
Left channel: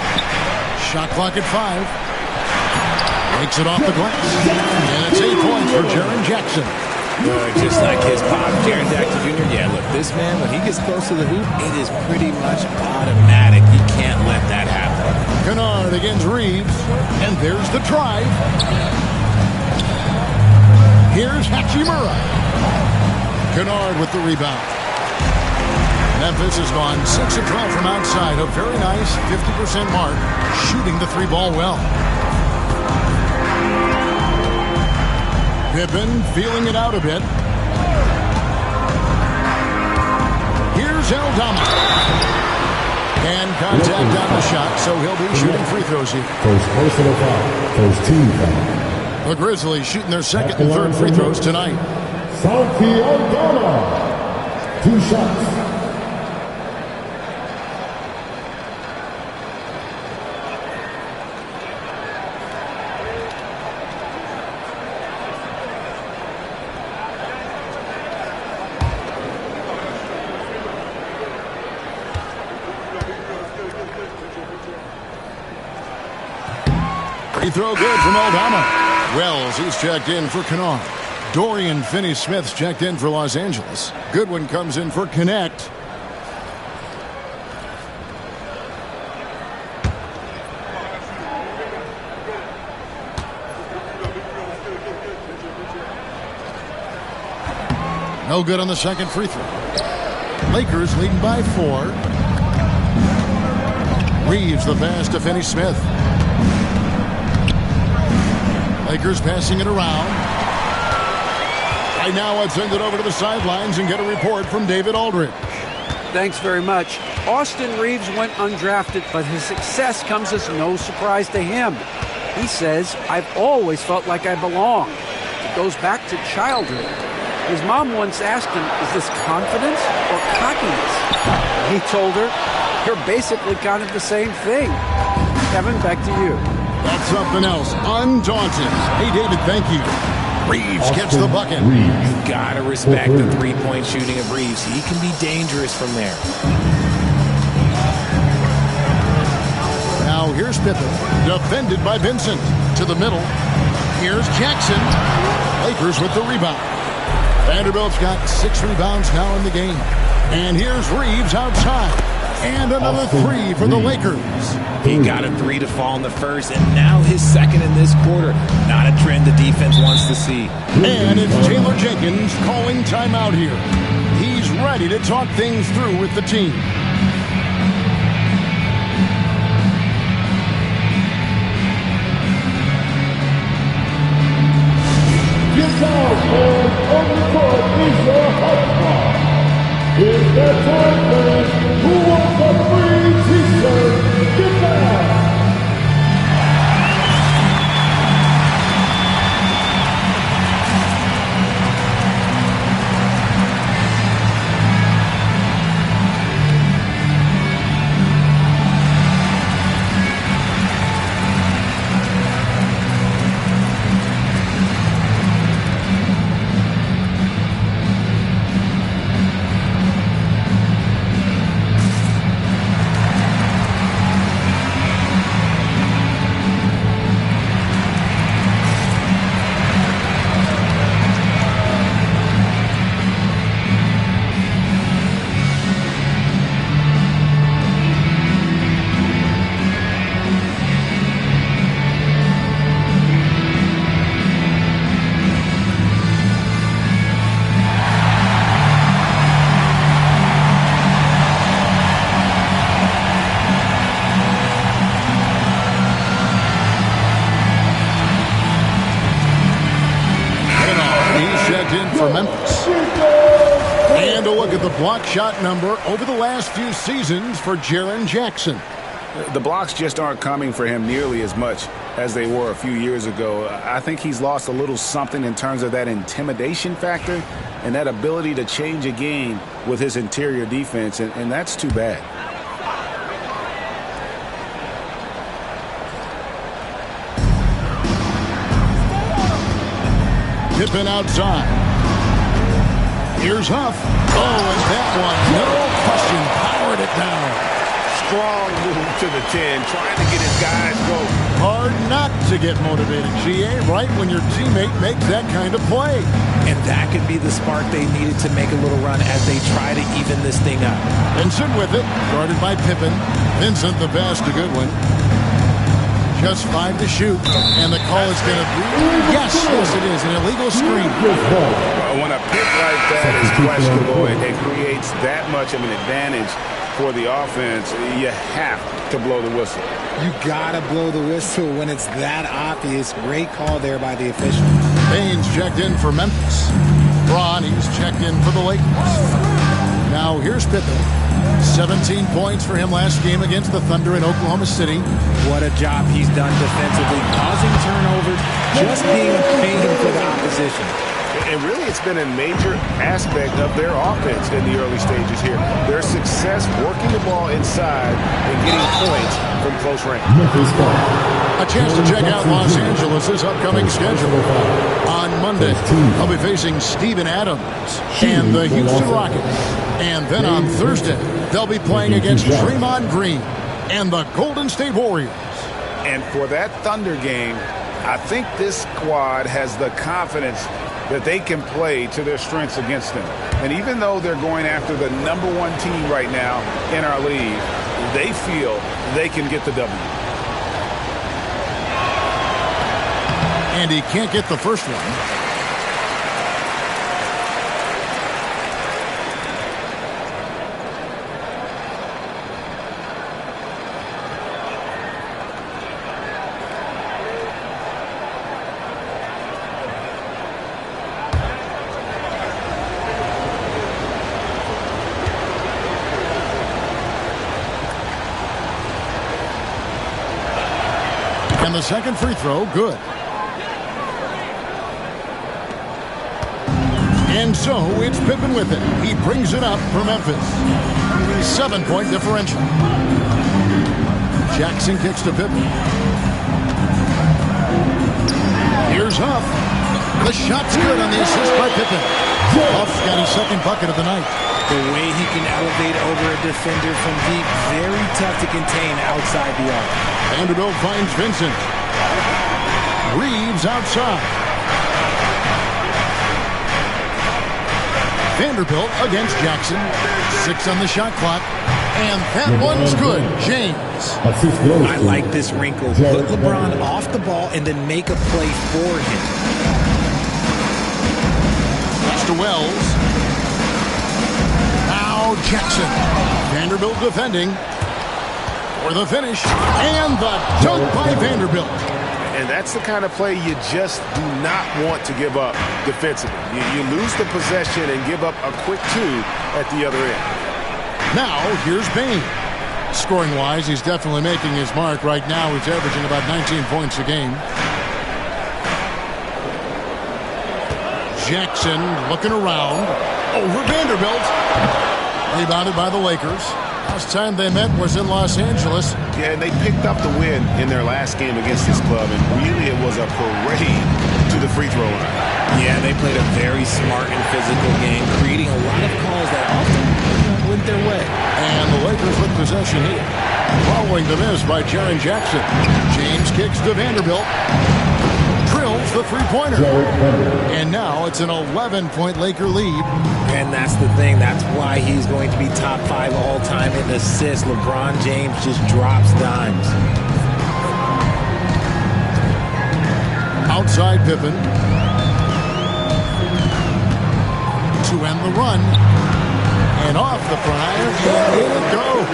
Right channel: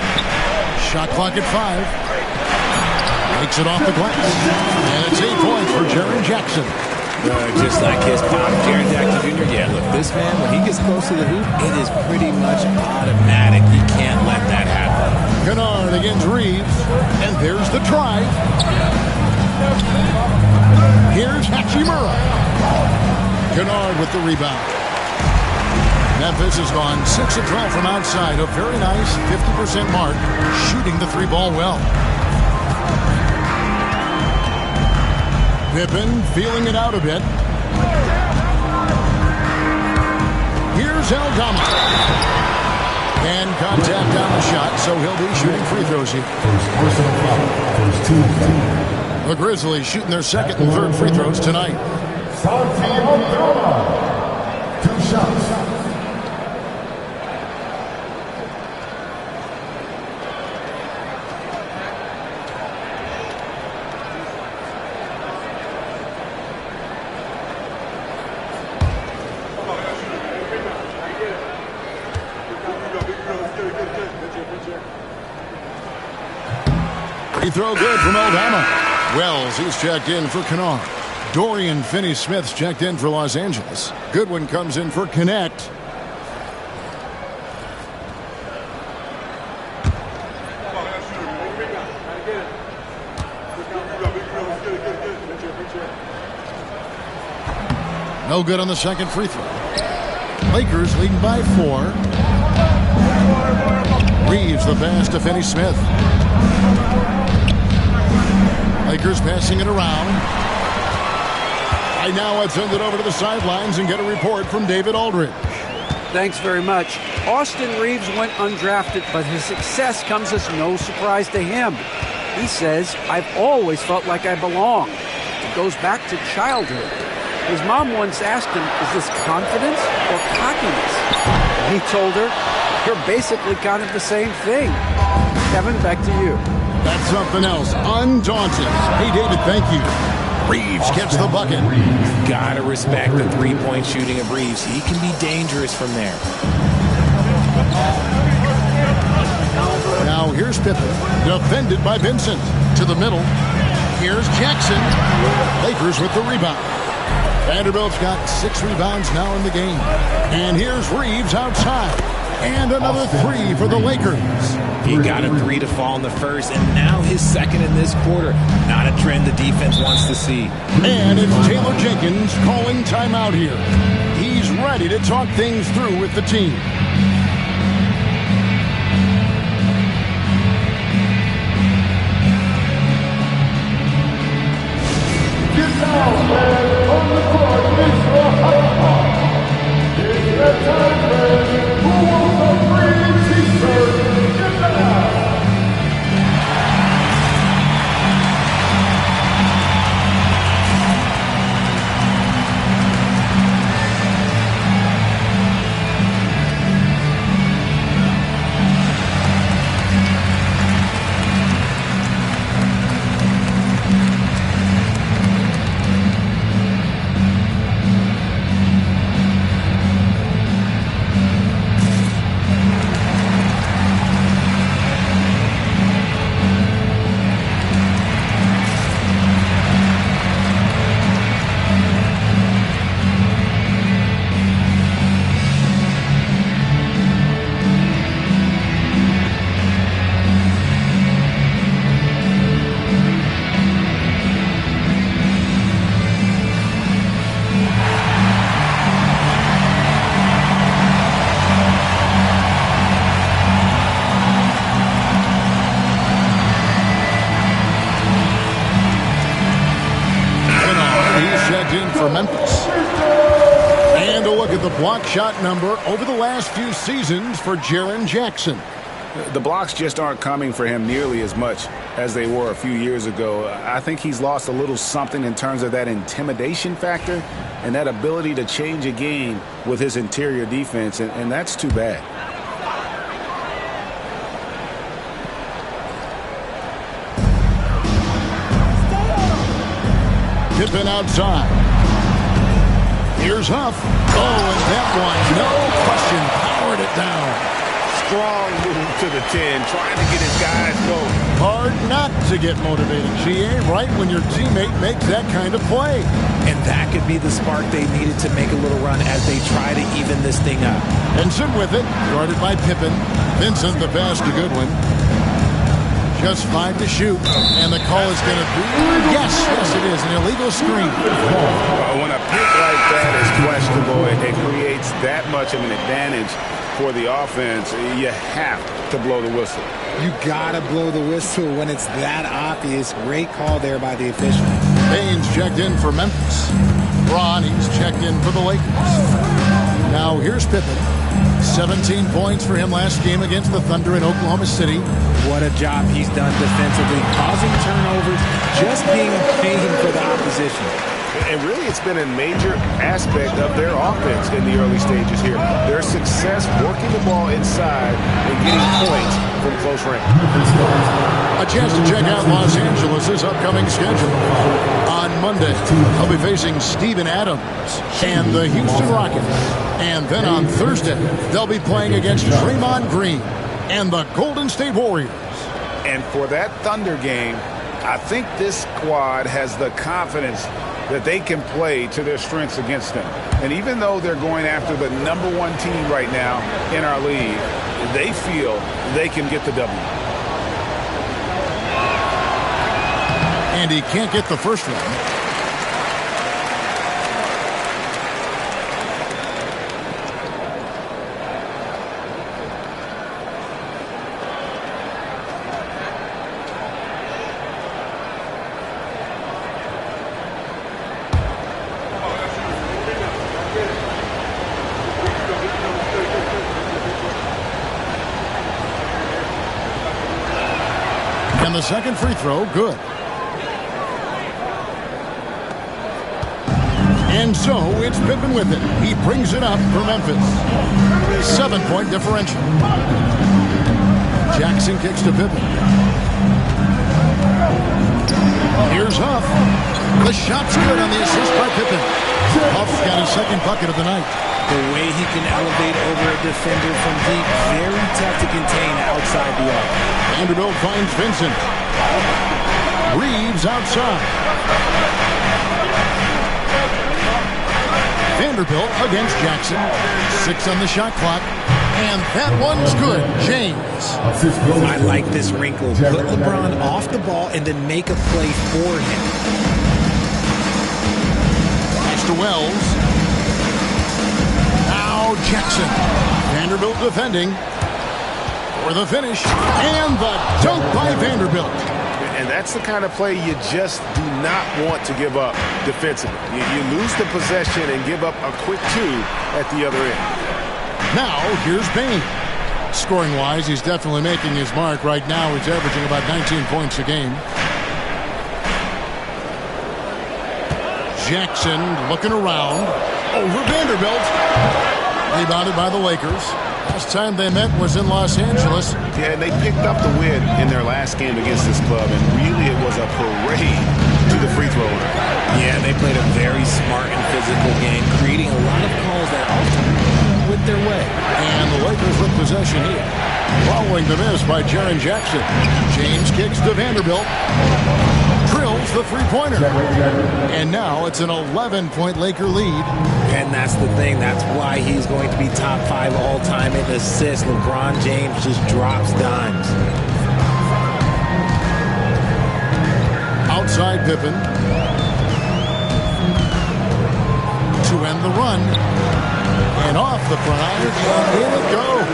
Shot clock at 5. Makes it off the glass. And it's 8 points for Jaren Jackson. Just like his pop, Jaren Jackson Jr. Yeah, look, this man, when he gets close to the hoop, it is pretty much automatic. He can't let that happen. Kennard against Reeves. And there's the drive. Here's Hachimura. Kennard with the rebound. Memphis has gone 6 of 12 from outside. A very nice 50% mark. Shooting the 3-ball well. Pippen feeling it out a bit. Here's Aldama. And contact on the shot, so he'll be shooting free throws here. First personal foul. First team foul. The Grizzlies shooting their second and third free throws tonight. Santi Aldama. 2 shots. Free throw good from Aldama. Wells, he's checked in for Kennard. Dorian Finney-Smith's checked in for Los Angeles. Goodwin comes in for Connect. No good on the second free throw. Lakers leading by 4. Reeves the pass to Finney-Smith. Lakers passing it around. Right now, let's send it over to the sidelines and get a report from David Aldridge. Thanks very much. Austin Reeves went undrafted, but his success comes as no surprise to him. He says, "I've always felt like I belong." It goes back to childhood. His mom once asked him, "Is this confidence or cockiness?" He told her, "You're basically kind of the same thing." Kevin, back to you. That's something else. Undaunted. Hey, David, thank you. Reeves gets the bucket. You've got to respect the three-point shooting of Reeves. He can be dangerous from there. Now here's Pippen, defended by Vincent. To the middle. Here's Jackson. Lakers with the rebound. Vanderbilt's got 6 rebounds now in the game. And here's Reeves outside. And another 3 for the Lakers. He got a 3 to fall in the first, and now his second in this quarter. Not a trend the defense wants to see. And it's Taylor Jenkins calling timeout here. He's ready to talk things through with the team. Get down, man. On the court is your high star. It's that time, man. Who wants a free t-shirt? Get down. checked in for Memphis. And a look at the block shot number over the last few seasons for Jaren Jackson. The blocks just aren't coming for him nearly as much as they were a few years ago. I think he's lost a little something in terms of that intimidation factor and that ability to change a game with his interior defense, and that's too bad. Pippen outside. Here's Huff. Oh, and that one, no question, powered it down. Strong move to the 10, trying to get his guys going. Hard not to get motivated, GA, right when your teammate makes that kind of play. And that could be the spark they needed to make a little run as they try to even this thing up. Vincent with it, guarded by Pippen. Vincent the pass to Goodwin. Just 5 to shoot, and the call is going to be, yes, it is, an illegal screen. When a pick like that is questionable, it creates that much of an advantage for the offense. You have to blow the whistle. You gotta blow the whistle when it's that obvious. Great call there by the official. Baines checked in for Memphis. Bronny's checked in for the Lakers. Now here's Pippen. 17 points for him last game against the Thunder in Oklahoma City. What a job he's done defensively, causing turnovers, just being a pain for the opposition. And really, it's been a major aspect of their offense in the early stages here. Their success working the ball inside and getting points from close range. A chance to check out Los Angeles' upcoming schedule. On Monday, they'll be facing Steven Adams and the Houston Rockets. And then on Thursday, they'll be playing against Draymond Green and the Golden State Warriors. And for that Thunder game, I think this squad has the confidence that they can play to their strengths against them. And even though they're going after the #1 team right now in our league, they feel they can get the W. And he can't get the first one. And the second free throw, good. And so it's Pippen with it. He brings it up for Memphis. 7-point differential. Jackson kicks to Pippen. Here's Huff. The shot's good on the assist by Pippen. Huff's got his second bucket of the night. The way he can elevate over a defender from deep, very tough to contain outside the arc. Vanderbilt finds Vincent. Reeves outside. Vanderbilt against Jackson. 6 on the shot clock. And that one's good. James. I like this wrinkle. Put LeBron off the ball and then make a play for him. Pass to Wells. Now Jackson. Vanderbilt defending for the finish. And the dunk by Vanderbilt. And that's the kind of play you just do not want to give up defensively. You lose the possession and give up a quick 2 at the other end. Now, here's Bain. Scoring-wise, he's definitely making his mark. Right now, he's averaging about 19 points a game. Jackson looking around. Over Vanderbilt. Rebounded by the Lakers. Last time they met was in Los Angeles. Yeah, and they picked up the win in their last game against this club, and really it was a parade to the free throw line. Yeah, they played a very smart and physical game, creating a lot of calls that often went their way. And the Lakers with possession here. Following the miss by Jaren Jackson. James kicks to Vanderbilt. Drills the three-pointer. And now it's an 11-point Laker lead. And that's the thing. That's why he's going to be top 5 all-time in assists. LeBron James just drops dimes. Outside Pippen. To end the run. And off the front iron, and in it goes.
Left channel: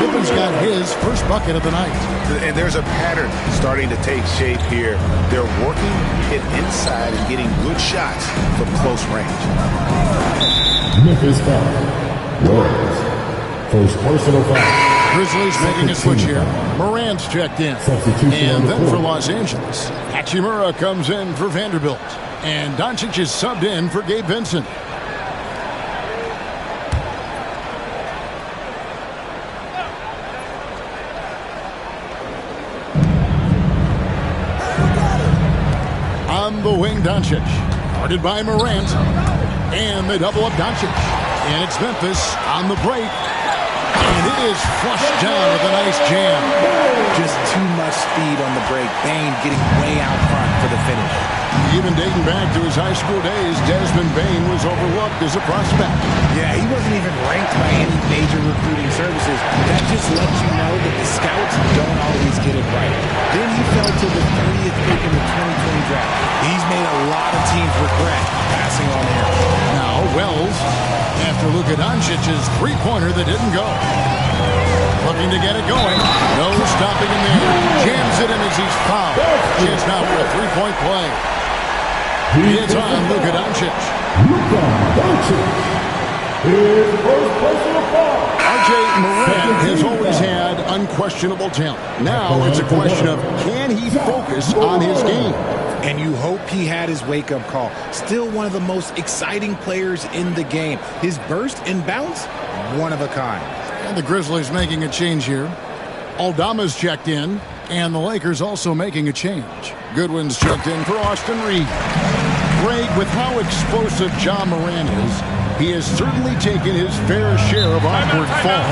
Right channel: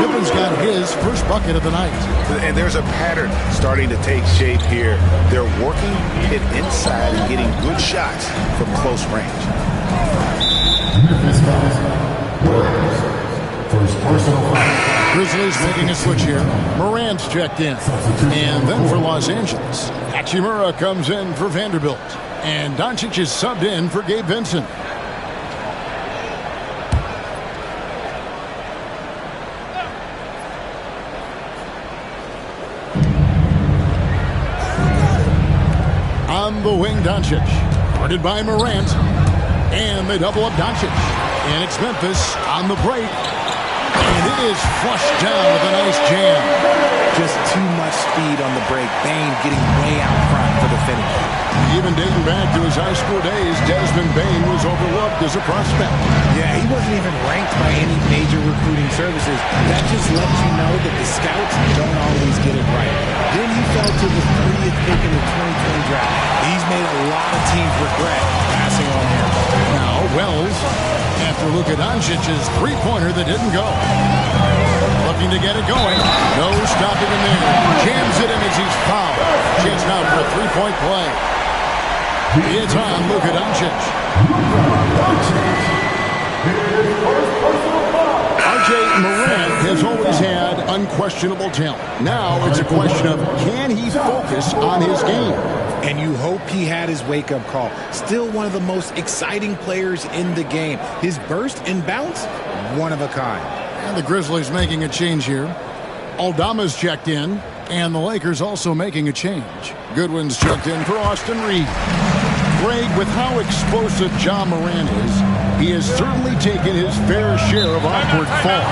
Pippen's got his first bucket of the night. And there's a pattern starting to take shape here. They're working it inside and getting good shots from close range. Memphis foul. First personal foul. Grizzlies making a switch here. Morant's checked in. And then for Los Angeles, Hachimura comes in for Vanderbilt. And Doncic is subbed in for Gabe Vincent. On the wing, Doncic. Guarded by Morant. And they double up Doncic. And it's Memphis on the break. And it is flushed down with a nice jam. Just too much speed on the break. Bane getting way out front for the finish. Even dating back to his high school days, Desmond Bane was overlooked as a prospect. Yeah, he wasn't even ranked by any major recruiting services. That just lets you know that the scouts don't always get it right. Then he fell to the 30th pick in the 2020 draft. He's made a lot of teams regret passing on him. Now, Wells, after Luka Doncic's three-pointer that didn't go. Looking to get it going. No stopping him there. Jams it in as he's fouled. Chance now for a three-point play. It's on Luka Doncic. His first personal foul. R.J. Morant has always had unquestionable talent. Now it's a question of can he focus on his game? And you hope he had his wake-up call. Still one of the most exciting players in the game. His burst and bounce, one of a kind. And the Grizzlies making a change here. Aldama's checked in, and the Lakers also making a change. Goodwin's checked in for Austin Reed. Greg, with how explosive Ja Morant is, he has certainly taken his fair share of awkward falls.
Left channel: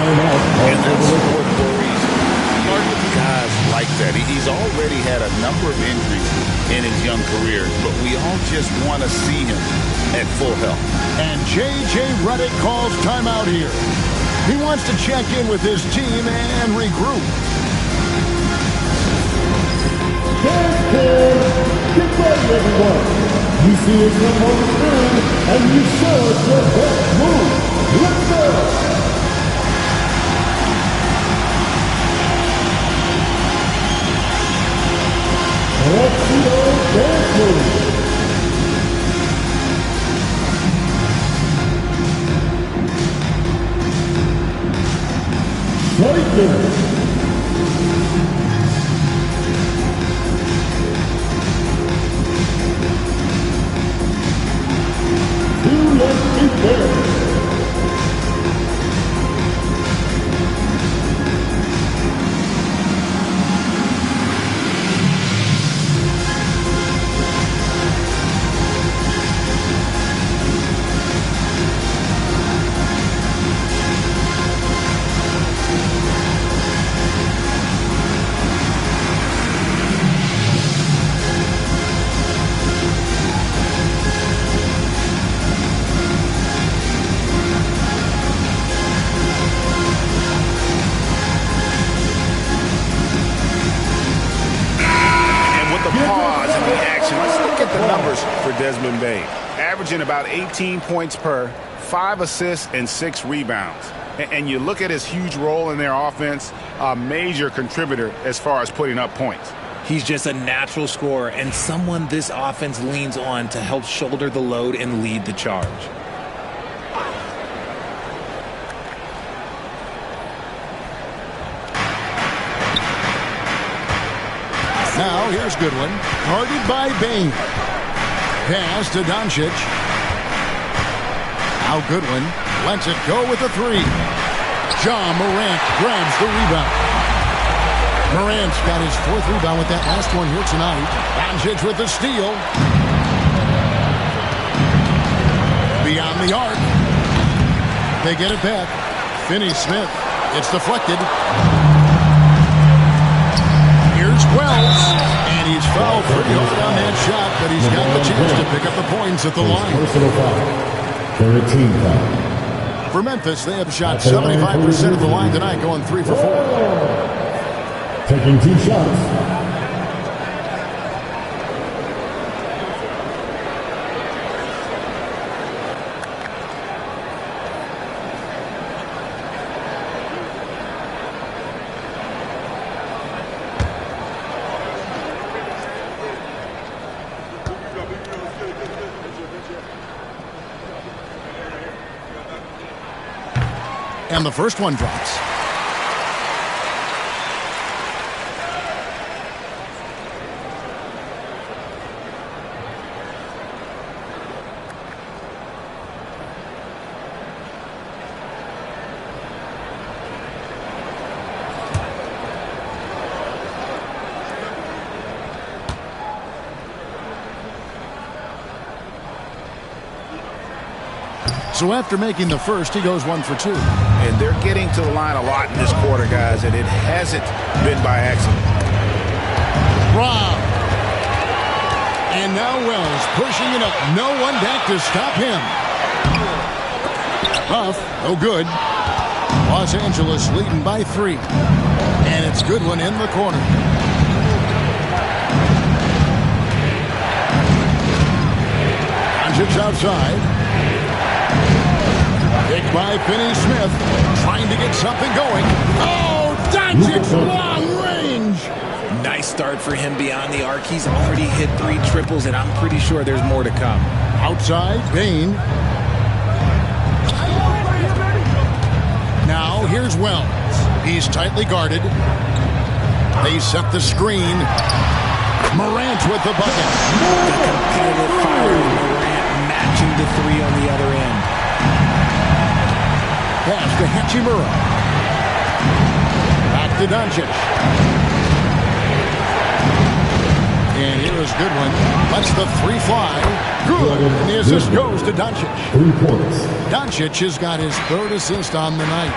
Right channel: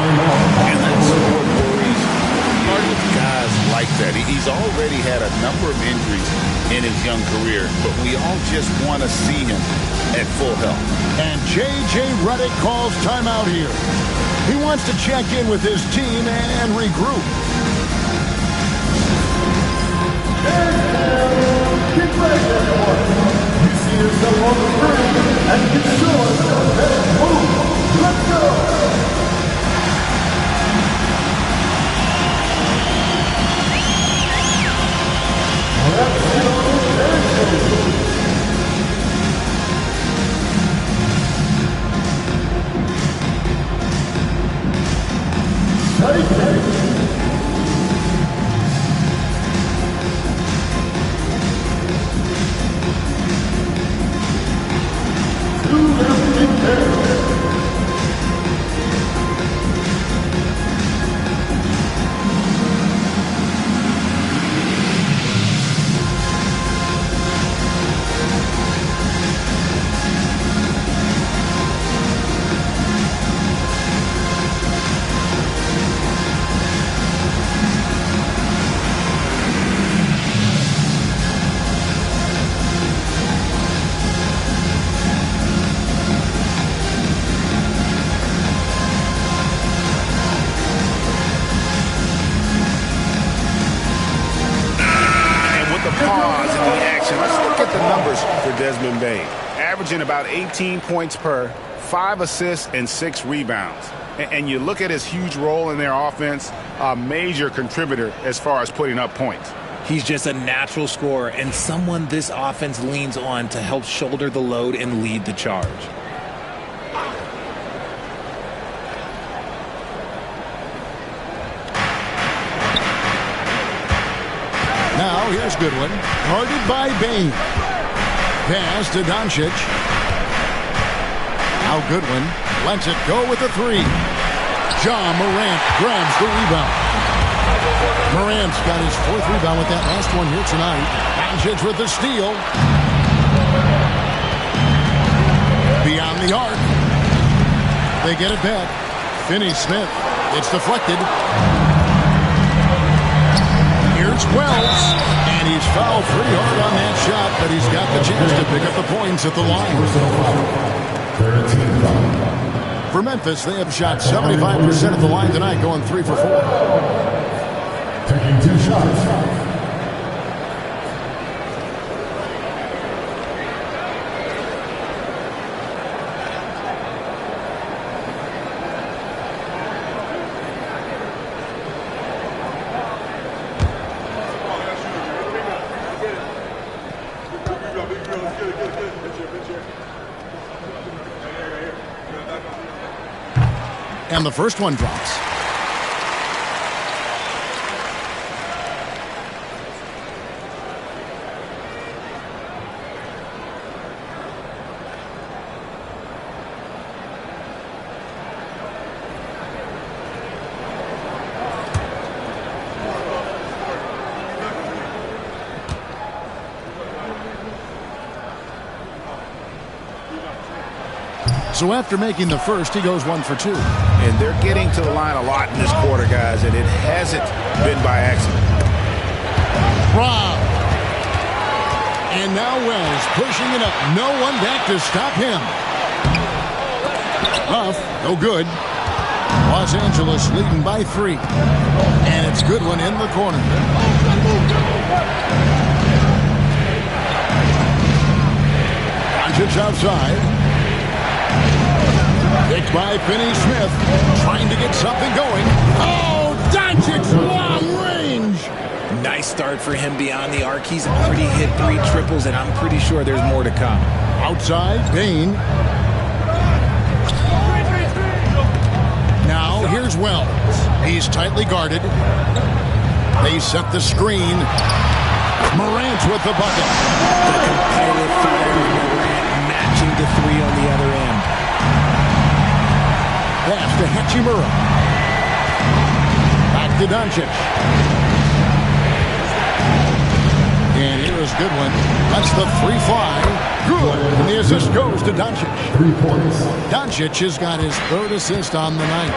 And that's what worries me with guys like that. He's already had a number of injuries in his young career, but we all just want to see him at full health. And J.J. Redick calls timeout here. He wants to check in with his team and regroup. Get ready, everyone. You see yourself on the screen, and you show us your best move. Let's go. Let's go, dance move. Take it. For Desmond Bane, averaging about 18 points per, 5 assists, and 6 rebounds. And you look at his huge role in their offense, a major contributor as far as putting up points. He's just a natural scorer and someone this offense leans on to help shoulder the load and lead the charge. Now here's Goodwin, guarded by Bane. Pass to Doncic. Now Goodwin lets it go with a three. Ja Morant grabs the rebound. Morant's got his fourth rebound with that last one here tonight. Doncic with the steal. Beyond the arc. They get it back. Finney-Smith. It's deflected. Here's Wells, and he's fouled pretty hard on that shot, but he's got the chance to pick up the points at the line. Personal foul. 13 foul. For Memphis, they have shot 75% at the line tonight, going 3 for 4. Taking 2 shots. And the first one drops. So after making the first, he goes 1 for 2. And they're getting to the line a lot in this quarter, guys, and it hasn't been by accident. Rob. And now Wells pushing it up. No one back to stop him. Rough, no good. Los Angeles leading by 3. And it's Goodwin in the corner. Doncic outside. Picked by Finney-Smith, trying to get something going. Oh, Doncic, long range. Nice start for him beyond the arc. He's already hit 3 triples, and I'm pretty sure there's more to come. Outside, Bain. Now, here's Wells. He's tightly guarded. They set the screen. Morant with the bucket. The competitive fire of Morant matching the 3 on the other end. Pass to Hachimura. Back to Doncic. And here is Goodwin. Lets the 3 fly. Good. And the assist goes to Doncic. 3 points. Doncic has got his 3rd assist on the night.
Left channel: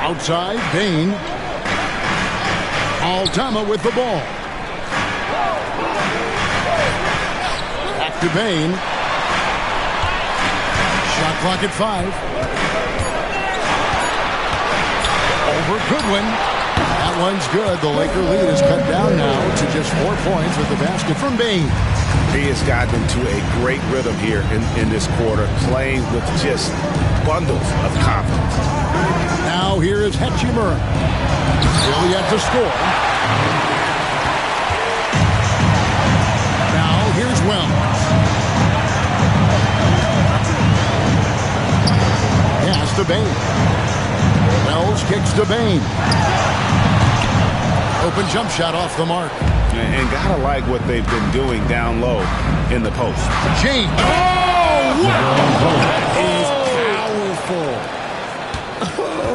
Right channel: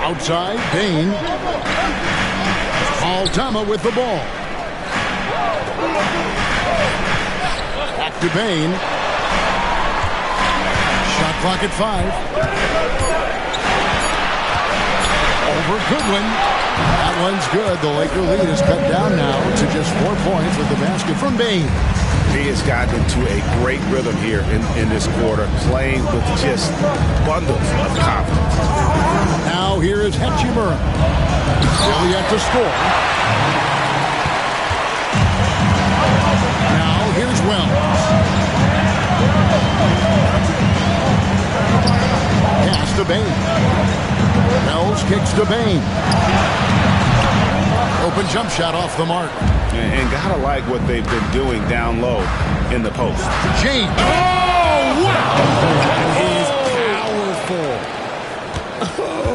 Outside, Bain. Altama with the ball. Back to Bain. Shot clock at 5. Over Goodwin. That one's good. The Laker lead is cut down now to just 4 points with the basket from Bain. He has gotten into a great rhythm here in this quarter, playing with just bundles of confidence. Now here is Hachimura. Still yet to score. Now here's Wells. Pass to Bain. Wells kicks to Bain. Open jump shot off the mark. And gotta like what they've been doing down low in the post. James. Oh, wow. That is powerful.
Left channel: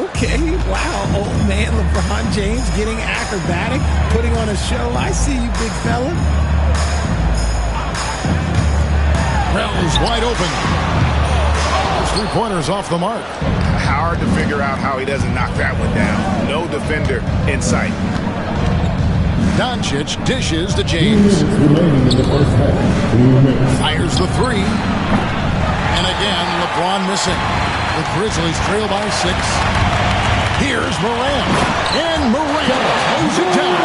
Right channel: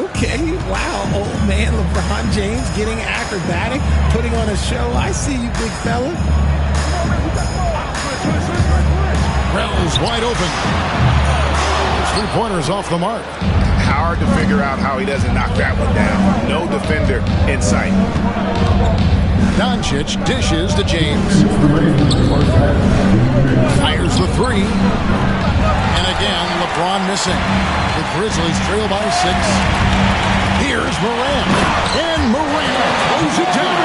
Okay, wow. Old man LeBron James getting acrobatic, putting on a show. I see you, big fella. Wells wide open. His 3-pointer is off the mark. Hard to figure out how he doesn't knock that one down. No defender in sight. Doncic dishes to James. Fires the 3. And again, LeBron missing. The Grizzlies trail by 6. Here's Morant. And Morant throws it down.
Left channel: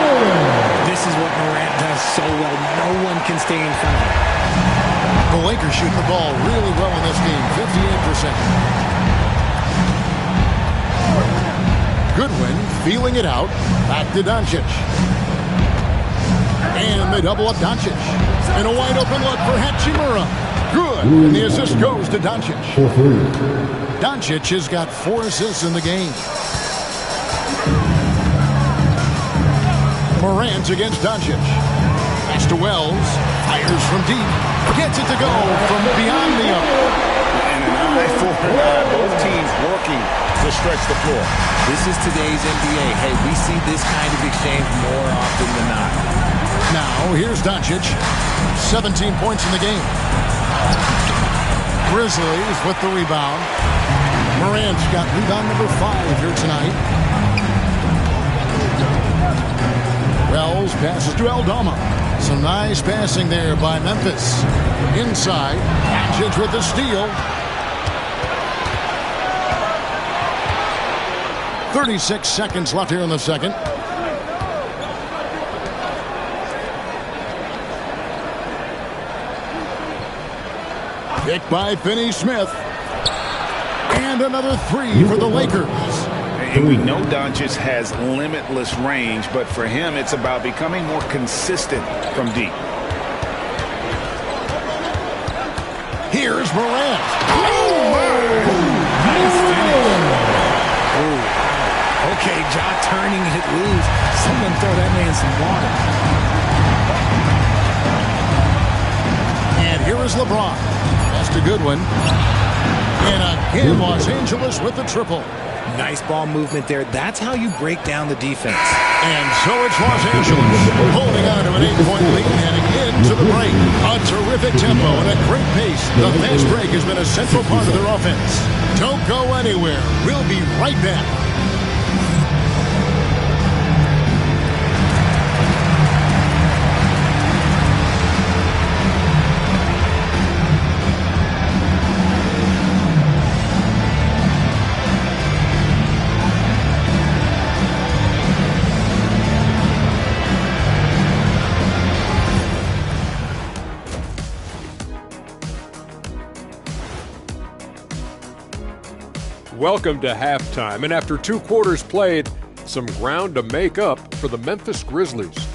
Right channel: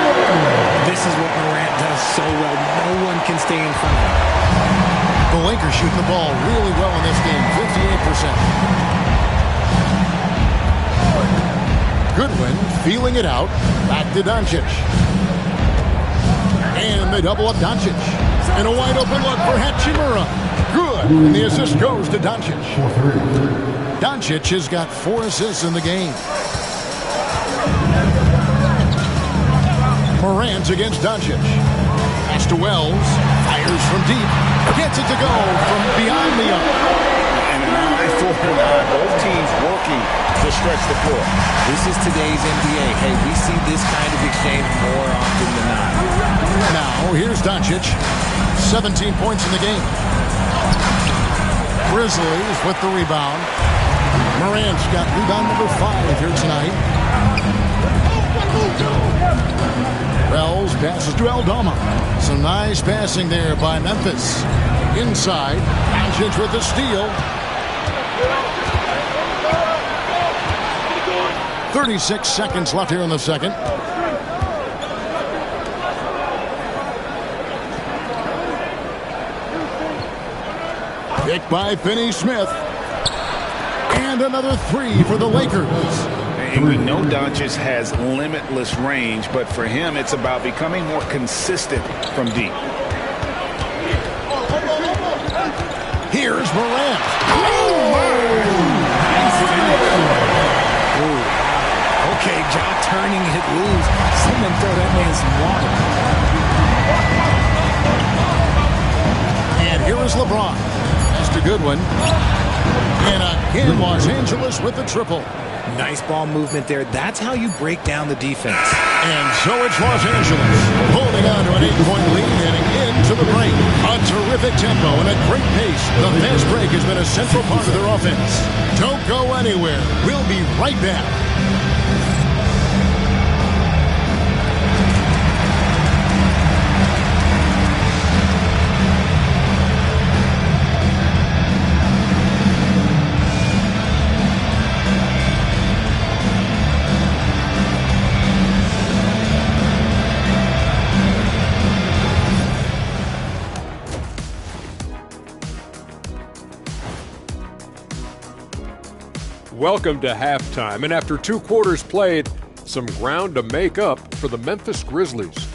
This is what Morant does so well. No one can stay in front of him. The Lakers shooting the ball really well in this game. 58%. Goodwin feeling it out. Back to Doncic. And they double up Doncic. And a wide open look for Hachimura. Good. And the assist goes to Doncic. Doncic has got 4 assists in the game. Morant against Doncic. Pass to Wells. Fires from deep. Gets it to go from beyond the arc. And an eye for an eye. Both teams working to stretch the floor. This is today's NBA. Hey, we see this kind of exchange more often than not. Now, here's Doncic. 17 points in the game. Grizzlies with the rebound. Morant's got rebound number 5 here tonight. Wells passes to Aldama. Some nice passing there by Memphis. Inside, Doncic with the steal. 36 seconds left here in the second. Picked by Finney-Smith. And another 3 for the Lakers. And we know Doncic has limitless range, but for him, it's about becoming more consistent from deep. Here's Morant. Nice finish. Ooh, wow. Okay, Ja turning it loose. Someone throw that man some water. And here is LeBron. That's a good one. And again, Los Angeles with the triple. Nice ball movement there. That's how you break down the defense. And so it's Los Angeles holding on to an 8-point lead heading into the break. A terrific tempo and a great pace. The fast break has been a central part of their offense. Don't go anywhere. We'll be right back. Welcome to halftime, and after 2 quarters played, some ground to make up for the Memphis Grizzlies.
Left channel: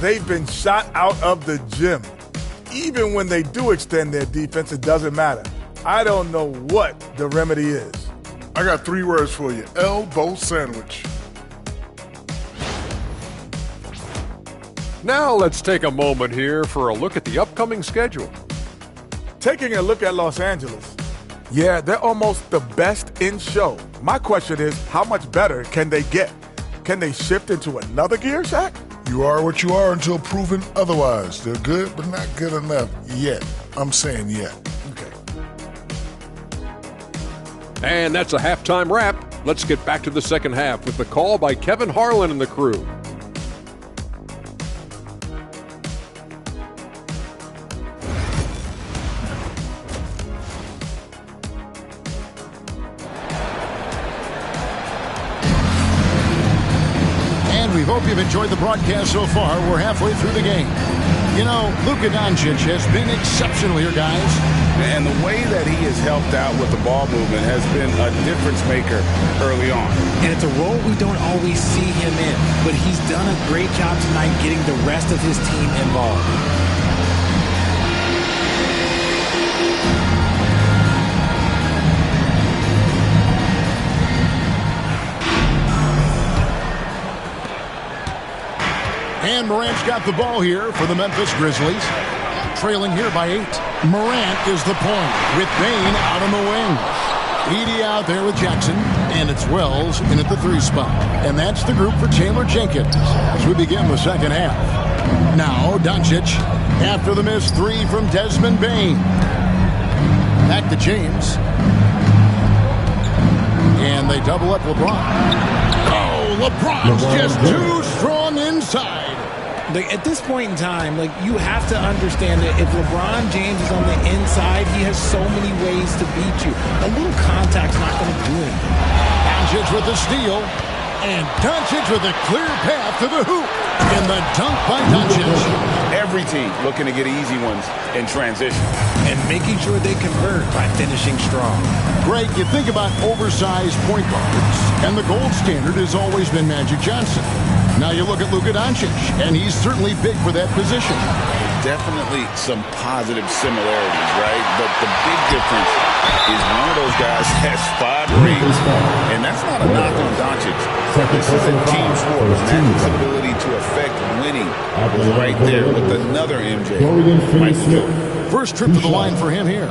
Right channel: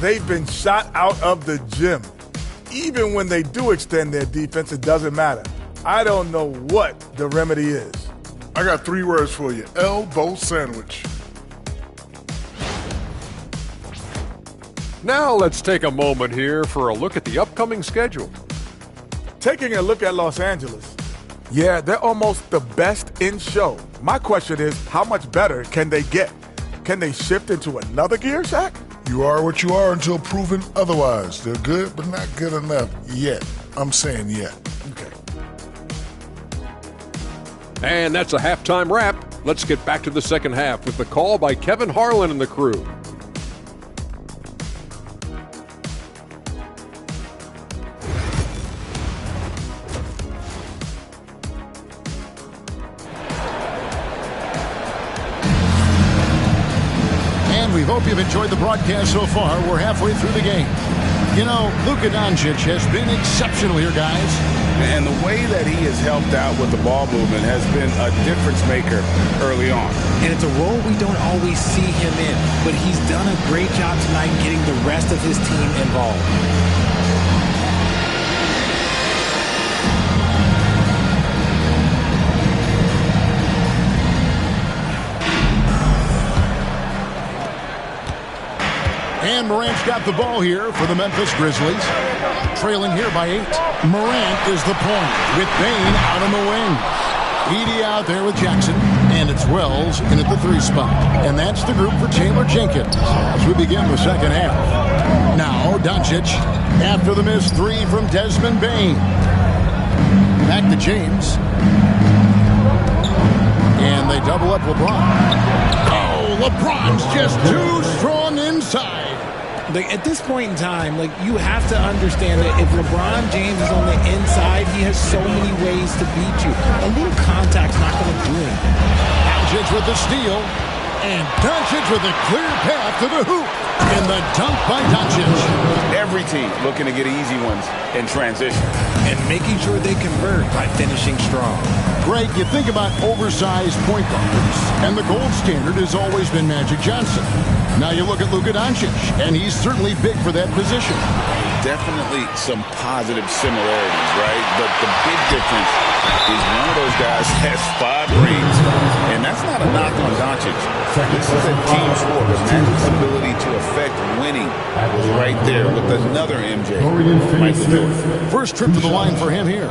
They've been shot out of the gym. Even when they do extend their defense, it doesn't matter. I don't know what the remedy is. I got 3 words for you. Elbow sandwich. Now let's take a moment here for a look at the upcoming schedule. Taking a look at Los Angeles. Yeah, they're almost the best in show. My question is, how much better can they get? Can they shift into another gear, Shaq? You are what you are until proven otherwise. They're good, but not good enough yet. I'm saying yet. Okay. And that's a halftime wrap. Let's get back to the second half with the call by Kevin Harlan and the crew. We hope you've enjoyed the broadcast so far. We're halfway through the game. You know, Luka Doncic has been exceptional here, guys. And the way that he has helped out with the ball movement has been a difference maker early on. And it's a role we don't always see him in, but he's done a great job tonight getting the rest of his team involved. And Morant's got the ball here for the Memphis Grizzlies. Trailing here by 8. Morant is the point with Bane out on the wings. Edey out there with Jackson. And it's Wells in at the 3 spot. And that's the group for Taylor Jenkins as we begin the second half. Now Doncic after the missed 3 from Desmond Bane. Back to James. And they double up LeBron. Oh, LeBron's just too strong inside. At this point in time, you have to understand that if LeBron James is on the inside, he has so many ways to beat you. A little contact's not going to do anything. Doncic with the steal. And Doncic with a clear path to the hoop. And the dunk by Doncic. Every team looking to get easy ones in transition. And making sure they convert by finishing strong. Greg, you think about oversized point guards, and the gold standard has always been Magic Johnson. Now you look at Luka Doncic, and he's certainly big for that position. Definitely some positive similarities, right? But the big difference is one of those guys has 5 rings, and that's not a knock on Doncic. This is a team sport, but Magic's ability to affect winning was right there with another MJ, Michael Jordan. First trip to the line for him here.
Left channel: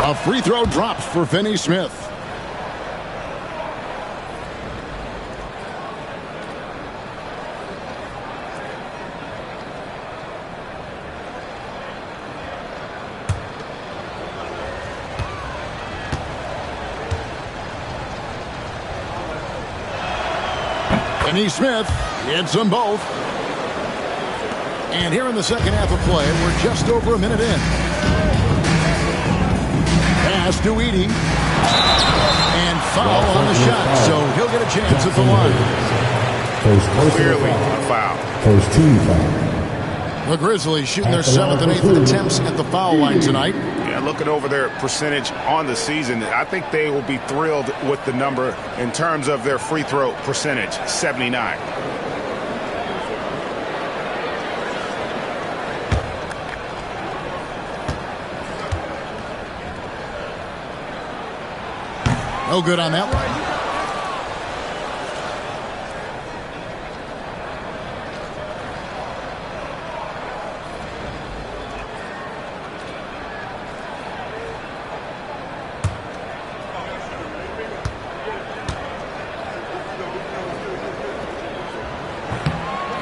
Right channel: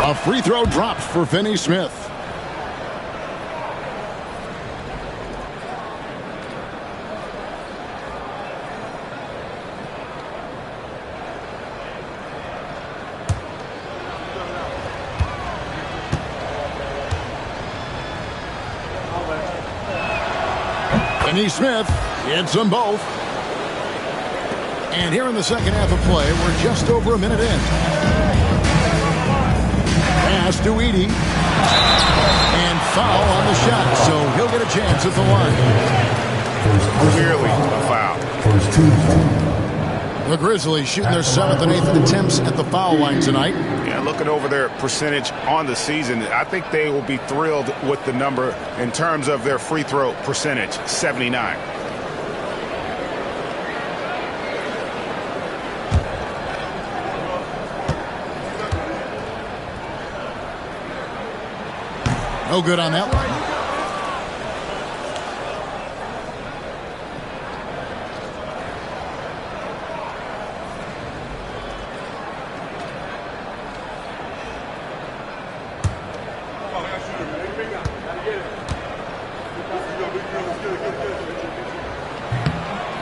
A free throw drops for Finney Smith. Finney Smith hits them both. And here in the second half of play, we're just over a minute in. Pass to Edey. And foul on the shot, so he'll get a chance at the line. Clearly a foul. First team foul. The Grizzlies shooting their 7th and 8th attempts at the foul line tonight. Yeah, looking over their percentage on the season, I think they will be thrilled with the number in terms of their free throw percentage, 79. No good on that one.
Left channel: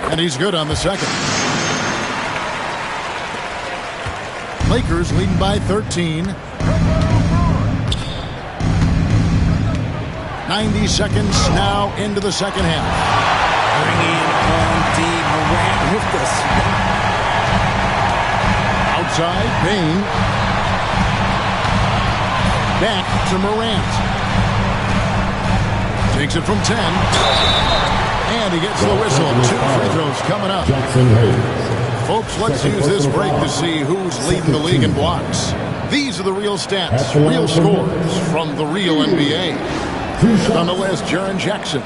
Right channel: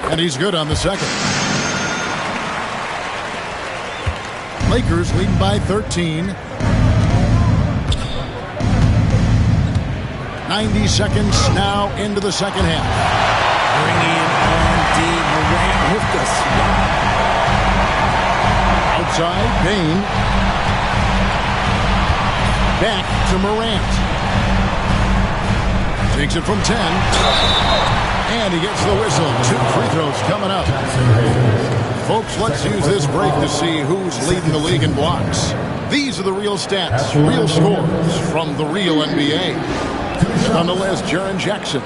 And he's good on the second. Lakers leading by 13. 90 seconds now into the second half. Bringing on D. Morant with the swat. Outside, Payne. Back to Morant. Takes it from 10. And he gets the whistle. 2 free throws coming up. Folks, let's use this break to see who's leading the league in blocks. These are the real stats, real scores from the real NBA. And on the list, Jaren Jackson.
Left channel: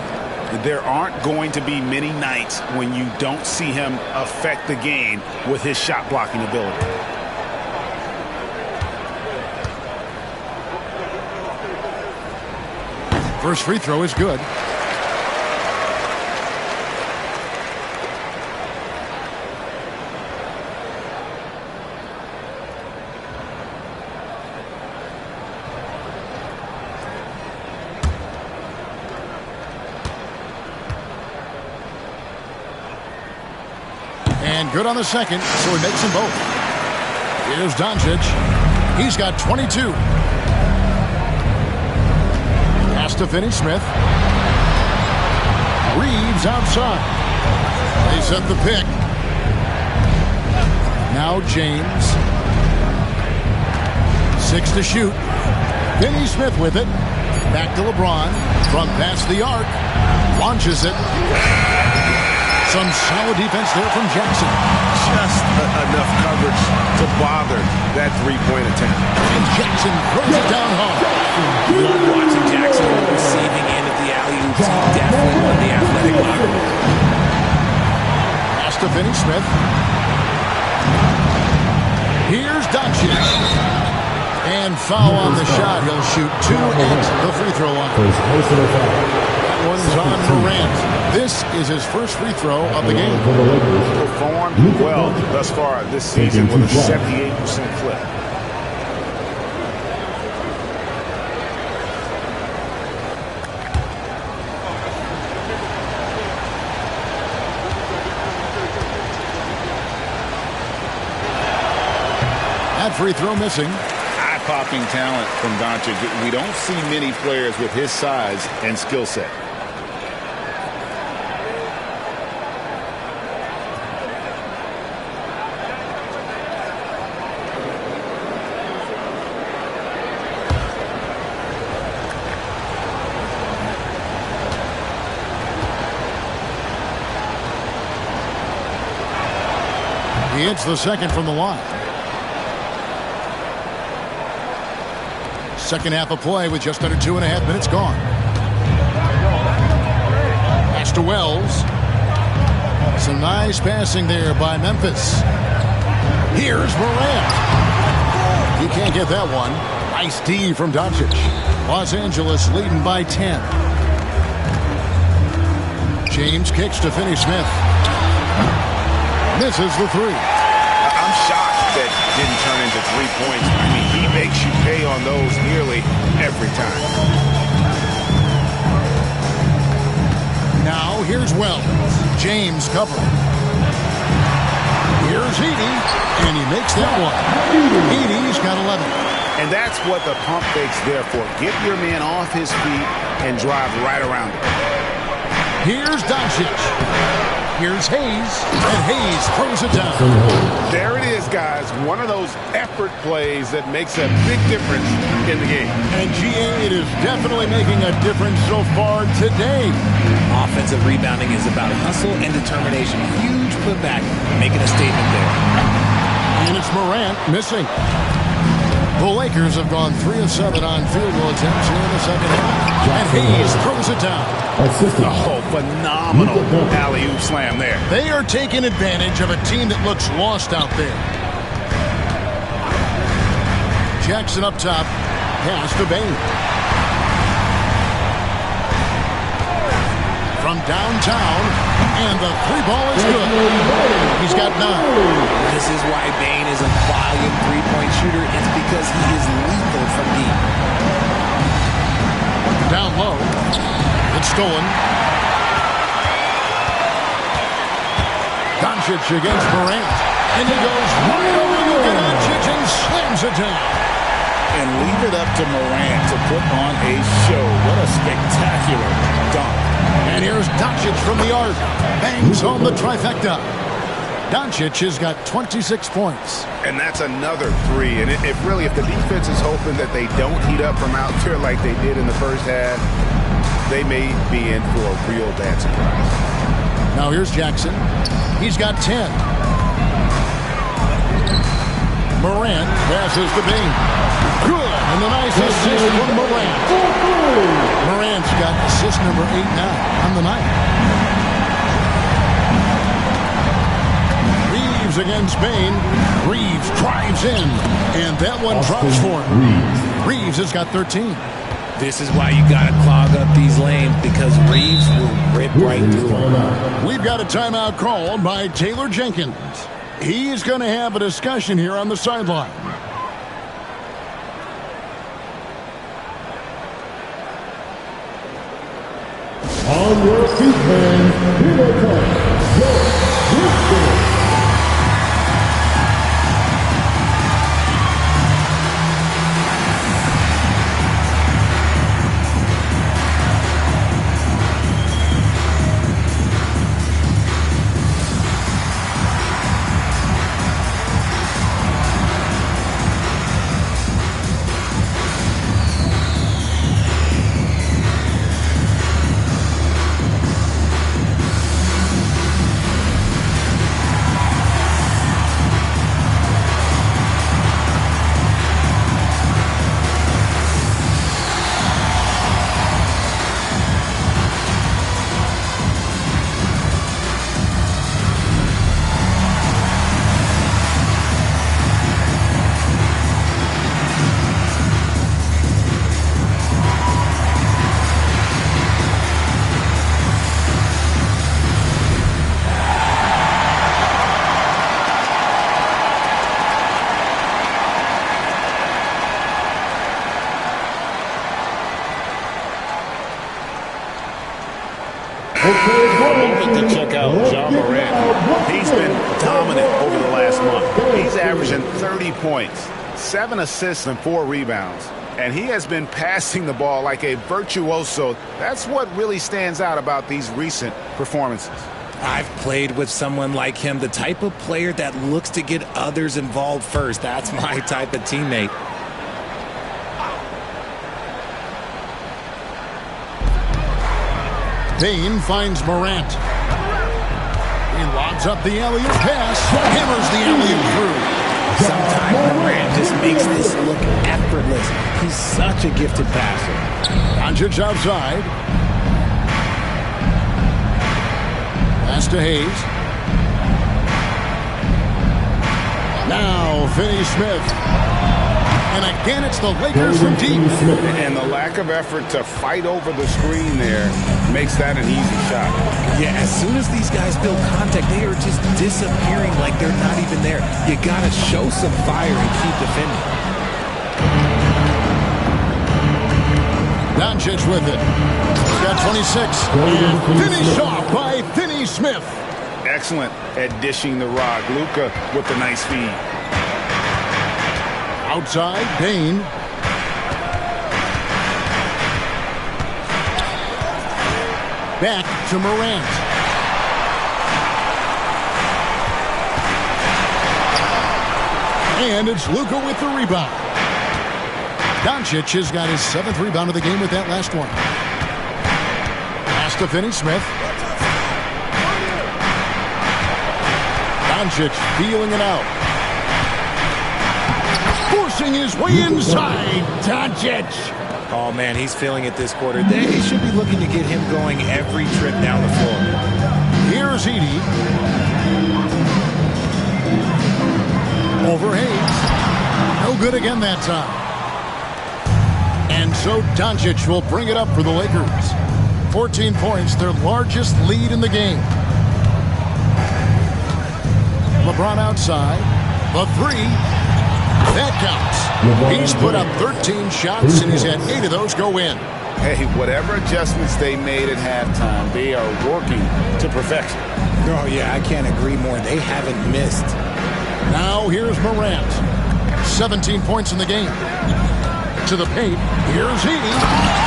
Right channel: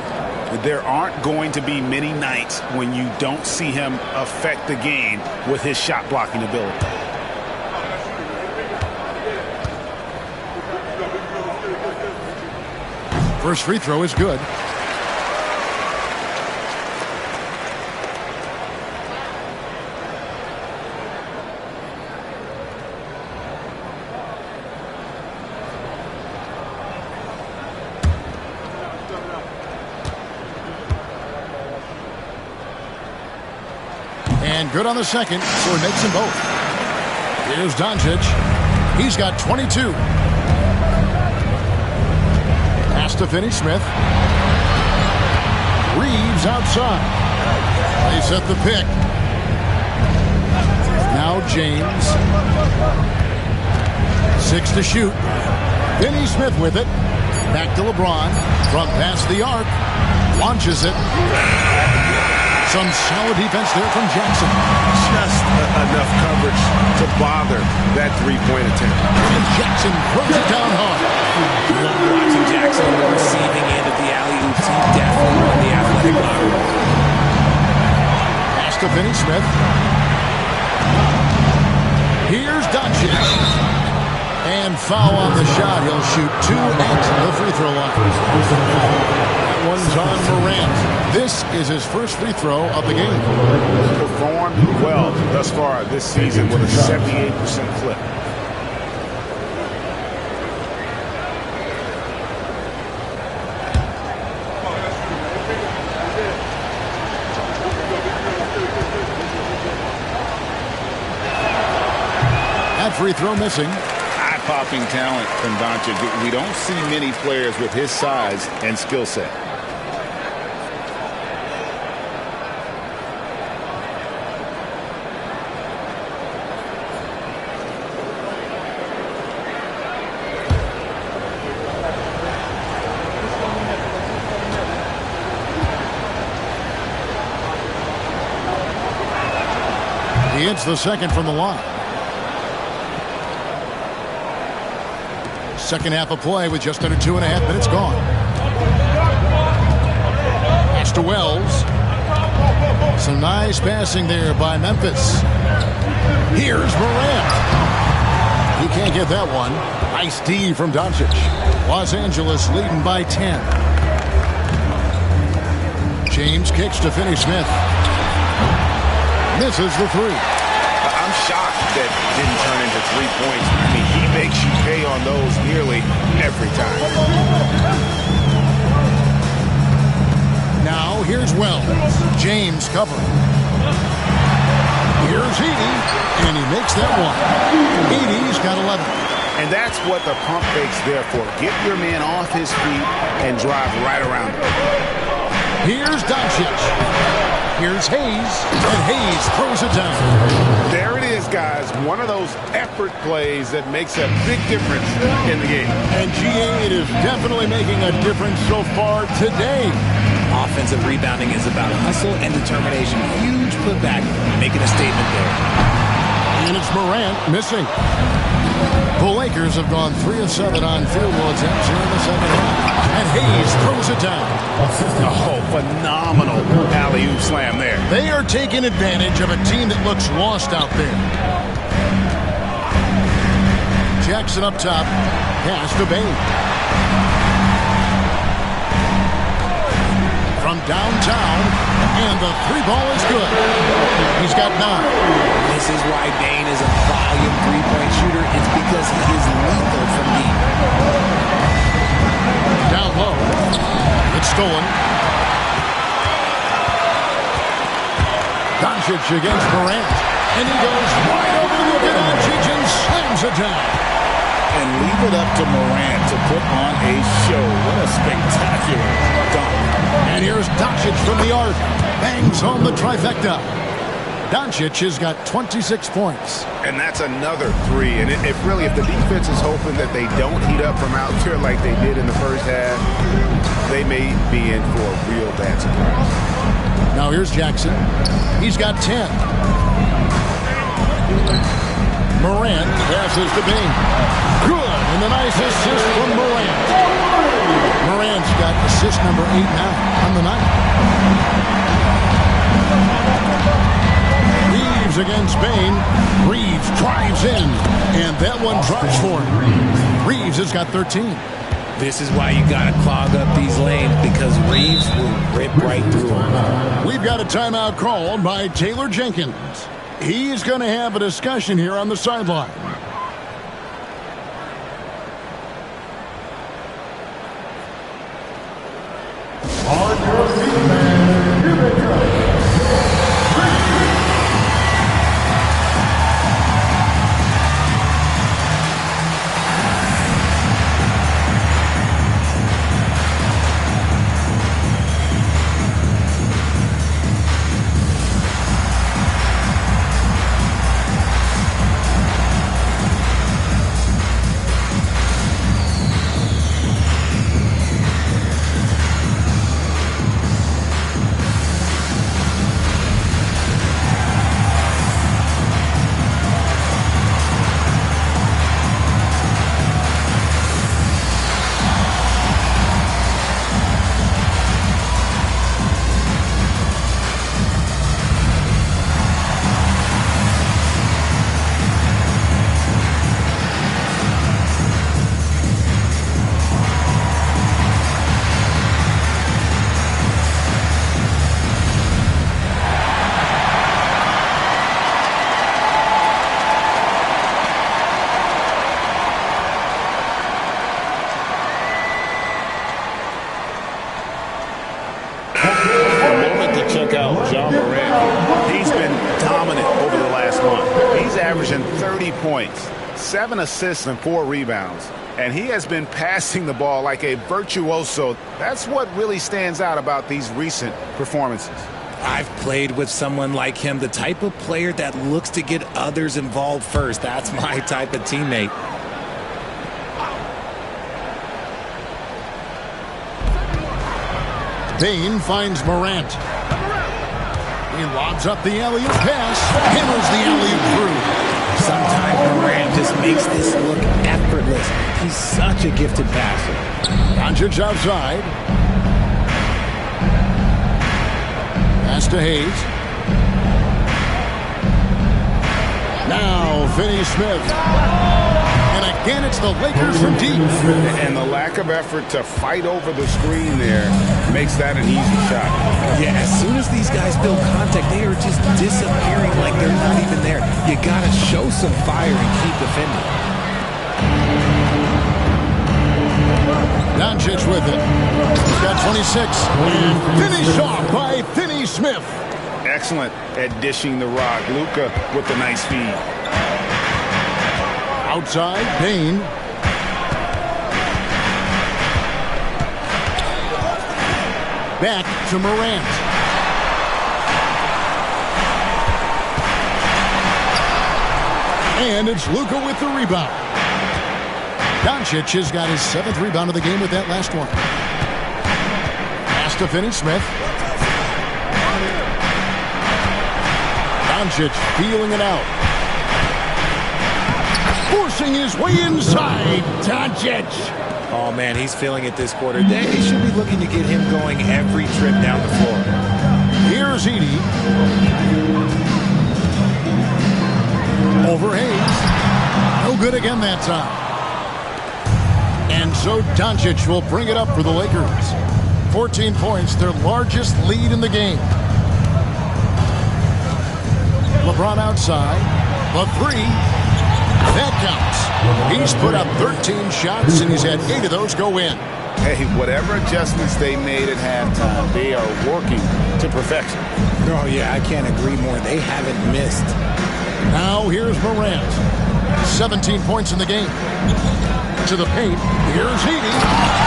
There aren't going to be many nights when you don't see him affect the game with his shot blocking ability. First free throw is good. And good on the second, so he makes them both. Here's Doncic. He's got 22. Pass to Finney-Smith. Reeves outside. They set the pick. Now James. 6 to shoot. Finney-Smith with it. Back to LeBron. From past the arc. Launches it. Some solid defense there from Jackson. Just enough coverage to bother that three-point attempt. And Jackson throws it down hard. Love watching Jackson on the receiving end of the alley-oops. He definitely won the athletic lottery. Pass to Finney-Smith. Here's Doncic. And foul on the shot. He'll shoot 2 at the free throw line. That one's on Morant. This is his first free throw of the game. Performed well thus far this season with a 78% clip. That free throw missing. Eye-popping talent from Doncic. We don't see many players with his size and skill set. He hits the second from the line. Second half of play with just under 2.5 minutes gone. Pass to Wells. Some nice passing there by Memphis. Here's Morant. He can't get that one. Nice D from Doncic. Los Angeles leading by 10. James kicks to Finney-Smith. Misses the three. I'm shocked that didn't turn into 3 points. I mean, he makes you pay on those nearly every time. Now here's Wells. James covering. Here's Edey, and he makes that one. Edey's got 11. And that's what the pump fake's there for. Get your man off his feet and drive right around him. Here's Doncic. Here's Hayes, and Hayes throws it down. There it is, guys. One of those effort plays that makes a big difference in the game. And GA, it is definitely making a difference so far today. Offensive rebounding is about hustle and determination. Huge putback, making a statement there. And it's Morant missing. The Lakers have gone 3 of 7 on field goal attempts here in the second half. And Hayes throws it down. Oh, phenomenal alley-oop slam there. They are taking advantage of a team that looks lost out there. Jackson up top. Pass to Bain. From downtown, and the 3 ball is good. He's got 9. This is why Bain is a volume three-point shooter. It's because he is lethal from deep. Down low. It's stolen. Doncic against Morant. And he goes wide over Luka Doncic and slams it down. And leave it up to Morant to put on a show. What a spectacular dunk. And here's Doncic from the arc. Bangs home the trifecta. Doncic has got 26 points. And that's another 3. And if the defense is hoping that they don't heat up from out there like they did in the first half, they may be in for a real bad surprise. Now here's Jackson. He's got 10. Morant passes to Bain. Good, and the nice assist from Morant. Morant's got assist number 8 now on the night. Reeves against Bain. Reeves drives in, and that one drops for him. Reeves has got 13. This is why you got to clog up these lanes, because Reeves will rip right through them. We've got a timeout called by Taylor Jenkins. He's going to have a discussion here on the sideline. On your feet, man. Here they come. Check out Ja Morant here. He's been dominant over the last month. He's averaging 30 points, 7 assists, and 4 rebounds. And he has been passing the ball like a virtuoso. That's what really stands out about these recent performances. I've played with someone like him, the type of player that looks to get others involved first. That's my type of teammate. Bain finds Morant. He lobs up the alley-oop pass, hammers the alley-oop through. Sometimes Morant just makes this look effortless. He's such a gifted passer. Doncic outside. Pass to Hayes. Now Finney-Smith. And again, it's the Lakers from deep. And the lack of effort to fight over the screen there makes that an easy shot. Yeah, as soon as these guys build contact, they are just disappearing like they're not even there. You got to show some fire and keep defending. Doncic with it. He's got 26. And finished off by Finney-Smith. Excellent at dishing the rock. Luka with the nice feed. Outside, Bain. Back to Morant. And it's Luka with the rebound. Doncic has got his 7th rebound of the game with that last one. Pass to Finney-Smith. Doncic feeling it out. Forcing his way inside. Doncic. Oh, man, he's feeling it this quarter. They should be looking to get him going every trip down the floor. Here's Edey. Over Hayes. No good again that time. And so Doncic will bring it up for the Lakers. 14 points, their largest lead in the game. LeBron outside. The three. That counts. He's put up 13 shots, and he's had 8 of those go in. Hey, whatever adjustments they made at halftime, they are working to perfection. Oh, yeah, I can't agree more. They haven't missed. Now here's Morant. 17 points in the game. To the paint. Here's Edey.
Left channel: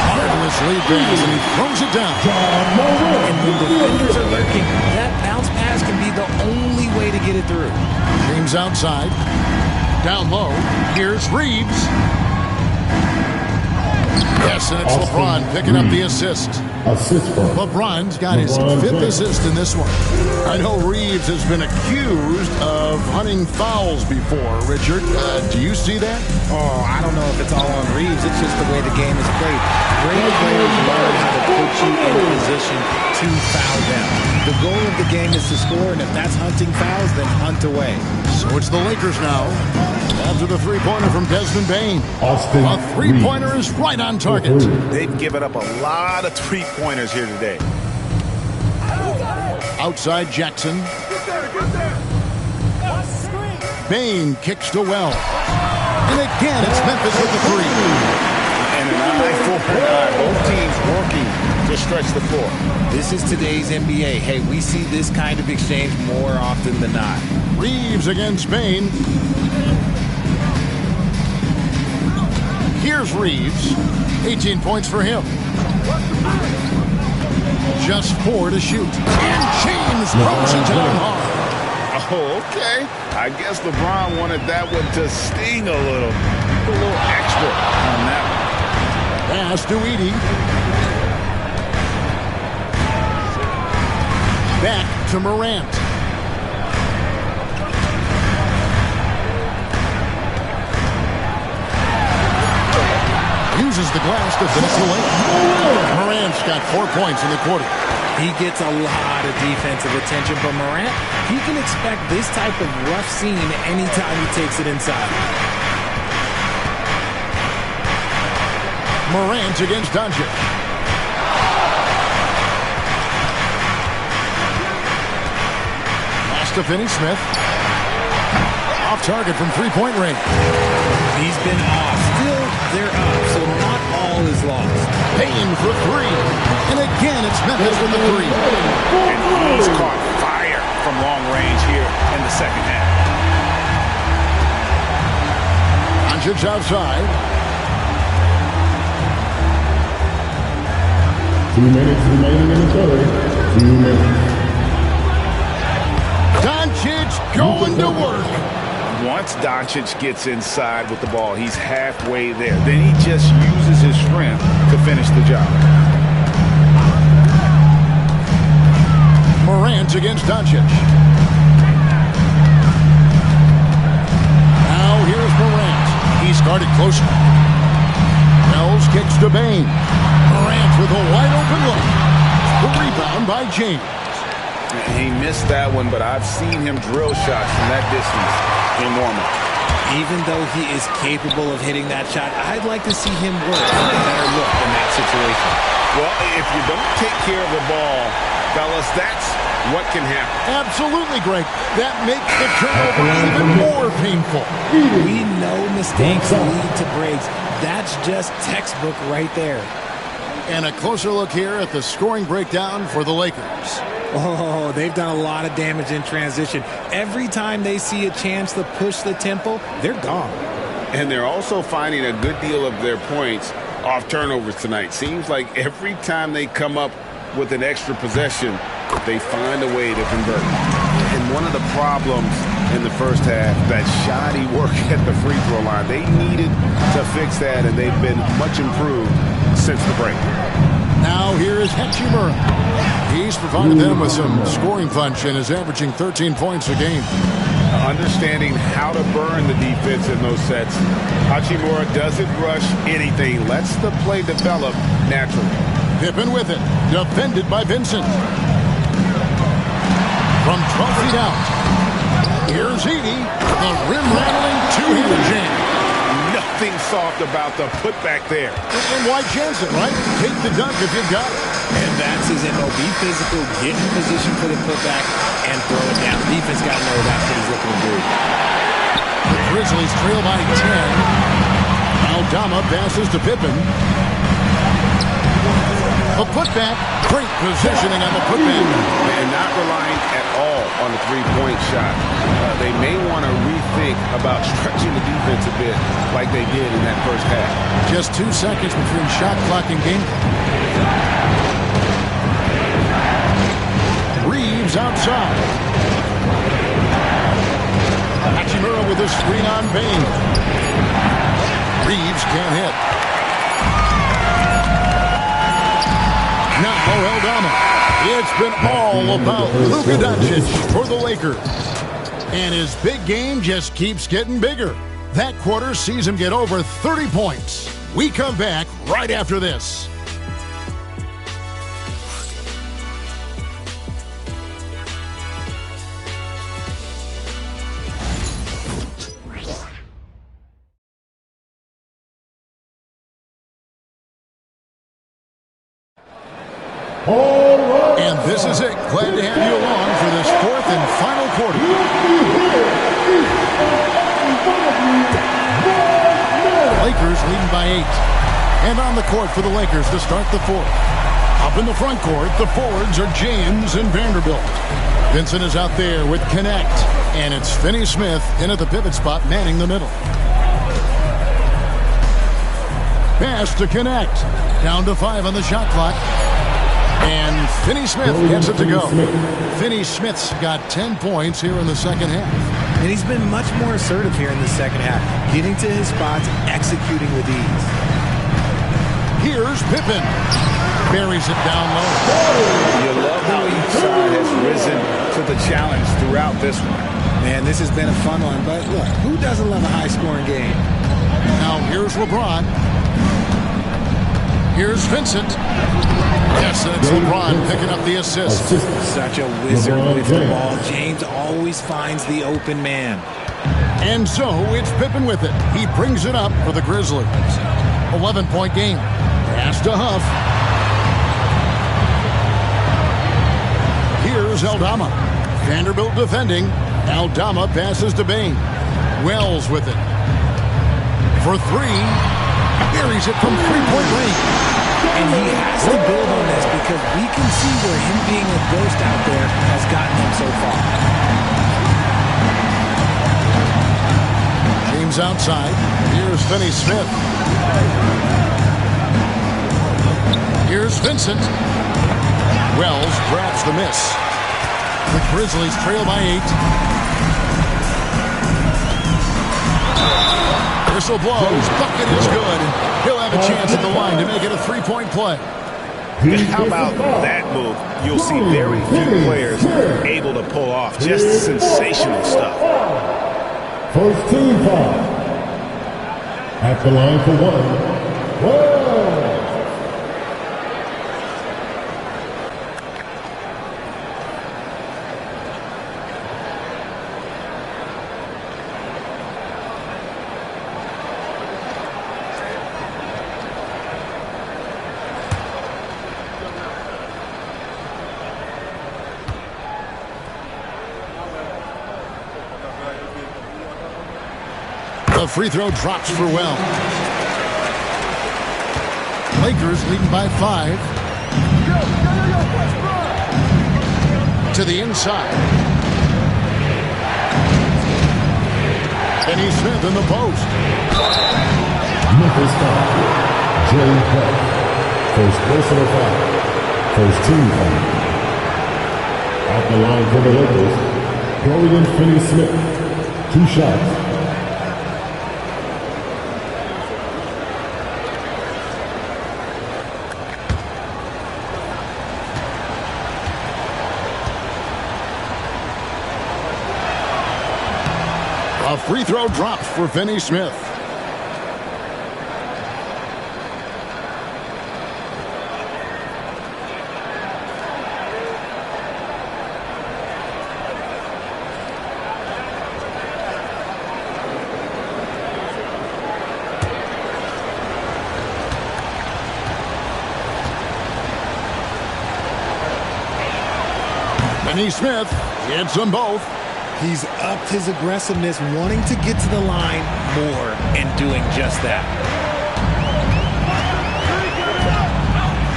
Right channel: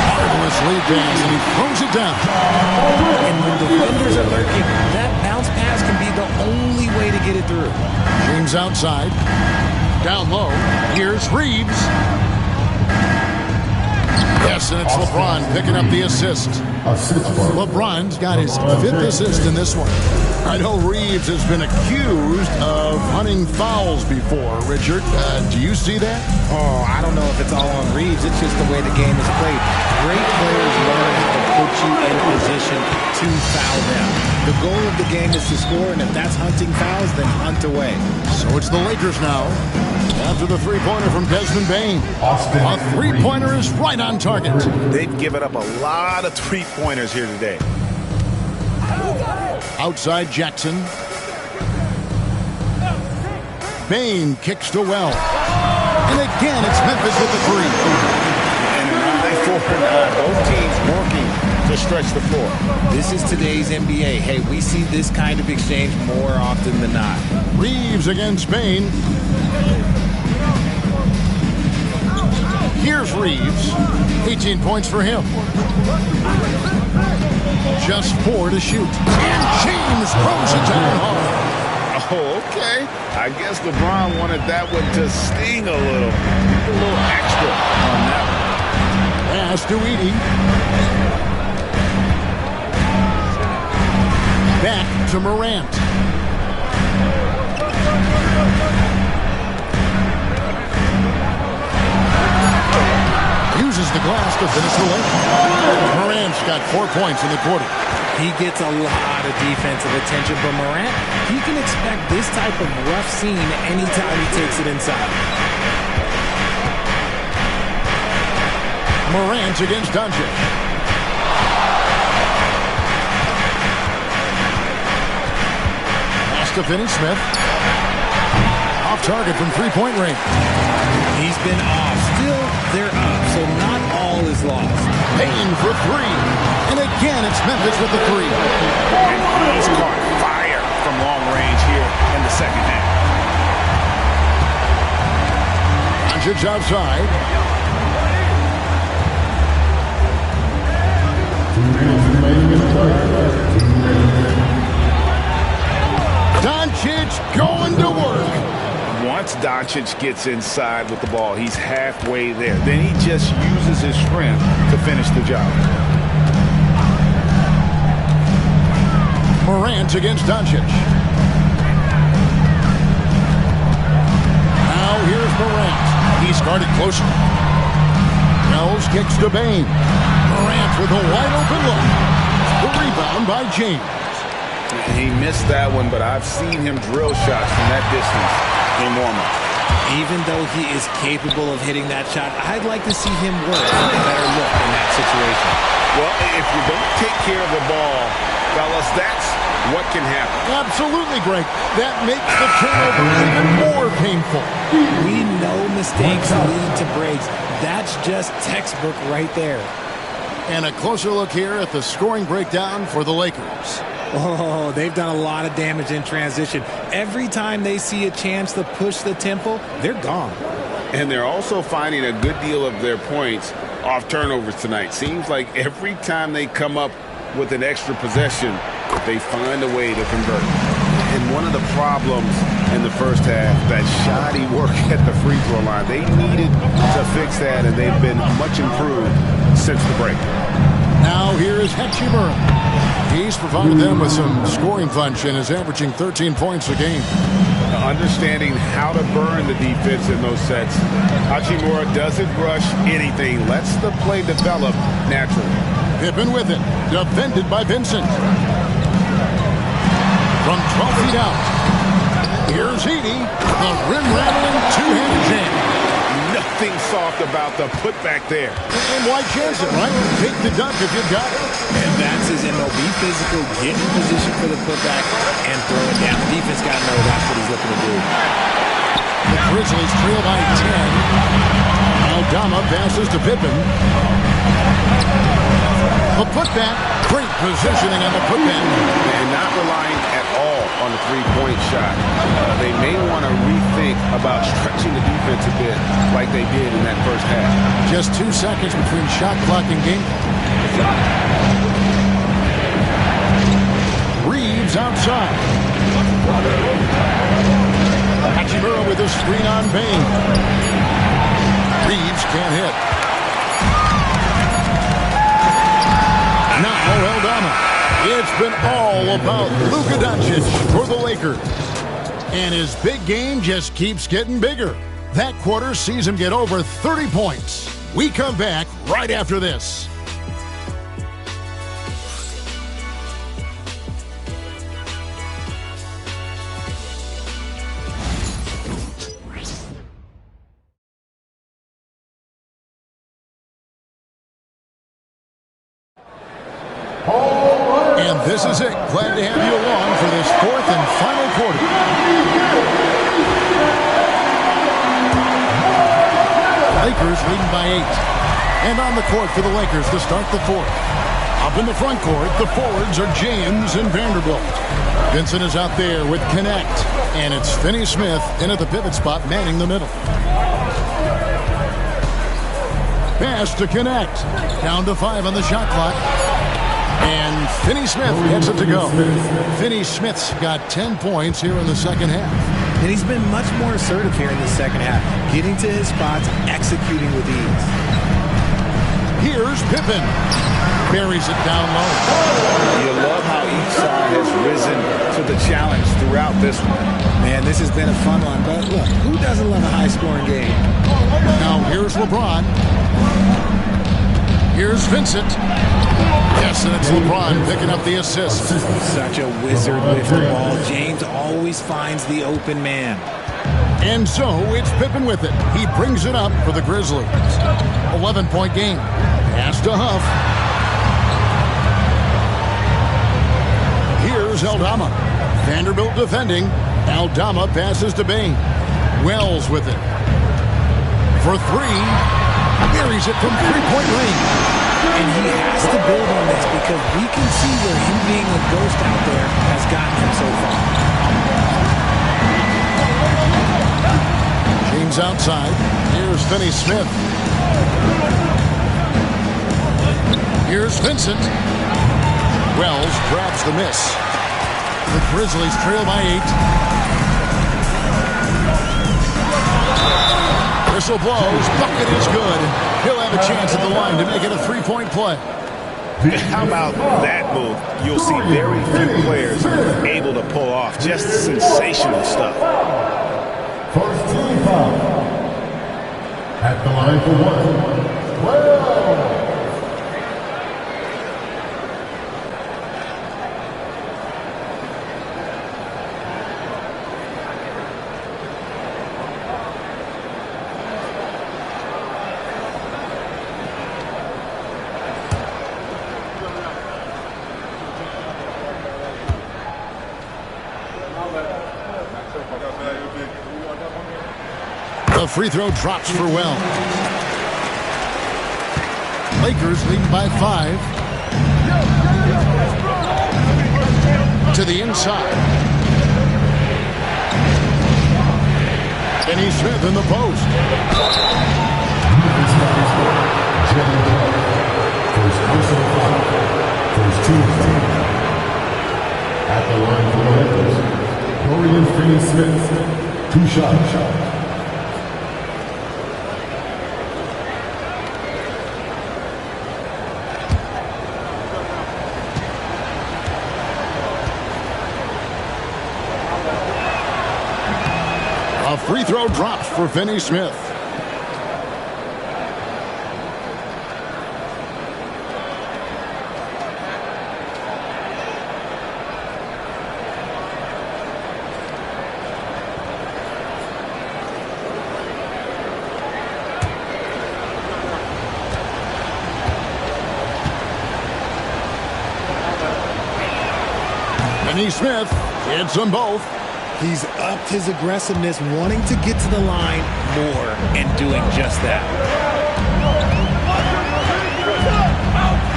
Marvelous lead pass, and he throws it down. And when defenders are lurking, that bounce pass can be the only way to get it through. James outside. Down low. Here's Reeves. Yes, and it's LeBron picking up the assist. LeBron's got his 5th assist in this one. I know Reeves has been accused of hunting fouls before. Richard, do you see that? Oh, I don't know if it's all on Reeves. It's just the way the game is played. Great players learn how to put you in position to foul them. The goal of the game is to score, and if that's hunting fouls, then hunt away. So it's the Lakers now. After the three-pointer from Desmond Bane. A three-pointer is right on target. They've given up a lot of three-pointers here today. Outside Jackson. Bane kicks to Wells. And again, it's Memphis with the three. And an eye for an eye. Both teams working to stretch the floor. This is today's NBA. Hey, we see this kind of exchange more often than not. Reeves against Bane. Here's Reeves. 18 points for him. Just 4 to shoot. And James throws it down hard. Oh, okay. I guess LeBron wanted that one to sting a little. A little extra on that one. Pass to Edey. Back to Morant. Uses the glass to finish the lane. Morant's got 4 points in the quarter. He gets a lot of defensive attention, but Morant, he can expect this type of rough scene anytime he takes it inside. Morant against Doncic. Pass to Finney-Smith. Off target from three-point range. He's been off. Still, they're up, so not all is lost. Payne for 3. And again, it's Memphis with the 3. And he's caught fire from long range here in the second half. Doncic outside. 2 minutes remaining in the third. 2 minutes. Doncic going to work. Once Doncic gets inside with the ball, he's halfway there. Then he just uses his strength to finish the job. Morant against Doncic. Now here's Morant. He's guarded closely. Wells kicks to Bane. Morant with a wide open look. The rebound by James. He missed that one, but I've seen him drill shots from that distance in warm-up. Even though he is capable of hitting that shot, I'd like to see him work for a better look in that situation. Well, if you don't take care of the ball, fellas, that's what can happen. Absolutely, Greg. That makes the turnover even more painful. We know mistakes lead to breaks. That's just textbook right there. And a closer look here at the scoring breakdown for the Lakers. Oh, they've done a lot of damage in transition. Every time they see a chance to push the tempo, they're gone. And they're also finding a good deal of their points off turnovers tonight. Seems like every time they come up with an extra possession, they find a way to convert. And one of the problems in the first half, that shoddy work at the free throw line, they needed to fix that, and they've been much improved since the break. Now here is Hachimura. He's provided them with some scoring punch and is averaging 13 points a game. Understanding how to burn the defense in those sets. Hachimura doesn't rush anything. Lets the play develop naturally. Pippen with it. Defended by Vincent. From 12 feet out. Here's Edey. The rim-rattling two-handed jam. Nothing soft about the putback there. And why chance it, right? Take the dunk if you've got it. And that's his MO. Be physical, get in position for the putback, and throw it down. The defense got to know that's what he's looking to do. The Grizzlies trail by 10. Aldama passes to Pippen. A putback. Great positioning on the putback. And not relying at all on the three-point shot. They may want to rethink about stretching the defense a bit like they did in that first half. Just 2 seconds between shot clock and game clock. Reeves outside. Hachimura with a screen on Bain. Reeves can't hit. Now Aldama. It's been all about Luka Doncic for the Lakers. And his big game just keeps getting bigger. That quarter sees him get over 30 points. We come back right after this. And this is it. Glad to have you along for this fourth and final quarter. Lakers leading by 8. And on the court for the Lakers to start the fourth. Up in the front court, the forwards are James and Vanderbilt. Vincent is out there with Connect. And it's Finney-Smith in at the pivot spot, manning the middle. Pass to Connect. Down to 5 on the shot clock. And Finney-Smith gets it to go. Finney-Smith's got 10 points here in the second half. And he's been much more assertive here in the second half, getting to his spots, executing with ease. Here's Pippen. Buries it down low. You love how each side has risen to the challenge throughout this one. Man, this has been a fun one, but look, who doesn't love a high-scoring game? Now here's LeBron. Here's Vincent. Yes, and it's LeBron picking up the assist. Such a wizard with the ball. James always finds the open man. And so it's Pippen with it. He brings it up for the Grizzlies. 11-point game. Pass to Huff. Here's Aldama. Vanderbilt defending. Aldama passes to Bain. Wells with it. For 3. Buries it from three-point range. And he has to build on this because we can see where him being a ghost out there has gotten him so far. James outside. Here's Finney-Smith. Here's Vincent. Wells grabs the miss. The Grizzlies trail by 8. Whistle blows. Bucket is good. He'll have a chance at the line to make it a three-point play. How about that move? You'll see very few players able to pull off just sensational stuff. First team foul. At the line for 1. Well. The free throw drops for Wells. Lakers leading by 5. To the inside. Finney-Smith in the post. Memphis foul. Jerry Clark. First personal foul. First team foul. At the line for the Lakers, Dorian Finney-Smith. 2 shots. A free throw dropped for Finney Smith. Finney Smith hits them both. He's upped his aggressiveness, wanting to get to the line more and doing just that.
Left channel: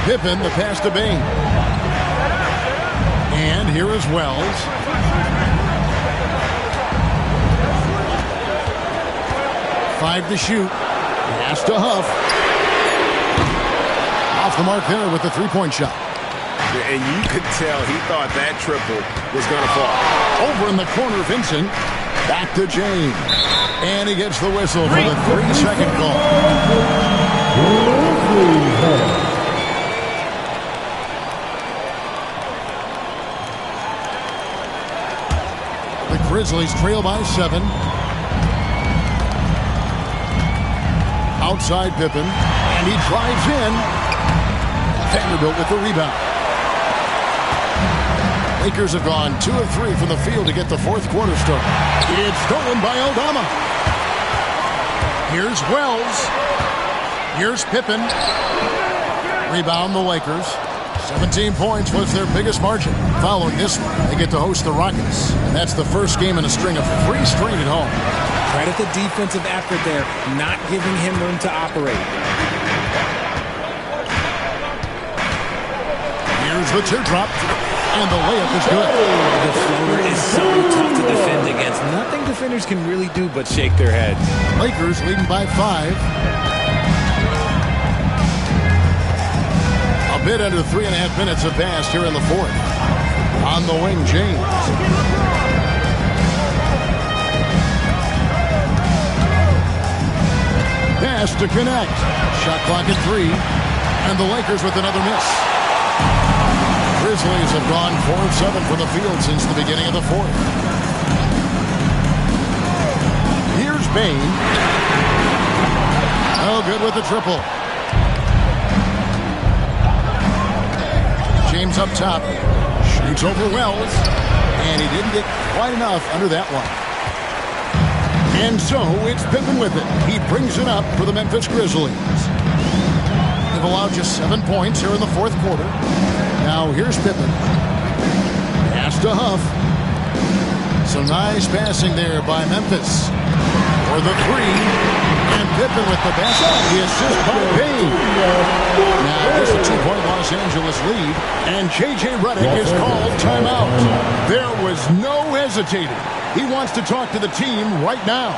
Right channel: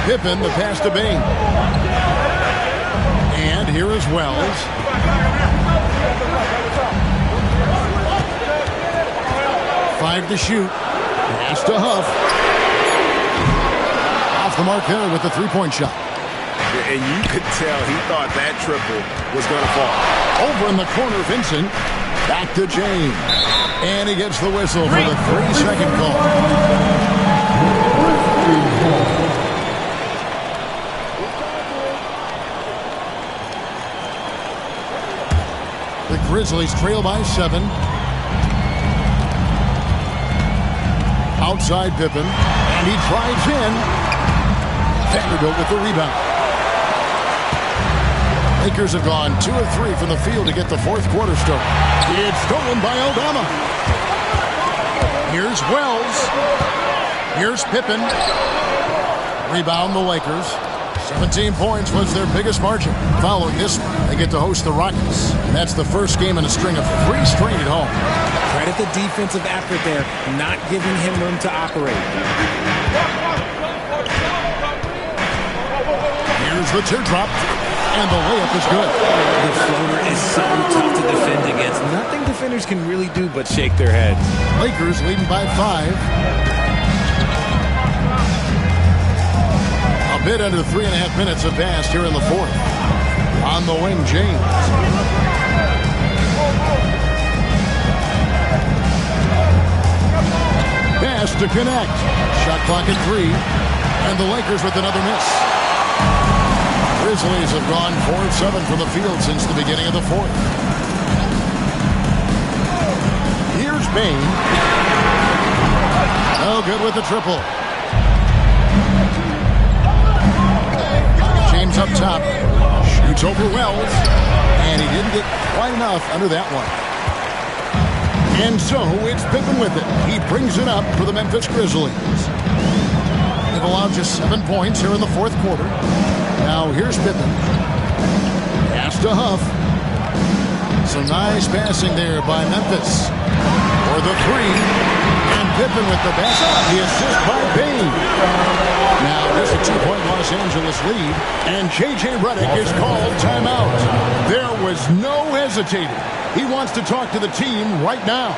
Pippen, the pass to Bain. And here is Wells. Five to shoot. Pass to Huff. Off the mark there with the three-point shot. And you could tell he thought that triple was going to fall. Over in the corner, Vincent. Back to James. And he gets the whistle for the 3-second call. The Grizzlies trail by 7. Outside Pippen. And he drives in. Vanderbilt with the rebound. Lakers have gone 2 of 3 from the field to get the fourth quarter started. It's stolen by Aldama. Here's Wells. Here's Pippen. Rebound the Lakers. 17 points was their biggest margin. Following this one, they get to host the Rockets. And that's the first game in a string of 3 straight at home. Credit the defensive effort there, not giving him room to operate. Here's the teardrop. And the layup is good. The floater is so tough to defend against. Nothing defenders can really do but shake their heads. Lakers leading by 5. A bit under 3.5 minutes have passed here in the fourth. On the wing, James. Pass to connect. Shot clock at 3. And the Lakers with another miss. Grizzlies have gone 4 of 7 from the field since the beginning of the fourth. Here's Bain. Oh, good with the triple. James up top. Shoots over Wells. And he didn't get quite enough under that one. And so it's Pippen with it. He brings it up for the Memphis Grizzlies. They've allowed just 7 points here in the fourth quarter. Now here's Pippen. Pass to Huff. Some nice passing there by Memphis. For the 3. And Pippen with the basket. The assist by Bain. Now just a 2-point Los Angeles lead. And J.J. Redick is called timeout. There was no hesitating. He wants to talk to the team right now.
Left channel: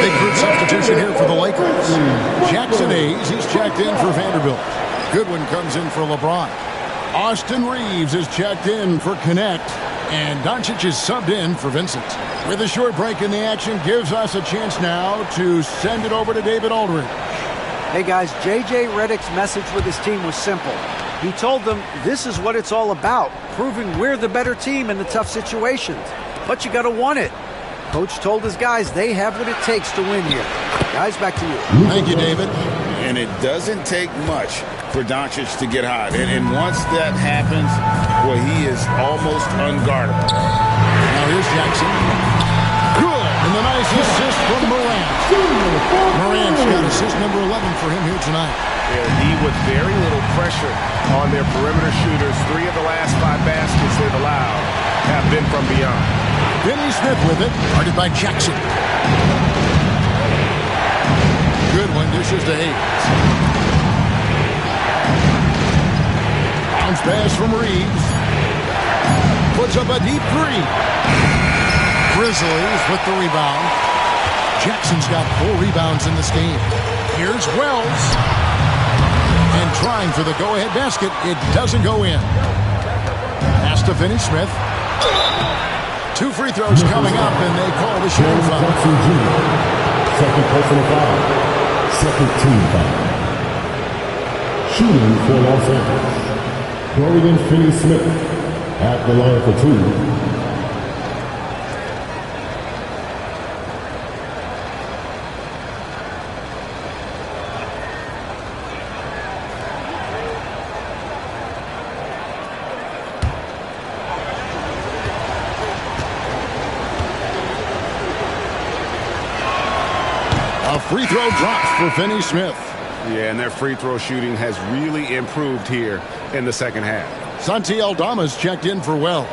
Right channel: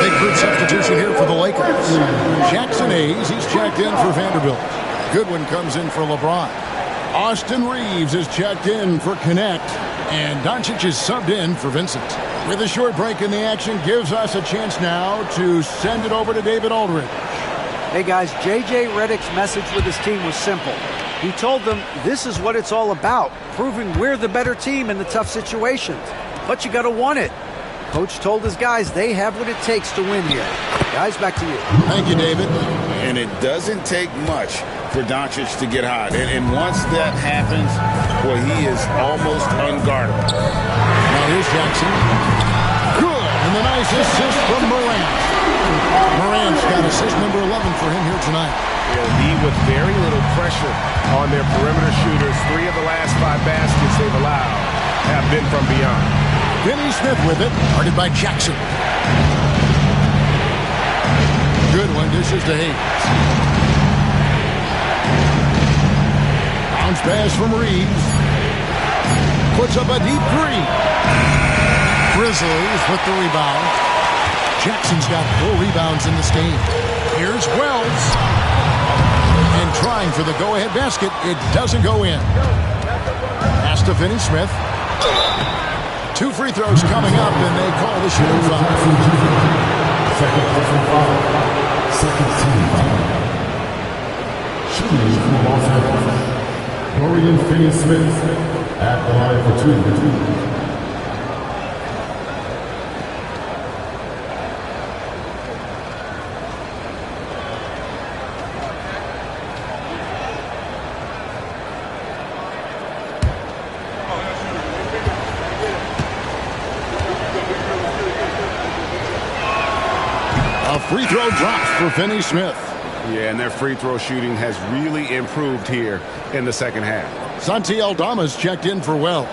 Big group substitution here for the Lakers. Jackson Hayes, he's checked in for Vanderbilt. Goodwin comes in for LeBron. Austin Reeves is checked in for Connect. And Doncic is subbed in for Vincent. With a short break in the action, gives us a chance now to send it over to David Aldridge. Hey guys, J.J. Redick's message with his team was simple. He told them this is what it's all about, proving we're the better team in the tough situations. But you got to want it. Coach told his guys they have what it takes to win here. Guys, back to you. Thank you, David. And it doesn't take much for Doncic to get hot. And once that happens, well, he is almost unguardable. Now here's Jackson. Good. And the nice assist from Morant. Morant's got assist number 11 for him here tonight. Yeah, the D with very little pressure on their perimeter shooters. 3 of the last 5 baskets they've allowed have been from beyond. Finney Smith with it, guarded by Jackson. Good one, dishes to Hayes. Bounce pass from Reeves. Puts up a deep 3. Grizzlies with the rebound. Jackson's got 4 rebounds in this game. Here's Wells. And trying for the go-ahead basket. It doesn't go in. Pass to Finney Smith. 2 free throws coming up, and they call the shooting foul. Second personal foul. Second team foul. Shooting for Los Angeles. Dorian Finney-Smith at the line for 2. A free throw drops for Finney Smith. Yeah, and their free throw shooting has really improved here in the second half. Santi Aldama's checked in for Wells.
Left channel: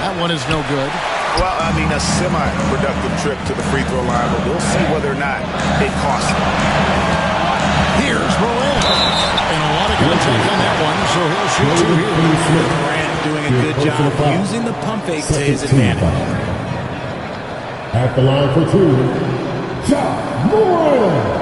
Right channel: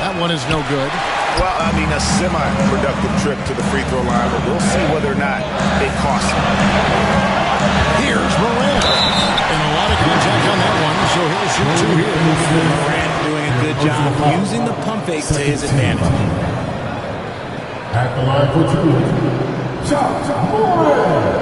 That one is no good. Well, I mean, a semi-productive trip to the free throw line, but we'll see whether or not it costs him. Here's Morant. And a lot of contact on that one, so he'll shoot 2 here. Morant doing a good job using the pump fake to his advantage. At the line for 2, Ja Morant.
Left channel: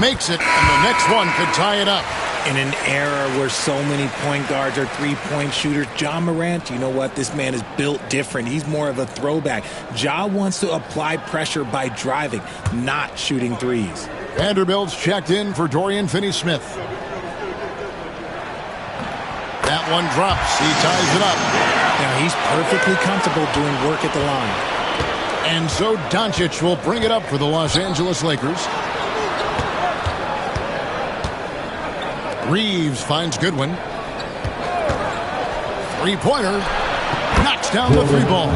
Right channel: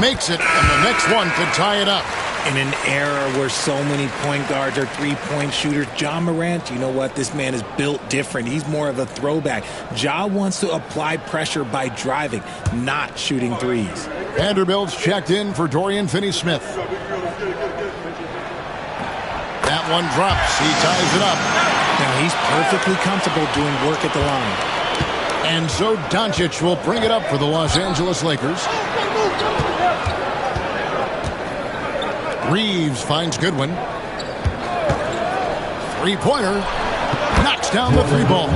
Makes it, and the next one could tie it up. In an era where so many point guards are three-point shooters, Ja Morant, you know what? This man is built different. He's more of a throwback. Ja wants to apply pressure by driving, not shooting threes. Vanderbilt's checked in for Dorian Finney-Smith. That one drops. He ties it up. Now he's perfectly comfortable doing work at the line. And so Doncic will bring it up for the Los Angeles Lakers. Reeves finds Goodwin. 3-pointer. Knocks down the 3 ball.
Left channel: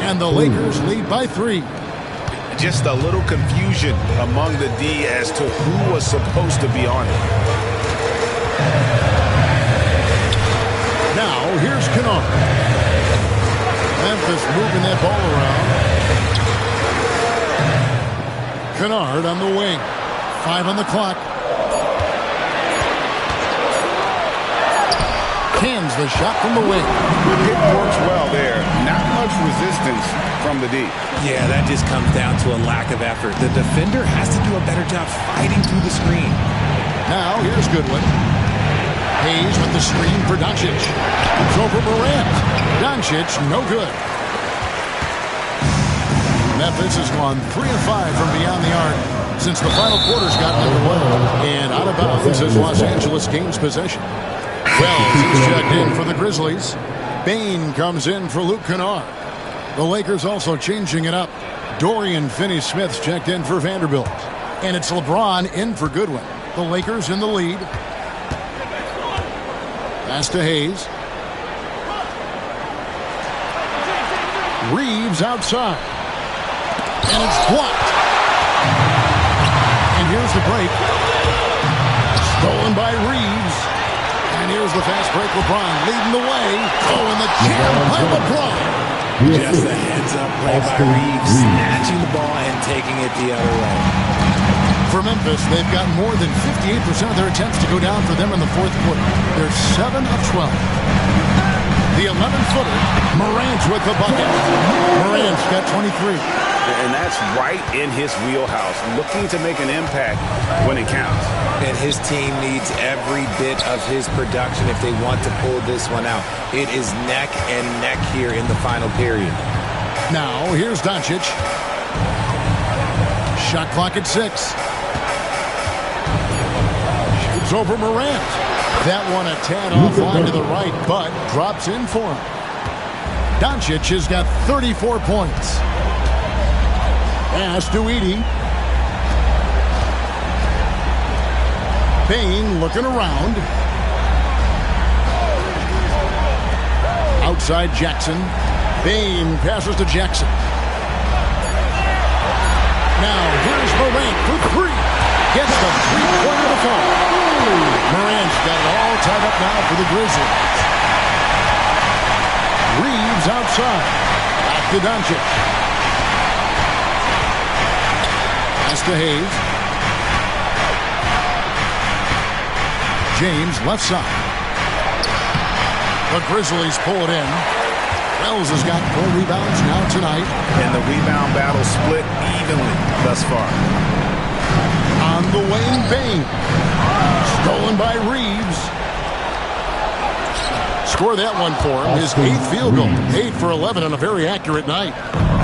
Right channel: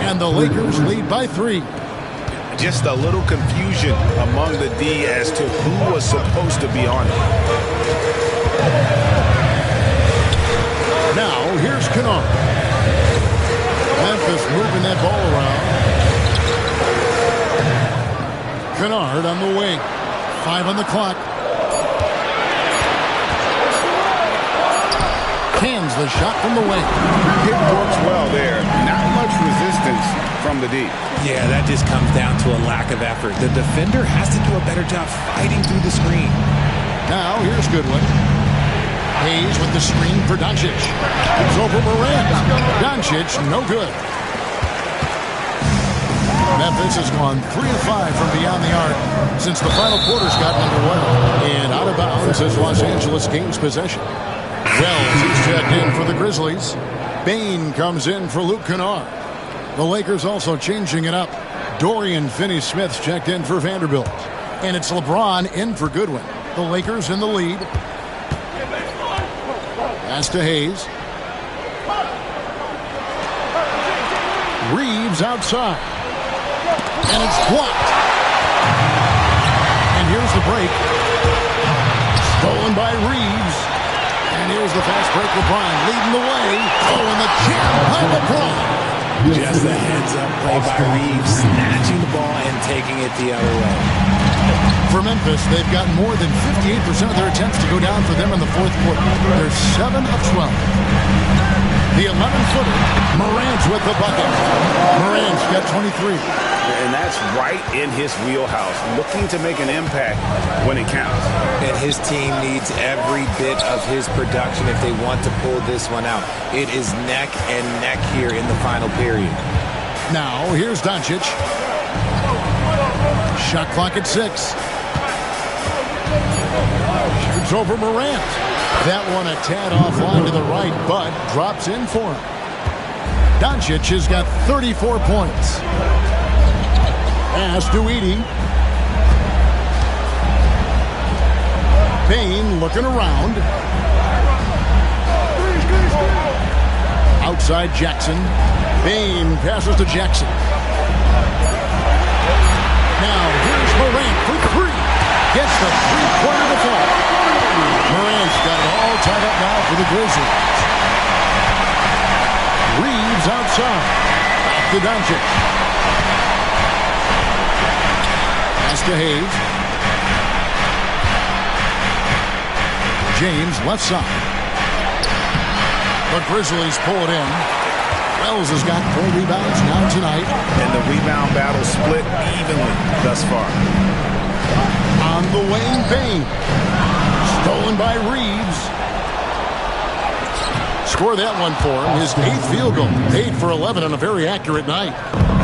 And the Lakers lead by 3. Just a little confusion among the D as to who was supposed to be on it. Now, here's Kennard. Memphis moving that ball around. Kennard on the wing. 5 on the clock. Cans the shot from the wing. It works well there. Not much resistance from the D. Yeah, that just comes down to a lack of effort. The defender has to do a better job fighting through the screen. Now, here's Goodwin. Hayes with the screen for Doncic. It's over Morant. Doncic, no good. Memphis has gone 3 of 5 from beyond the arc since the final quarter's gotten underway. And out of bounds as Los Angeles gains possession. Wells is checked in for the Grizzlies. Bain comes in for Luke Kennard. The Lakers also changing it up. Dorian Finney-Smith's checked in for Vanderbilt. And it's LeBron in for Goodwin. The Lakers in the lead. Pass to Hayes. Reeves outside. And it's blocked. And here's the break. Stolen by Reeves. And here's the fast break. LeBron leading the way. Oh, and the jam by LeBron. Just a heads-up play by Reeves, snatching the ball and taking it the other way. For Memphis, they've got more than 58% of their attempts to go down for them in the fourth quarter. They're 7 of 12. The 11-footer, Morant's with the bucket. Morant's got 23. And that's right in his wheelhouse, looking to make an impact when it counts. And his team needs every bit of his production if they want to pull this one out. It is neck and neck here in the final period. Now, here's Doncic. Shot clock at 6. Shoots over Morant. That one a tad offline to the right, but drops in for him. Doncic has got 34 points. Pass to Edey. Payne looking around. Outside Jackson. Payne passes to Jackson. Now here's Morant for 3. Gets the three-pointer to fall. Morant's got it all tied up now for the Grizzlies. Reeves outside. Back to Doncic. Pass to Hayes. James left side. The Grizzlies pull it in. Wells has got 4 rebounds now tonight. And the rebound battle split evenly thus far. On the wing, Payne. Stolen by Reeves. Score that one for him. His 8th field goal. 8 for 11 on a very accurate night.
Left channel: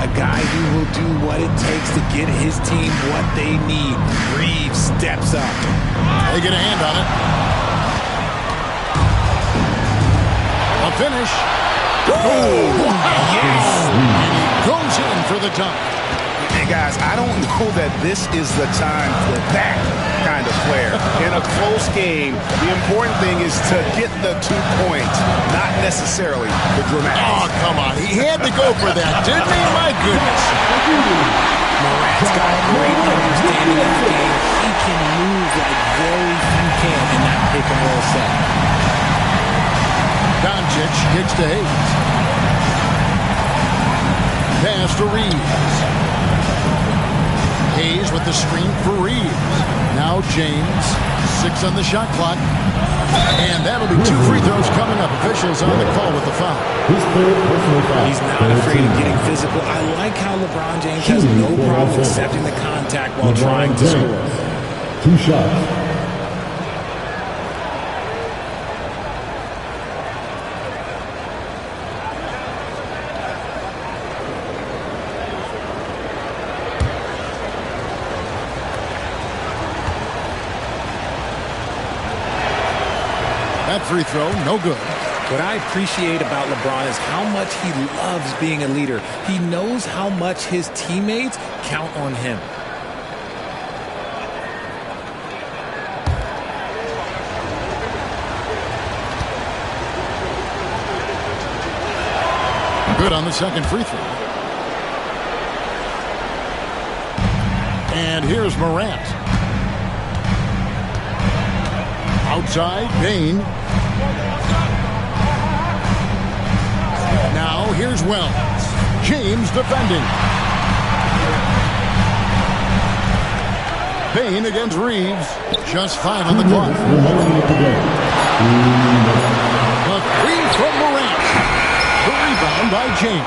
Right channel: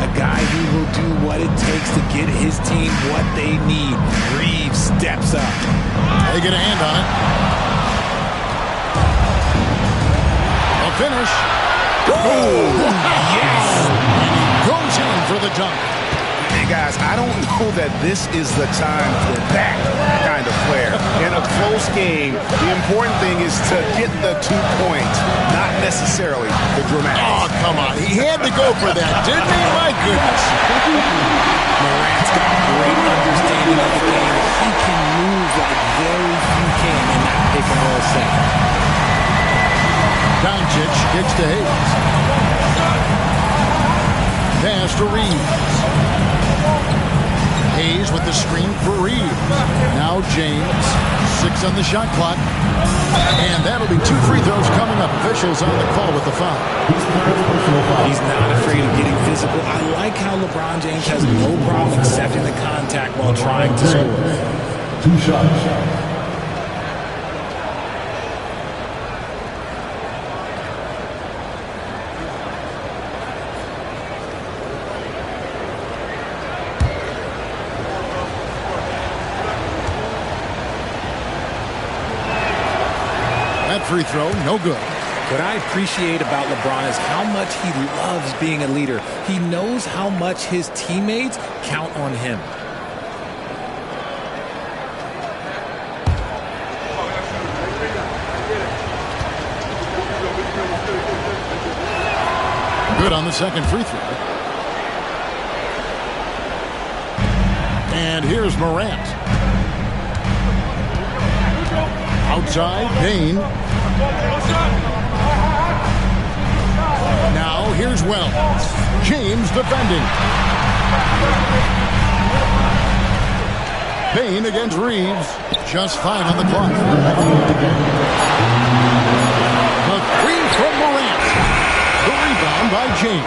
A guy who will do what it takes to get his team what they need. Reeves steps up. They get a hand on it. A finish. Oh, yes! And he goes in for the dunk. Hey, guys, I don't know that this is the time for that kind of flair. In a close game, the important thing is to get the 2 points, not necessarily the dramatics. Oh, come on. He had to go for that, didn't he? My goodness. Morant's got great understanding of the game. He can move like very few can in that pick and roll set. Doncic kicks to Hayes. Pass to Reeves. Hayes with the screen for Reeves. Now James. 6 on the shot clock. And that'll be 2 free throws coming up. Officials on the call with the foul. He's not afraid of getting physical. I like how LeBron James has no problem accepting the contact while trying to score. 2 shots. That free throw, no good. What I appreciate about LeBron is how much he loves being a leader. He knows how much his teammates count on him. Good on the second free throw. And here's Morant. Outside, Payne. Now here's Wells. James defending. Payne against Reeves. Just 5 on the clock. The 3 from Morant. The rebound by James.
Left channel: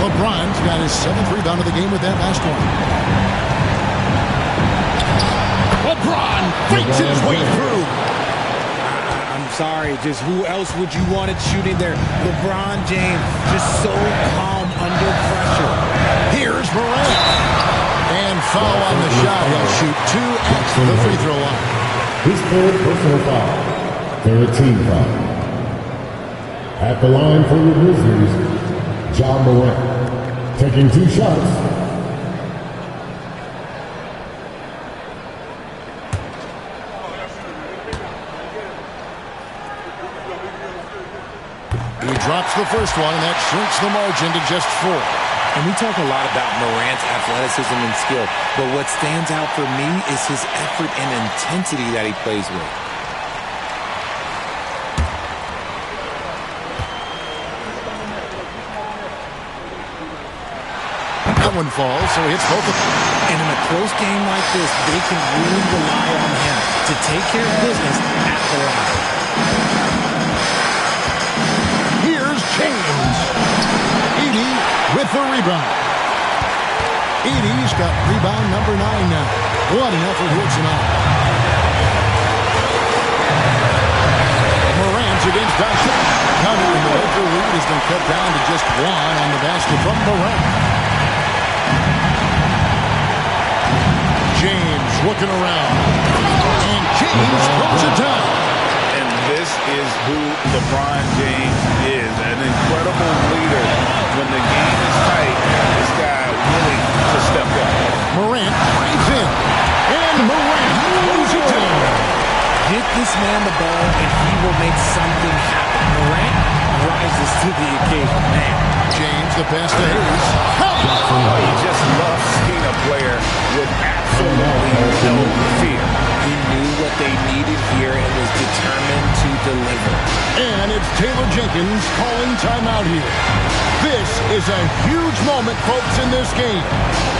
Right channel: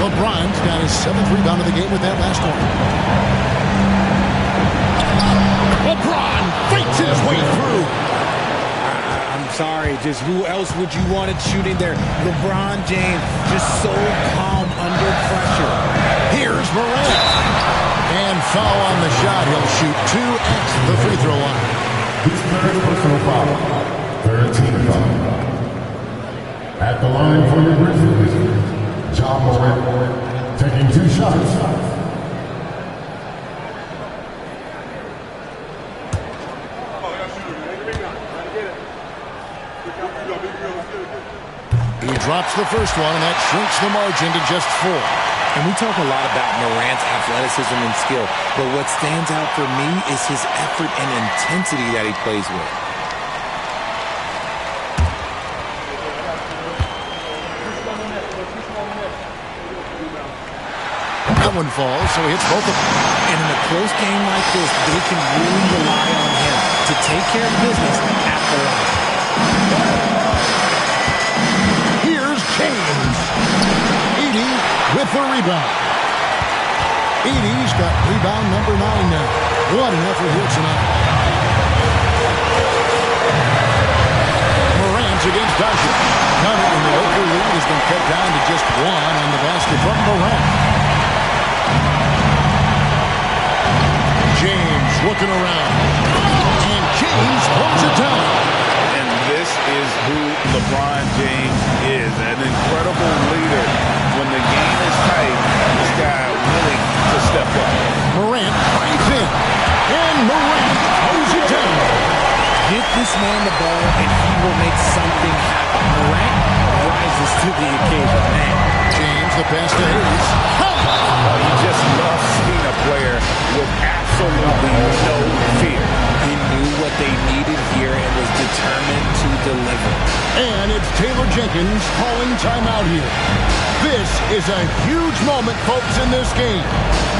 LeBron's got his 7th rebound of the game with that last one. LeBron fights his way through. I'm sorry, just who else would you want it shooting there? LeBron James, just so calm under pressure. Here's Morant. And foul on the shot. He'll shoot 2 at the free throw line. His 3rd personal foul. 3rd team foul. At the line for the Grizzlies, Ja Morant, taking 2 shots. He drops the first one, and that shrinks the margin to just 4. And we talk a lot about Morant's athleticism and skill, but what stands out for me is his effort and intensity that he plays with. That one falls, so he hits both of them. And in a close game like this, they can really rely on him to take care of business at the line. Here's James. Edey with the rebound. Edey's got rebound number 9 now. What an effort here tonight. Morant's against Doncic. Counted, and the Laker lead has been cut down to just 1 on the basket from Morant. James looking around. And James throws it down. And this is who LeBron James is. An incredible leader. When the game is tight, this guy willing to step up. Morant drives in. And Morant throws it down. Get this man the ball, and he will make something happen. Morant rises to the occasion, man. James, the pass to Hayes. Oh, you just love seeing a player with absolutely no fear. He knew what they needed here and was determined to deliver. And it's Taylor Jenkins calling timeout here. This is a huge moment, folks, in this game.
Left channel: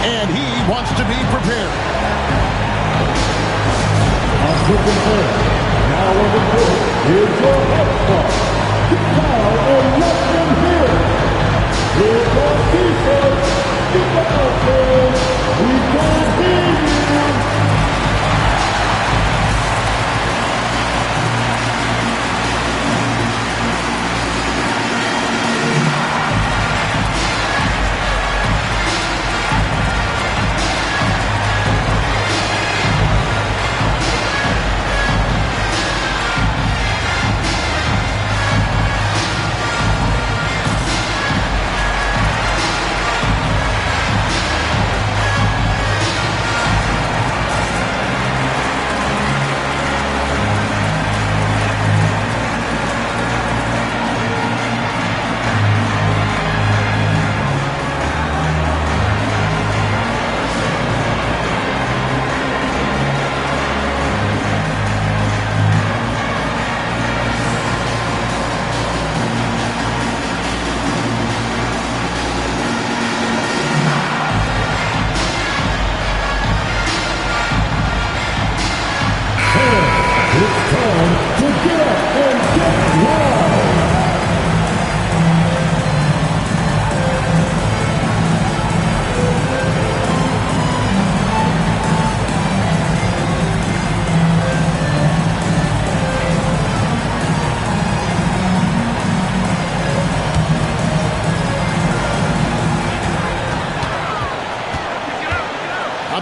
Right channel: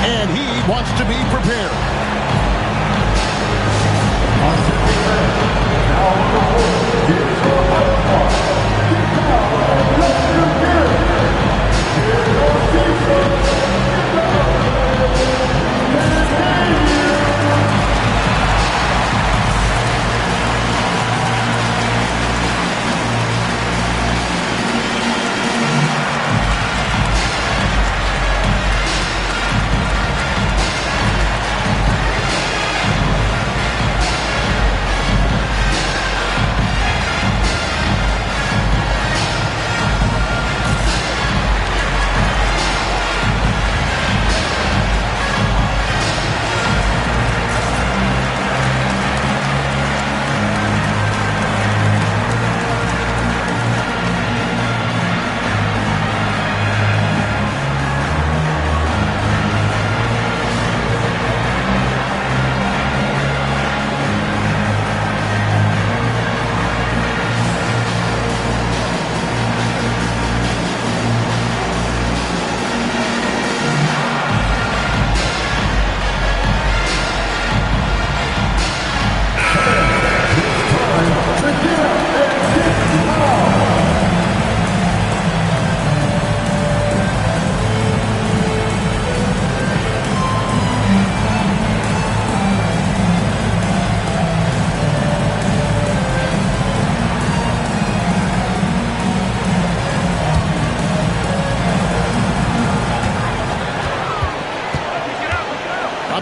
And he wants to be prepared. Now on the court, here's your high spot. Get down and let them hear it. Here's your defense. Get down there. We can see you.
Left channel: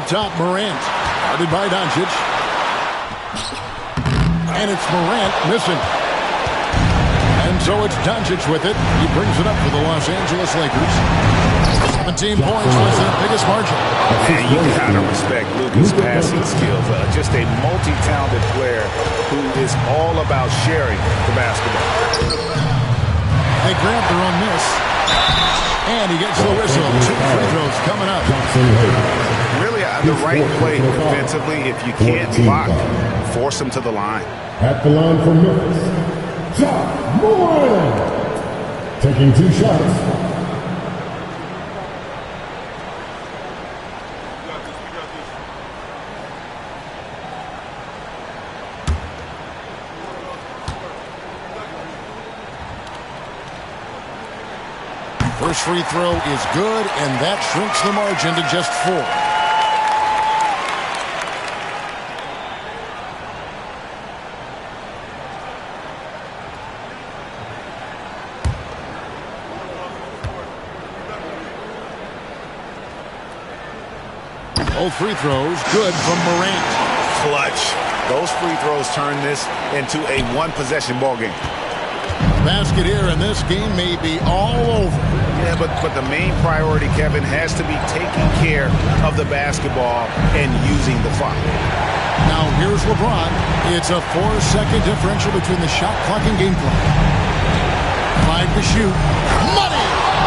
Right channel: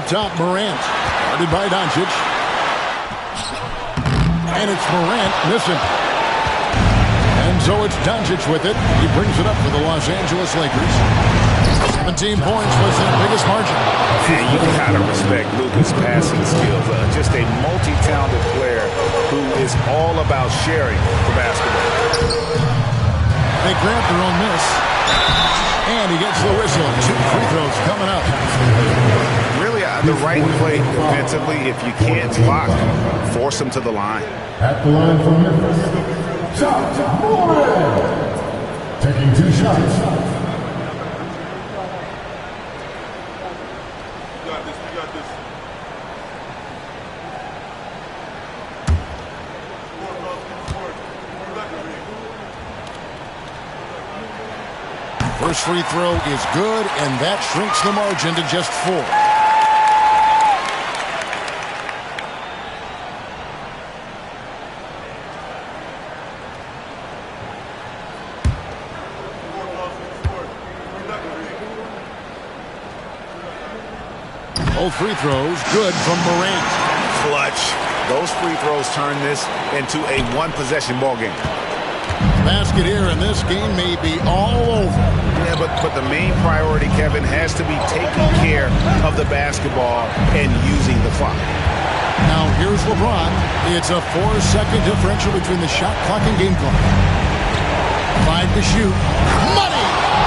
Top Morant, guarded by Doncic. And it's Morant missing. And so it's Doncic with it. He brings it up for the Los Angeles Lakers. 17 points was their biggest margin. And you gotta respect Luka's passing skills. Just a multi-talented player who is all about sharing the basketball. They grab their own miss. And he gets the whistle. 2 free throws coming up. Really the right play defensively. If you can't block, force him to the line. At the line for Memphis, Josh Morant. Taking 2 shots. We got this. First free throw is good, and that shrinks the margin to just 4. Both free throws good from Morant. Clutch. Those free throws turn this into a 1-possession ball game. Basket here, and this game may be all over. Yeah, but the main priority, Kevin, has to be taking care of the basketball and using the clock. Now here's LeBron. It's a 4-second differential between the shot clock and game clock. 5 to shoot. Money!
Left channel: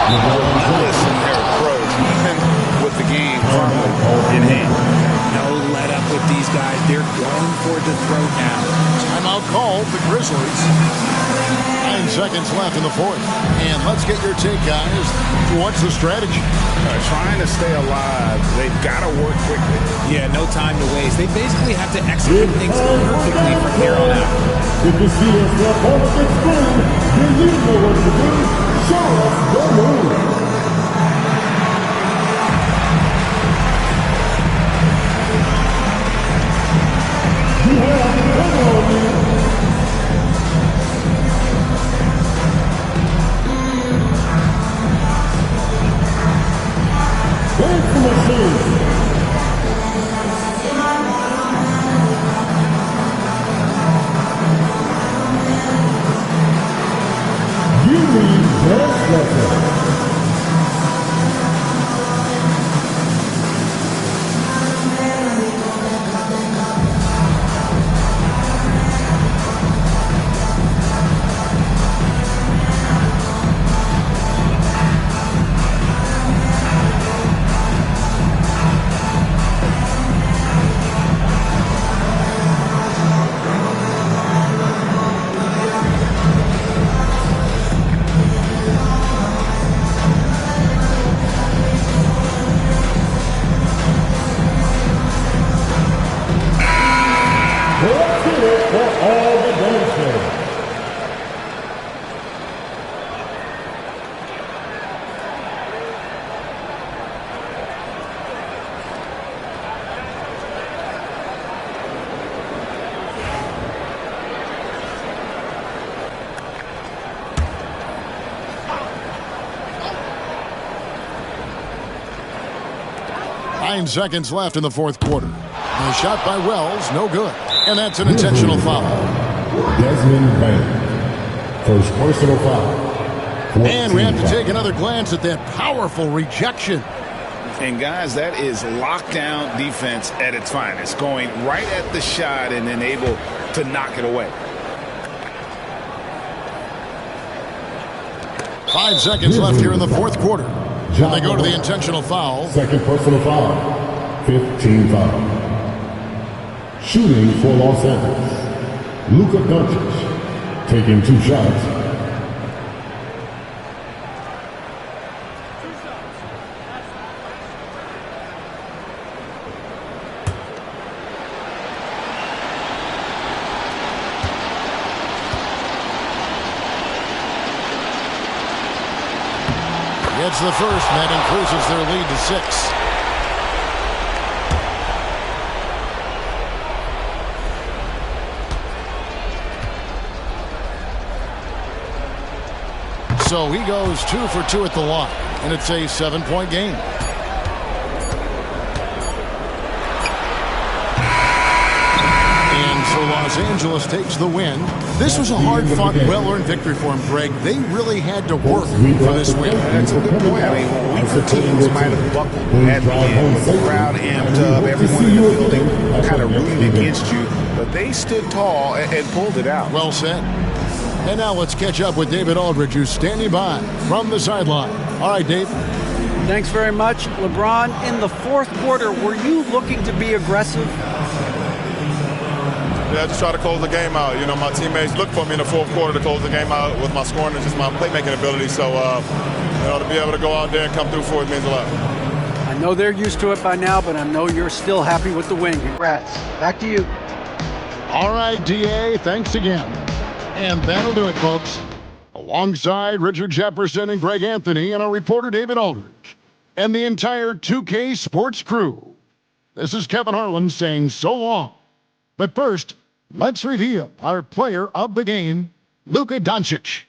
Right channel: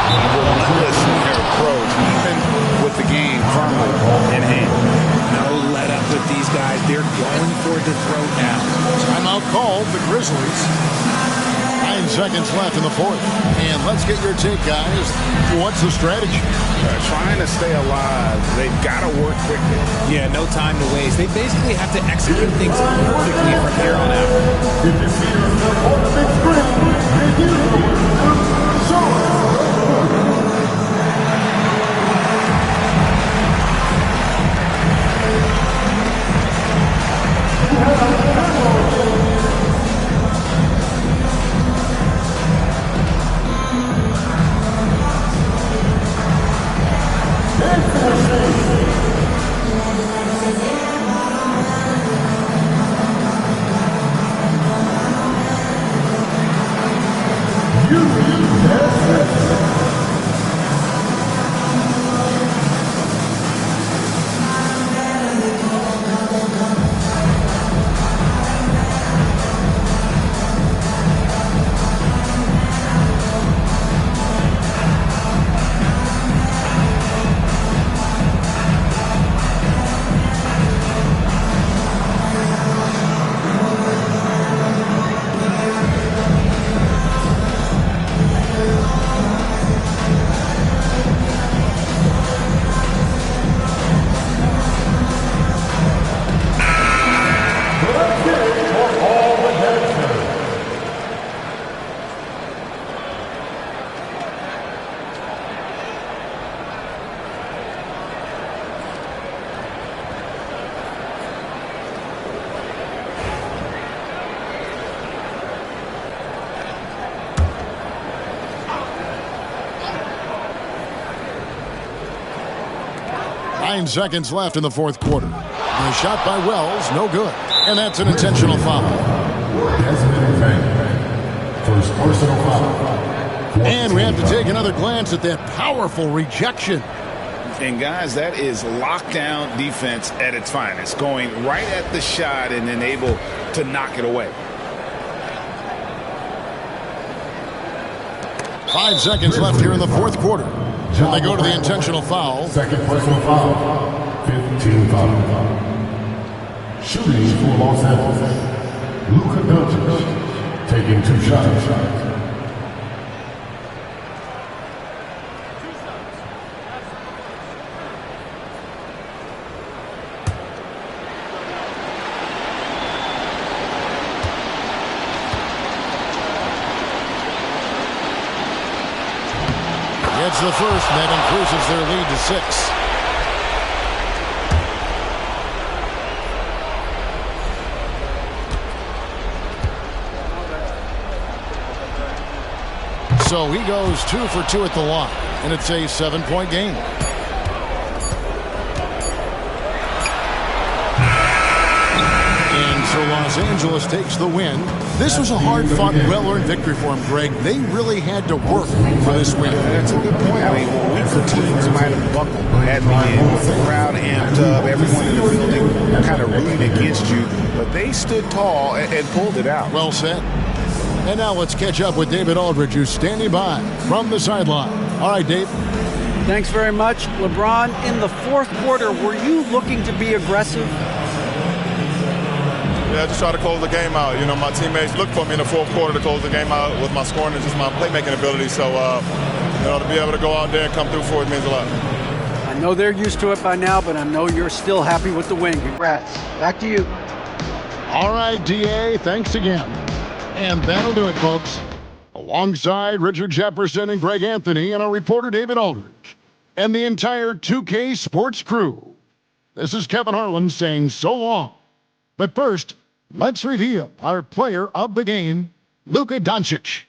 Relentless in their approach, even with the game firmly in hand. No let up with these guys. They're going for the throat now. Timeout called, the Grizzlies. 9 seconds left in the 4th. And let's get your take, guys. What's the strategy? Trying to stay alive. They've got to work quickly. Yeah, no time to waste. They basically have to execute things perfectly from here on out. If you see their on the big screen, then you know what to do. Show us the move. 9 seconds left in the fourth quarter. The shot by Wells, no good. And that's an intentional foul. Desmond Bain, first personal foul. And we have to take another glance at that powerful rejection. And, guys, that is lockdown defense at its finest, going right at the shot and then able to knock it away. 5 seconds left here in the fourth quarter. And they go to the intentional foul. Second personal foul. 15 foul. Shooting for Los Angeles. Luka Doncic taking 2 shots. Gets the first, and that increases their lead to 6. So he goes 2 for 2 at the line, and it's a 7-point game. And so Los Angeles takes the win. This was a hard-fought, well-earned victory for them, Greg. They really had to work for this win. That's a good point. I mean, weaker teams might have buckled at the end with the crowd amped up, everyone in the building kind of rooting against you. But they stood tall and pulled it out. Well said. And now let's catch up with David Aldridge, who's standing by from the sideline. All right, Dave. Thanks very much. LeBron, in the fourth quarter, were you looking to be aggressive? Yeah, just try to close the game out. You know, my teammates look for me in the fourth quarter to close the game out with my scoring and just my playmaking ability. So, you know, to be able to go out there and come through for it means a lot. I know they're used to it by now, but I know you're still happy with the win. Congrats. Back to you. All right, DA, thanks again. And that'll do it, folks. Alongside Richard Jefferson and Greg Anthony and our reporter David Aldridge and the entire 2K Sports crew, this is Kevin Harlan saying so long. But first, let's reveal our player of the game, Luka Doncic.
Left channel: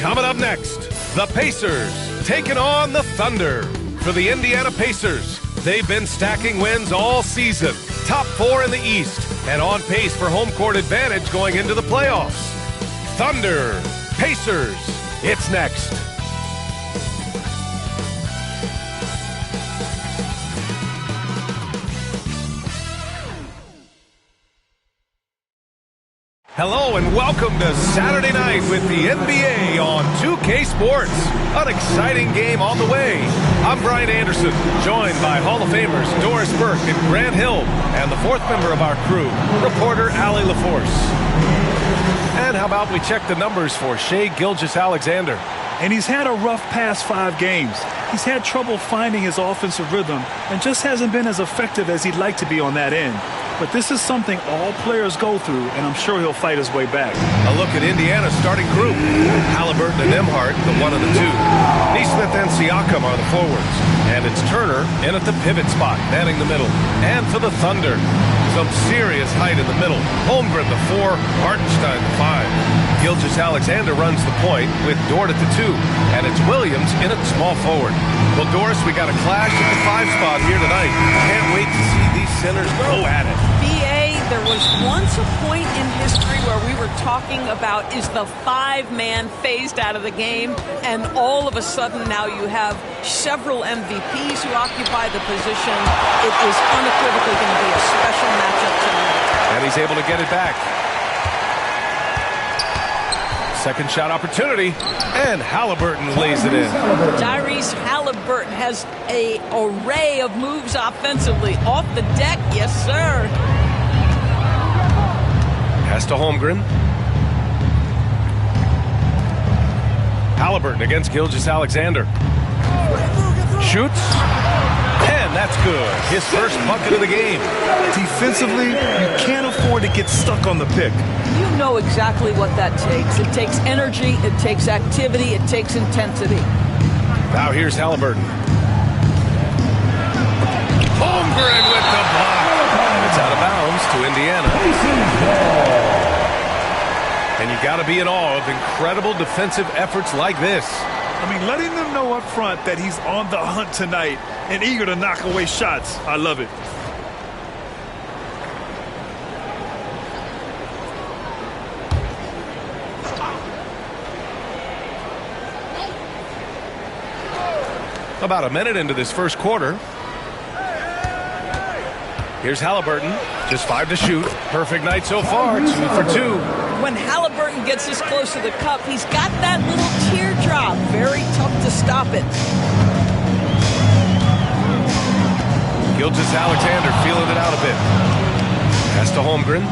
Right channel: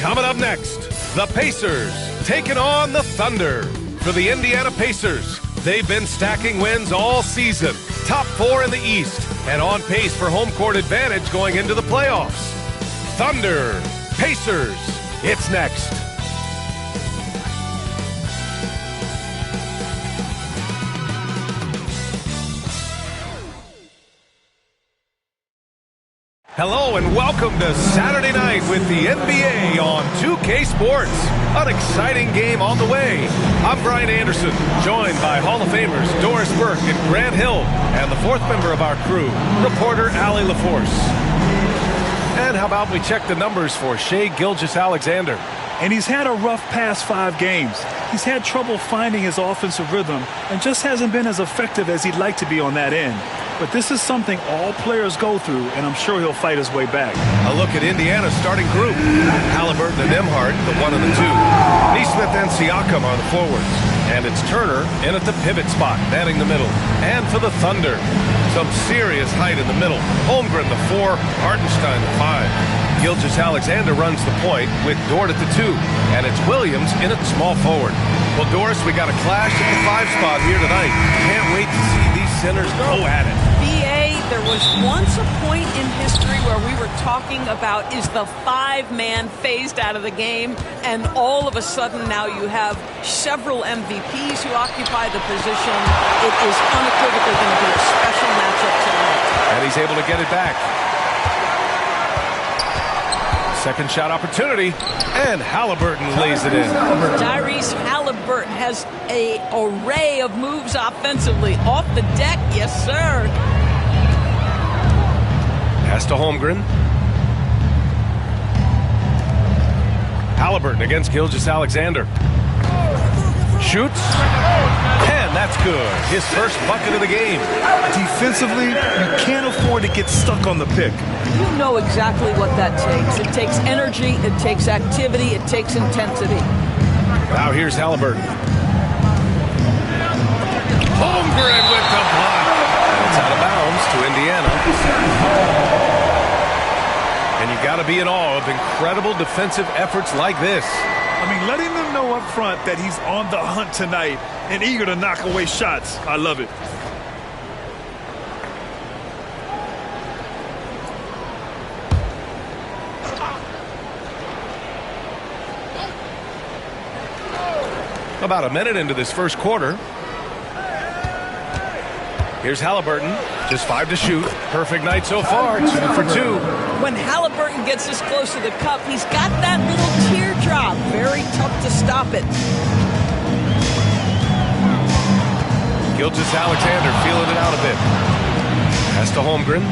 Coming up next, the Pacers taking on the Thunder. For the Indiana Pacers, they've been stacking wins all season. Top 4 in the East and on pace for home court advantage going into the playoffs. Thunder, Pacers, it's next. Hello and welcome to Saturday night with the NBA on 2K Sports. An exciting game on the way. I'm Brian Anderson, joined by Hall of Famers Doris Burke and Grant Hill, and the fourth member of our crew, reporter Allie LaForce. And how about we check the numbers for Shai Gilgeous-Alexander? And he's had a rough past 5 games. He's had trouble finding his offensive rhythm and just hasn't been as effective as he'd like to be on that end. But this is something all players go through, and I'm sure he'll fight his way back. A look at Indiana's starting group. Halliburton and Emhart, the 1 and the 2. Nesmith and Siakam are the forwards. And it's Turner in at the pivot spot, manning the middle. And for the Thunder, some serious height in the middle. Holmgren, the 4, Hartenstein, the 5. Gilgeous-Alexander runs the point with Dort at the 2. And it's Williams in at small forward. Well, Doris, we got a clash at the 5 spot here tonight. Can't wait to see these centers go at it. BA, there was once a point in history where we were talking about, is the 5-man phased out of the game? And all of a sudden now you have several MVPs who occupy the position. It is unequivocally going to be a special matchup tonight. And he's able to get it back. Second shot opportunity, and Halliburton lays it in. Tyrese Halliburton has an array of moves offensively. Off the deck, yes, sir. Pass to Holmgren. Halliburton against Gilgeous-Alexander. Shoots, and that's good. His first bucket of the game. Defensively, you can't afford to get stuck on the pick. You know exactly what that takes. It takes energy, it takes activity, it takes intensity. Now here's Halliburton. Holmgren with the block. And It's out of bounds to Indiana. And you got to be in awe of incredible defensive efforts like this. I mean, letting them know up front that he's on the hunt tonight and eager to knock away shots. I love it. About a minute into this first quarter. Here's Halliburton. Just 5 to shoot. Perfect night so far. 2 for 2. When Halliburton gets this close to the cup, he's got that little teardrop. Very tough to stop it. Gilgeous-Alexander feeling it out a bit. Pass to Holmgren.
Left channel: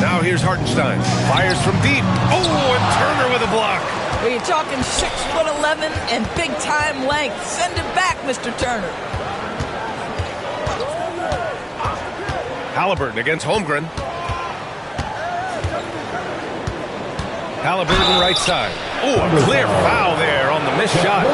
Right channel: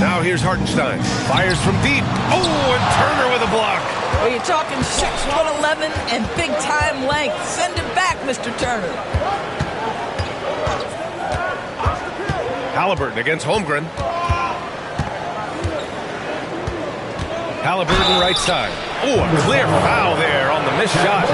Now here's Hartenstein. Fires from deep. Oh, and Turner with a block. Well, you're talking 6'11" and big-time length. Send it back, Mr. Turner. Halliburton against Holmgren. Halliburton right side. Oh, a clear foul there on the missed shot.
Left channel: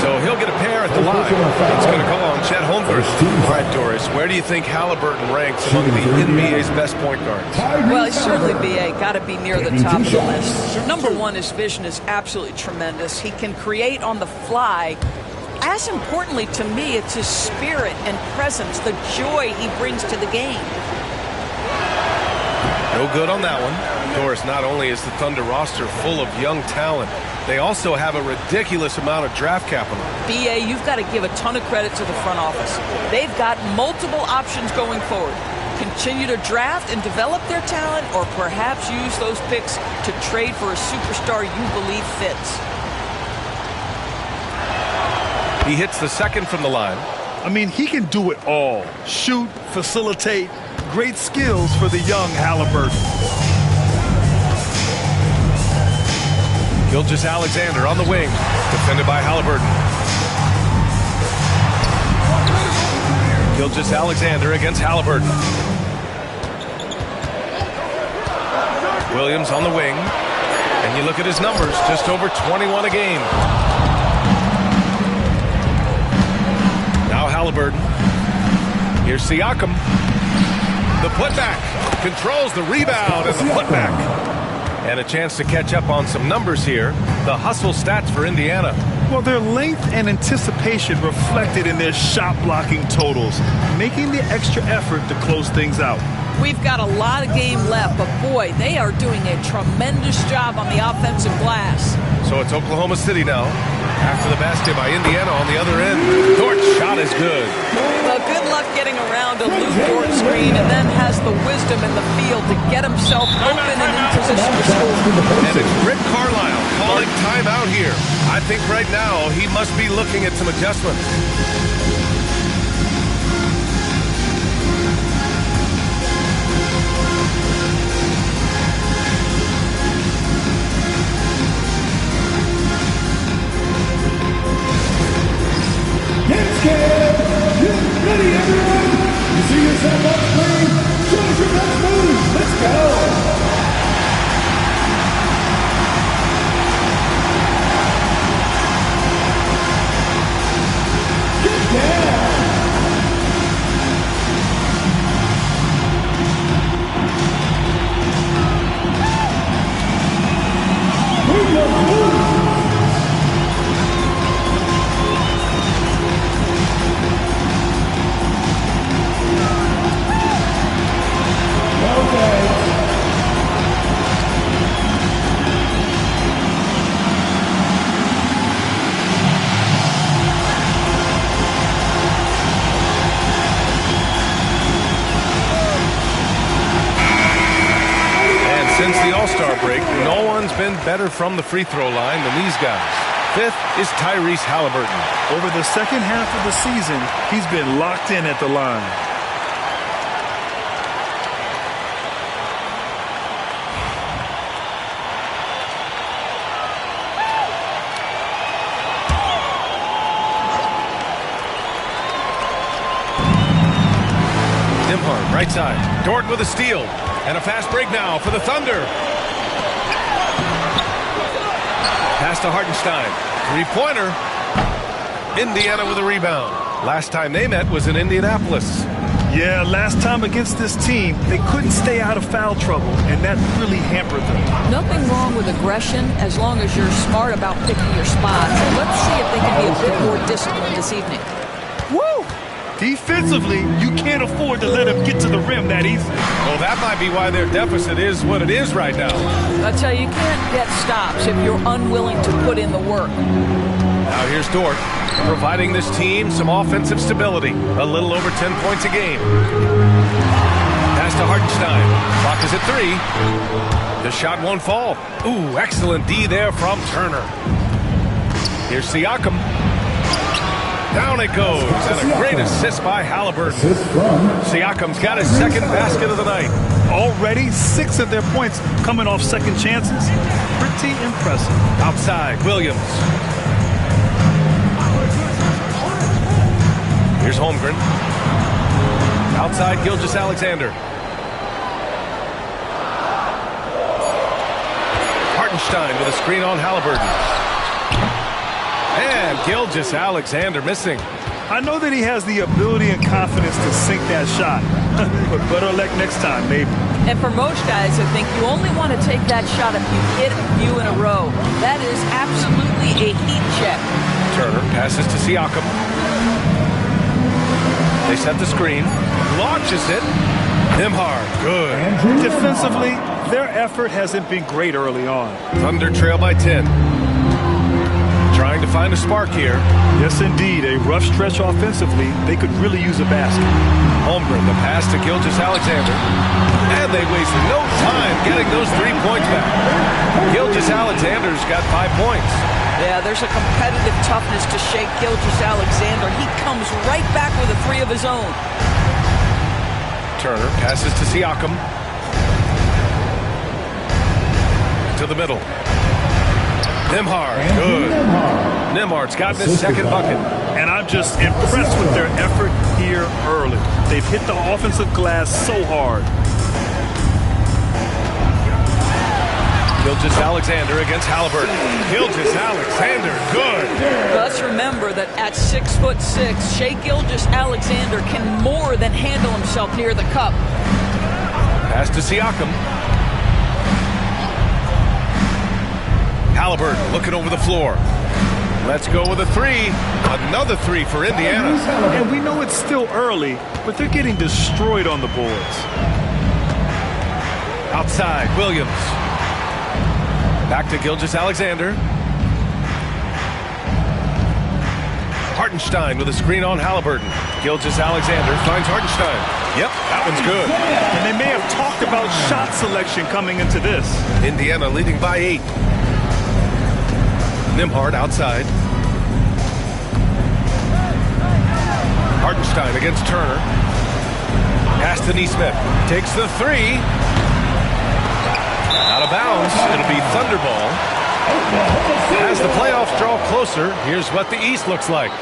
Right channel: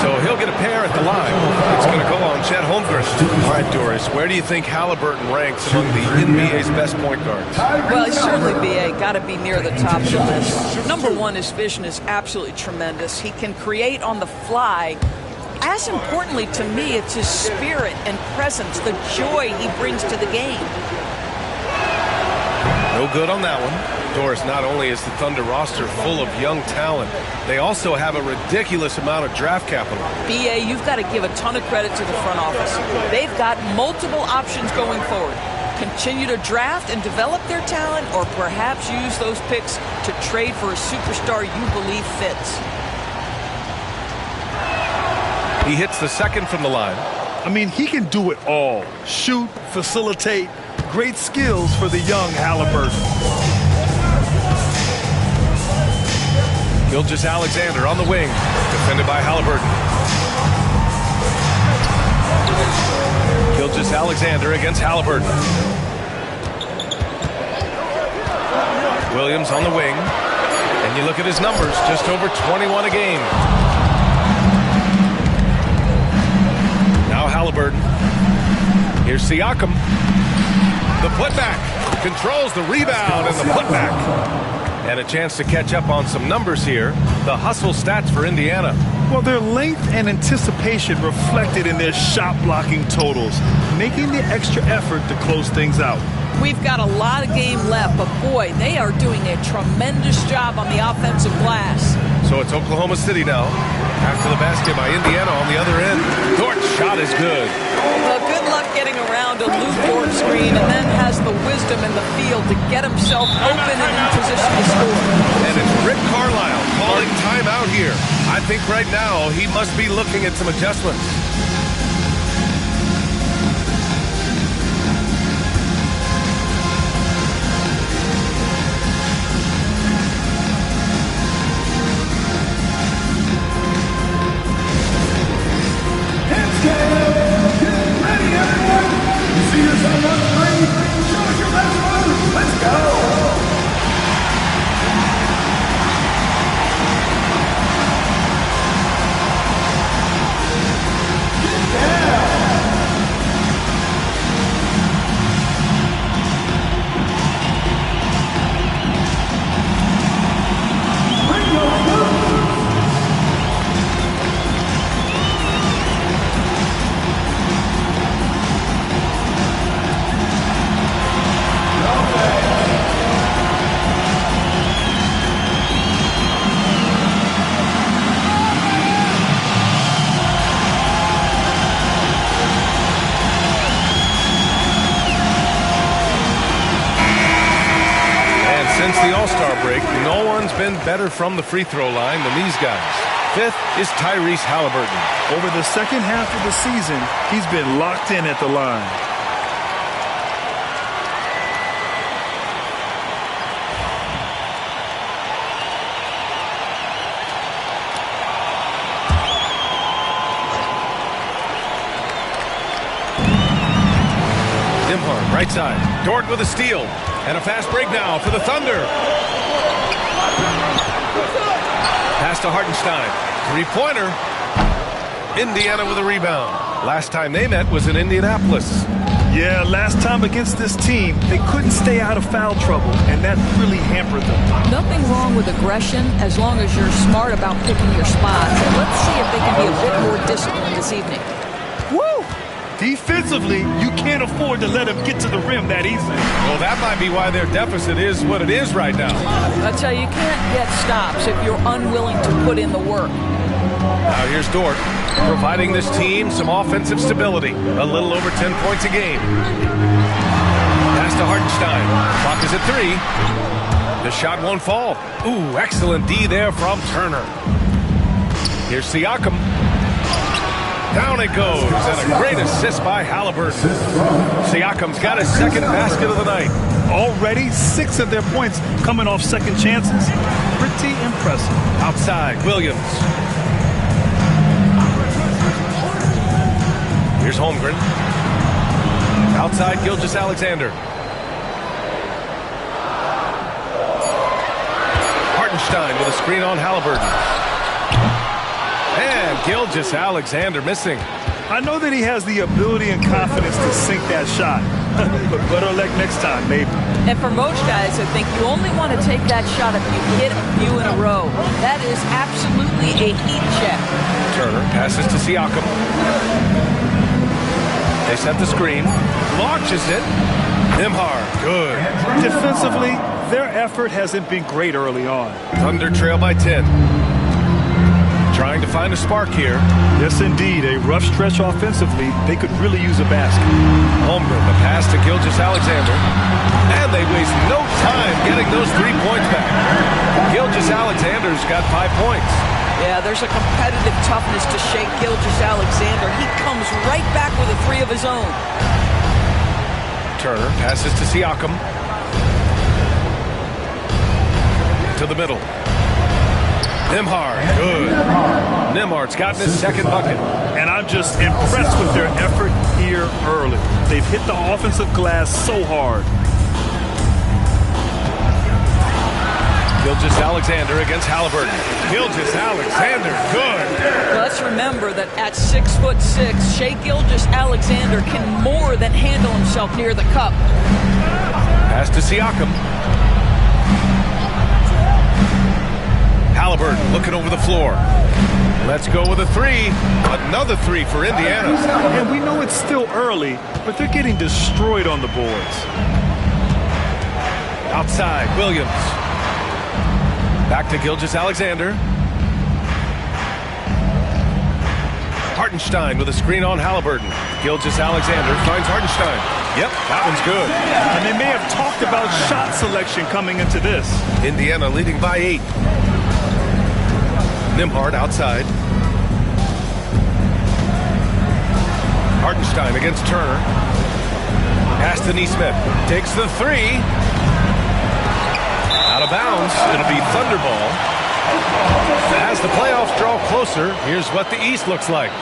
So he'll get a pair at the line. It's going to go on Chet Holmgren. All right, Doris, where do you think Halliburton ranks among the NBA's best point guards? Well, certainly BA got to be near the top of the list. Number one, his vision is absolutely tremendous. He can create on the fly. As importantly to me, it's his spirit and presence, the joy he brings to the game. No good on that one. Doris, not only is the Thunder roster full of young talent, they also have a ridiculous amount of draft capital. BA, you've got to give a ton of credit to the front office. They've got multiple options going forward. Continue to draft and develop their talent, or perhaps use those picks to trade for a superstar you believe fits. He hits the second from the line. I mean, he can do it all. Shoot, facilitate. Great skills for the young Halliburton. Gilgeous-Alexander on the wing. Defended by Halliburton. Gilgeous-Alexander against Halliburton. Williams on the wing. And you look at his numbers, just over 21 a game. Now Halliburton. Here's Siakam. The putback. Controls the rebound and the putback. And a chance to catch up on some numbers here. The hustle stats for Indiana. Well, their length and anticipation reflected in their shot blocking totals, making the extra effort to close things out. We've got a lot of game left, but boy, they are doing a tremendous job on the offensive glass. So it's Oklahoma City now. After the basket by Indiana on the other end. Dort's shot is good. Well, good luck getting around a Lou Dort screen, and then has the wisdom in the field to get himself open and in position to score. And it's Rick Carlisle calling timeout here. I think right now he must be looking at some adjustments. Yourself up three. Show us your best move. Let's go. Get down. Bring your moves. Since the All-Star break, no one's been better from the free throw line than these guys. Fifth is Tyrese Halliburton. Over the second half of the season, he's been locked in at the line. Nembhard, right side. Dort with a steal. And a fast break now for the Thunder. Pass to Hartenstein. Three-pointer. Indiana with a rebound. Last time they met was in Indianapolis. Yeah, last time against this team, they couldn't stay out of foul trouble, and that really hampered them. Nothing wrong with aggression as long as you're smart about picking your spots. And let's see if they can be a bit more disciplined this evening. Woo! Defensively, you can't afford to let them get to the rim that easily. Well, that might be why their deficit is what it is right now. I tell you can't get stops if you're unwilling to put in the work. Now here's Dort, providing this team some offensive stability. A little over 10 points a game. Pass to Hartenstein. Clock is at 3. The shot won't fall. Ooh, excellent D there from Turner. Here's Siakam. Down it goes, and a great assist by Halliburton. Siakam's got his second basket of the night. Already 6 of their points coming off second chances. Pretty impressive. Outside, Williams. Here's Holmgren. Outside, Gilgeous-Alexander. Hartenstein with a screen on Halliburton. And Gilgeous-Alexander missing. I know that he has the ability and confidence to sink that shot. But better luck next time, maybe. And for most guys, I think you only want to take that shot if you hit a few in a row. That is absolutely a heat check. Turner passes to Siakam. They set the screen. Launches it. Nembhard, good. Defensively, their effort hasn't been great early on. Thunder trail by 10. Trying to find a spark here. Yes, indeed. A rough stretch offensively. They could really use a basket. Holmgren, the pass to Gilgeous-Alexander. And they waste no time getting those 3 points back. Gilgeous-Alexander's got 5 points. Yeah, there's a competitive toughness to Shai Gilgeous-Alexander. He comes right back with a 3 of his own. Turner passes to Siakam. To the middle. Nembhard, good. Nembhard's gotten his second bucket. And I'm just impressed with their effort here early. They've hit the offensive glass so hard. Gilgeous-Alexander against Halliburton. Gilgeous-Alexander, good. Let's remember that at 6'6", Shai Gilgeous-Alexander can more than handle himself near the cup. Pass to Siakam. Halliburton looking over the floor. Let's go with a 3. Another 3 for Indiana. And we know it's still early, but they're getting destroyed on the boards. Outside, Williams. Back to Gilgeous-Alexander. Hartenstein with a screen on Halliburton. Gilgeous-Alexander finds Hartenstein. Yep, that one's good. And they may have talked about shot selection coming into this. Indiana leading by 8. Nembhard outside. Hartenstein against Turner. Pass to Nesmith. Takes the 3. Out of bounds. It'll be Thunderball. As the playoffs draw closer, here's what the East looks like.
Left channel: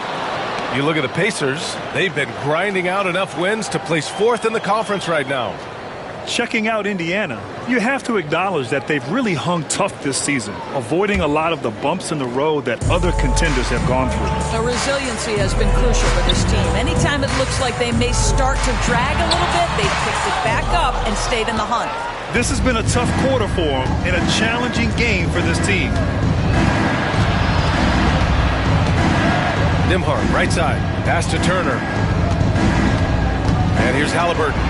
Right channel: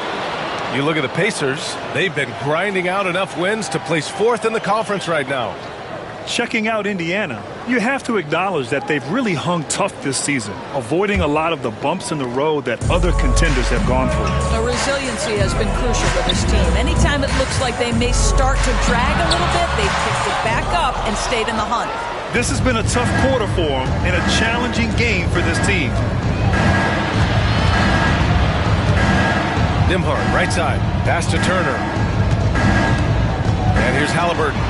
You look at the Pacers. They've been grinding out enough wins to place 4th in the conference right now. Checking out Indiana, you have to acknowledge that they've really hung tough this season, avoiding a lot of the bumps in the road that other contenders have gone through. The resiliency has been crucial for this team. Anytime it looks like they may start to drag a little bit, they've picked it back up and stayed in the hunt. This has been a tough quarter for them and a challenging game for this team. Nembhard, right side. Pass to Turner. And here's Halliburton.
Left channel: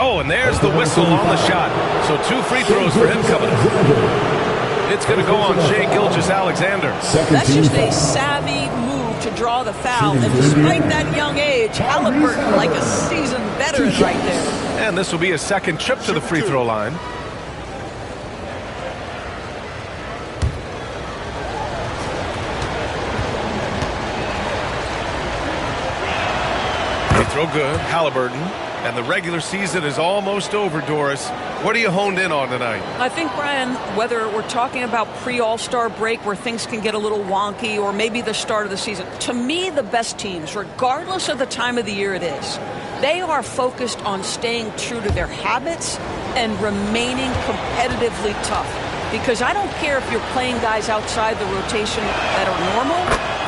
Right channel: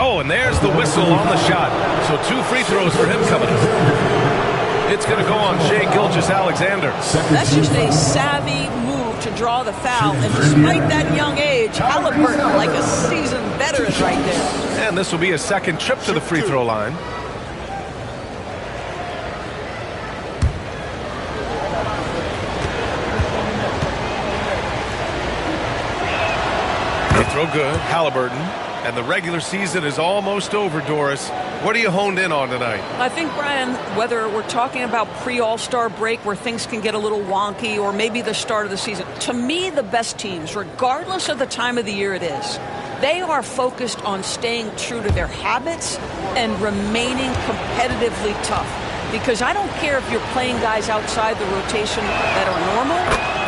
Oh, and there's the whistle on the shot. So 2 free throws for him coming up. It's going to go on Shai Gilgeous-Alexander. That's just a savvy move to draw the foul. And despite that young age, Halliburton like a seasoned veteran right there. And this will be a second trip to the free throw line. They throw good. Halliburton. And the regular season is almost over, Doris. What are you honed in on tonight? I think, Brian, whether we're talking about pre-All-Star break where things can get a little wonky or maybe the start of the season, to me, the best teams, regardless of the time of the year it is, they are focused on staying true to their habits and remaining competitively tough. because I don't care if you're playing guys outside the rotation that are normal.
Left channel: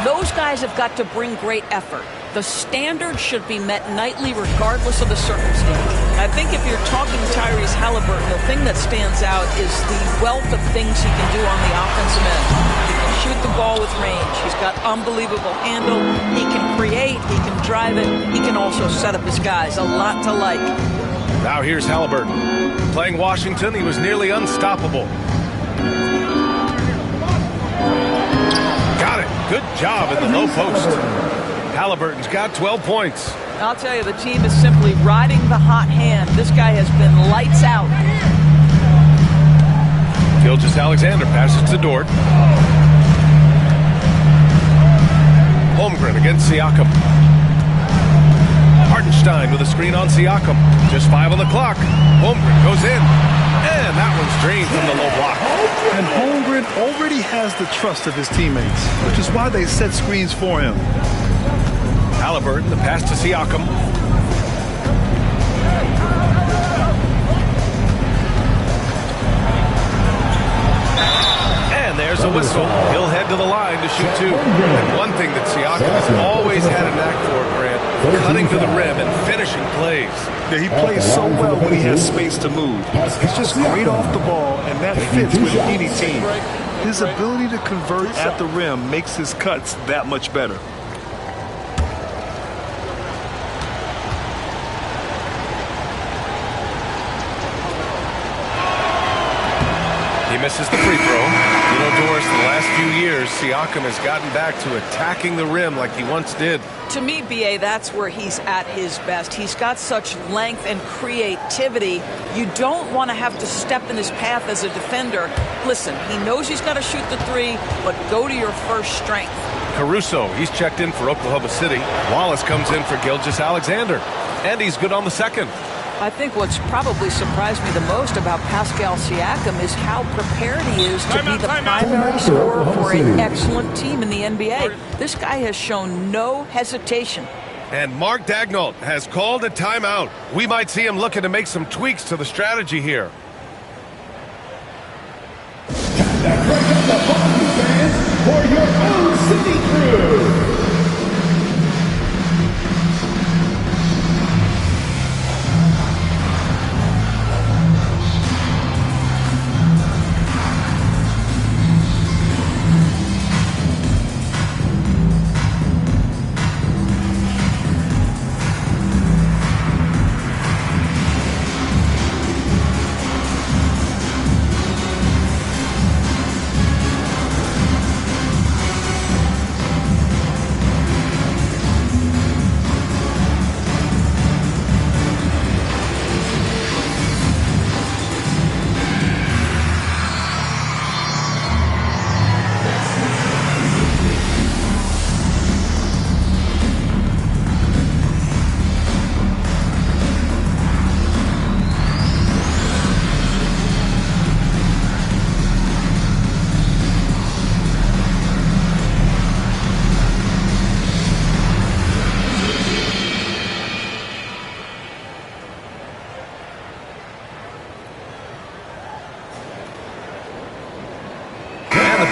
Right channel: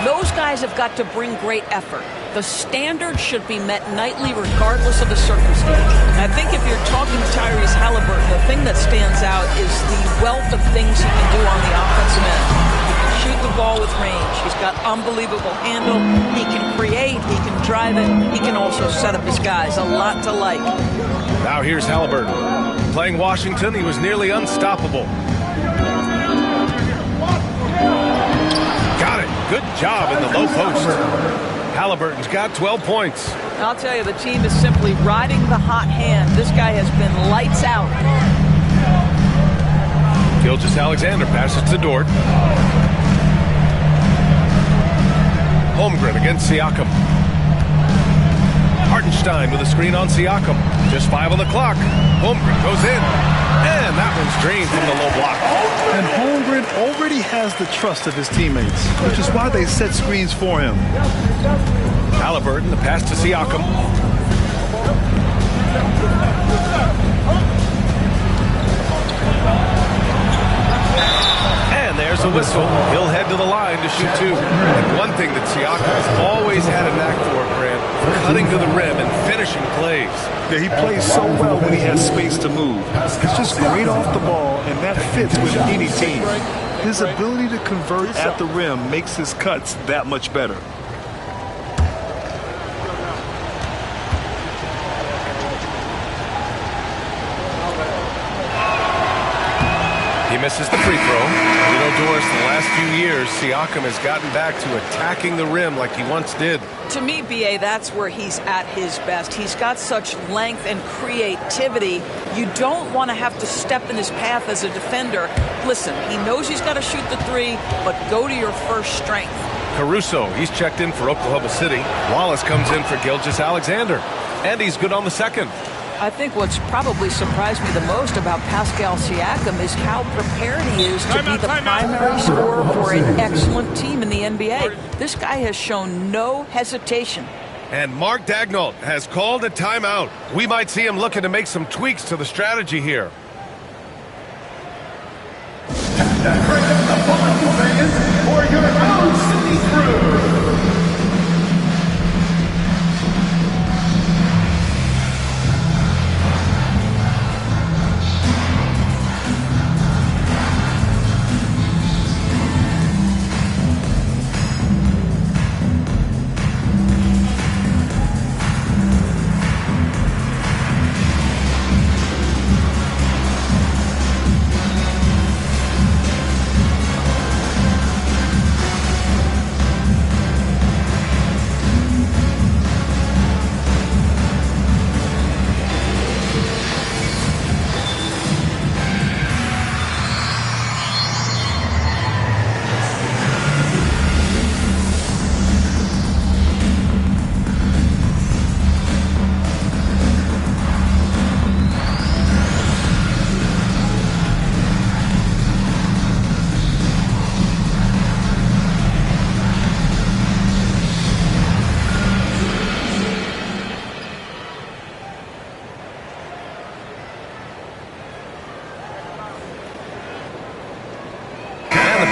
Those guys have got to bring great effort. The standard should be met nightly regardless of the circumstance. And I think if you're talking Tyrese Halliburton, the thing that stands out is the wealth of things he can do on the offensive end. He can shoot the ball with range. He's got unbelievable handle. He can create. He can drive it. He can also set up his guys. A lot to like. Now here's Halliburton. Playing Washington, he was nearly unstoppable. Got it. Good job in the low post. Halliburton's got 12 points. I'll tell you, the team is simply riding the hot hand. This guy has been lights out. Gilgeous-Alexander passes to Dort. Holmgren against Siakam. Hartenstein with a screen on Siakam. Just 5 on the clock. Holmgren goes in. And that one's drained from the low block. And Holmgren already has the trust of his teammates, which is why they set screens for him. Halliburton, the pass to Siakam. And there's a whistle. He'll head to the line to shoot 2. And one thing that Siakam has always had a knack for, Grant, cutting to the rim and finishing plays. Yeah, he plays so well when he has space to move. He's just great off the ball, and that fits with any team. His ability to convert at the rim makes his cuts that much better. He misses the free throw. You know, Doris, the last few years, Siakam has gotten back to attacking the rim like he once did. To me, B.A., that's where he's at his best. He's got such length and creativity. You don't want to have to step in his path as a defender. Listen, he knows he's got to shoot the 3, but go to your first strength. Caruso, he's checked in for Oklahoma City. Wallace comes in for Gilgeous-Alexander. And he's good on the second. I think what's probably surprised me the most about Pascal Siakam is how prepared he is to be the primary scorer for an excellent team in the NBA. This guy has shown no hesitation. And Mark Daigneault has called a timeout. We might see him looking to make some tweaks to the strategy here. For your own City Crew.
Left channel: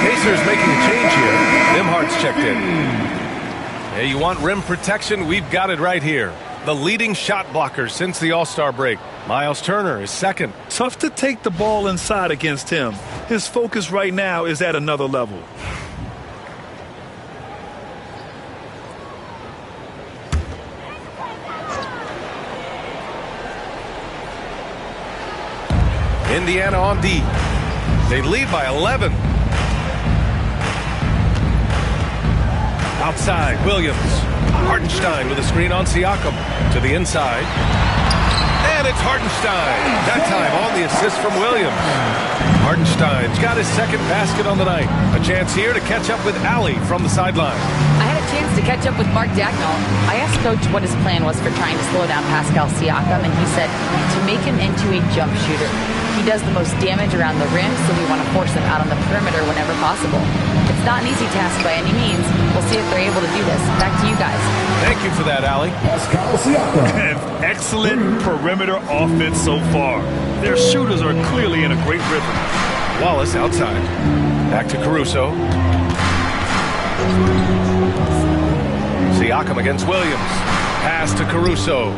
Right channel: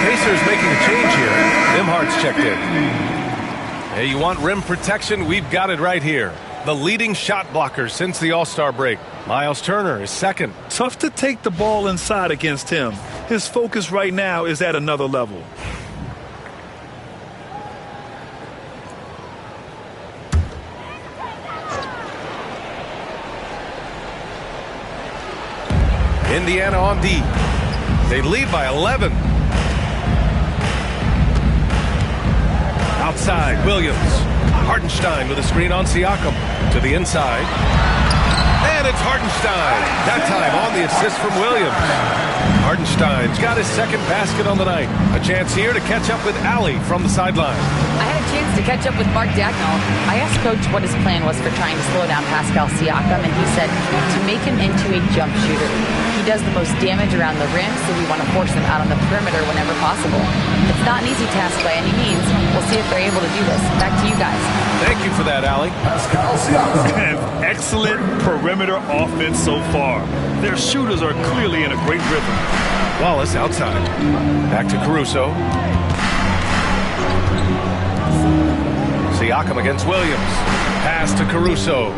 Pacers making a change here. Nimhardt's checked in. Hey, you want rim protection? We've got it right here. The leading shot blocker since the All-Star break. Miles Turner is second. Tough to take the ball inside against him. His focus right now is at another level. Indiana on D. They lead by 11. Outside, Williams. Hartenstein with a screen on Siakam. To the inside. And it's Hartenstein. That time on the assist from Williams. Hartenstein's got his second basket on the night. A chance here to catch up with Allie from the sideline. I had a chance to catch up with Mark Daigneault. I asked Coach what his plan was for trying to slow down Pascal Siakam, and he said to make him into a jump shooter. He does the most damage around the rim, so we want to force him out on the perimeter whenever possible. It's not an easy task by any means. We'll see if they're able to do this. Back to you guys. Thank you for that, Allie. An excellent perimeter offense so far. Their shooters are clearly in a great rhythm. Wallace outside. Back to Caruso. Siakam against Williams. Pass to Caruso.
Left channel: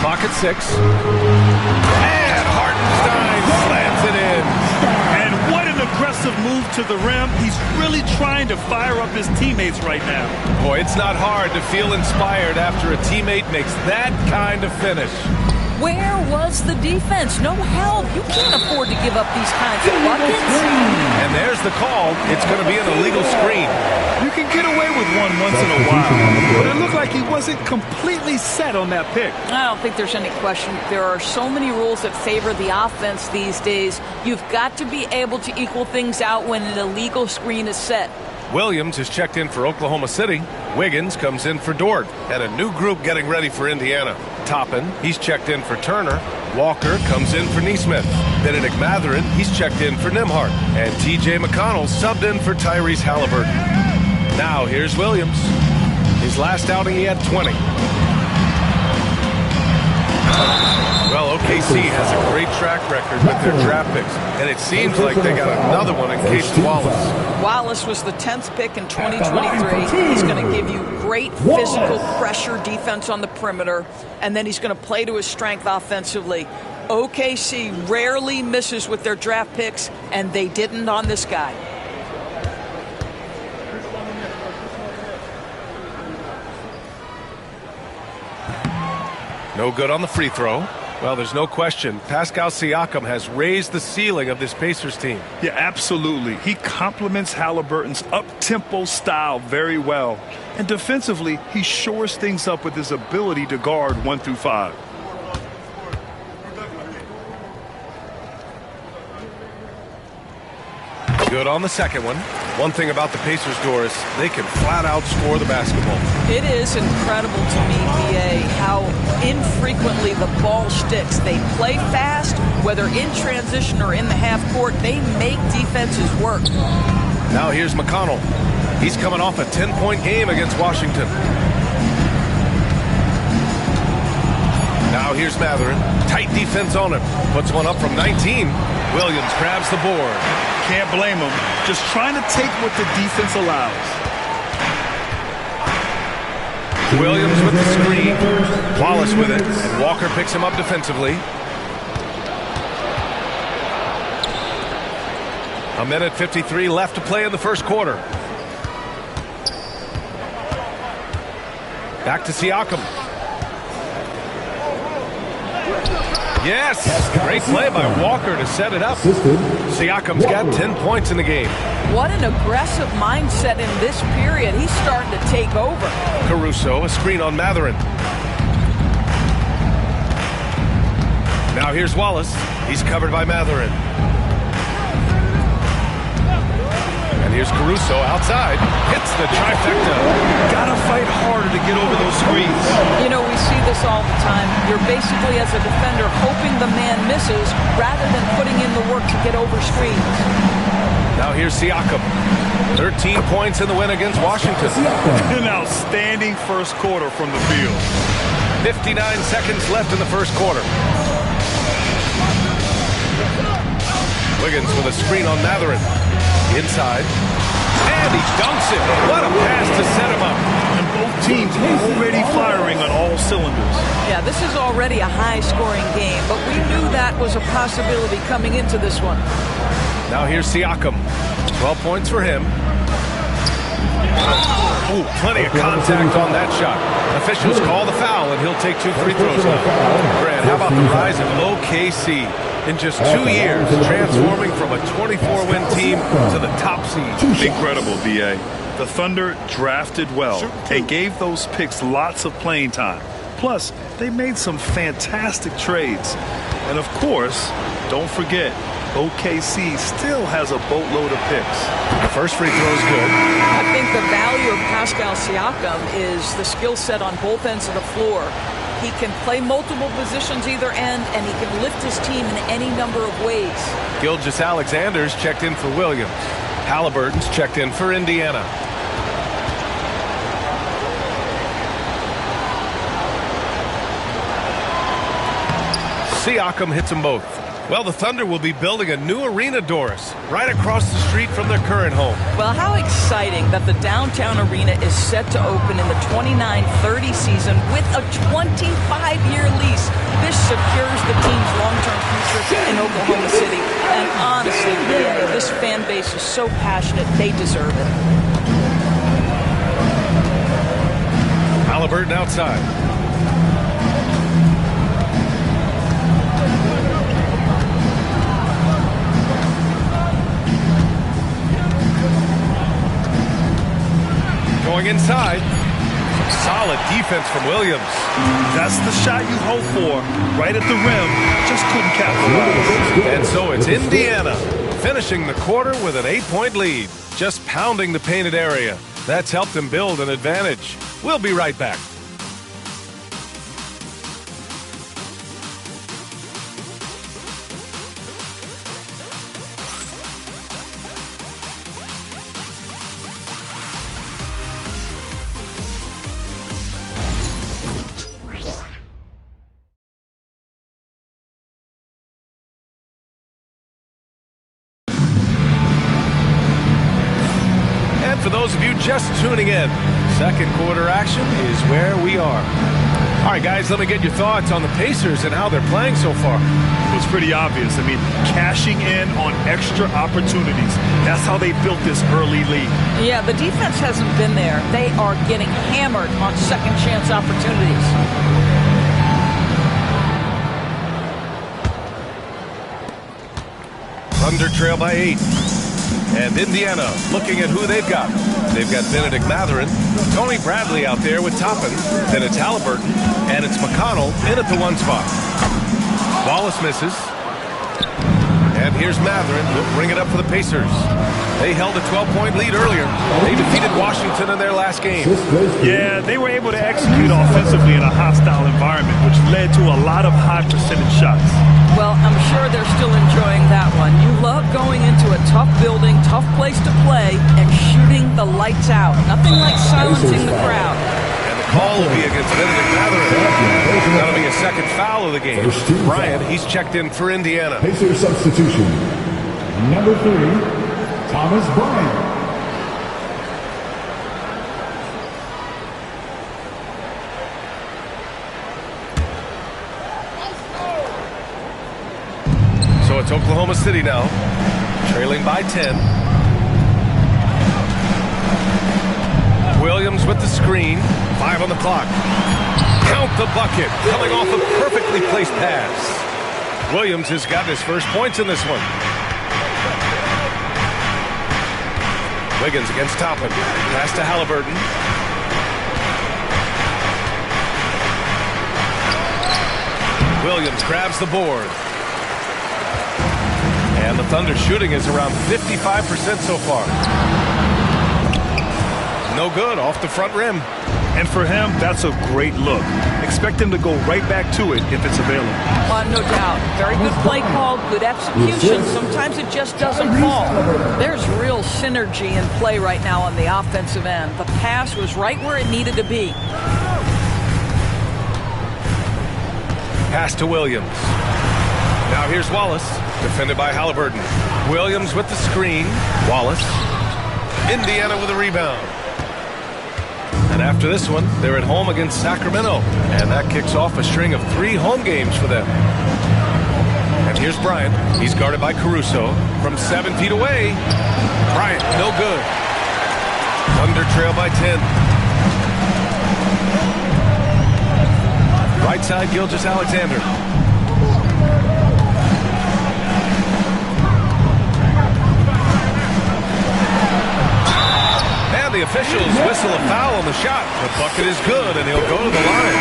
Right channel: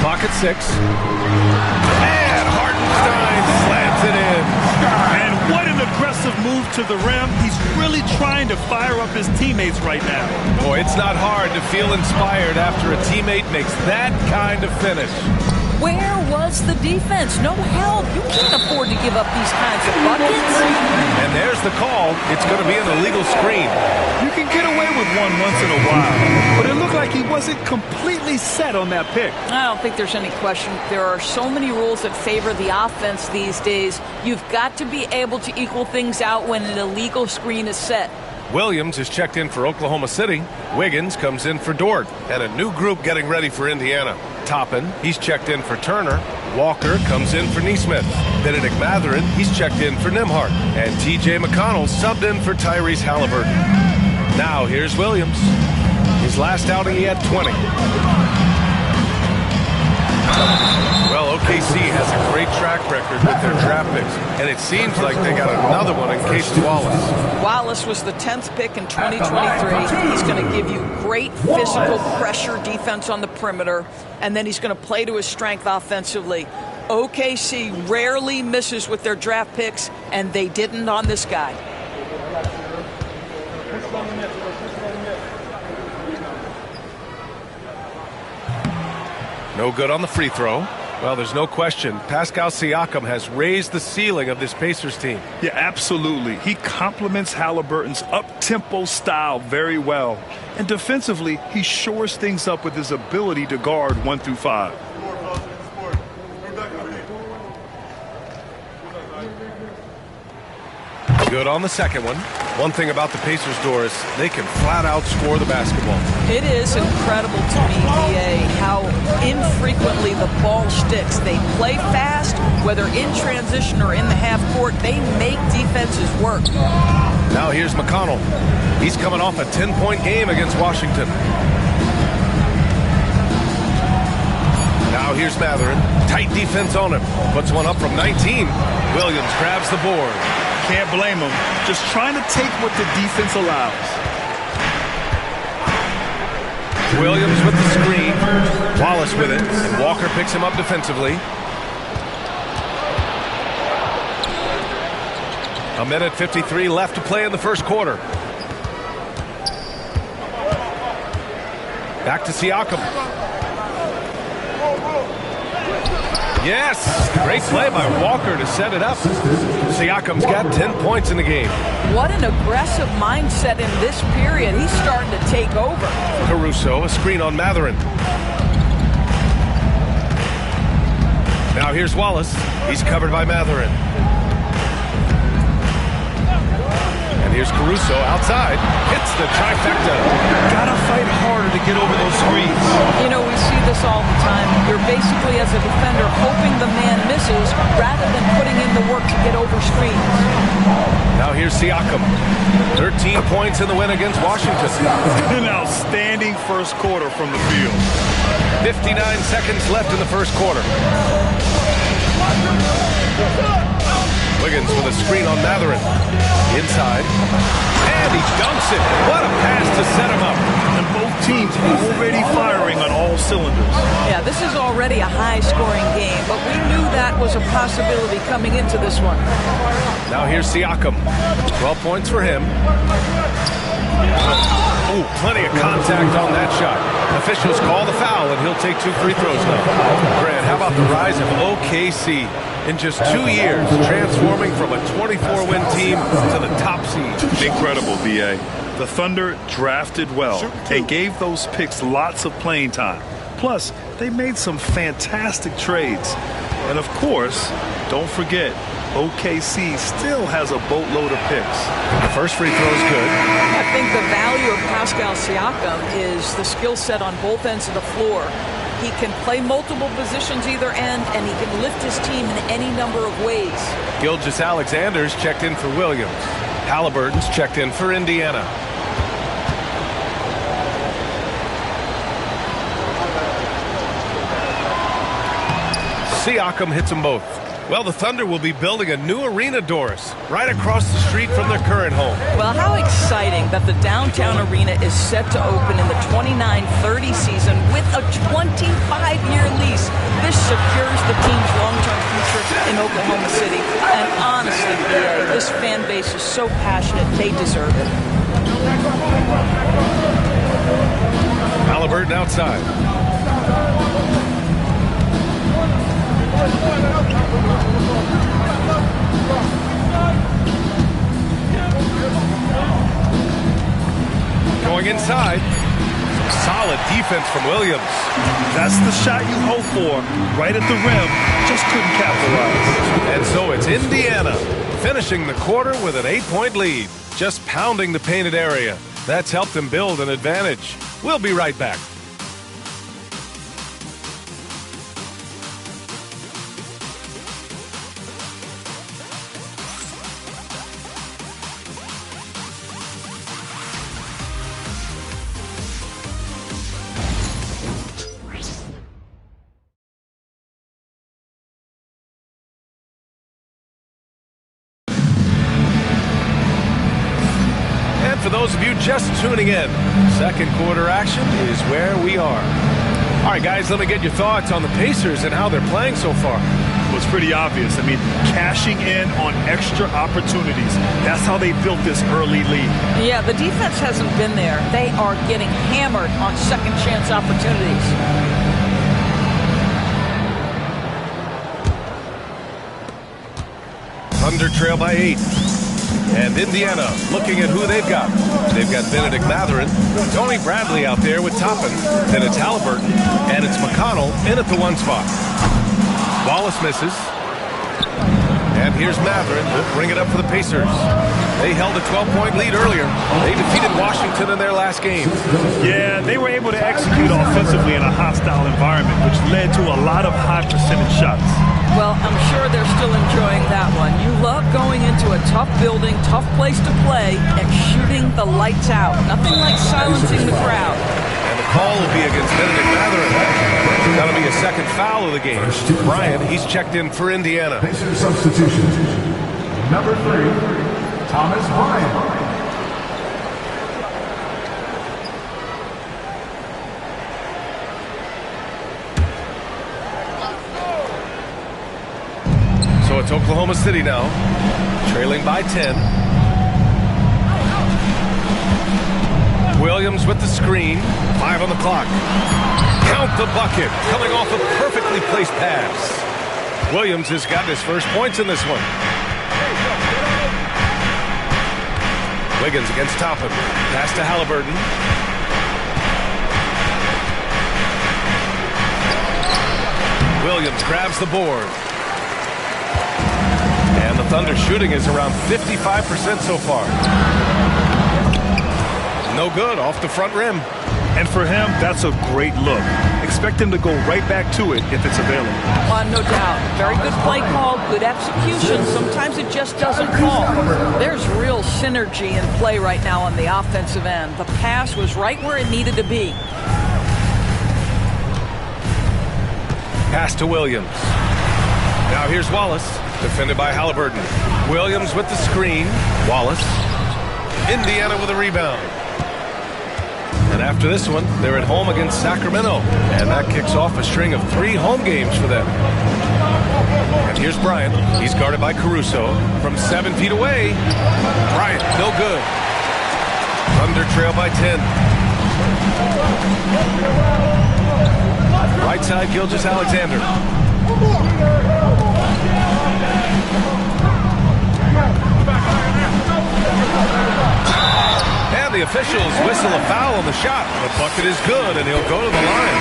Clock at 6. And Hartenstein slams it in. And what an aggressive move to the rim. He's really trying to fire up his teammates right now. Boy, it's not hard to feel inspired after a teammate makes that kind of finish. Where was the defense? No help. You can't afford to give up these kinds of buckets. And there's the call. It's going to be an illegal screen. You can get away with one once in a while, but it looked like he wasn't completely set on that pick. I don't think there's any question. There are so many rules that favor the offense these days. You've got to be able to equal things out when an illegal screen is set. Williams is checked in for Oklahoma City. Wiggins comes in for Dort. And a new group getting ready for Indiana. Toppin, he's checked in for Turner. Walker comes in for Nesmith. Benedict Mathurin, he's checked in for Nembhard. And T.J. McConnell subbed in for Tyrese Halliburton. Now here's Williams. His last outing he had 20. Well, OKC has a great track record with their draft picks, and it seems like they got another one in Casey Wallace. Wallace was the 10th pick in 2023. He's going to give you great physical pressure defense on the perimeter, and then he's going to play to his strength offensively. OKC rarely misses with their draft picks, and they didn't on this guy. No good on the free throw. Well, there's no question. Pascal Siakam has raised the ceiling of this Pacers team. Yeah, absolutely. He complements Halliburton's up-tempo style very well. And defensively, he shores things up with his ability to guard 1 through 5. Good on the second one. One thing about the Pacers, Doris, they can flat out score the basketball. It is incredible to me, VA, how infrequently the ball sticks. They play fast, whether in transition or in the half court. They make defenses work. Now here's McConnell. He's coming off a 10-point game against Washington. Now here's Mathurin. Tight defense on him. Puts one up from 19. Williams grabs the board. Can't blame him. Just trying to take what the defense allows. Williams with the screen. Wallace with it. And Walker picks him up defensively. A minute 53 left to play in the first quarter. Back to Siakam. Yes, great play by Walker to set it up. Siakam's got 10 points in the game. What an aggressive mindset in this period. He's starting to take over. Caruso, a screen on Mathurin. Now here's Wallace. He's covered by Mathurin. And here's Caruso outside. Hits the trifecta. Gotta fight harder to get over those screens. You know, we see this all the time. You're basically, as a defender, hoping the man misses rather than putting in the work to get over screens. Now here's Siakam. 13 points in the win against Washington. An outstanding first quarter from the field. 59 seconds left in the first quarter. Wiggins with a screen on Mathurin. Inside. And he dunks it. What a pass to set him up. And both teams already firing on all cylinders. Yeah, this is already a high-scoring game, but we knew that was a possibility coming into this one. Now here's Siakam. 12 points for him. Ooh, plenty of contact on that shot. Officials call the foul, and he'll take 2 free throws now. Grant, how about the rise of OKC? In just 2 years, transforming from a 24-win team to the top seed. Incredible, B.A. The Thunder drafted well and gave those picks lots of playing time. Plus, they made some fantastic trades. And of course, don't forget, OKC still has a boatload of picks. The first free throw is good. I think the value of Pascal Siakam is the skill set on both ends of the floor. He can play multiple positions either end, and he can lift his team in any number of ways. Gilgeous-Alexander's checked in for Williams. Halliburton's checked in for Indiana. Siakam hits them both. Well, the Thunder will be building a new arena, Doris, right across the street from their current home. Well, how exciting that the downtown arena is set to open in the 29-30 season with a 25-year lease. This secures the team's long-term future in Oklahoma City. And honestly, BA, this fan base is so passionate, they deserve it. Halliburton outside. Going inside. Some solid defense from Williams. That's the shot you hope for. Right at the rim. Just couldn't capitalize. And so it's Indiana finishing the quarter with an 8-point lead. Just pounding the painted area. That's helped them build an advantage. We'll be right back. For those of you just tuning in, second quarter action is where we are. All right, guys, let me get your thoughts on the Pacers and how they're playing so far. Well, it's pretty obvious. I mean, cashing in on extra opportunities. That's how they built this early lead. Yeah, the defense hasn't been there. They are getting hammered on second chance opportunities. Thunder trail by 8. And Indiana looking at who they've got. They've got Benedict Mathurin, Tony Bradley out there with Toppin. Then it's Halliburton, and it's McConnell in at the 1 spot. Wallace misses. And here's Mathurin. Will bring it up for the Pacers. They held a 12-point lead earlier. They defeated Washington in their last game. Yeah, they were able to execute offensively in a hostile environment, which led to a lot of high percentage shots. Well, I'm sure they're still enjoying that one. You love going into a tough building, tough place to play, and shooting the lights out. Nothing like silencing the crowd. And the call will be against Benedict Mathurin. That'll be a second foul of the game. Bryant, he's checked in for Indiana. Pacer substitution. Number 3, Thomas Bryant. So it's Oklahoma City now, trailing by 10. Williams with the screen, 5 on the clock. Count the bucket, coming off a perfectly placed pass. Williams has got his first points in this one. Wiggins against Toppin. Pass to Halliburton. Williams grabs the board. And the Thunder shooting is around 55% so far. No good, off the front rim. And for him, that's a great look. Expect him to go right back to it if it's available. No doubt. Very good play call, good execution. Sometimes it just doesn't fall. There's real synergy in play right now on the offensive end. The pass was right where it needed to be. Pass to Williams. Now here's Wallace, defended by Halliburton. Williams with the screen. Wallace. Indiana with a rebound. And after this one, they're at home against Sacramento. And that kicks off a string of 3 home games for them. And here's Bryant. He's guarded by Caruso. From 7 feet away. Bryant, no good. Thunder trail by 10. Right side, Gilgeous-Alexander. And the officials whistle a foul on the shot. The bucket is good, and he'll go to the line.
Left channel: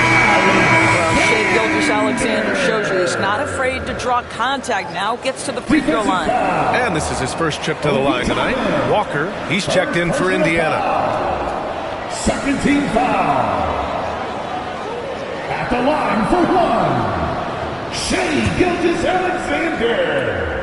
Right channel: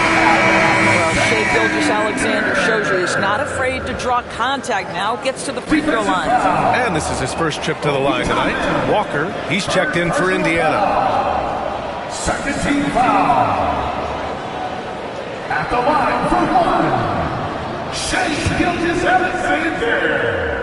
Well, Shai Gilgeous-Alexander shows you he's not afraid to draw contact. Now gets to the free throw line. And this is his first trip to the line tonight. Walker, he's checked in for Indiana. Second team foul. At the line for 1, Shai Gilgeous-Alexander.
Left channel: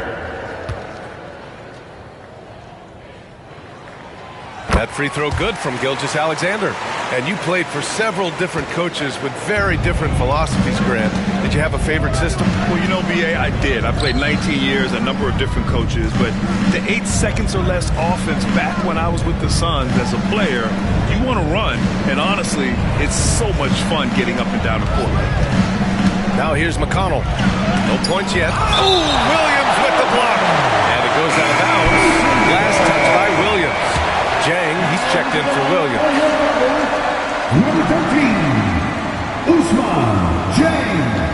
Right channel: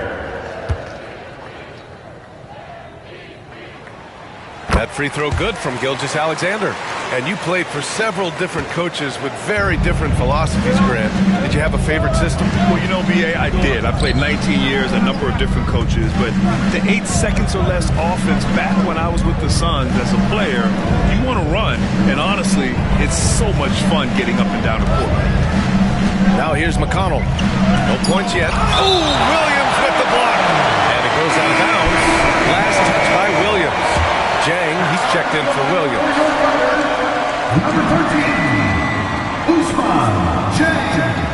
That free throw good from Gilgeous-Alexander. And you played for several different coaches with very different philosophies, Grant. Did you have a favorite system? Well, you know, B.A., I did. I played 19 years, a number of different coaches, but the 8 seconds or less offense back when I was with the Suns as a player, you want to run. And honestly, it's so much fun getting up and down the court like that. Now here's McConnell. No points yet. Oh, Williams with the block. And it goes out of bounds. Last touch by Williams. Jang, he's checked in for Williams. Number 13, Usman Jang.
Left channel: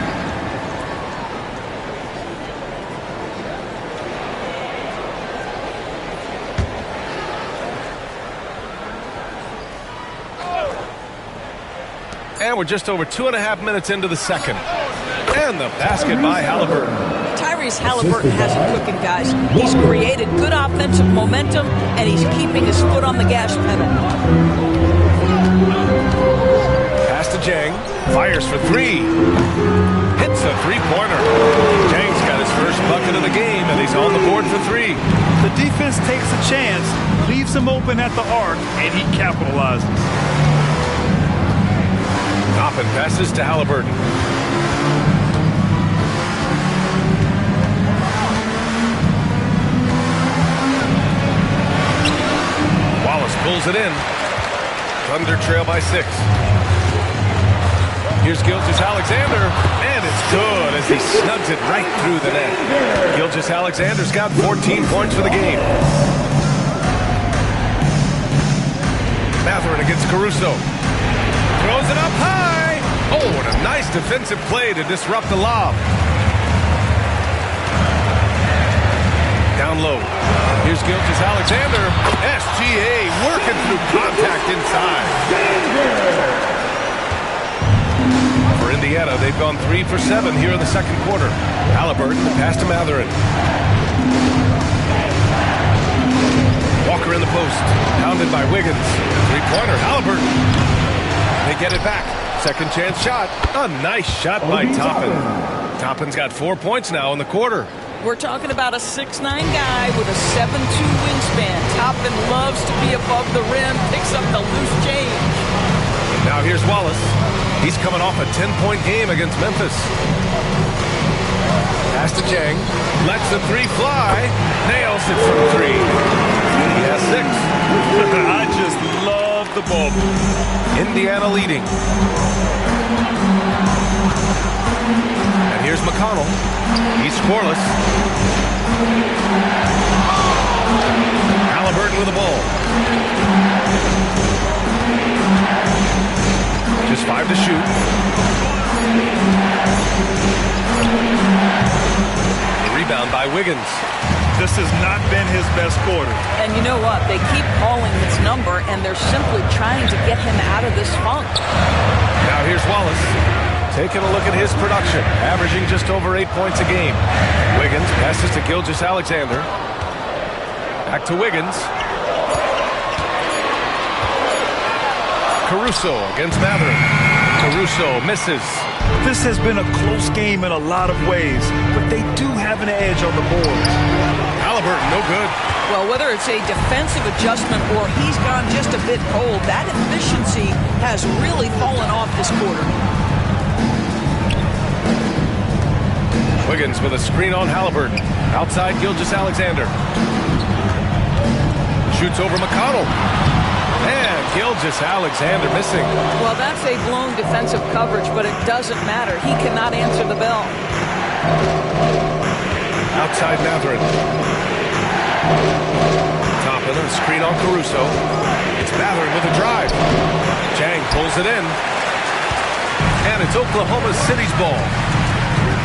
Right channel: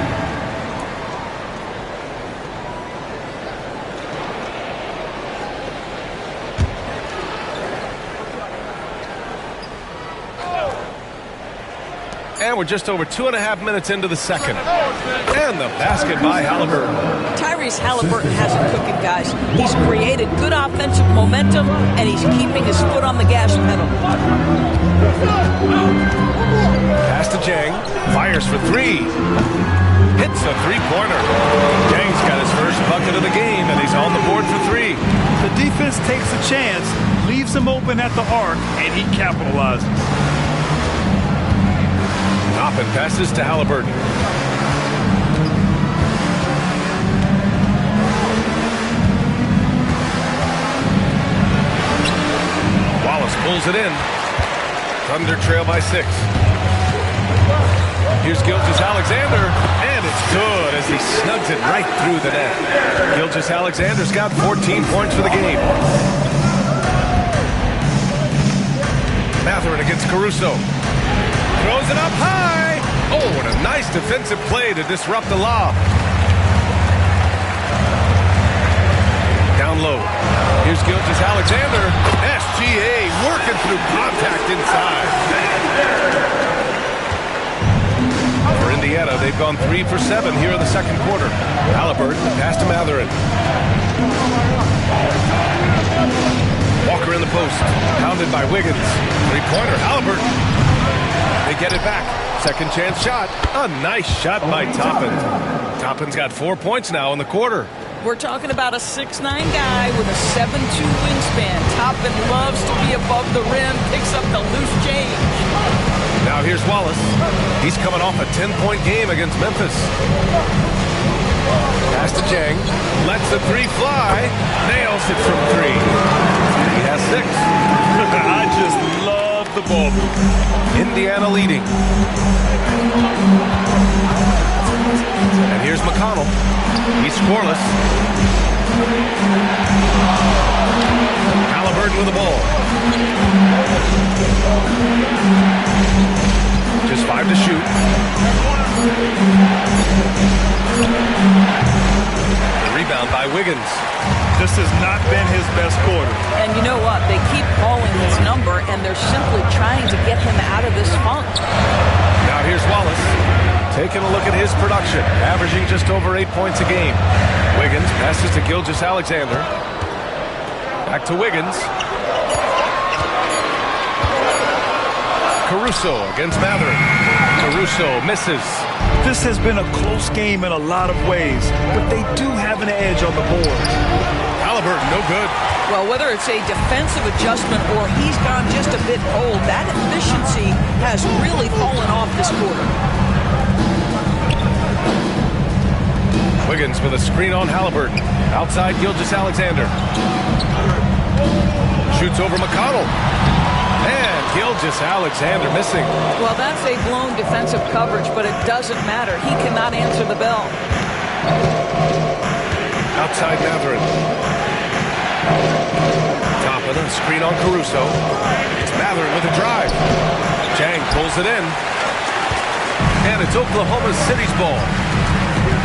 And we're just over 2.5 minutes into the second. And the basket by Halliburton. Tyrese Halliburton has it cooking, guys. He's created good offensive momentum, and he's keeping his foot on the gas pedal. Pass to Jang. Fires for 3. Hits a three-pointer. Jang's got his first bucket of the game, and he's on the board for 3. The defense takes a chance, leaves him open at the arc, and he capitalizes. Toppin passes to Halliburton. Wallace pulls it in. Thunder trail by 6. Here's Gilgeous-Alexander, and it's good as he snugs it right through the net. Gilgeous-Alexander's got 14 points for the game. Mathurin against Caruso. Throws it up high. Oh, what a nice defensive play to disrupt the lob. Down low. Here's Gilgeous-Alexander. SGA working through contact inside. For Indiana, they've gone 3 for 7 here in the second quarter. Halliburton, the pass to Mathurin. Walker in the post. Pounded by Wiggins. Three-pointer, Halliburton. They get it back. Second chance shot. A nice shot by Toppin. Toppin's got 4 points now in the quarter. We're talking about a 6'9" guy with a 7'2" wingspan. Toppin loves to be above the rim, picks up the loose change. Now here's Wallace. He's coming off a 10-point game against Memphis. Pass to Jang. Lets the 3 fly. Nails it from 3. He has 6. I just love the ball. Indiana leading. And here's McConnell. He's scoreless. Halliburton with the ball. Just 5 to shoot. The rebound by Wiggins. This has not been his best quarter. And you know what? They keep calling his number, and they're simply trying to get him out of this funk. Now here's Wallace. Taking a look at his production. Averaging just over 8 points a game. Wiggins passes to Gilgeous-Alexander. Back to Wiggins. Caruso against Mathurin. Caruso misses. This has been a close game in a lot of ways, but they do have an edge on the board. Halliburton, no good. Well, whether it's a defensive adjustment or he's gone just a bit cold, that efficiency has really fallen off this quarter. Wiggins with a screen on Halliburton. Outside Gilgeous-Alexander. Shoots over McConnell. And Gilgeous-Alexander missing. Well, that's a blown defensive coverage, but it doesn't matter. He cannot answer the bell. Outside Mathurin. Toppin, a screen on Caruso. It's Mathurin with a drive. Jang pulls it in. And it's Oklahoma City's ball.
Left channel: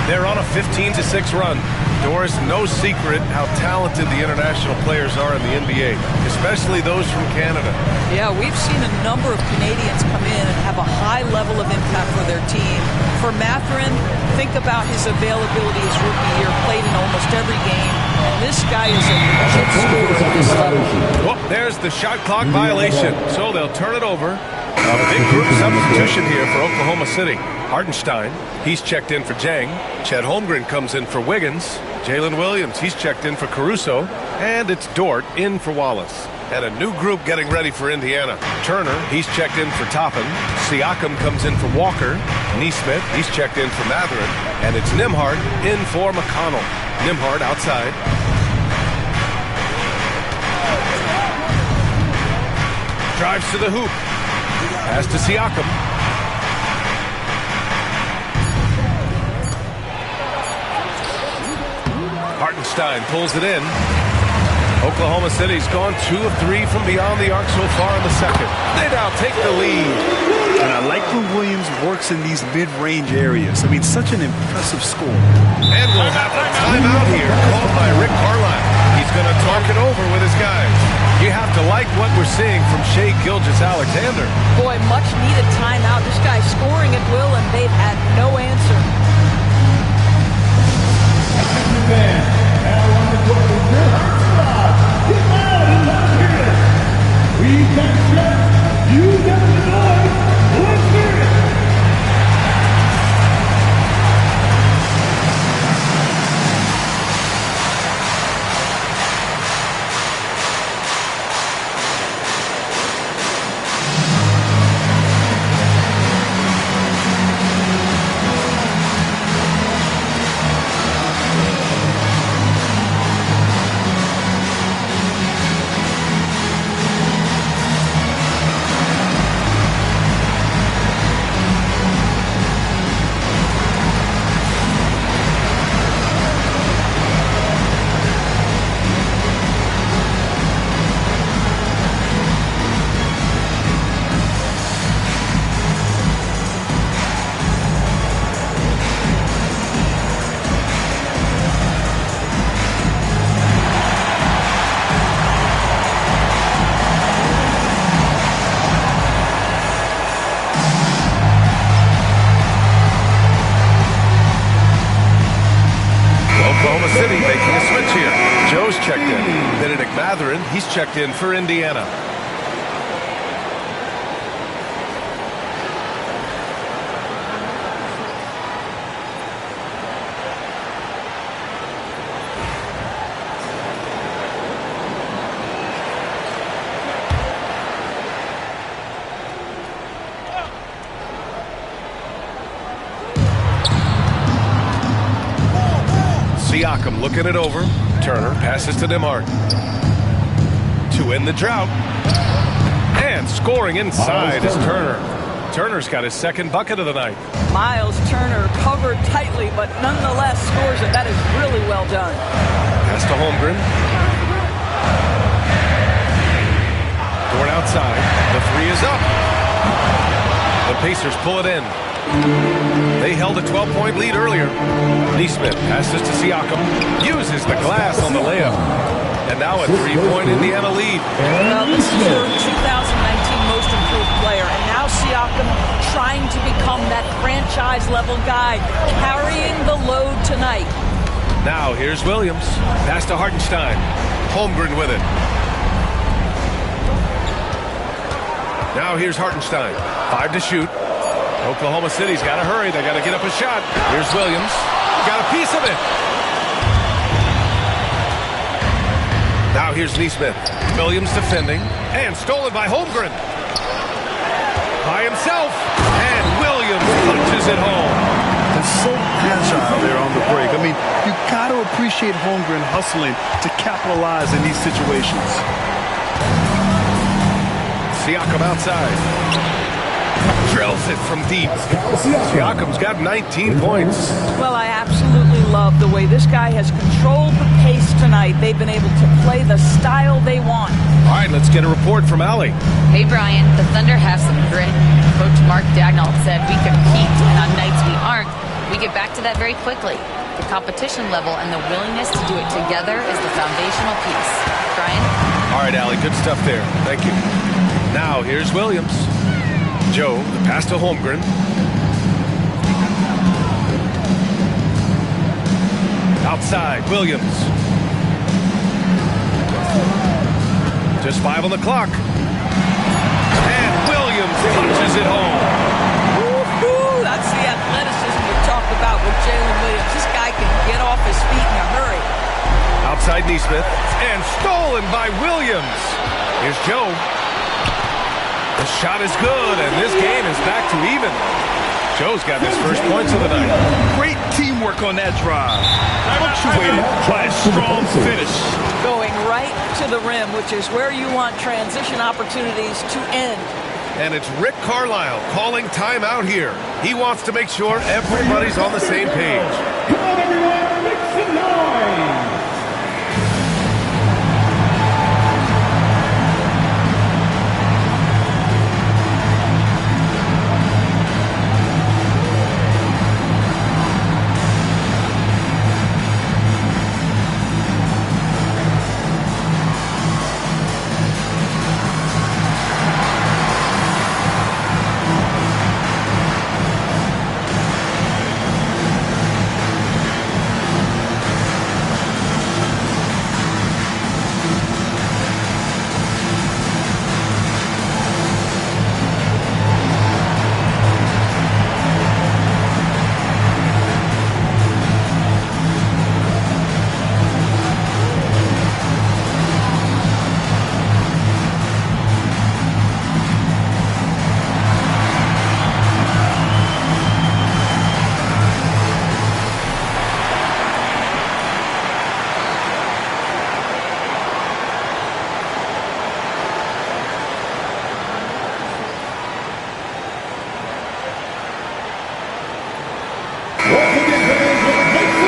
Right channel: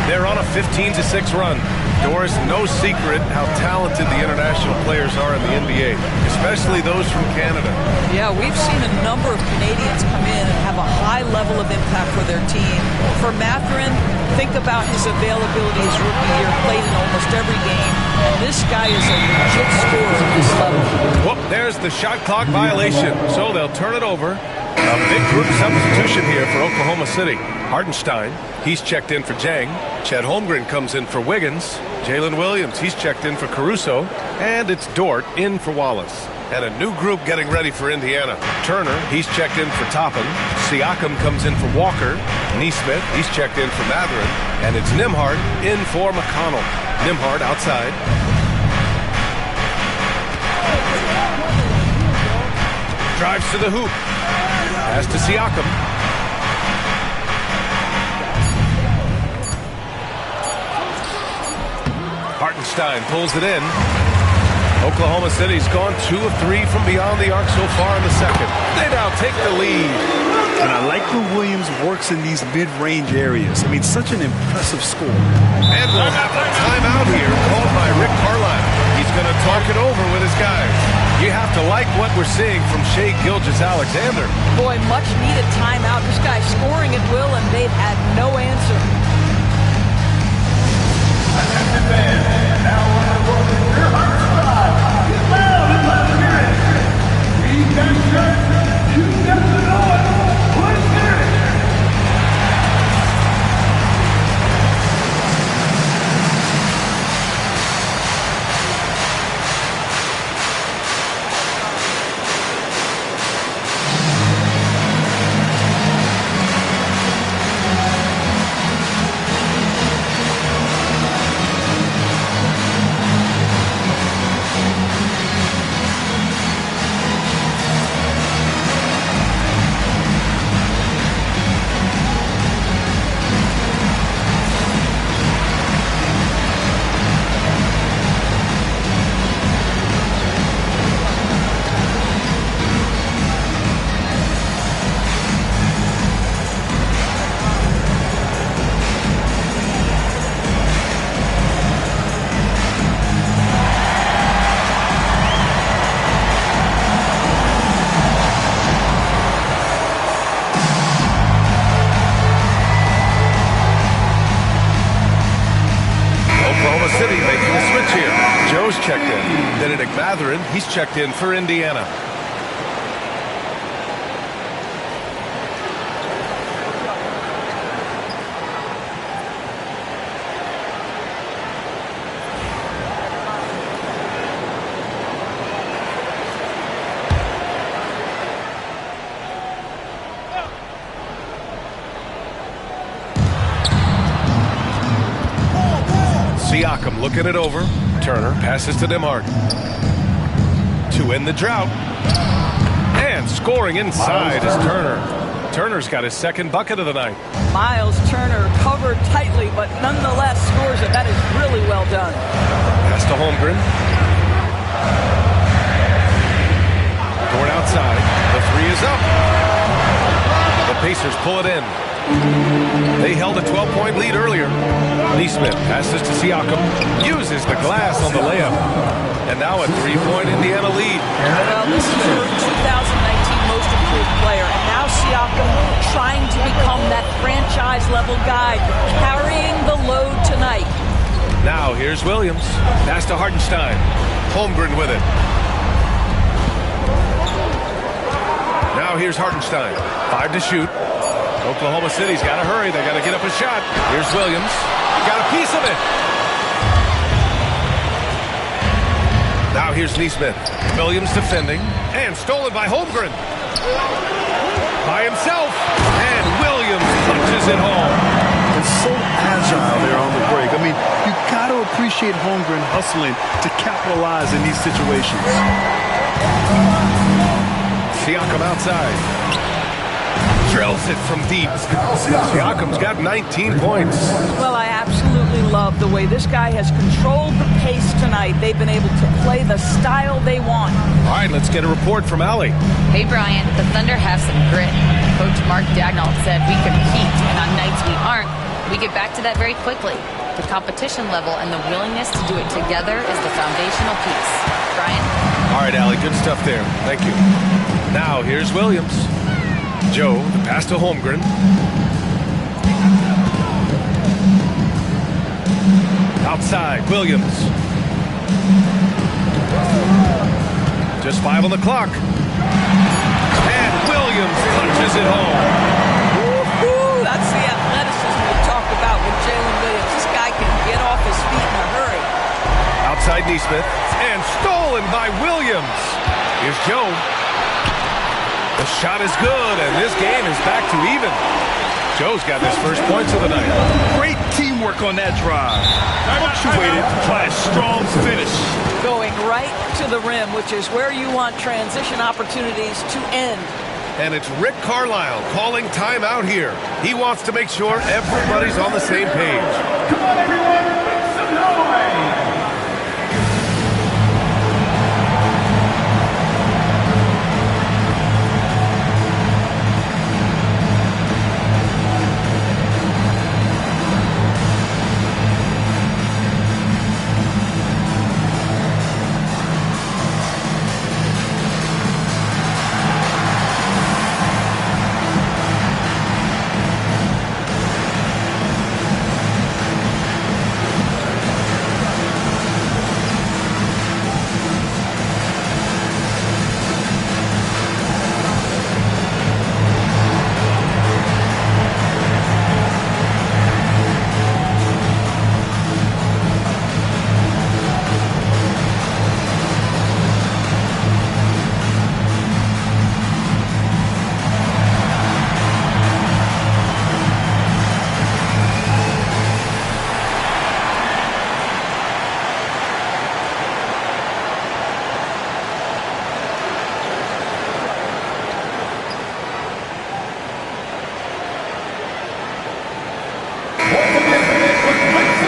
They're on a 15-6 run. Doris, no secret how talented the international players are in the NBA, especially those from Canada. Yeah, we've seen a number of Canadians come in and have a high level of impact for their team. For Mathurin, think about his availability his rookie year, played in almost every game, and this guy is a legit scorer at this level. Oh, there's the shot clock violation, so they'll turn it over. A big group substitution here for Oklahoma City. Hartenstein, he's checked in for Jang. Chet Holmgren comes in for Wiggins. Jalen Williams, he's checked in for Caruso. And it's Dort in for Wallace. And a new group getting ready for Indiana. Turner, he's checked in for Toppin. Siakam comes in for Walker. Neesmith, he's checked in for Mathurin. And it's Nembhard in for McConnell. Nembhard outside. Drives to the hoop. Pass to Siakam. Hartenstein pulls it in. Oklahoma City's gone 2 of 3 from beyond the arc so far in the second. They now take the lead. And I like when Williams works in these mid-range areas. I mean, such an impressive score. And we'll have a timeout here called by Rick Carlisle. He's going to talk it over with his guys. You have to like what we're seeing from Shai Gilgeous-Alexander. Boy, much needed timeout. This guy's scoring at will, and they've had no answer. Now on the court is your heart spot. Get loud and let's hear it. We've got shirts. You got the noise. Let's hear it. Oklahoma City making a switch here. Joe's checked in. Benedict Mathurin, he's checked in for Indiana. Siakam looking it over. Turner passes to Nembhard. To end the drought. And scoring inside is Turner. Turner's got his second bucket of the night. Miles Turner covered tightly, but nonetheless scores it. That is really well done. Pass to Holmgren. Dort outside. The three is up. The Pacers pull it in. They held a 12-point lead earlier. Neesmith passes to Siakam. Uses the glass on the layup. And now a three-point Indiana lead. Well, this is her 2019 most improved player. And now Siakam trying to become that franchise-level guy, carrying the load tonight. Now here's Williams. Pass to Hartenstein. Holmgren with it. Now here's Hartenstein. 5 to shoot. Oklahoma City's got to hurry. They got to get up a shot. Here's Williams. Got a piece of it. Now here's Neesmith. Williams defending. And stolen by Holmgren. By himself. And Williams punches it home. And so agile there on the break. I mean, you got to appreciate Holmgren hustling to capitalize in these situations. Siakam outside. Drills it from deep. Siakam's got 19 points. Well, I absolutely love the way this guy has controlled the pace tonight. They've been able to play the style they want. All right, let's get a report from Allie. Hey, Brian, the Thunder have some grit. Coach Mark Daigneault said we compete, and on nights we aren't, we get back to that very quickly. The competition level and the willingness to do it together is the foundational piece. Brian? All right, Allie, good stuff there. Thank you. Now, here's Williams. Joe, the pass to Holmgren. Outside, Williams. Just 5 on the clock. And Williams Williams punches it home. Woo-hoo! That's the athleticism you talk about with Jalen Williams. This guy can get off his feet in a hurry. Outside Neesmith, and stolen by Williams. Here's Joe. The shot is good, and this game is back to even. Joe's got his first points of the night. Great teamwork on that drive. Punctuated by a strong finish. Going right to the rim, which is where you want transition opportunities to end. And it's Rick Carlisle calling timeout here. He wants to make sure everybody's on the same page. Come on, everyone, make some noise.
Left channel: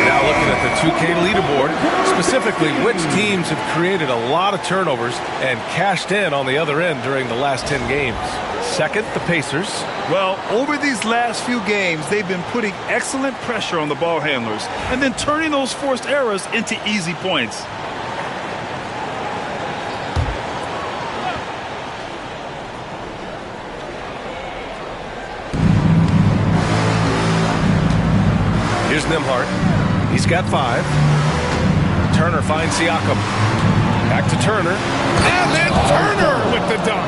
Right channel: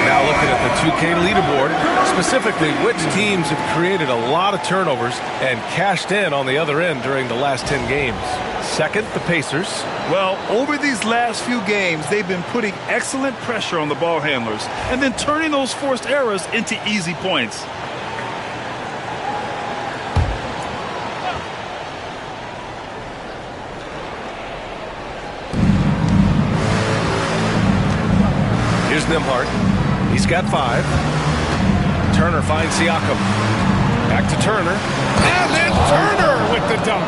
Now looking at the 2K leaderboard, specifically which teams have created a lot of turnovers and cashed in on the other end during the last 10 games. Second, the Pacers. Well, over these last few games, they've been putting excellent pressure on the ball handlers and then turning those forced errors into easy points. Here's Nembhard. He's got 5. Turner finds Siakam. Back to Turner. And then Turner with the dunk.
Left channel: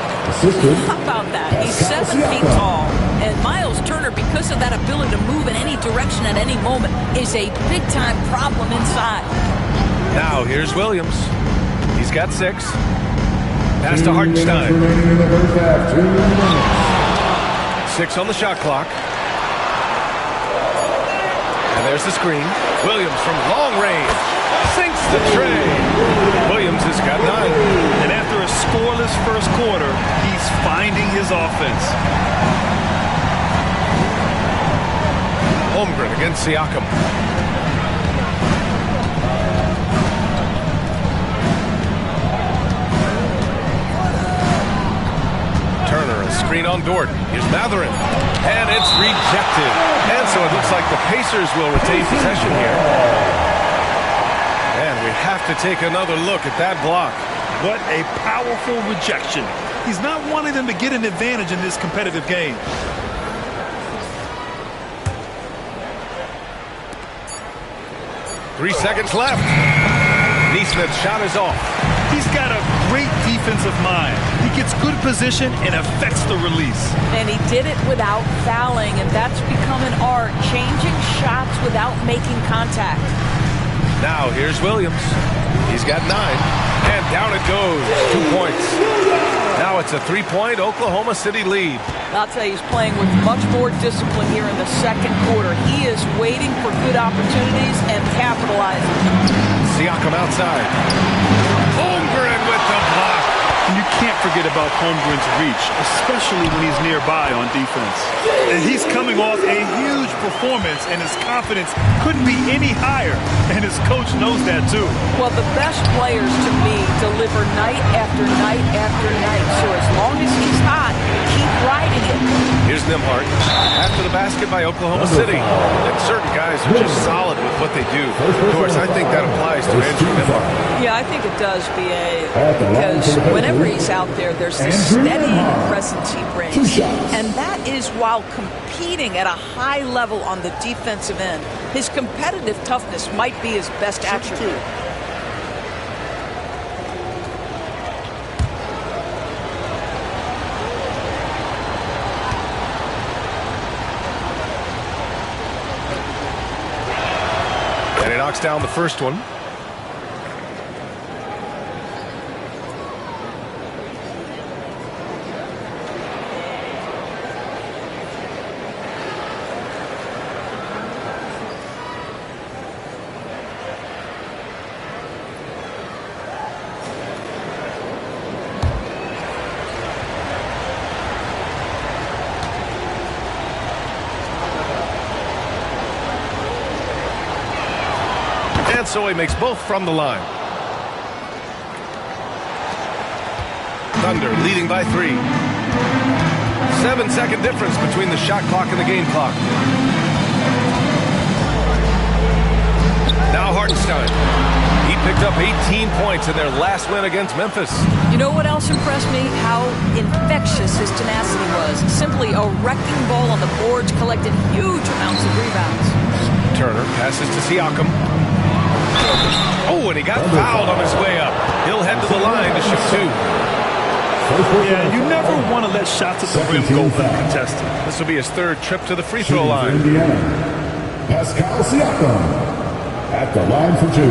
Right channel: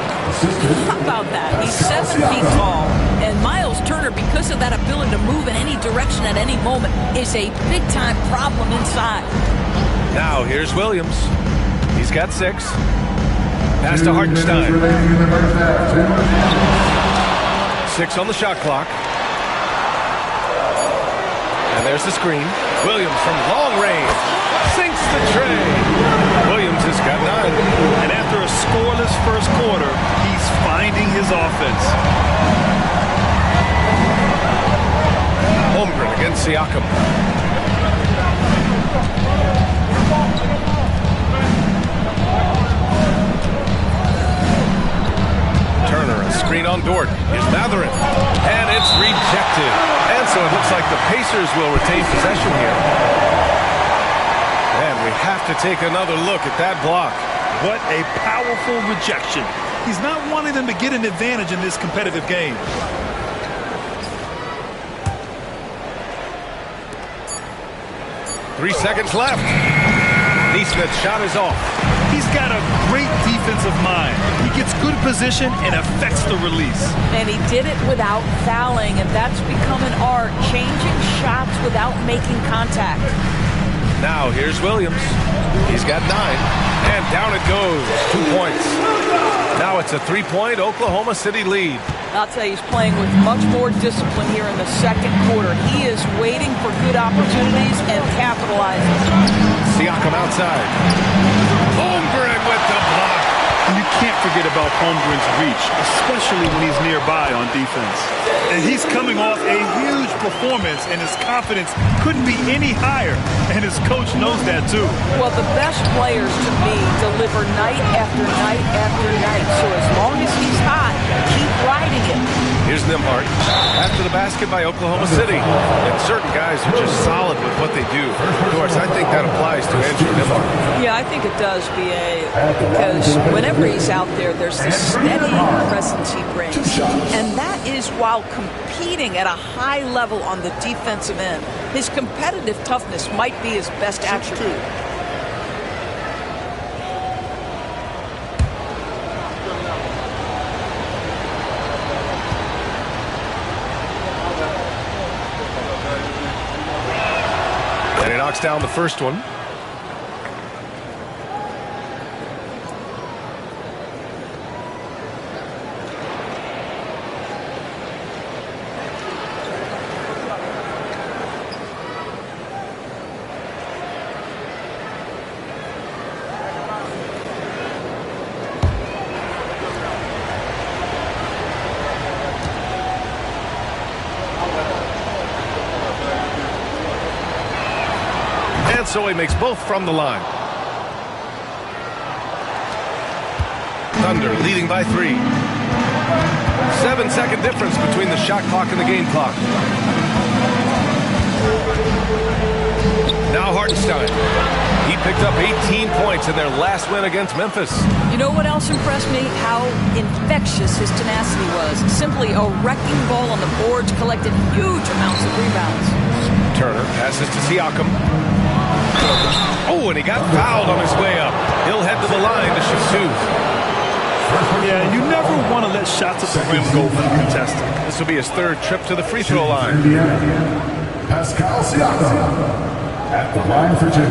How about that? He's 7 feet tall. And Miles Turner, because of that ability to move in any direction at any moment, is a big-time problem inside. Now here's Williams. He's got 6. Pass to Hartenstein. 6 on the shot clock. And there's the screen. Williams from long range sinks the tray. Williams has got 9. And after a scoreless first quarter, he's finding his offense. Holmgren against Siakam. Turner, a screen on Dort. Here's Matherin. And it's rejected. And so it looks like the Pacers will retain possession here. And we have to take another look at that block. What a powerful rejection. He's not wanting them to get an advantage in this competitive game. Three seconds left. Neesmith's shot is off. He's got a great defensive mind. He gets good position and affects the release. And he did it without fouling, and that's become an art, changing shots without making contact. Now here's Williams. He's got 9. And down it goes. 2 points. Now it's a 3-point Oklahoma City lead. I'll tell you, he's playing with much more discipline here in the second quarter. He is waiting for good opportunities and capitalizing. Siakam outside. Holmgren with the block. And you can't forget about Holmgren's reach, especially when he's nearby on defense. And he's coming off a huge performance, and his confidence couldn't be any higher. And his coach knows that, too. Well, the best players, to me, deliver night after night after night. So as long as he's hot, keep riding it. Here's Nembhard. After the basket by Oklahoma City. And certain guys are just solid with what they do. Of course, I think that applies to Andrew Nembhard. Yeah, I think it does, B.A., because whenever he's out there, there's this steady presence he brings. And that is while competing at a high level on the defensive end. His competitive toughness might be his best attribute. knocks down the first one. And so he makes both from the line. Thunder leading by 3. 7-second difference between the shot clock and the game clock. Now Hartenstein. He picked up 18 points in their last win against Memphis. You know what else impressed me? How infectious his tenacity was. Simply a wrecking ball on the boards, collected huge amounts of rebounds. Turner passes to Siakam. Oh, and he got fouled on his way up. He'll head to the line to shoot 2. Yeah, you never want to let shots at the rim go uncontested. This will be his 3rd trip to the free throw line. Indiana, Pascal Siakam at the line for 2.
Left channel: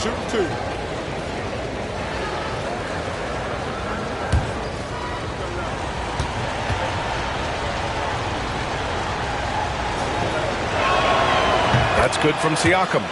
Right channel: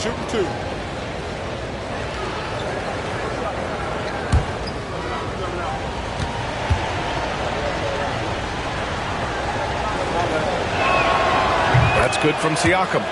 Shoot 2. That's good from Siakam.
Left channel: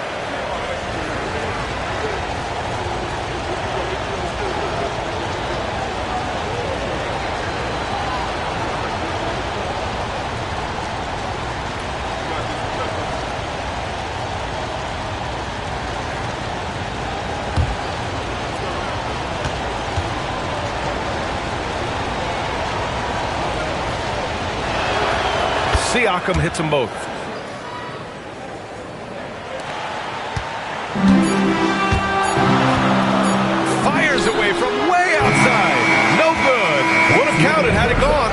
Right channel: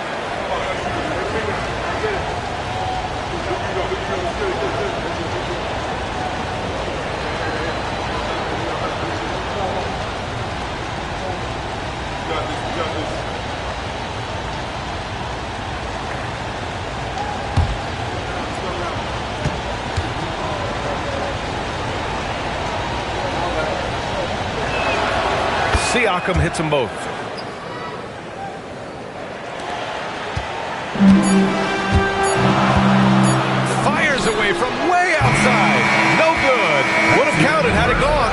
Siakam hits them both. Fires away from way outside. No good. Would have counted had it gone.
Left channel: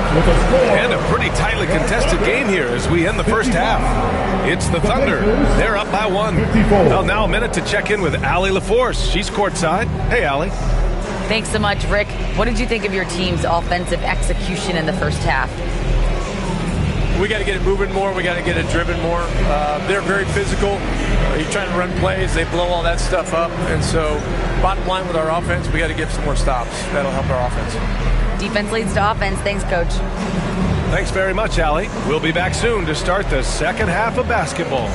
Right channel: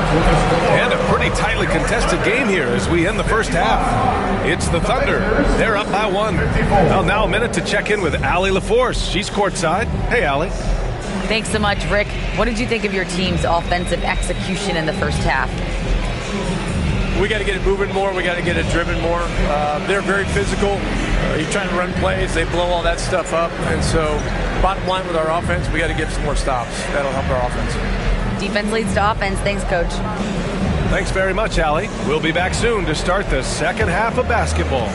And a pretty tightly contested game here as we end the first half. It's the Thunder. They're up by 1. Well, now a minute to check in with Allie LaForce. She's courtside. Hey, Allie. Thanks so much, Rick. What did you think of your team's offensive execution in the first half? We got to get it moving more. We got to get it driven more. They're very physical. You're trying to run plays. They blow all that stuff up. And so bottom line with our offense, we got to get some more stops. That'll help our offense. Defense leads to offense. Thanks, Coach. Thanks very much, Allie. We'll be back soon to start the second half of basketball.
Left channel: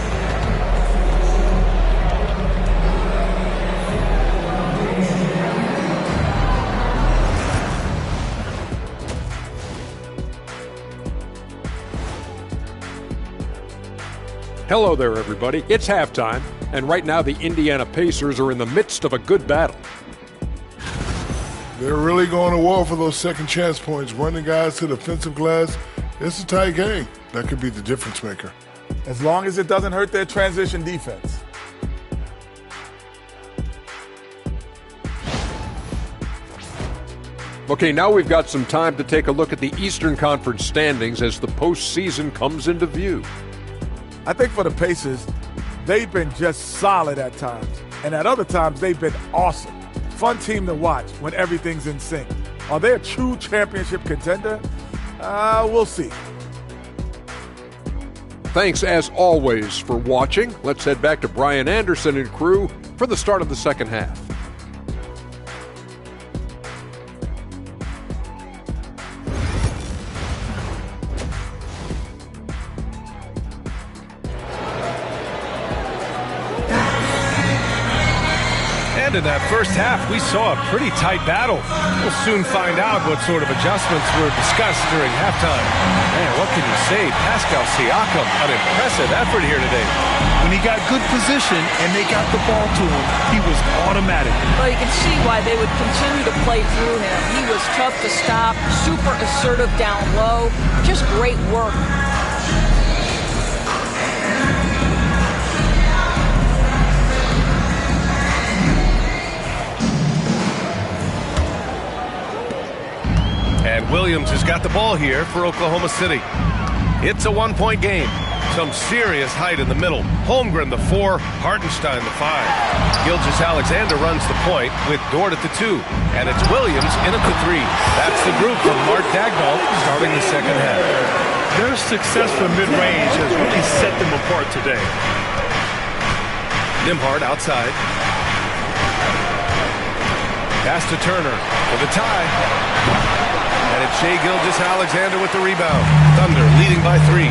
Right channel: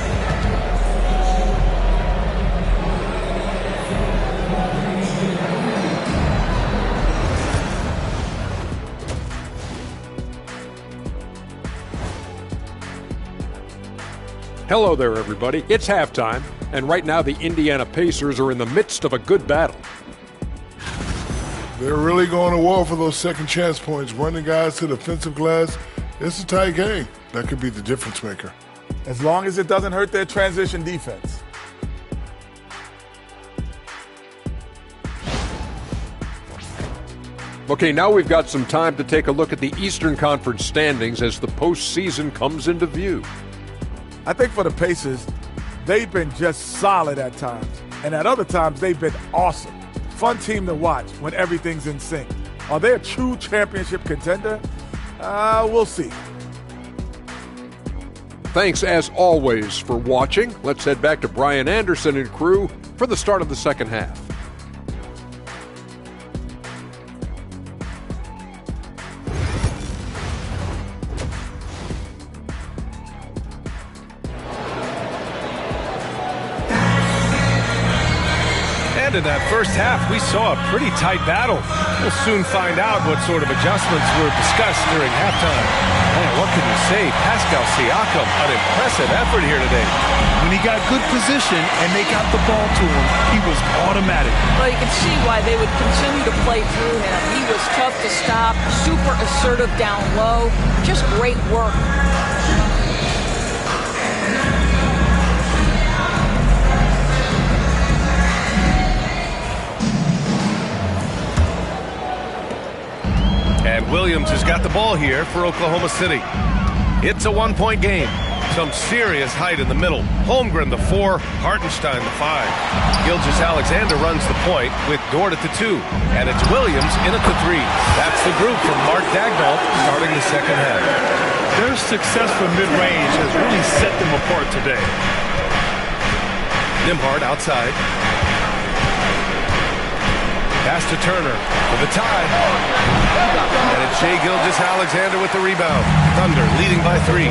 Hello there, everybody. It's halftime, and right now the Indiana Pacers are in the midst of a good battle. They're really going to war for those second chance points, running guys to the offensive glass. It's a tight game. That could be the difference maker. As long as it doesn't hurt their transition defense. Okay, now we've got some time to take a look at the Eastern Conference standings as the postseason comes into view. I think for the Pacers, they've been just solid at times. And at other times, they've been awesome. Fun team to watch when everything's in sync. Are they a true championship contender? We'll see. Thanks, as always, for watching. Let's head back to Brian Anderson and crew for the start of the second half. And in that first half, we saw a pretty tight battle. We'll soon find out what sort of adjustments were discussed during halftime. Man, what can you say? Pascal Siakam, an impressive effort here today. When he got good position and they got the ball to him, he was automatic. Well, you can see why they would continue to play through him. He was tough to stop, super assertive down low. Just great work. And Williams has got the ball here for Oklahoma City. It's a one-point game. Some serious height in the middle. Holmgren the 4, Hartenstein the 5. Gilgeous-Alexander runs the point with Dort at the 2. And it's Williams in at the 3. That's the group from Mark Dagnall starting the second half. Their success from mid-range has really set them apart today. Nembhard outside. Pass to Turner for the tie. And it's Shai Gilgeous-Alexander with the rebound. Thunder leading by 3.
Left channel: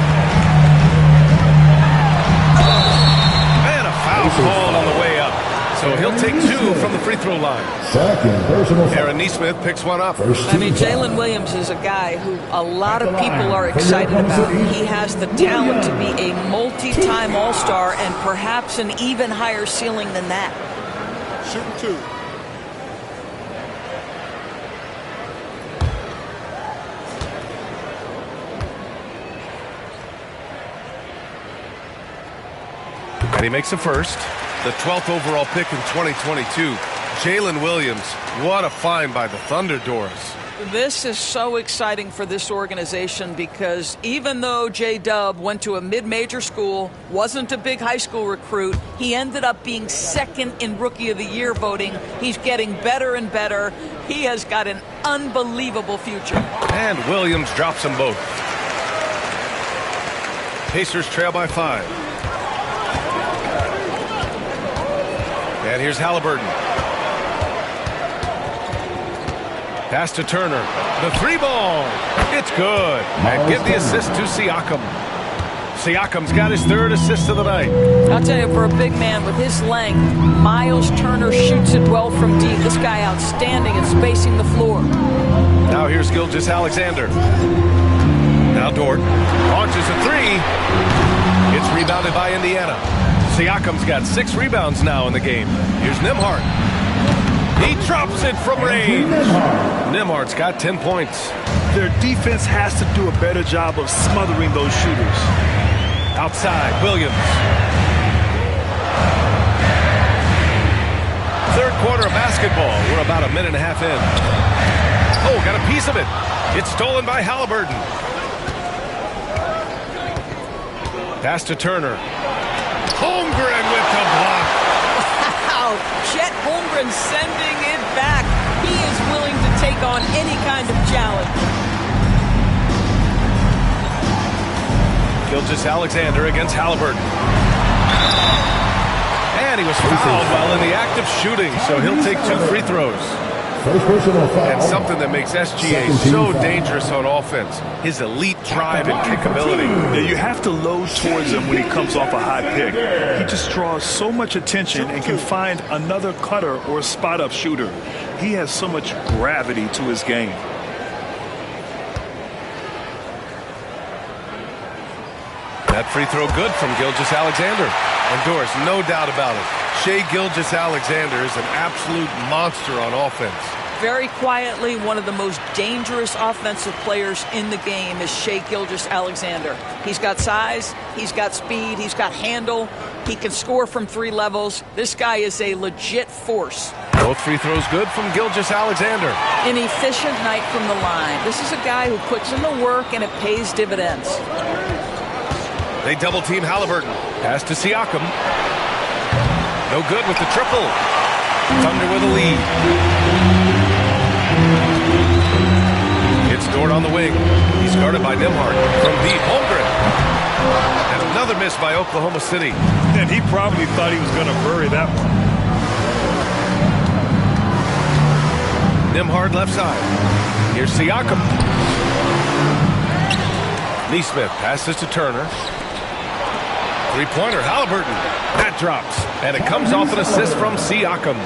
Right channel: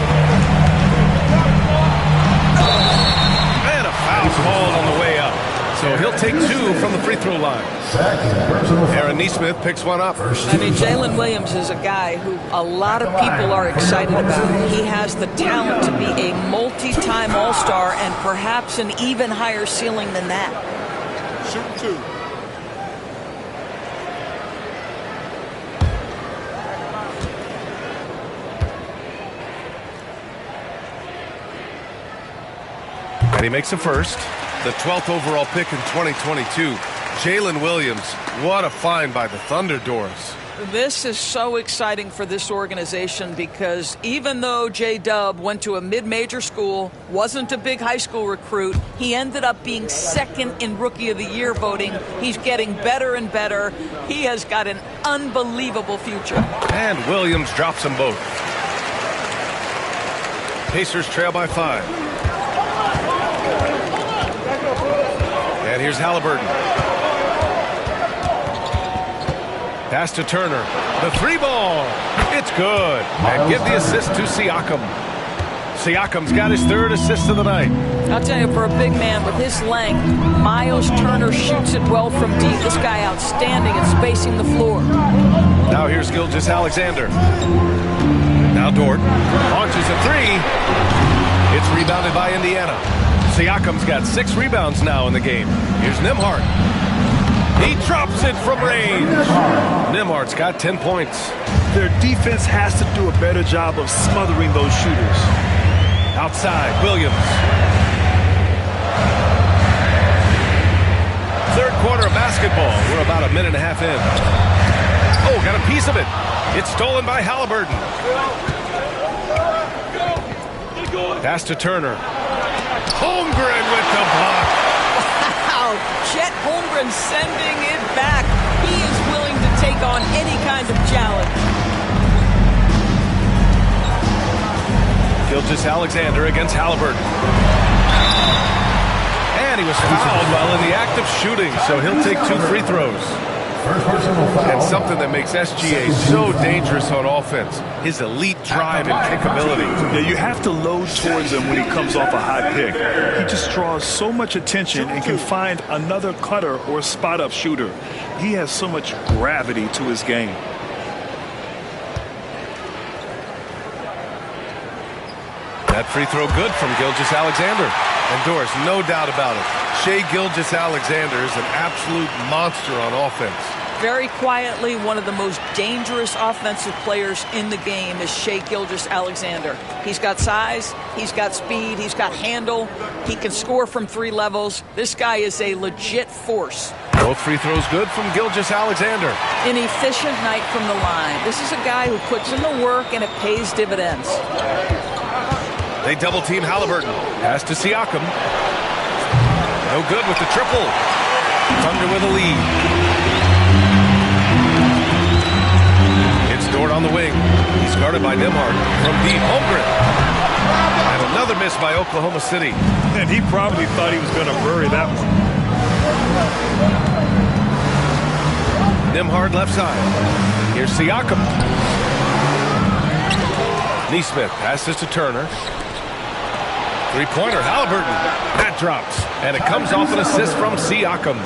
And a foul called on the way up. So he'll take 2 from the free throw line. Second personal foul. Aaron Nesmith picks one up. I mean, Jalen Williams is a guy who a lot of people are excited about. He has the talent to be a multi-time All-Star and perhaps an even higher ceiling than that. Shooting 2. And he makes the first. The 12th overall pick in 2022. Jalen Williams. What a find by the Thunder, Doris. This is so exciting for this organization because even though J-Dub went to a mid-major school, wasn't a big high school recruit, he ended up being second in Rookie of the Year voting. He's getting better and better. He has got an unbelievable future. And Williams drops them both. Pacers trail by 5. And here's Halliburton. Pass to Turner. The 3-ball. It's good. And give the assist to Siakam. Siakam's got his 3rd assist of the night. I'll tell you, for a big man with his length, Miles Turner shoots it well from deep. This guy outstanding at spacing the floor. Now here's Gilgeous-Alexander. Now Dort launches a 3. It's rebounded by Indiana. Siakam's got 6 rebounds now in the game. Here's Nembhard. He drops it from range. Nembhard's got 10 points. Their defense has to do a better job of smothering those shooters. Outside, Williams. 3rd quarter of basketball. We're about a minute and a half in. Oh, got a piece of it. It's stolen by Halliburton. Pass to Turner. Holmgren with the block. Wow, Chet Holmgren sending it back. He is willing to take on any kind of challenge. Gilgeous-Alexander against Halliburton. And he was fouled while in the act of shooting, so he'll take 2 free throws. First personal foul. And something that makes SGA so dangerous on offense, his elite drive and kickability. Yeah, you have to load towards him when he comes off a hot pick. He just draws so much attention and can find another cutter or spot-up shooter. He has so much gravity to his game. That free throw good from Gilgeous-Alexander. And Doris, no doubt about it, Shai Gilgeous-Alexander is an absolute monster on offense. Very quietly, one of the most dangerous offensive players in the game is Shai Gilgeous-Alexander. He's got size, he's got speed, he's got handle, he can score from 3 levels. This guy is a legit force. Both free throws good from Gilgeous-Alexander. An efficient night from the line. This is a guy who puts in the work and it pays dividends. They double team Halliburton. Pass to Siakam. No good with the triple. Thunder with a lead. It's Dort on the wing. He's guarded by Nembhard. From deep, Holmgren. And another miss by Oklahoma City. And he probably thought he was going to bury that one. Nembhard left side. Here's Siakam. Nesmith passes to Turner. 3-pointer, Halliburton. That drops. And it comes off an assist from Siakam.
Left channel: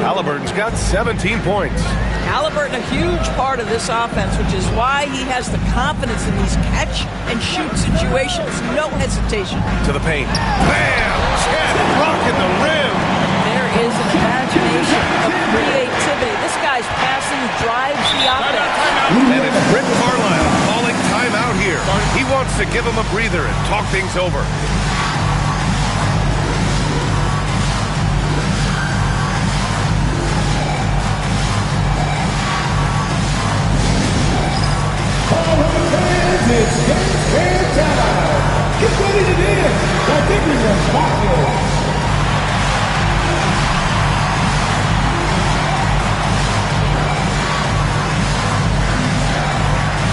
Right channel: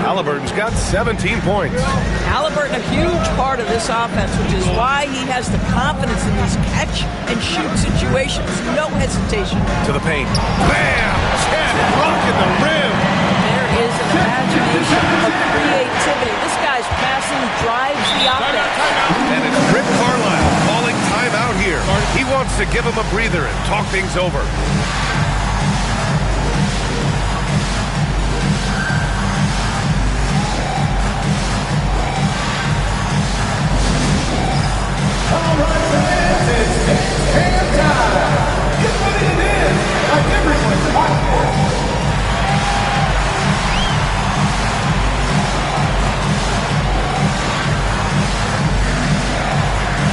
Halliburton's got 17 points. Halliburton, a huge part of this offense, which is why he has the confidence in these catch-and-shoot situations. No hesitation. To the paint. Bam! Chet rocking the rim. There is an imagination of creativity. This guy's passing drives the offense. And it's Rick Carlisle calling timeout here. He wants to give him a breather and talk things over. All right, fans, it's game time. Get ready to dance like everyone's watching.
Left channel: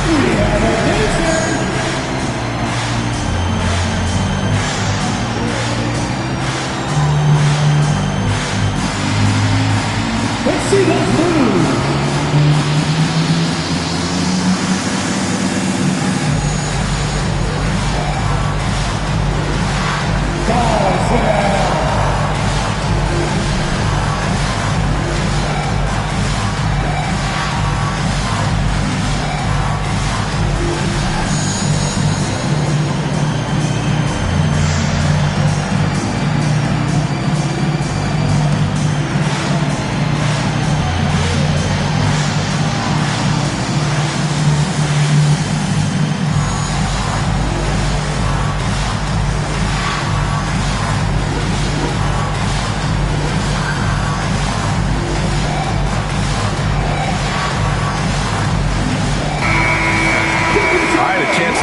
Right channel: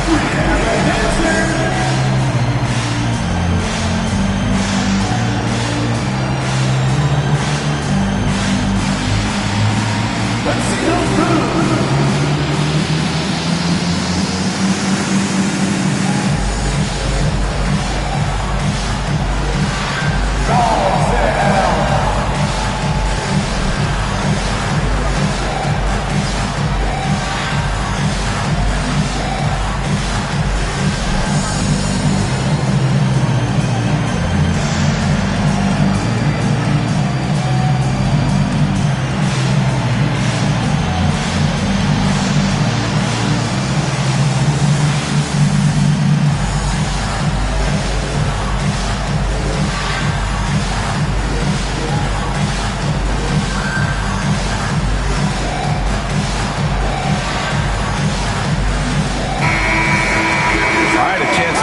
We have a dancer.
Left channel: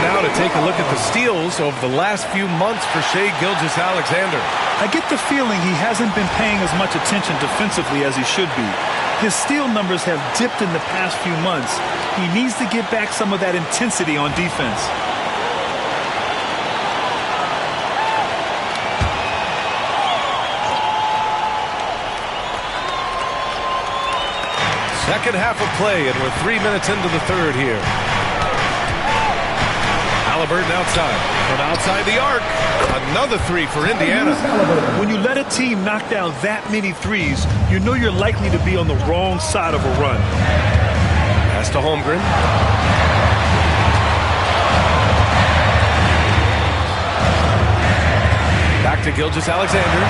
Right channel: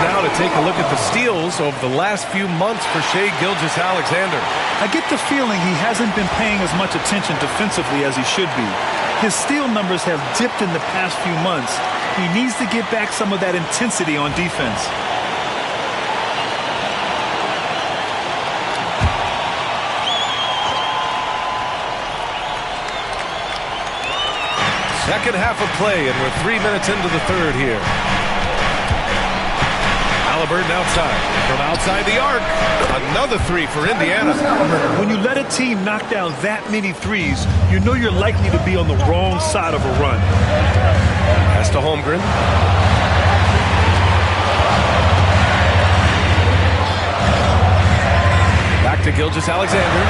Now to take a look at the steals over the last few months for Shai Gilgeous-Alexander. I get the feeling he hasn't been paying as much attention defensively as he should be. His steal numbers have dipped in the past few months. He needs to get back some of that intensity on defense. Second half of play, and we're 3 minutes into the third here. Halliburton outside. From outside the arc. Another three for Indiana. When you let a team knock down that many threes, you know you're likely to be on the wrong side of a run. Pass to Holmgren. Back to Gilgeous-Alexander.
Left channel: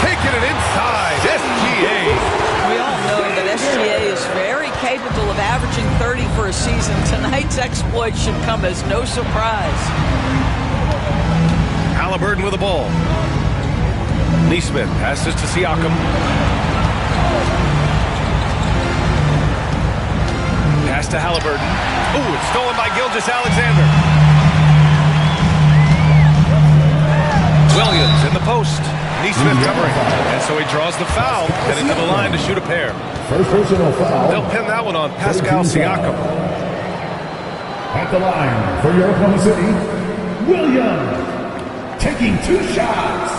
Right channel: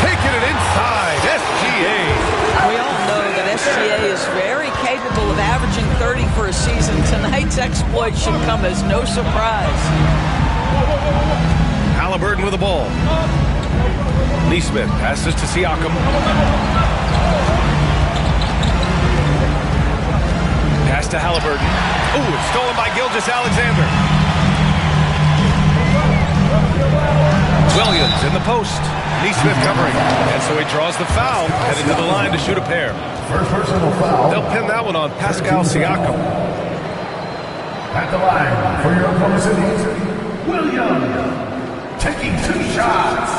Taking it inside. SGA. We all know that SGA is very capable of averaging 30 for a season. Tonight's exploit should come as no surprise. Halliburton with the ball. Neesmith passes to Siakam. Pass to Halliburton. Ooh, it's stolen by Gilgeous-Alexander. Williams in the post. Neesmith covering. And so he draws the foul, headed to the line to shoot a pair. First personal foul. They'll pin that one on Pascal Siakam. At the line for your opponent's cities, Williams taking 2 shots.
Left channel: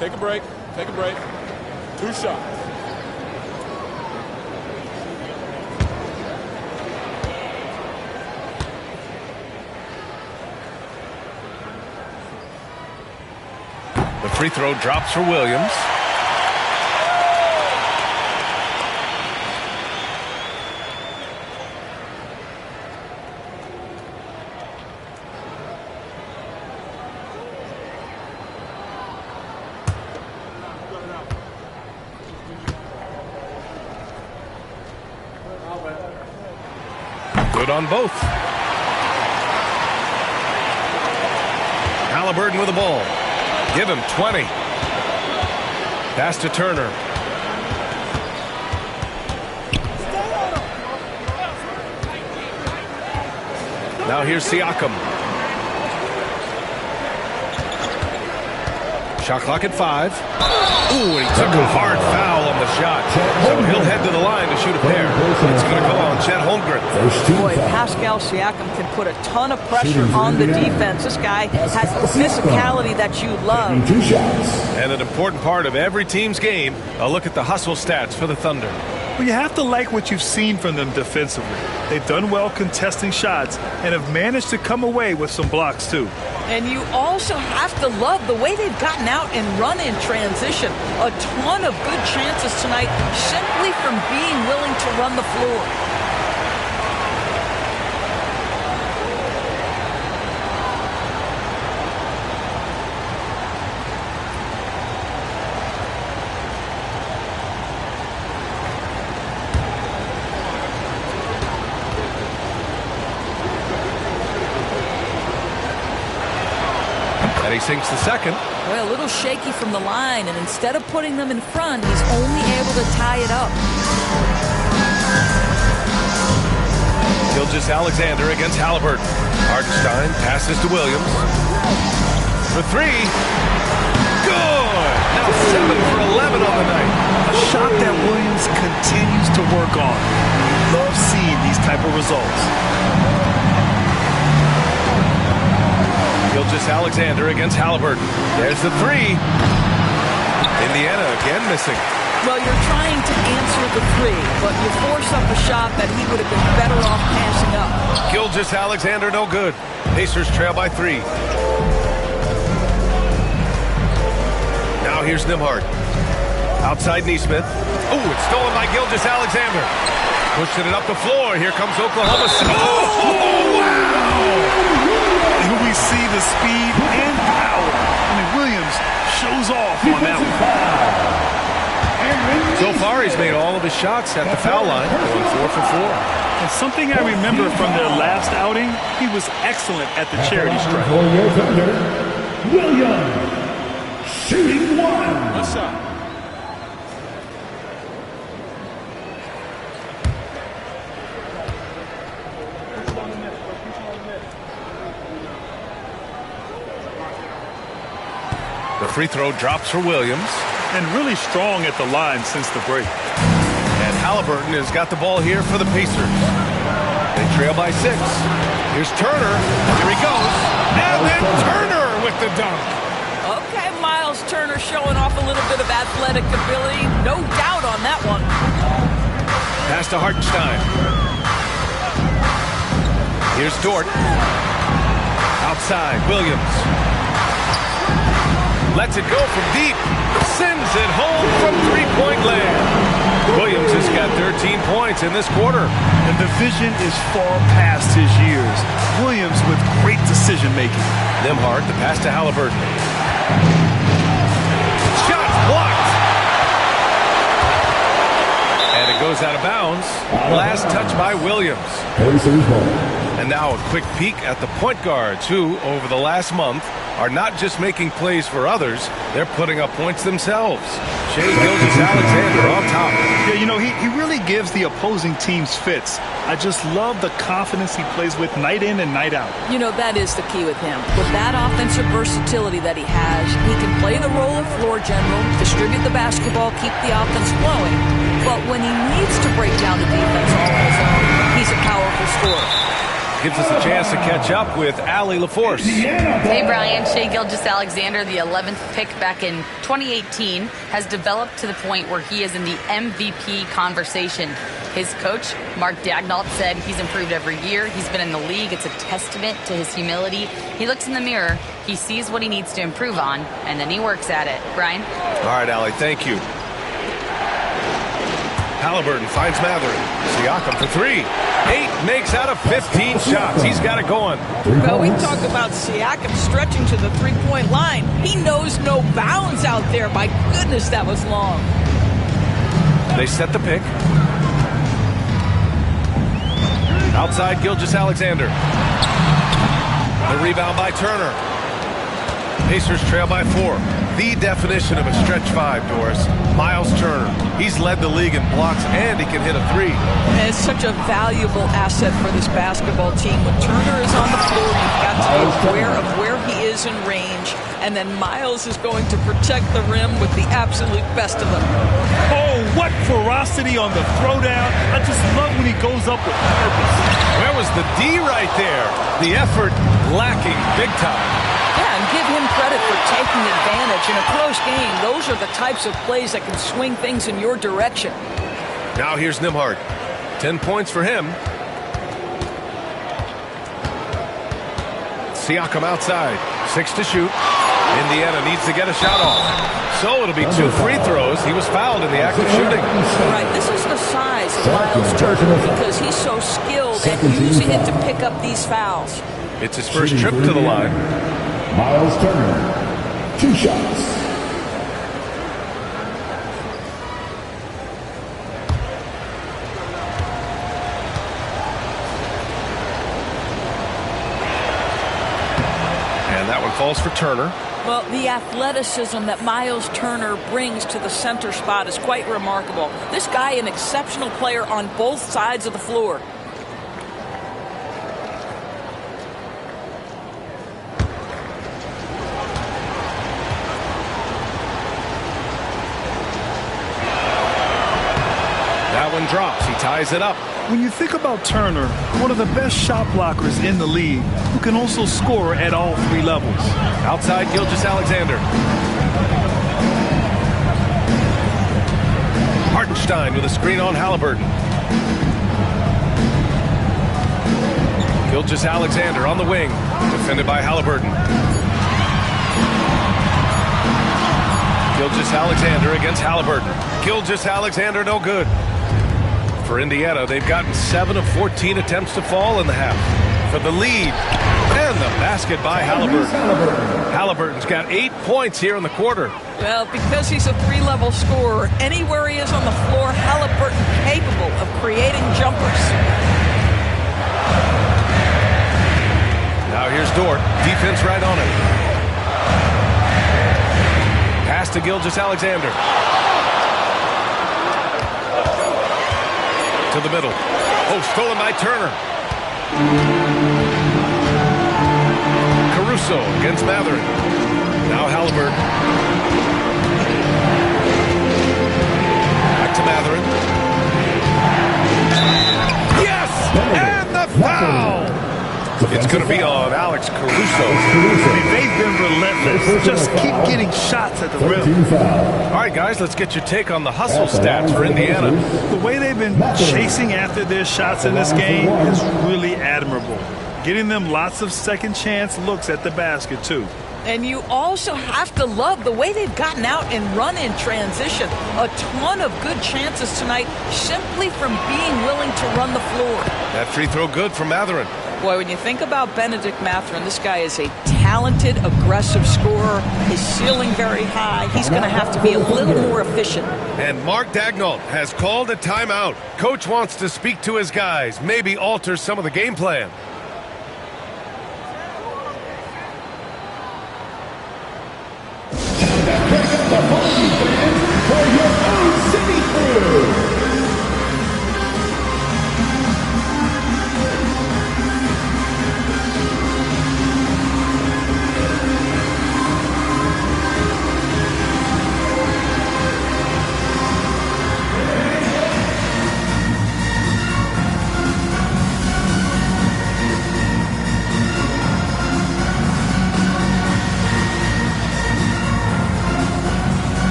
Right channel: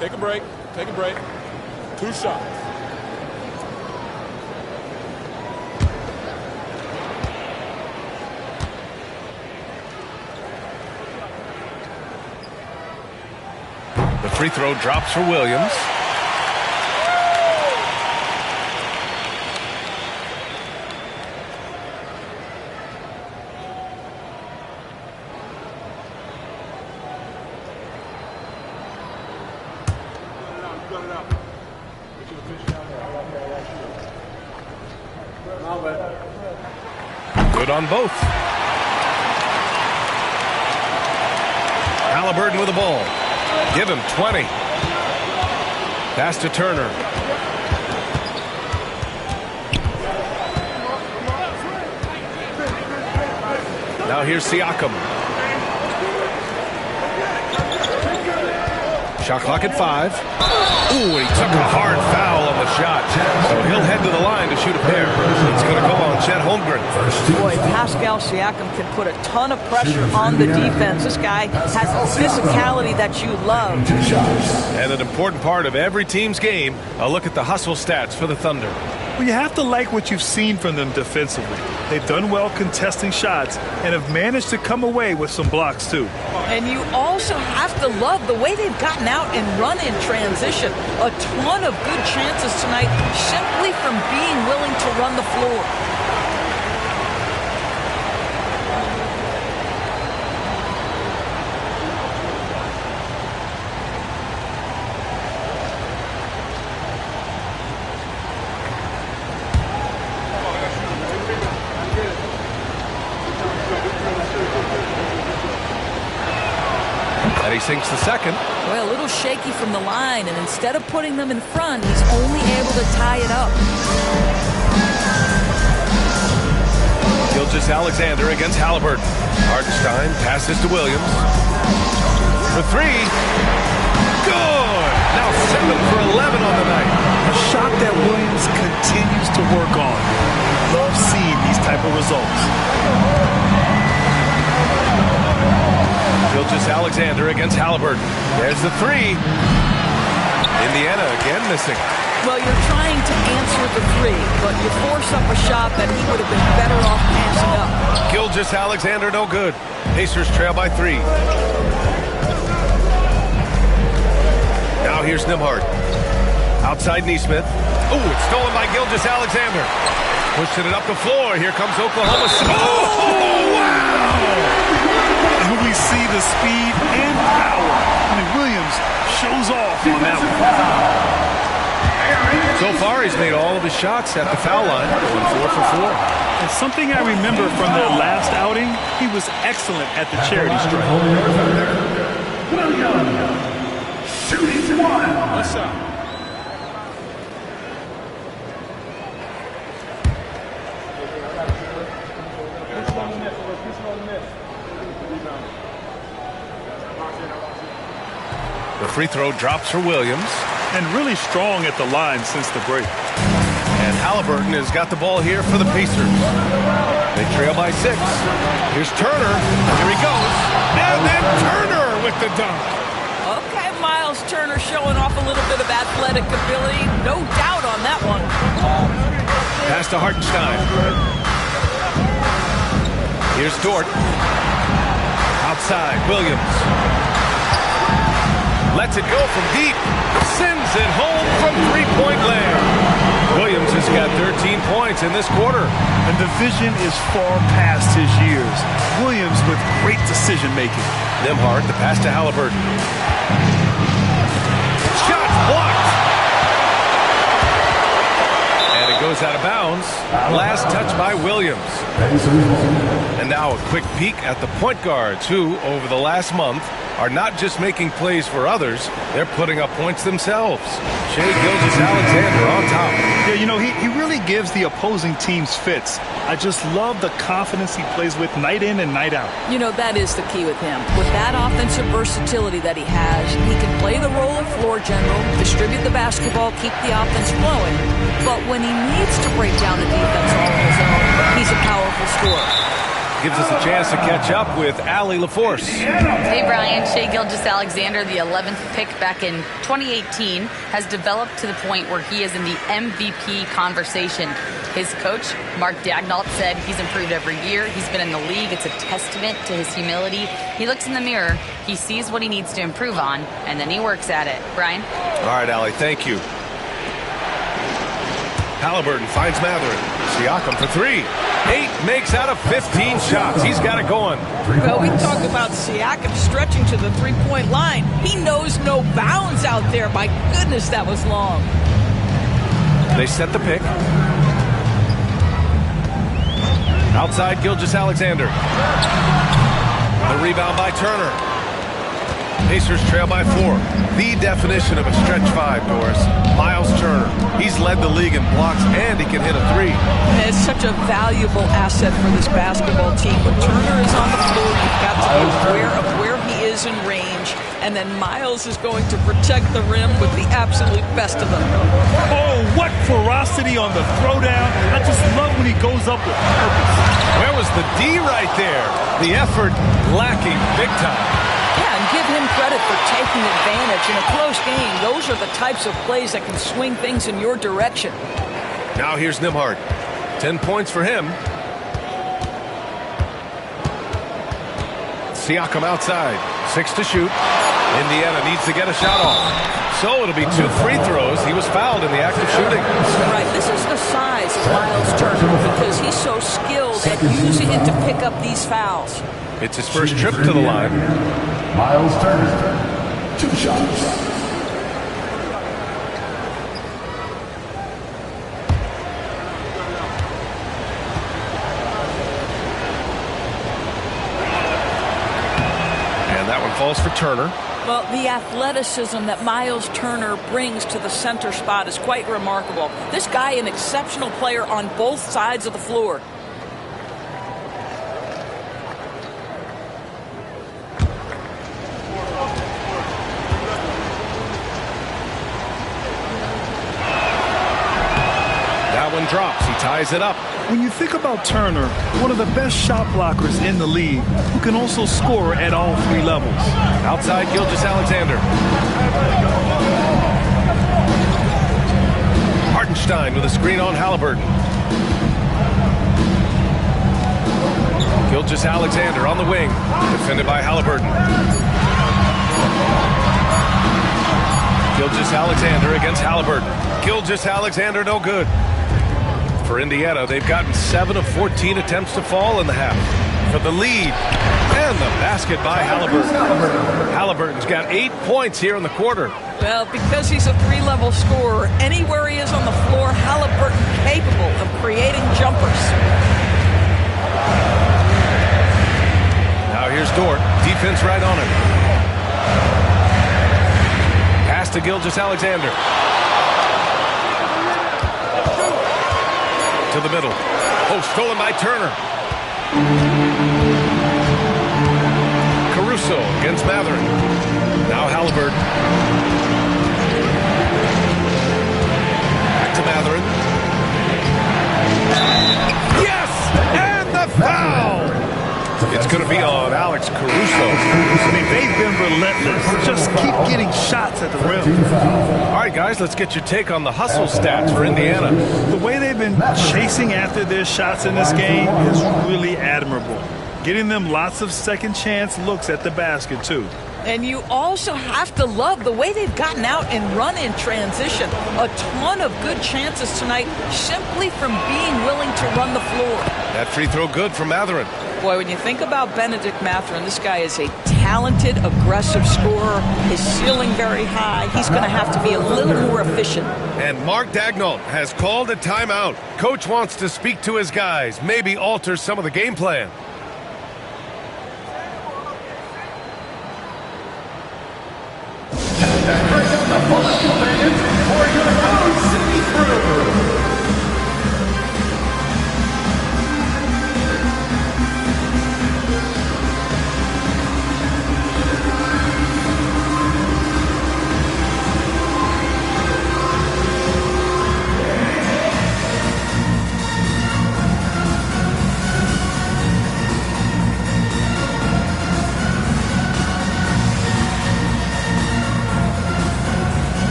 Take a break. Take a break. 2 shots. The free throw drops for Williams. Good on both. Halliburton with the ball. Give him 20. Pass to Turner. Now here's Siakam. Shot clock at 5. Ooh, and he took a hard foul on the shot. So he'll head to the line to shoot a pair. It's going to go on Chet Holmgren. Boy, Pascal Siakam can put a ton of pressure on the defense. This guy has the physicality that you love. And an important part of every team's game, a look at the hustle stats for the Thunder. Well, you have to like what you've seen from them defensively. They've done well contesting shots and have managed to come away with some blocks, too. And you also have to love the way they've gotten out and run in transition. A ton of good chances tonight simply from being willing to run the floor. And he sinks the second. Well, a little shaky from the line, and instead of putting them in front, he's only able to tie it up. Gilgeous-Alexander against Halliburton. Hartenstein passes to Williams. For 3. Good! Now 7 for 11 on the night. A shot that Williams continues to work on. Love seeing these type of results. Gilgeous-Alexander against Halliburton. There's the 3. Indiana again missing. Well, you're trying to answer the three, but you force up a shot that he would have been better off passing up. Gilgeous-Alexander, no good. Pacers trail by 3. Now here's Nembhard. Outside Neesmith. Oh, it's stolen by Gilgeous-Alexander. Pushing it up the floor. Here comes Oklahoma. Oh, wow! And we see the speed and power. I mean, Williams shows off on that one. So far, he's made all of his shots at the foul line, going 4 for 4. And something I remember from their last outing, he was excellent at the charity stripe. Williams, shooting 1. What's up? The free throw drops for Williams. And really strong at the line since the break. And Halliburton has got the ball here for the Pacers. They trail by 6. Here's Turner. Here he goes. And then Turner with the dunk. Okay, Miles Turner showing off a little bit of athletic ability. No doubt on that one. Pass to Hartenstein. Here's Dort. Outside, Williams. Lets it go from deep. Sends it home from three-point land. Williams has got 13 points in this quarter. And the vision is far past his years. Williams with great decision-making. Nembhard, the pass to Halliburton. Shot blocked. And it goes out of bounds. Last touch by Williams. And now a quick peek at the point guards who, over the last month, are not just making plays for others, they're putting up points themselves. Shai Gilgeous-Alexander on top. Yeah, you know, he really gives the opposing teams fits. I just love the confidence he plays with night in and night out. You know, that is the key with him. With that offensive versatility that he has, he can play the role of floor general, distribute the basketball, keep the offense flowing. But when he needs to break down the defense all on his own, he's a powerful scorer. Gives us a chance to catch up with Allie LaForce. Hey, Brian. Shai Gilgeous-Alexander, the 11th pick back in 2018, has developed to the point where he is in the MVP conversation. His coach, Mark Daignault, said he's improved every year. He's been in the league. It's a testament to his humility. He looks in the mirror, he sees what he needs to improve on, and then he works at it. Brian? All right, Allie, thank you. Halliburton finds Matherin. Siakam for 3. 8 makes out of 15 shots. He's got it going. Well, we talk about Siakam stretching to the three-point line. He knows no bounds out there. My goodness, that was long. They set the pick. Outside, Gilgeous-Alexander. The rebound by Turner. Pacers trail by 4. The definition of a stretch 5, Doris. Miles Turner. He's led the league in blocks, and he can hit a 3. And it's such a valuable asset for this basketball team. When Turner is on the floor, you've got to be aware of where he is in range, and then Miles is going to protect the rim with the absolute best of them. Oh, what ferocity on the throwdown. I just love when he goes up with purpose. Where was the D right there? The effort lacking big time. Yeah, and give him credit for taking advantage in a close game. Those are the types of plays that can swing things in your direction. Now here's Nembhard. 10 points for him. Siakam outside. 6 to shoot. Indiana needs to get a shot off. So it'll be 2 free throws. He was fouled in the act of shooting. Right. This is the size of Miles Turner because he's so skilled at using it to pick up these fouls. It's his first trip to the line. Miles Turner, 2 shots. And that one falls for Turner. Well, the athleticism that Miles Turner brings to the center spot is quite remarkable. This guy, an exceptional player on both sides of the floor. That one drops. He ties it up. When you think about Turner, one of the best shot blockers in the league, who can also score at all 3 levels. Outside, Gilgeous-Alexander. Hartenstein with a screen on Halliburton. Gilgeous-Alexander on the wing, defended by Halliburton. Gilgeous-Alexander against Halliburton. Gilgeous-Alexander no good. For Indiana, they've gotten 7 of 14 attempts to fall in the half. For the lead, and the basket by Halliburton. Halliburton's got 8 points here in the quarter. Well, because he's a three-level scorer, anywhere he is on the floor, Halliburton capable of creating jumpers. Now here's Dort. Defense right on him. Pass to Gilgeous-Alexander. To the middle. Oh, stolen by Turner. Caruso against Matherin. Now Halliburton. Back to Matherin. Yes! And the foul! It's going to be on Alex Caruso. I mean, they've been relentless. Just keep getting shots at the rim. All right, guys, let's get your take on the hustle stats for Indiana. The way they've been chasing after their shots in this game is really admirable. Getting them lots of second chance looks at the basket, too. And you also have to love the way they've gotten out and run in transition. A ton of good chances tonight simply from being willing to run the floor. That free throw good from Matherin. Boy, when you think about Benedict Matherin, this guy is a talented, aggressive scorer. His ceiling very high. He's going to have to be a little more efficient. And Mark Daigneault has called a timeout. Coach wants to speak to his guys, maybe alter some of the game plan. Break up the Boston fans for your own city crew.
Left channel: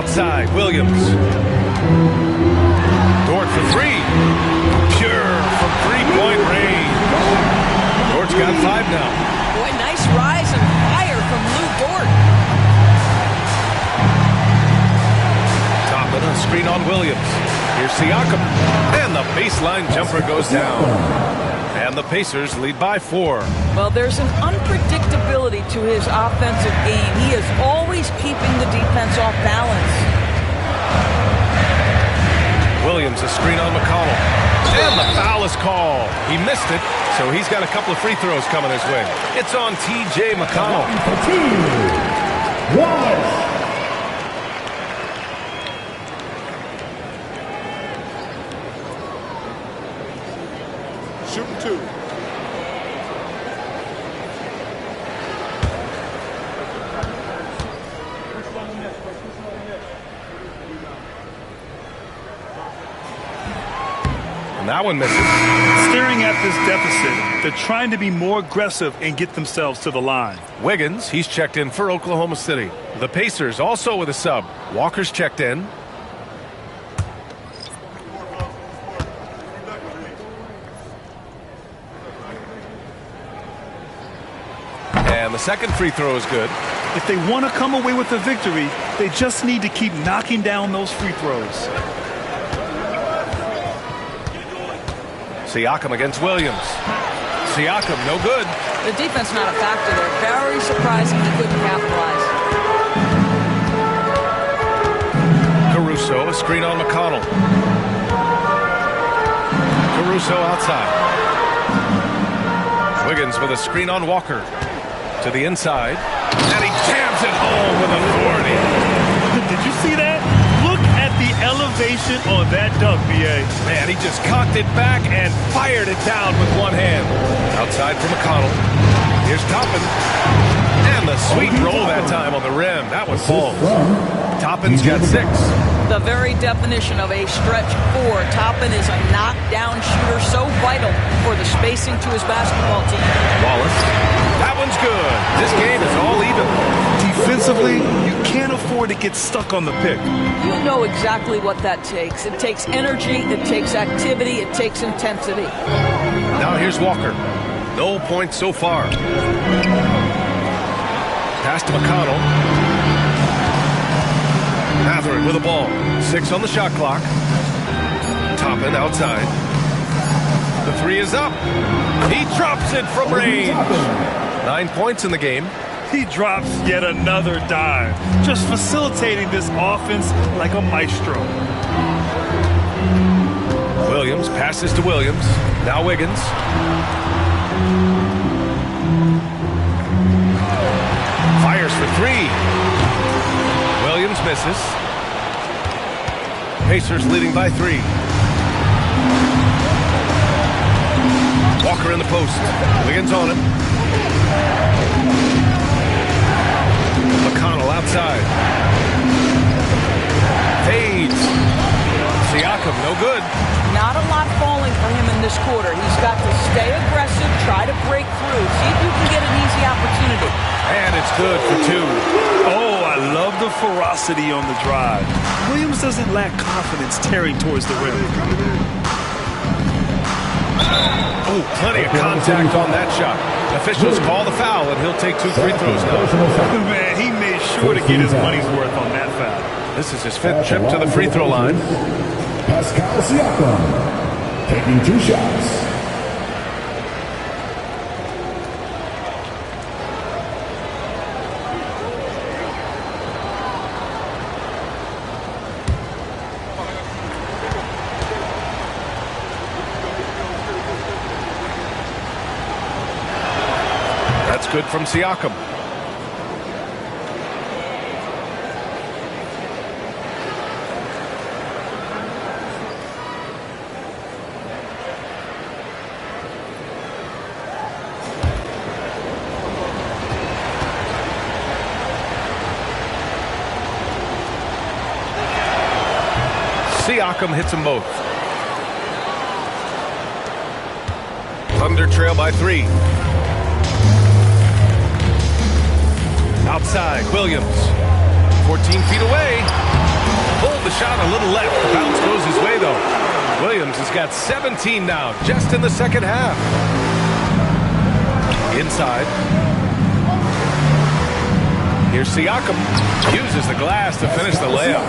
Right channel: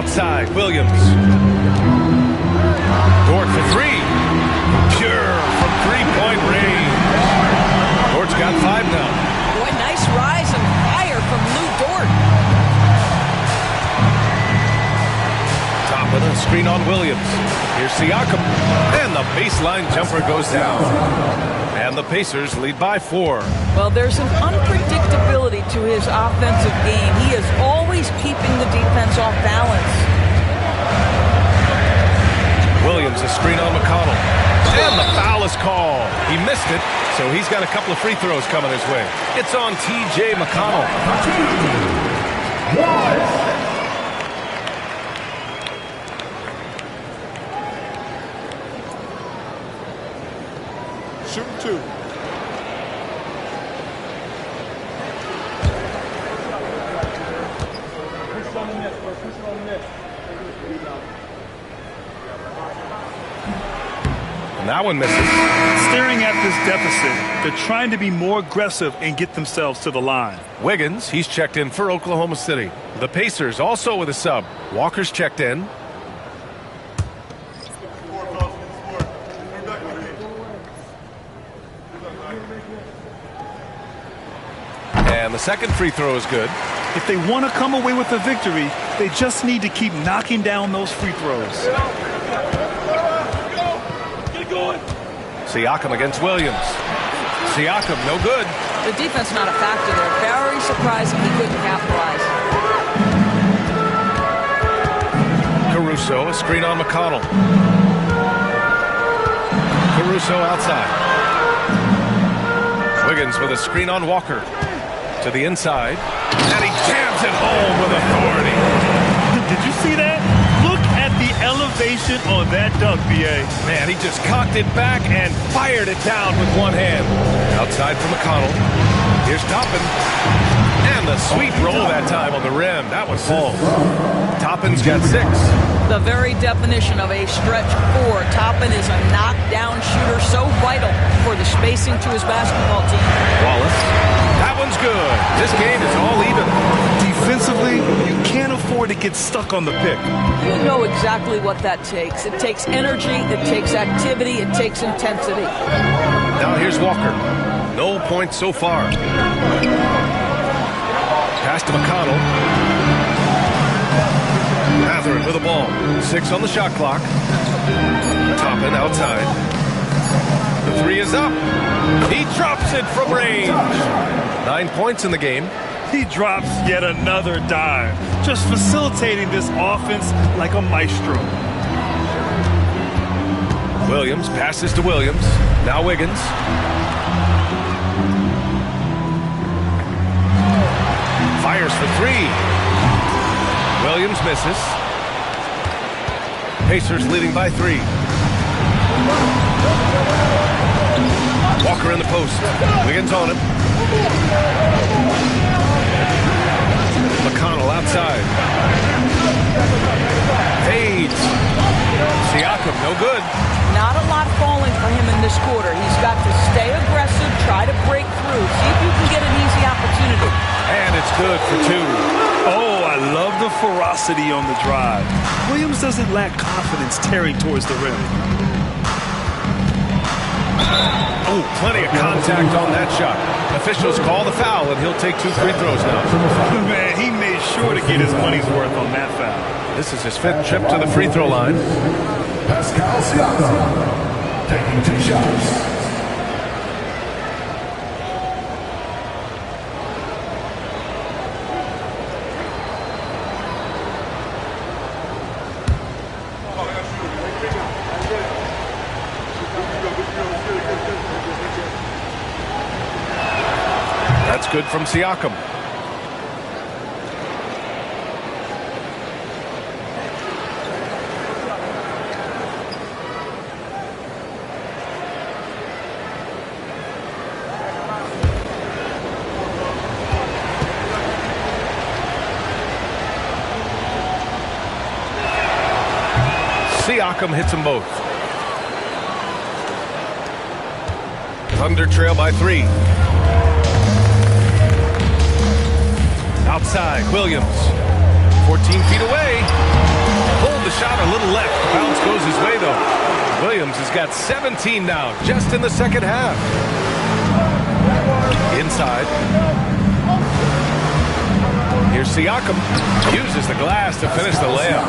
Outside, Williams. Dort for three. Pure from three-point range. Dort's got 5 now. Boy, nice rise and fire from Lou Dort. Top of the screen on Williams. Here's Siakam. And the baseline jumper goes down. And the Pacers lead by 4. Well, there's an unpredictability to his offensive game. He is always keeping the defense off balance. Williams, a screen on McConnell. And the foul is called. He missed it, so he's got a couple of free throws coming his way. It's on T.J. McConnell. For 2. 1. Shoot 2. And that one misses. Staring at this deficit, they're trying to be more aggressive and get themselves to the line. Wiggins, he's checked in for Oklahoma City. The Pacers also with a sub. Walker's checked in. And the second free throw is good. If they want to come away with the victory, they just need to keep knocking down those free throws. Siakam against Williams. Siakam, no good. The defense not a factor there. Very surprising he couldn't capitalize. Caruso, a screen on McConnell. Caruso outside. Wiggins with a screen on Walker. To the inside. And he jams it home with authority. Did you see that? Look at the elevation on that dunk, B.A. Man, he just cocked it back and fired it down with one hand. Outside for McConnell. Here's Toppin. And the sweet roll that time on the rim. That one falls. Toppin's got 6. The very definition of a stretch 4. Toppin is a knockdown shooter, so vital for the spacing to his basketball team. Wallace. That one's good. This game is all even. Defensively, you can't afford to get stuck on the pick. You know exactly what that takes. It takes energy, it takes activity, it takes intensity. Now here's Walker. No points so far. Pass to McConnell. Matherin with the ball. 6 on the shot clock. Toppin outside. The 3 is up. He drops it from range. 9 points in the game. He drops yet another dime, just facilitating this offense like a maestro. Williams passes to Williams. Now Wiggins. Fires for 3. Williams misses. Pacers leading by 3. Walker in the post. Wiggins on him. McConnell outside. Fades. Siakam, no good. Not a lot falling for him in this quarter. He's got to stay aggressive, try to break through, see if you can get an easy opportunity. And it's good for 2. Oh, I love the ferocity on the drive. Williams doesn't lack confidence tearing towards the rim. Oh, plenty of contact on that shot. Officials call the foul, and he'll take 2 free throws now. Man, he made sure to get his money's worth on that foul. This is his 5th trip to the free throw line. Pascal Siakam taking 2 shots. That's good from Siakam. Siakam hits them both. Thunder trail by 3. Outside, Williams. 14 feet away. Pulled the shot a little left. The bounce goes his way, though. Williams has got 17 now, just in the second half. Inside. Here's Siakam. Uses the glass to finish the layup.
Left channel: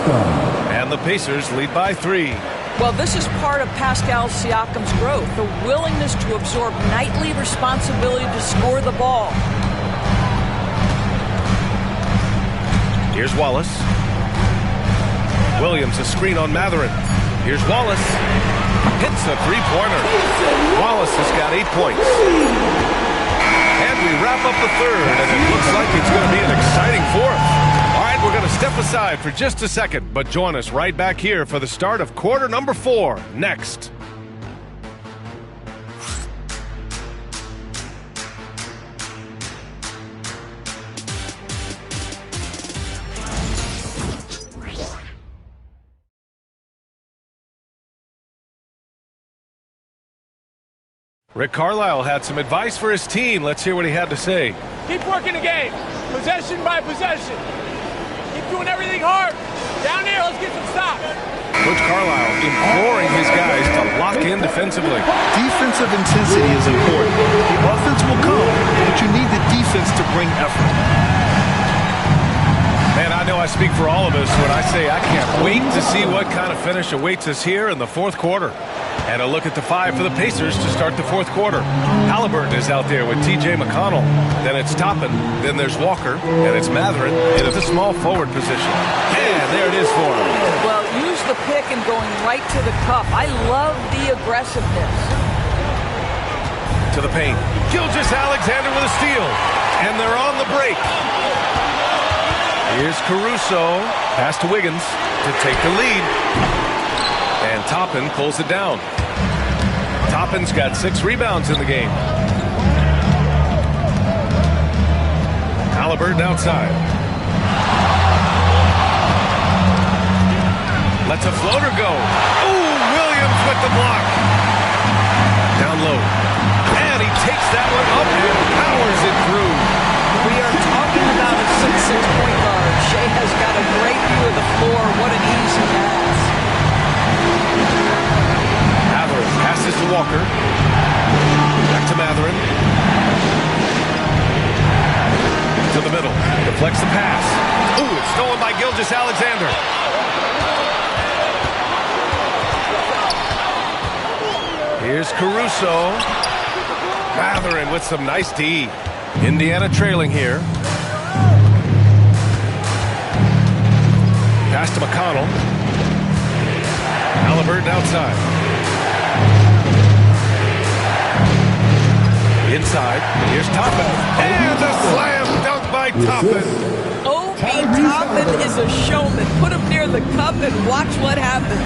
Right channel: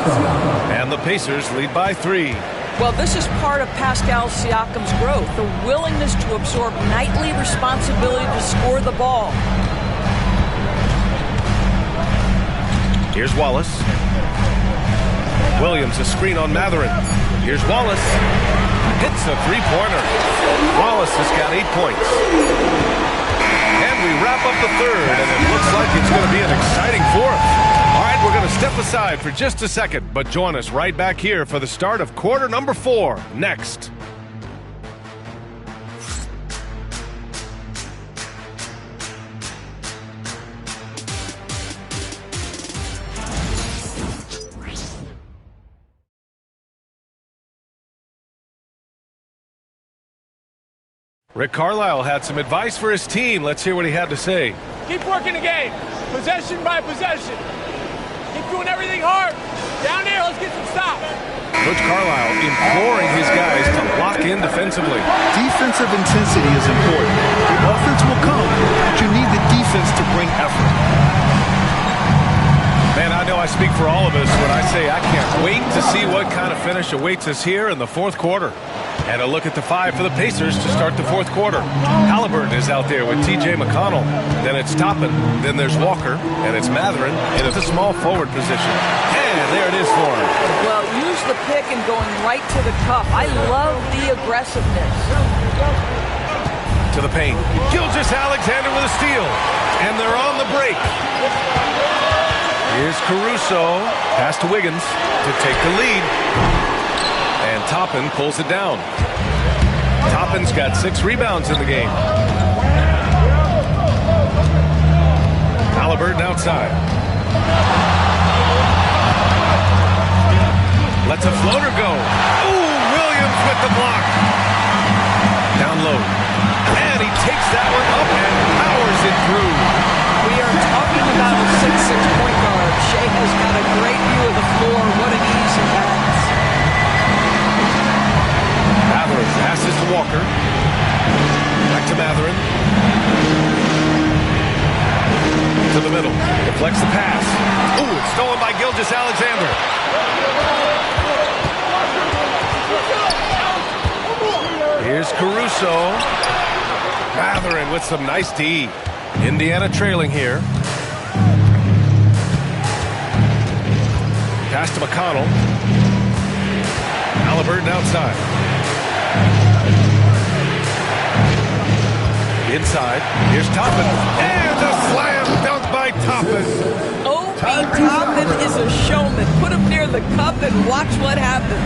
And the Pacers lead by 3. Well, this is part of Pascal Siakam's growth, the willingness to absorb nightly responsibility to score the ball. Here's Wallace. Williams, a screen on Matherin. Here's Wallace. Hits a 3-pointer. Wallace has got 8 points. And we wrap up the 3rd, and it looks like it's going to be an exciting 4th. All right, we're going to step aside for just a second, but join us right back here for the start of quarter number 4 next. Rick Carlisle had some advice for his team. Let's hear what he had to say. Keep working the game, possession by possession. Keep doing everything hard. Down there, let's get some stops. Coach Carlisle imploring his guys to lock in defensively. Defensive intensity is important. The offense will come, but you need the defense to bring effort. Man, I know I speak for all of us when I say I can't wait to see what kind of finish awaits us here in the fourth quarter. And a look at the 5 for the Pacers to start the fourth quarter. Halliburton is out there with T.J. McConnell. Then it's Toppin. Then there's Walker. And it's Matherin in at the small forward position. And there it is for him. Well, use the pick and going right to the cup. I love the aggressiveness. To the paint. Gilgeous-Alexander with a steal. And they're on the break. Here's Caruso. Pass to Wiggins to take the lead. And Toppin pulls it down. Toppin's got 6 rebounds in the game. Halliburton outside. Lets a floater go. Ooh, Williams with the block. Down low. And he takes that one up and powers it through. We are talking about a 6'6" point guard. Shea has got a great view of the floor. What an easy pass. Matherin passes to Walker. Back to Matherin. To the middle. Deflects the pass. Ooh, it's stolen by Gilgeous-Alexander. Here's Caruso. Matherin with some nice D. Indiana trailing here. Pass to McConnell. Halliburton outside. Inside. Here's Toppin. And a slam dunk by Toppin. Obi Toppin is a showman. Put him near the cup and watch what happens.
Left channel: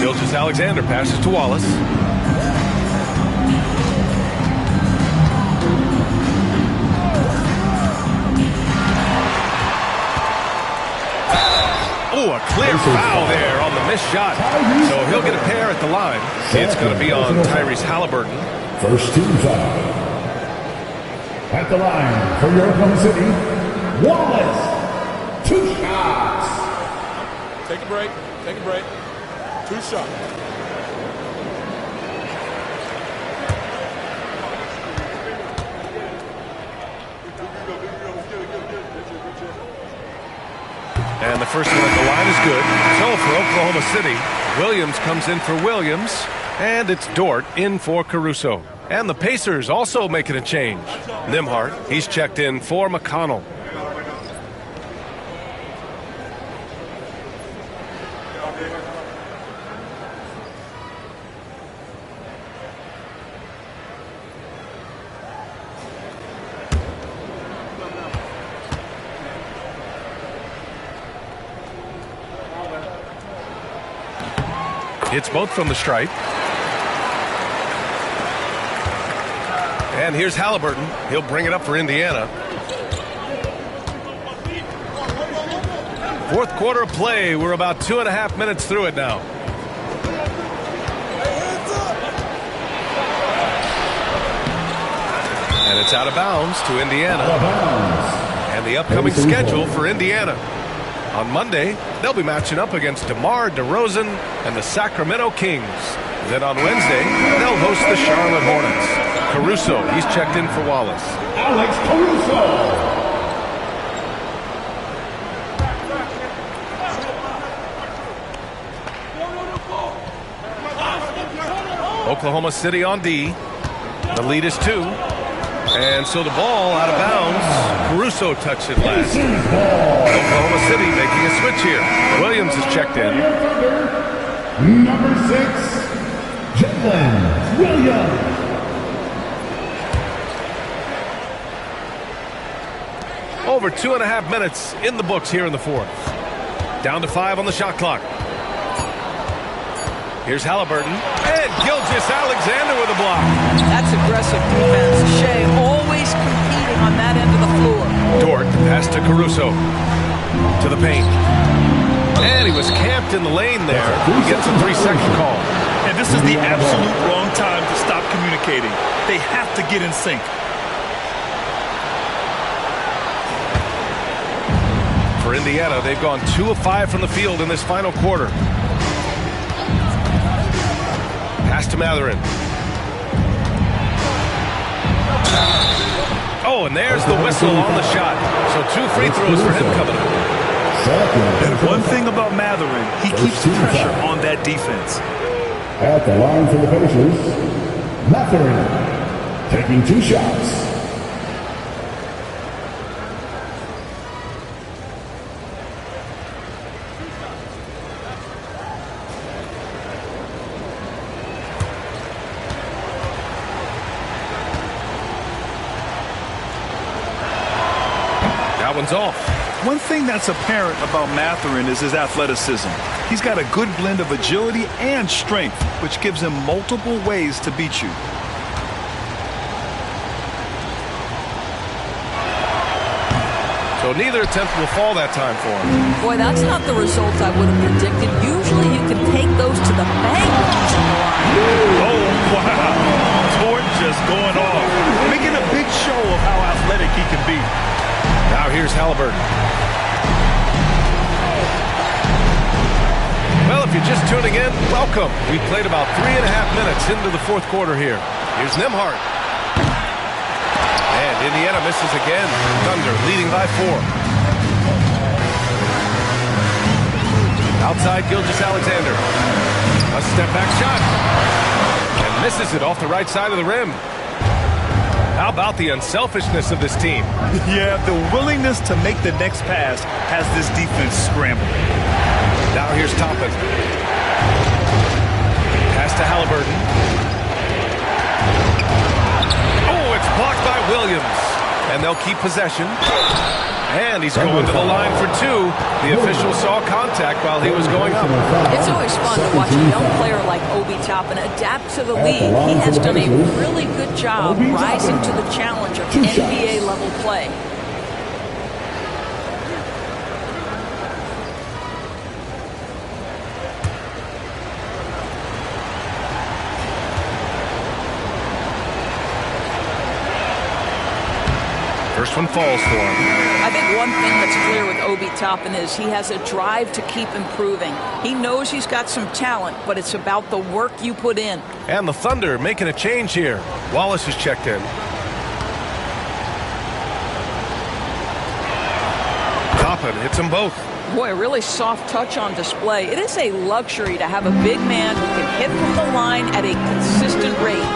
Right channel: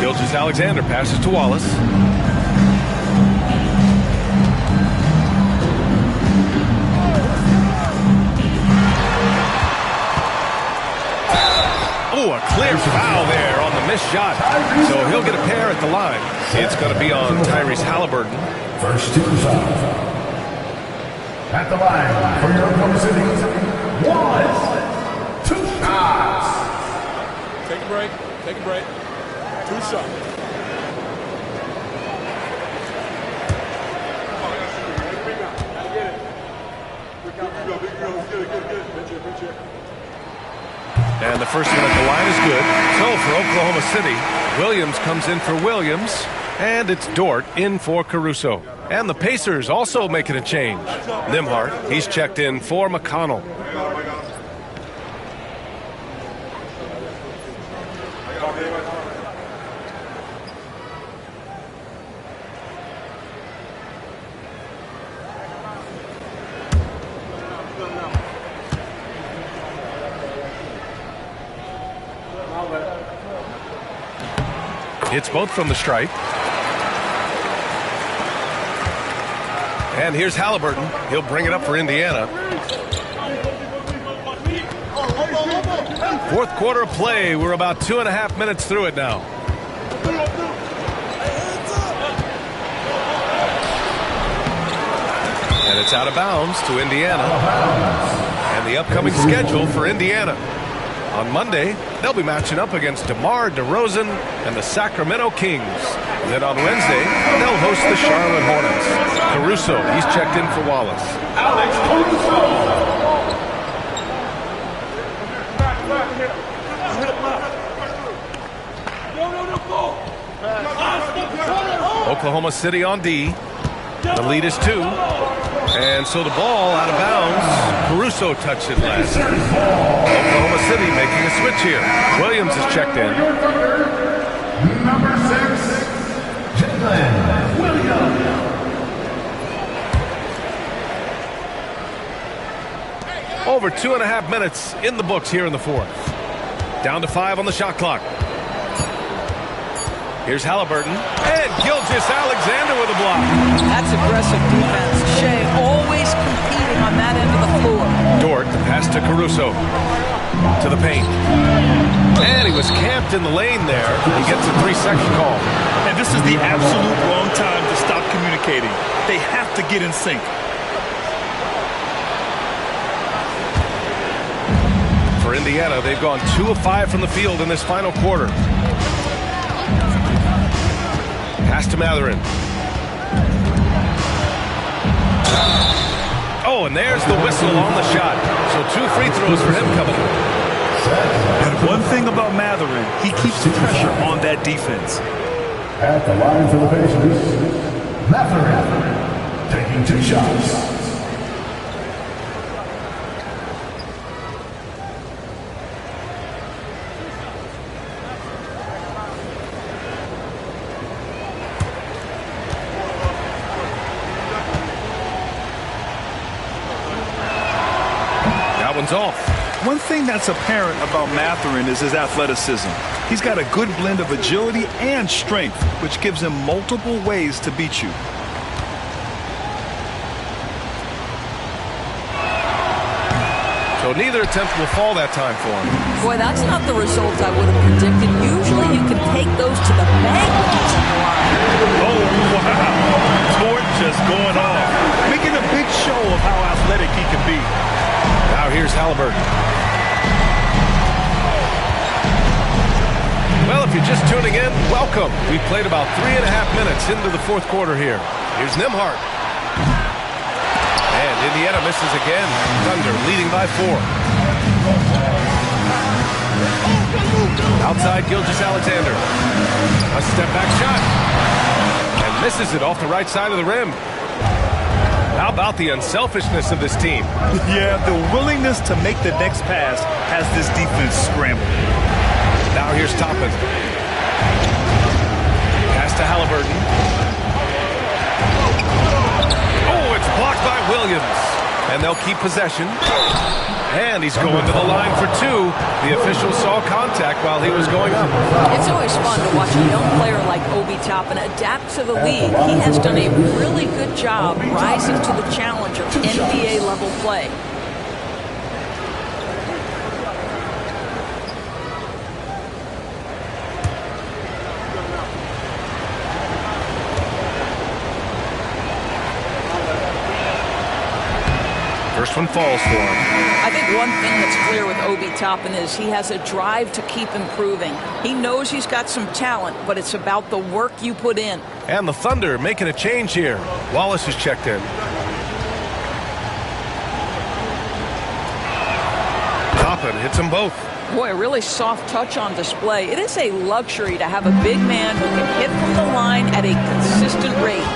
Gilgeous-Alexander passes to Wallace. Oh, a clear foul there on the missed shot. So he'll get a pair at the line. It's going to be on Tyrese Halliburton. First team foul. At the line for your Oklahoma City, Wallace. 2 shots. Take a break. Take a break. 2 shots. And the first one at the line is good. So for Oklahoma City, Williams comes in for Williams. And it's Dort in for Caruso. And the Pacers also making a change. Nembhard, he's checked in for McConnell. Hits both from the stripe. And here's Halliburton. He'll bring it up for Indiana. Fourth quarter of play. We're about 2.5 minutes through it now. And it's out of bounds to Indiana. And the upcoming schedule for Indiana. On Monday, they'll be matching up against DeMar DeRozan and the Sacramento Kings. Then on Wednesday, they'll host the Charlotte Hornets. Caruso, he's checked in for Wallace. Alex Caruso. Oklahoma City on D. The lead is 2. And so the ball out of bounds. Caruso touched it last. Oklahoma City making a switch here. Williams is checked in. Number 6, Jalen Williams. Over 2.5 minutes in the books here in the fourth. Down to 5 on the shot clock. Here's Halliburton. And Gilgeous-Alexander with a block. That's aggressive defense. Shea always competing on that end of the floor. Dort, the pass to Caruso. To the paint. And he was camped in the lane there. He gets a 3-second call. And this is the absolute wrong time to stop communicating. They have to get in sync. For Indiana, they've gone 2 of 5 from the field in this final quarter. Pass to Matherin. Oh, and there's the whistle on the shot. So 2 free throws for him coming up. And one thing about Matherin, he keeps pressure on that defense. At the line for the Pacers, Matherin taking 2 shots. That one's off. One thing that's apparent about Matherin is his athleticism. He's got a good blend of agility and strength, which gives him multiple ways to beat you. So neither attempt will fall that time for him. Boy, that's not the result I would have predicted. Usually you can take those to the bank when he's on the line. Oh, wow. Tort just going off, making a big show of how athletic he can be. Now here's Halliburton. Well, if you're just tuning in, welcome. We've played about 3.5 minutes into the fourth quarter here. Here's Nembhard. And Indiana misses again. Thunder leading by 4. Outside Gilgeous-Alexander. A step-back shot. And misses it off the right side of the rim. How about the unselfishness of this team? Yeah, the willingness to make the next pass has this defense scrambled. Now here's Toppin. Pass to Halliburton. Oh, it's blocked by Williams. And they'll keep possession. And he's going to the line for 2. The official saw contact while he was going up. It's always fun to watch a young player like Obi Toppin adapt to the league. He has done a really good job rising to the challenge of NBA-level play. First one falls for him. I think one thing that's clear with Obi Toppin is he has a drive to keep improving. He knows he's got some talent, but it's about the work you put in. And the Thunder making a change here. Wallace is checked in. Toppin hits them both. Boy, a really soft touch on display. It is a luxury to have a big man who can hit from the line at a consistent rate.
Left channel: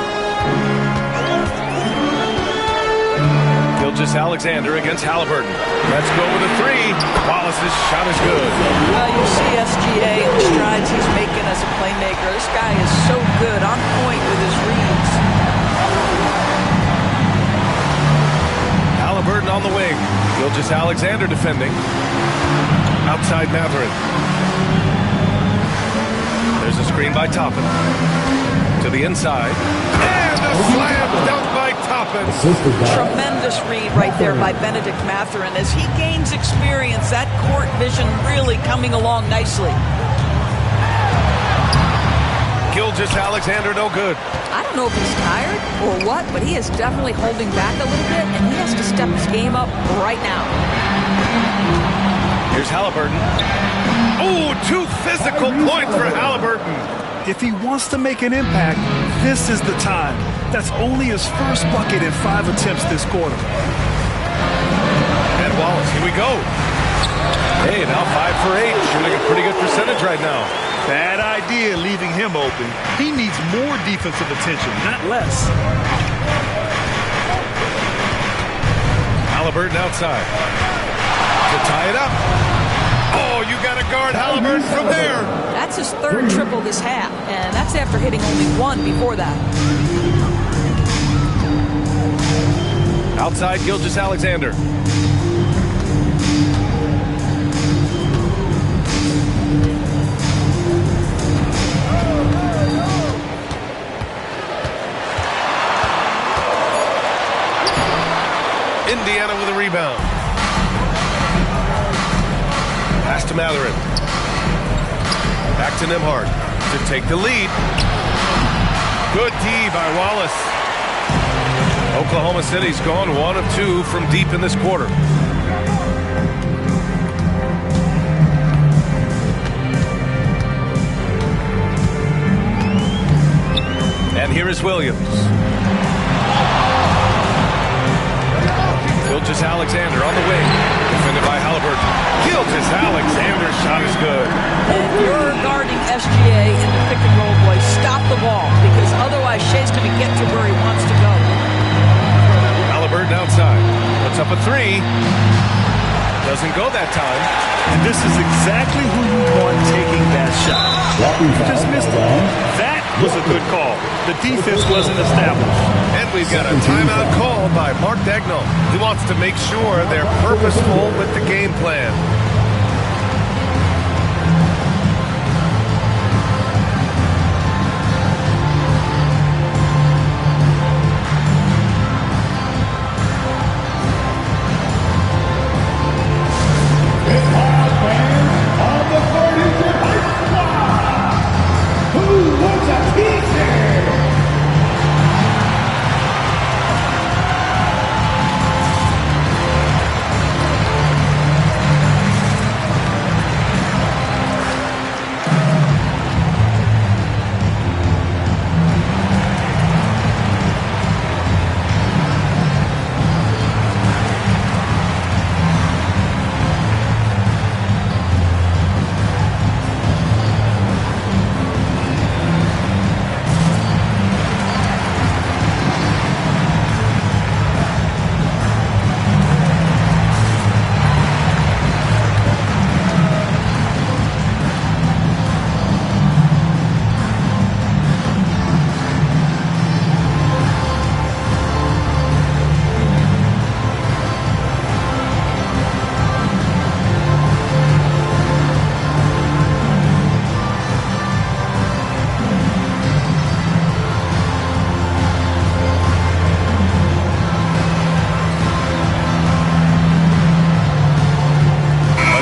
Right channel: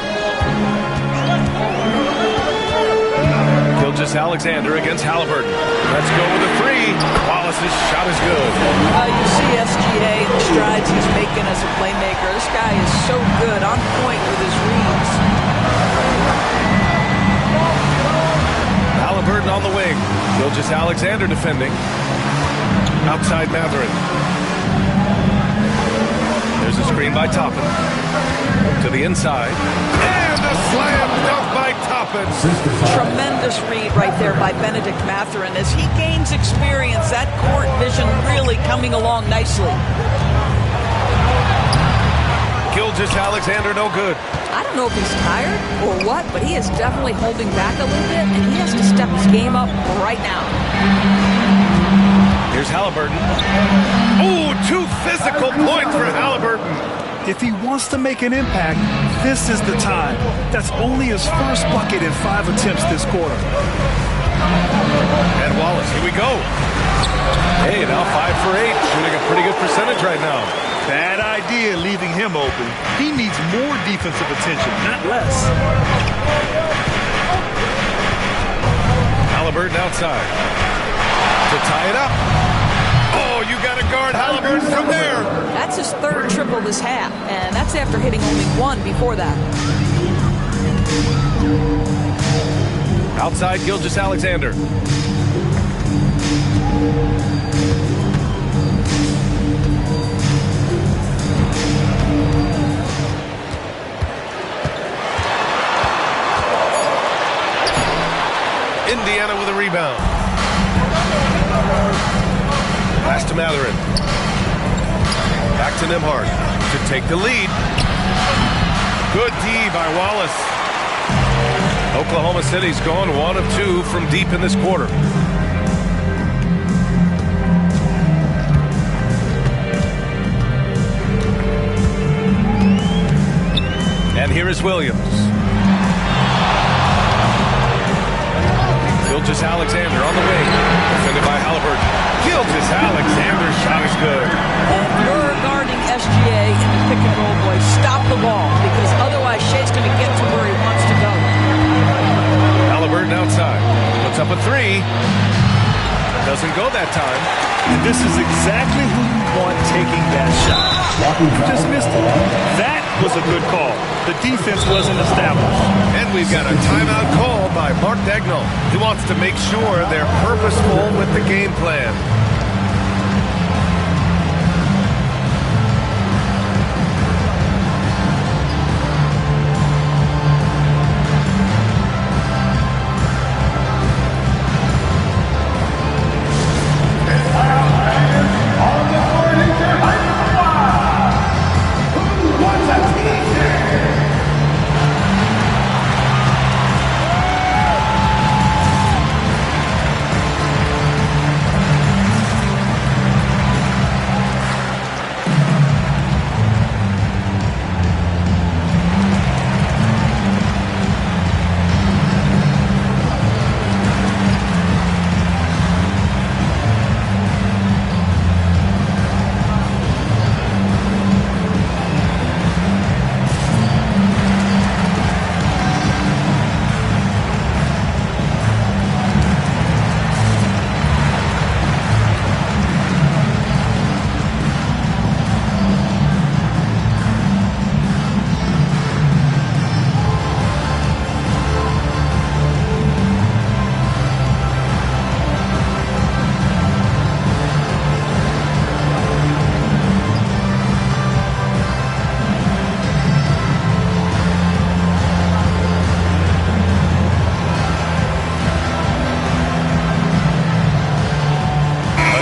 Gilgeous-Alexander against Halliburton. Let's go with a 3. Wallace's shot is good. Well, you see SGA and the strides he's making as a playmaker. This guy is so good, on point with his reads. Halliburton on the wing. Gilgeous-Alexander defending. Outside Matherin. There's a screen by Toppin. To the inside. And a slam dunk by Toppin. Tremendous read right there by Benedict Matherin. As he gains experience, that court vision really coming along nicely. Gilgeous-Alexander no good. I don't know if he's tired or what, but he is definitely holding back a little bit, and he has to step his game up right now. Here's Halliburton. Oh, 2 physical points for Halliburton. If he wants to make an impact, this is the time. That's only his first bucket in 5 attempts this quarter. And Wallace, here we go. Hey, now 5 for 8, shooting a pretty good percentage right now. Bad idea leaving him open. He needs more defensive attention, not less. Halliburton outside. To tie it up. Oh, you got to guard Halliburton from there. That's his 3rd triple this half, and that's after hitting only 1 before that. Outside Gilgeous-Alexander. Indiana with a rebound. Pass to Matherin. Back to Nembhard to take the lead. Good D by Wallace. Oklahoma City's gone 1 of 2 from deep in this quarter. And here is Williams. Gilgeous-Alexander on the wing. Defended by Halliburton. Gilgeous-Alexander's shot is good. And if you're guarding SGA in the pick and roll, boy, stop the ball, because otherwise Shea's going to get to where he wants to go. Halliburton outside. Puts up a three. Doesn't go that time. And this is exactly who you want taking that shot. You just missed it. That was a good call. The defense wasn't established. And we've got a timeout called by Mark Daigneault. He wants to make sure they're purposeful with the game plan.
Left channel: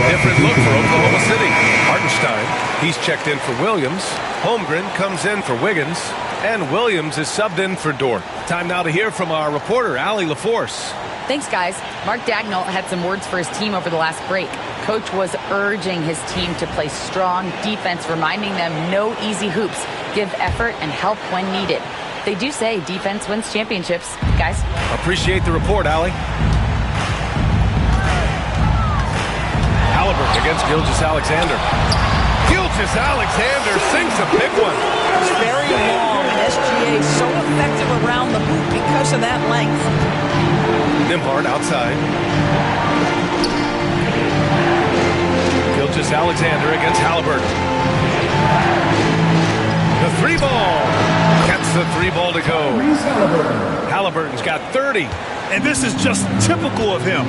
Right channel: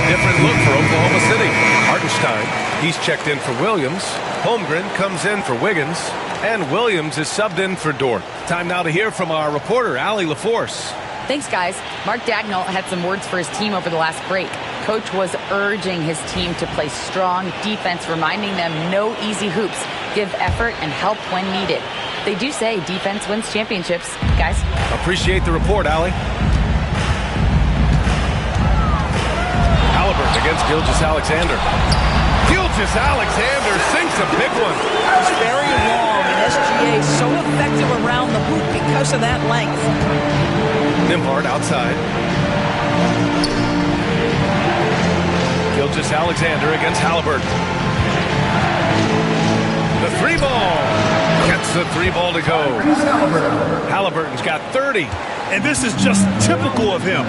Different look for Oklahoma City. Hartenstein, he's checked in for Williams. Holmgren comes in for Wiggins. And Williams is subbed in for Dort. Time now to hear from our reporter, Allie LaForce. Thanks, guys. Mark Daigneault had some words for his team over the last break. Coach was urging his team to play strong defense, reminding them no easy hoops, give effort and help when needed. They do say defense wins championships, guys. Appreciate the report, Allie. Halliburton against Gilgeous-Alexander. Gilgeous-Alexander sinks a big one. It's very long, and SGA is so effective around the hoop because of that length. Nembhard outside. Gilgeous-Alexander against Halliburton. The three ball. Gets the three ball to go. Halliburton's got 30. And this is just typical of him,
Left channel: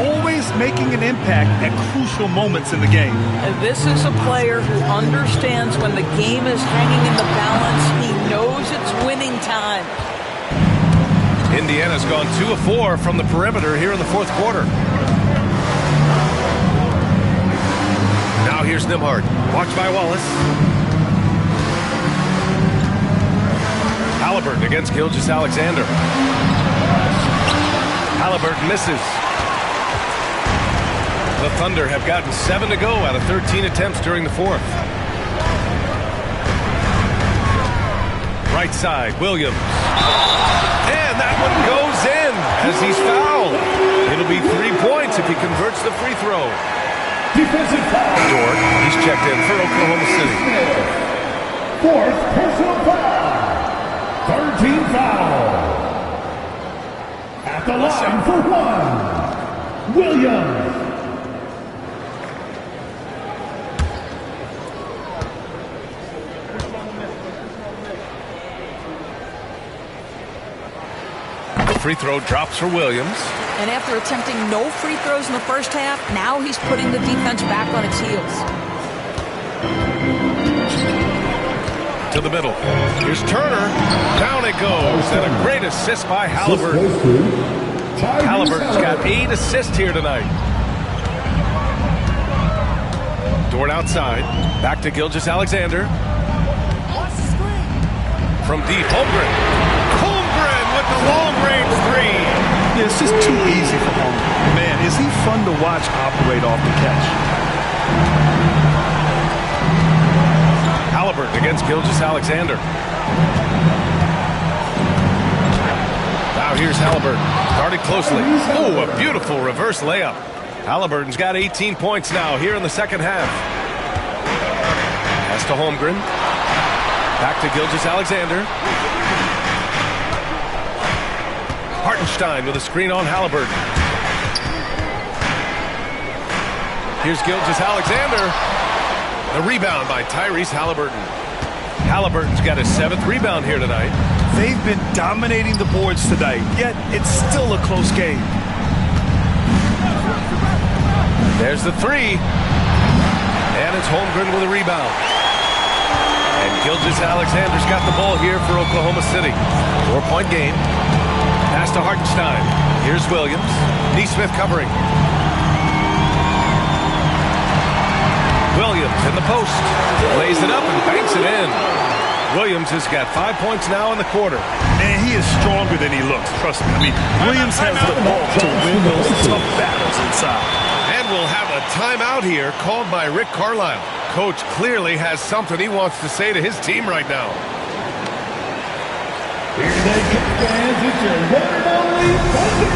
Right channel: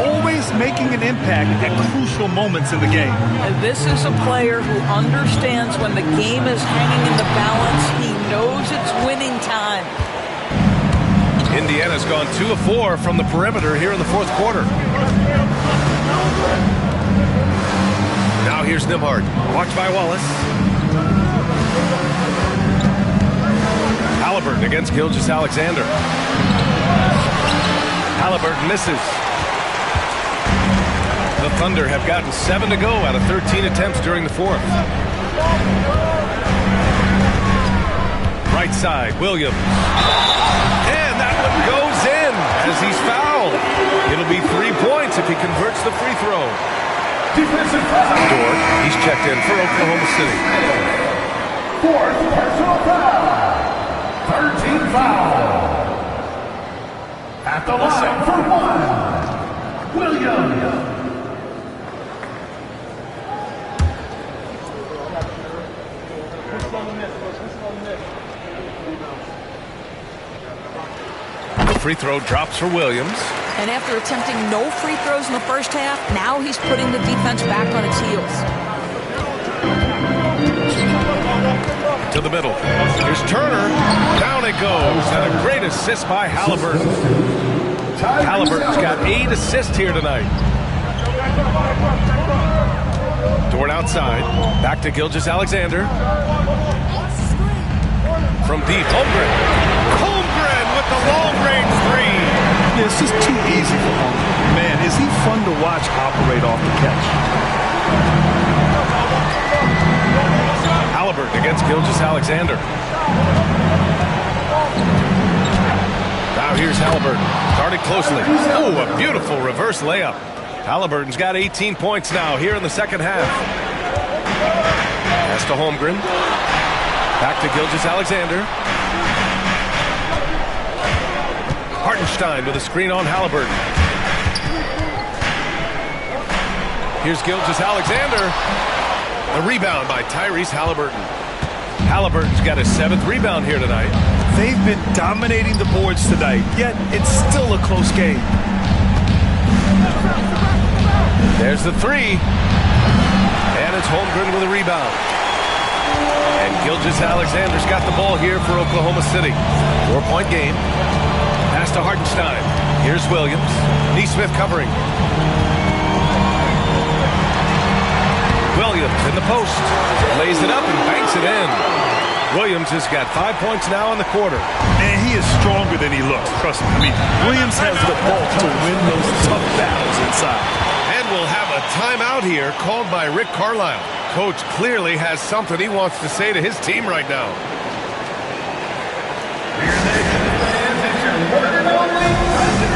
always making an impact at crucial moments in the game. And this is a player who understands when the game is hanging in the balance. He knows it's winning time. Indiana's gone 2 of 4 from the perimeter here in the fourth quarter. Now here's Nembhard. Watched by Wallace. Halliburton against Gilgeous-Alexander. Halliburton misses. The Thunder have gotten 7 to go out of 13 attempts during the fourth. Right side, Williams. And that one goes in as he's fouled. It'll be 3 points if he converts the free throw. Defensive foul. Dort, he's checked in for Oklahoma City. Fourth personal foul. 13 foul. At the line for one, Williams. The free throw drops for Williams. And after attempting no free throws in the first half, now he's putting the defense back on its heels. To the middle. Here's Turner. Down it goes. And a great assist by Halliburton. Halliburton's got 8 assists here tonight. Dort outside. Back to Gilgeous-Alexander. From deep, Holmgren. Holmgren with the long-range three. Yeah, it's just too easy for Holmgren. Man, is he fun to watch operate off the catch. Halliburton against Gilgeous-Alexander. Now here's Halliburton. Guarded closely. Oh, a beautiful reverse layup. Halliburton's got 18 points now here in the second half. Pass to Holmgren. Back to Gilgeous-Alexander. Hartenstein with a screen on Halliburton. Here's Gilgeous-Alexander. The rebound by Tyrese Halliburton. Halliburton's got his 7th rebound here tonight. They've been dominating the boards tonight, yet it's still a close game. There's the 3. And it's Holmgren with a rebound. And Gilgeous-Alexander's got the ball here for Oklahoma City. 4-point game. Pass to Hartenstein. Here's Williams. Neesmith covering. Williams in the post. Lays it up and banks it in. Williams has got 5 points now in the quarter. Man, he is stronger than he looks. Trust me. I mean, Williams has the ball to win those tough battles inside. And we'll have a timeout here called by Rick Carlisle. Coach clearly has something he wants to say to his team right now. Here they come, fans. It's your one and only Thunder.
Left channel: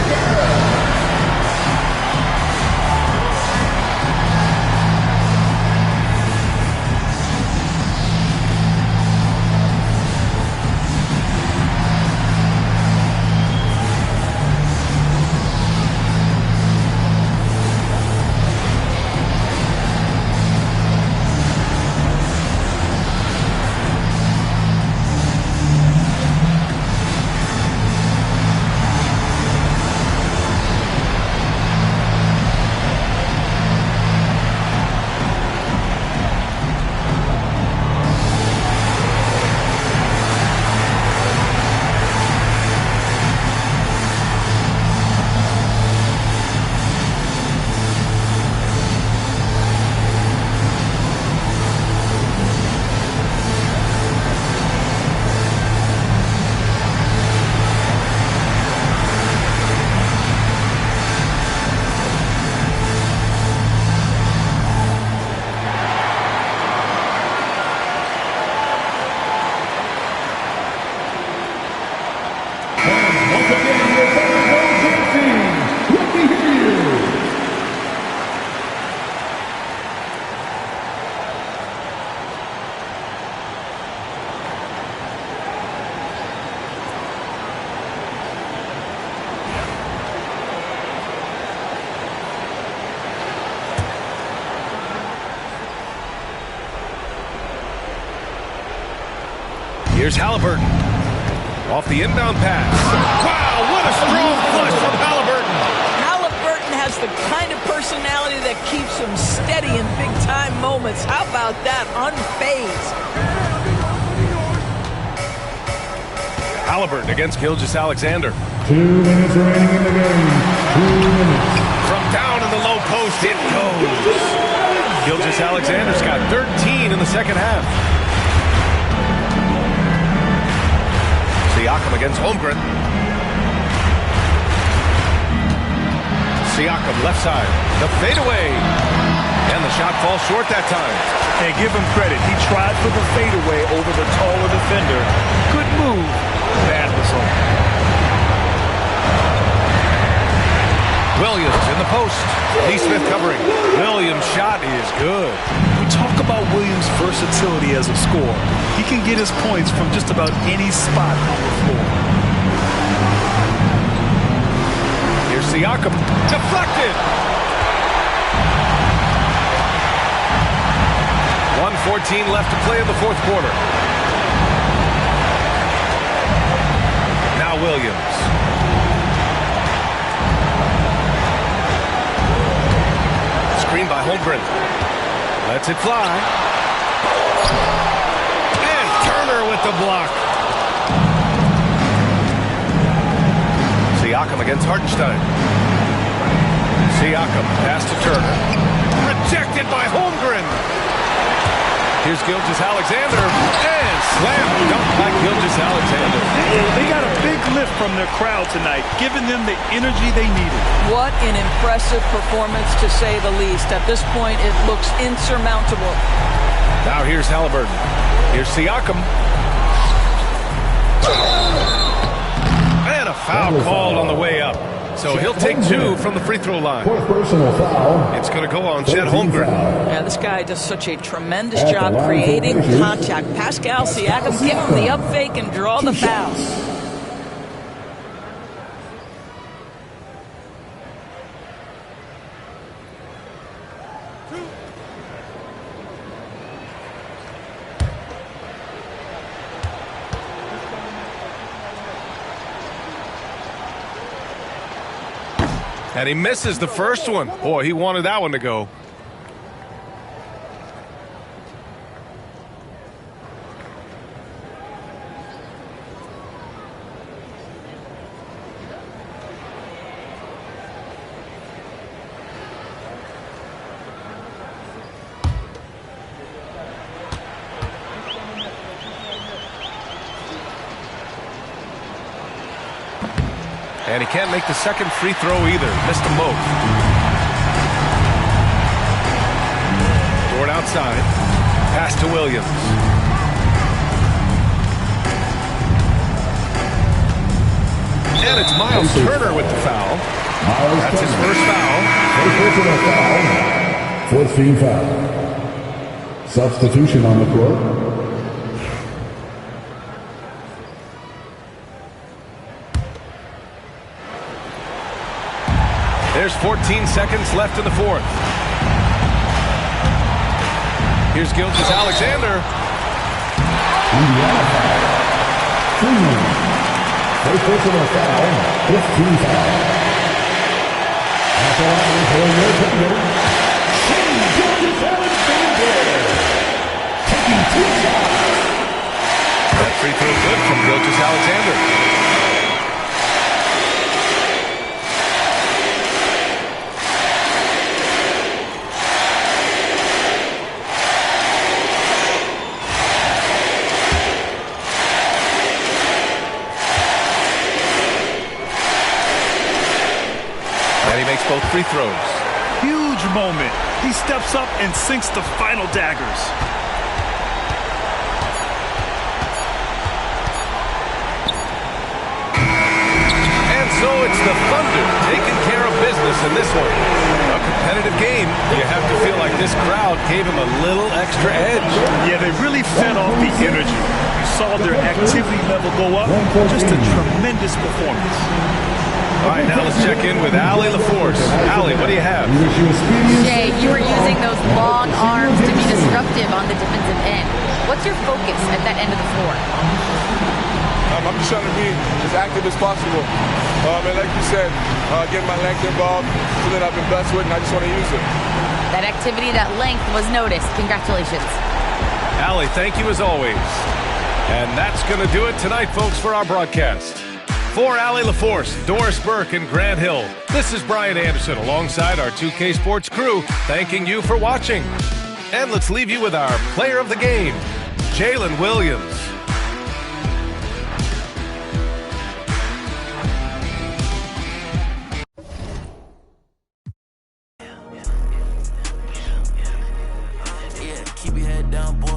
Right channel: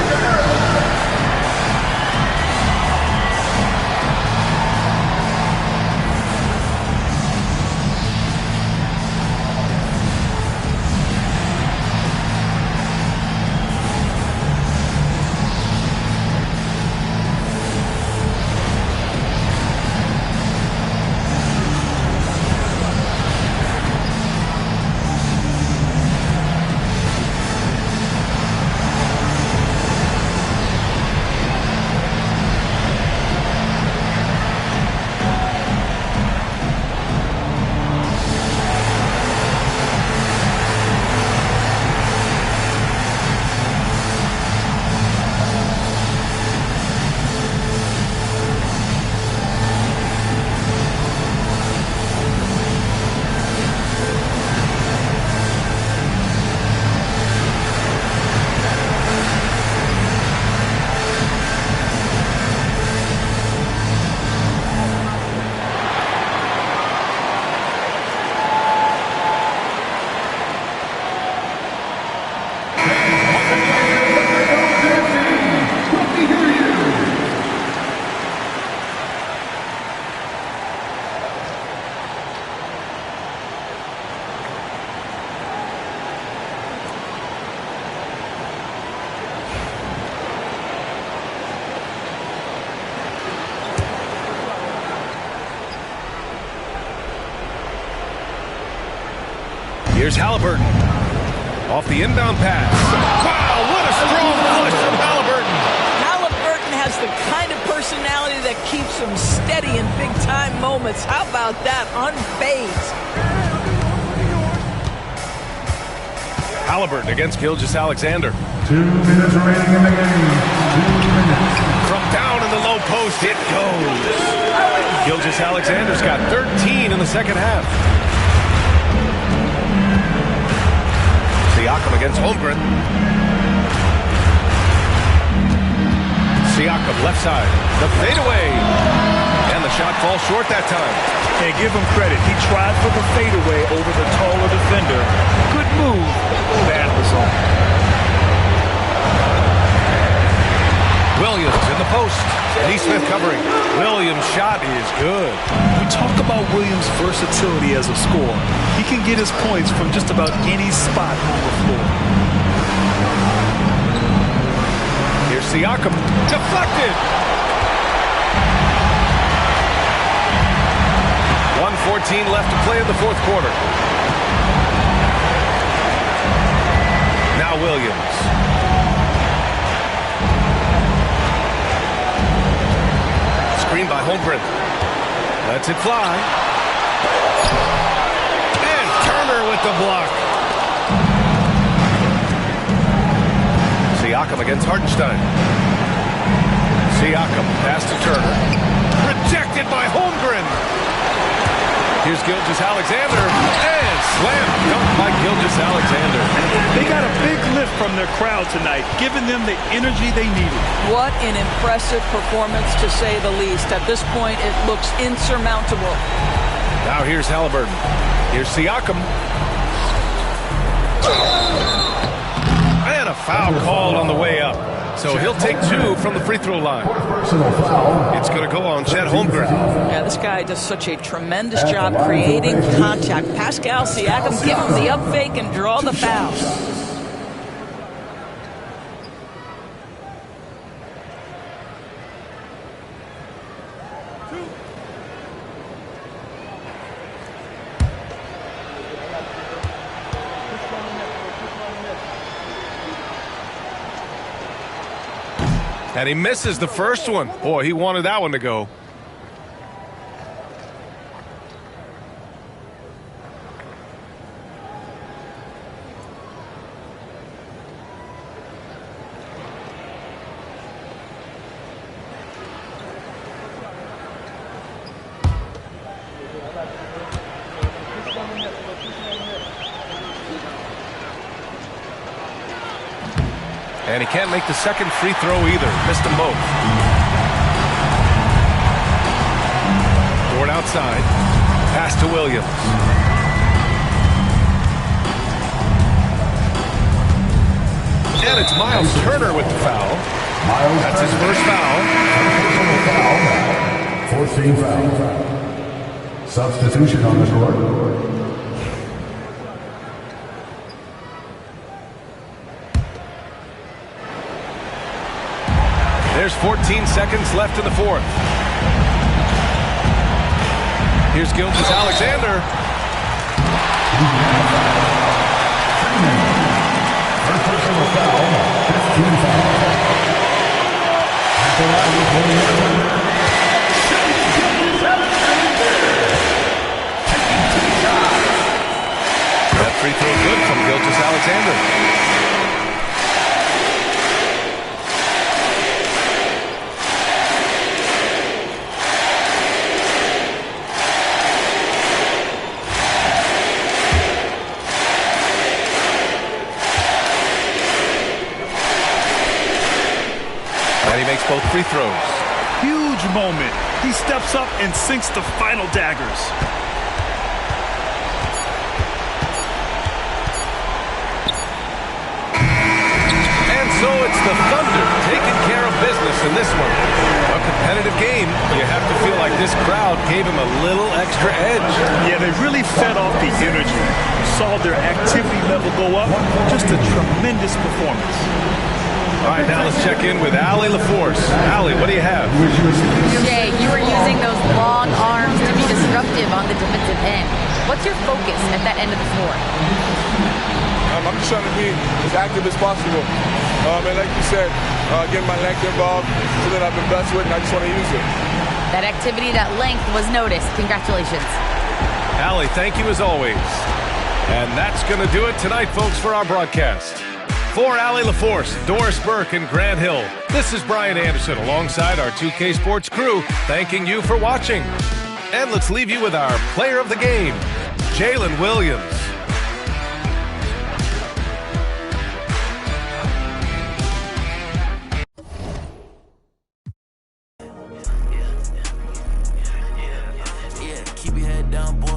Here's Halliburton. Off the inbound pass. Wow, what a strong push from Halliburton. Halliburton has the kind of personality that keeps him steady in big-time moments. How about that? Unfazed. Halliburton against Gilgeous-Alexander. 2 minutes remaining in the game. 2 minutes. From down in the low post, it goes. Gilgeous-Alexander's got 13 in the second half. Siakam against Holmgren. Siakam left side. The fadeaway. And the shot falls short that time. And give him credit. He tried for the fadeaway over the taller defender. Good move. Bad result. Williams in the post. Neesmith covering. Williams' shot is good. We talk about Williams' versatility as a scorer. He can get his points from just about any spot on the floor. Here's Siakam. Deflected. 1:14 left to play in the fourth quarter. Now Williams. Screen by Holmgren. Lets it fly. And Turner with the block. Siakam against Hartenstein. Siakam pass to Turner. Rejected by Holmgren. Here's Gilgeous-Alexander. And slam dunk by Gilgeous-Alexander. They got a big lift from their crowd tonight, giving them the energy they needed. What an impressive performance, to say the least. At this point, it looks insurmountable. Now here's Halliburton. Here's Siakam. And a a foul called on the way up. So he'll take 2 from the free throw line. Fourth personal foul. It's going to go on Chet Holmgren. Yeah, this guy does such a tremendous job creating contact. Pascal Siakam, give him the up fake and draw the foul. And he misses the first one. Boy, he wanted that one to go. And he can't make the second free throw either. Missed them both. Dort outside. Pass to Williams. And it's Miles Turner with the foul. That's his first foul. Fourth team foul. Substitution on the court. There's 14 seconds left in the fourth. Here's Gilgeous-Alexander. First personal foul, 15 foul. That free throw good from Gilgeous-Alexander. And he makes both free throws. Huge moment. He steps up and sinks the final daggers. And so it's the Thunder taking care of business in this one. A competitive game. You have to feel like this crowd gave him a little extra edge. Yeah, they really fed off the energy. You saw their activity level go up. Just a tremendous performance. All right, now let's check in with Allie LaForce. Allie, what do you have? Jay, you were using those long arms to be disruptive on the defensive end. What's your focus at that end of the floor? I'm just trying to be as active as possible. And like you said, getting my length involved, something I've been blessed with, and I just want to use it. That activity, that length was noticed. Congratulations. Allie, thank you as always. And that's going to do it tonight, folks, for our broadcast. For Allie LaForce, Doris Burke, and Grant Hill, this is Brian Anderson alongside our 2K Sports crew, thanking you for watching. And let's leave you with our player of the game, Jalen Williams. Keep your head down, boy.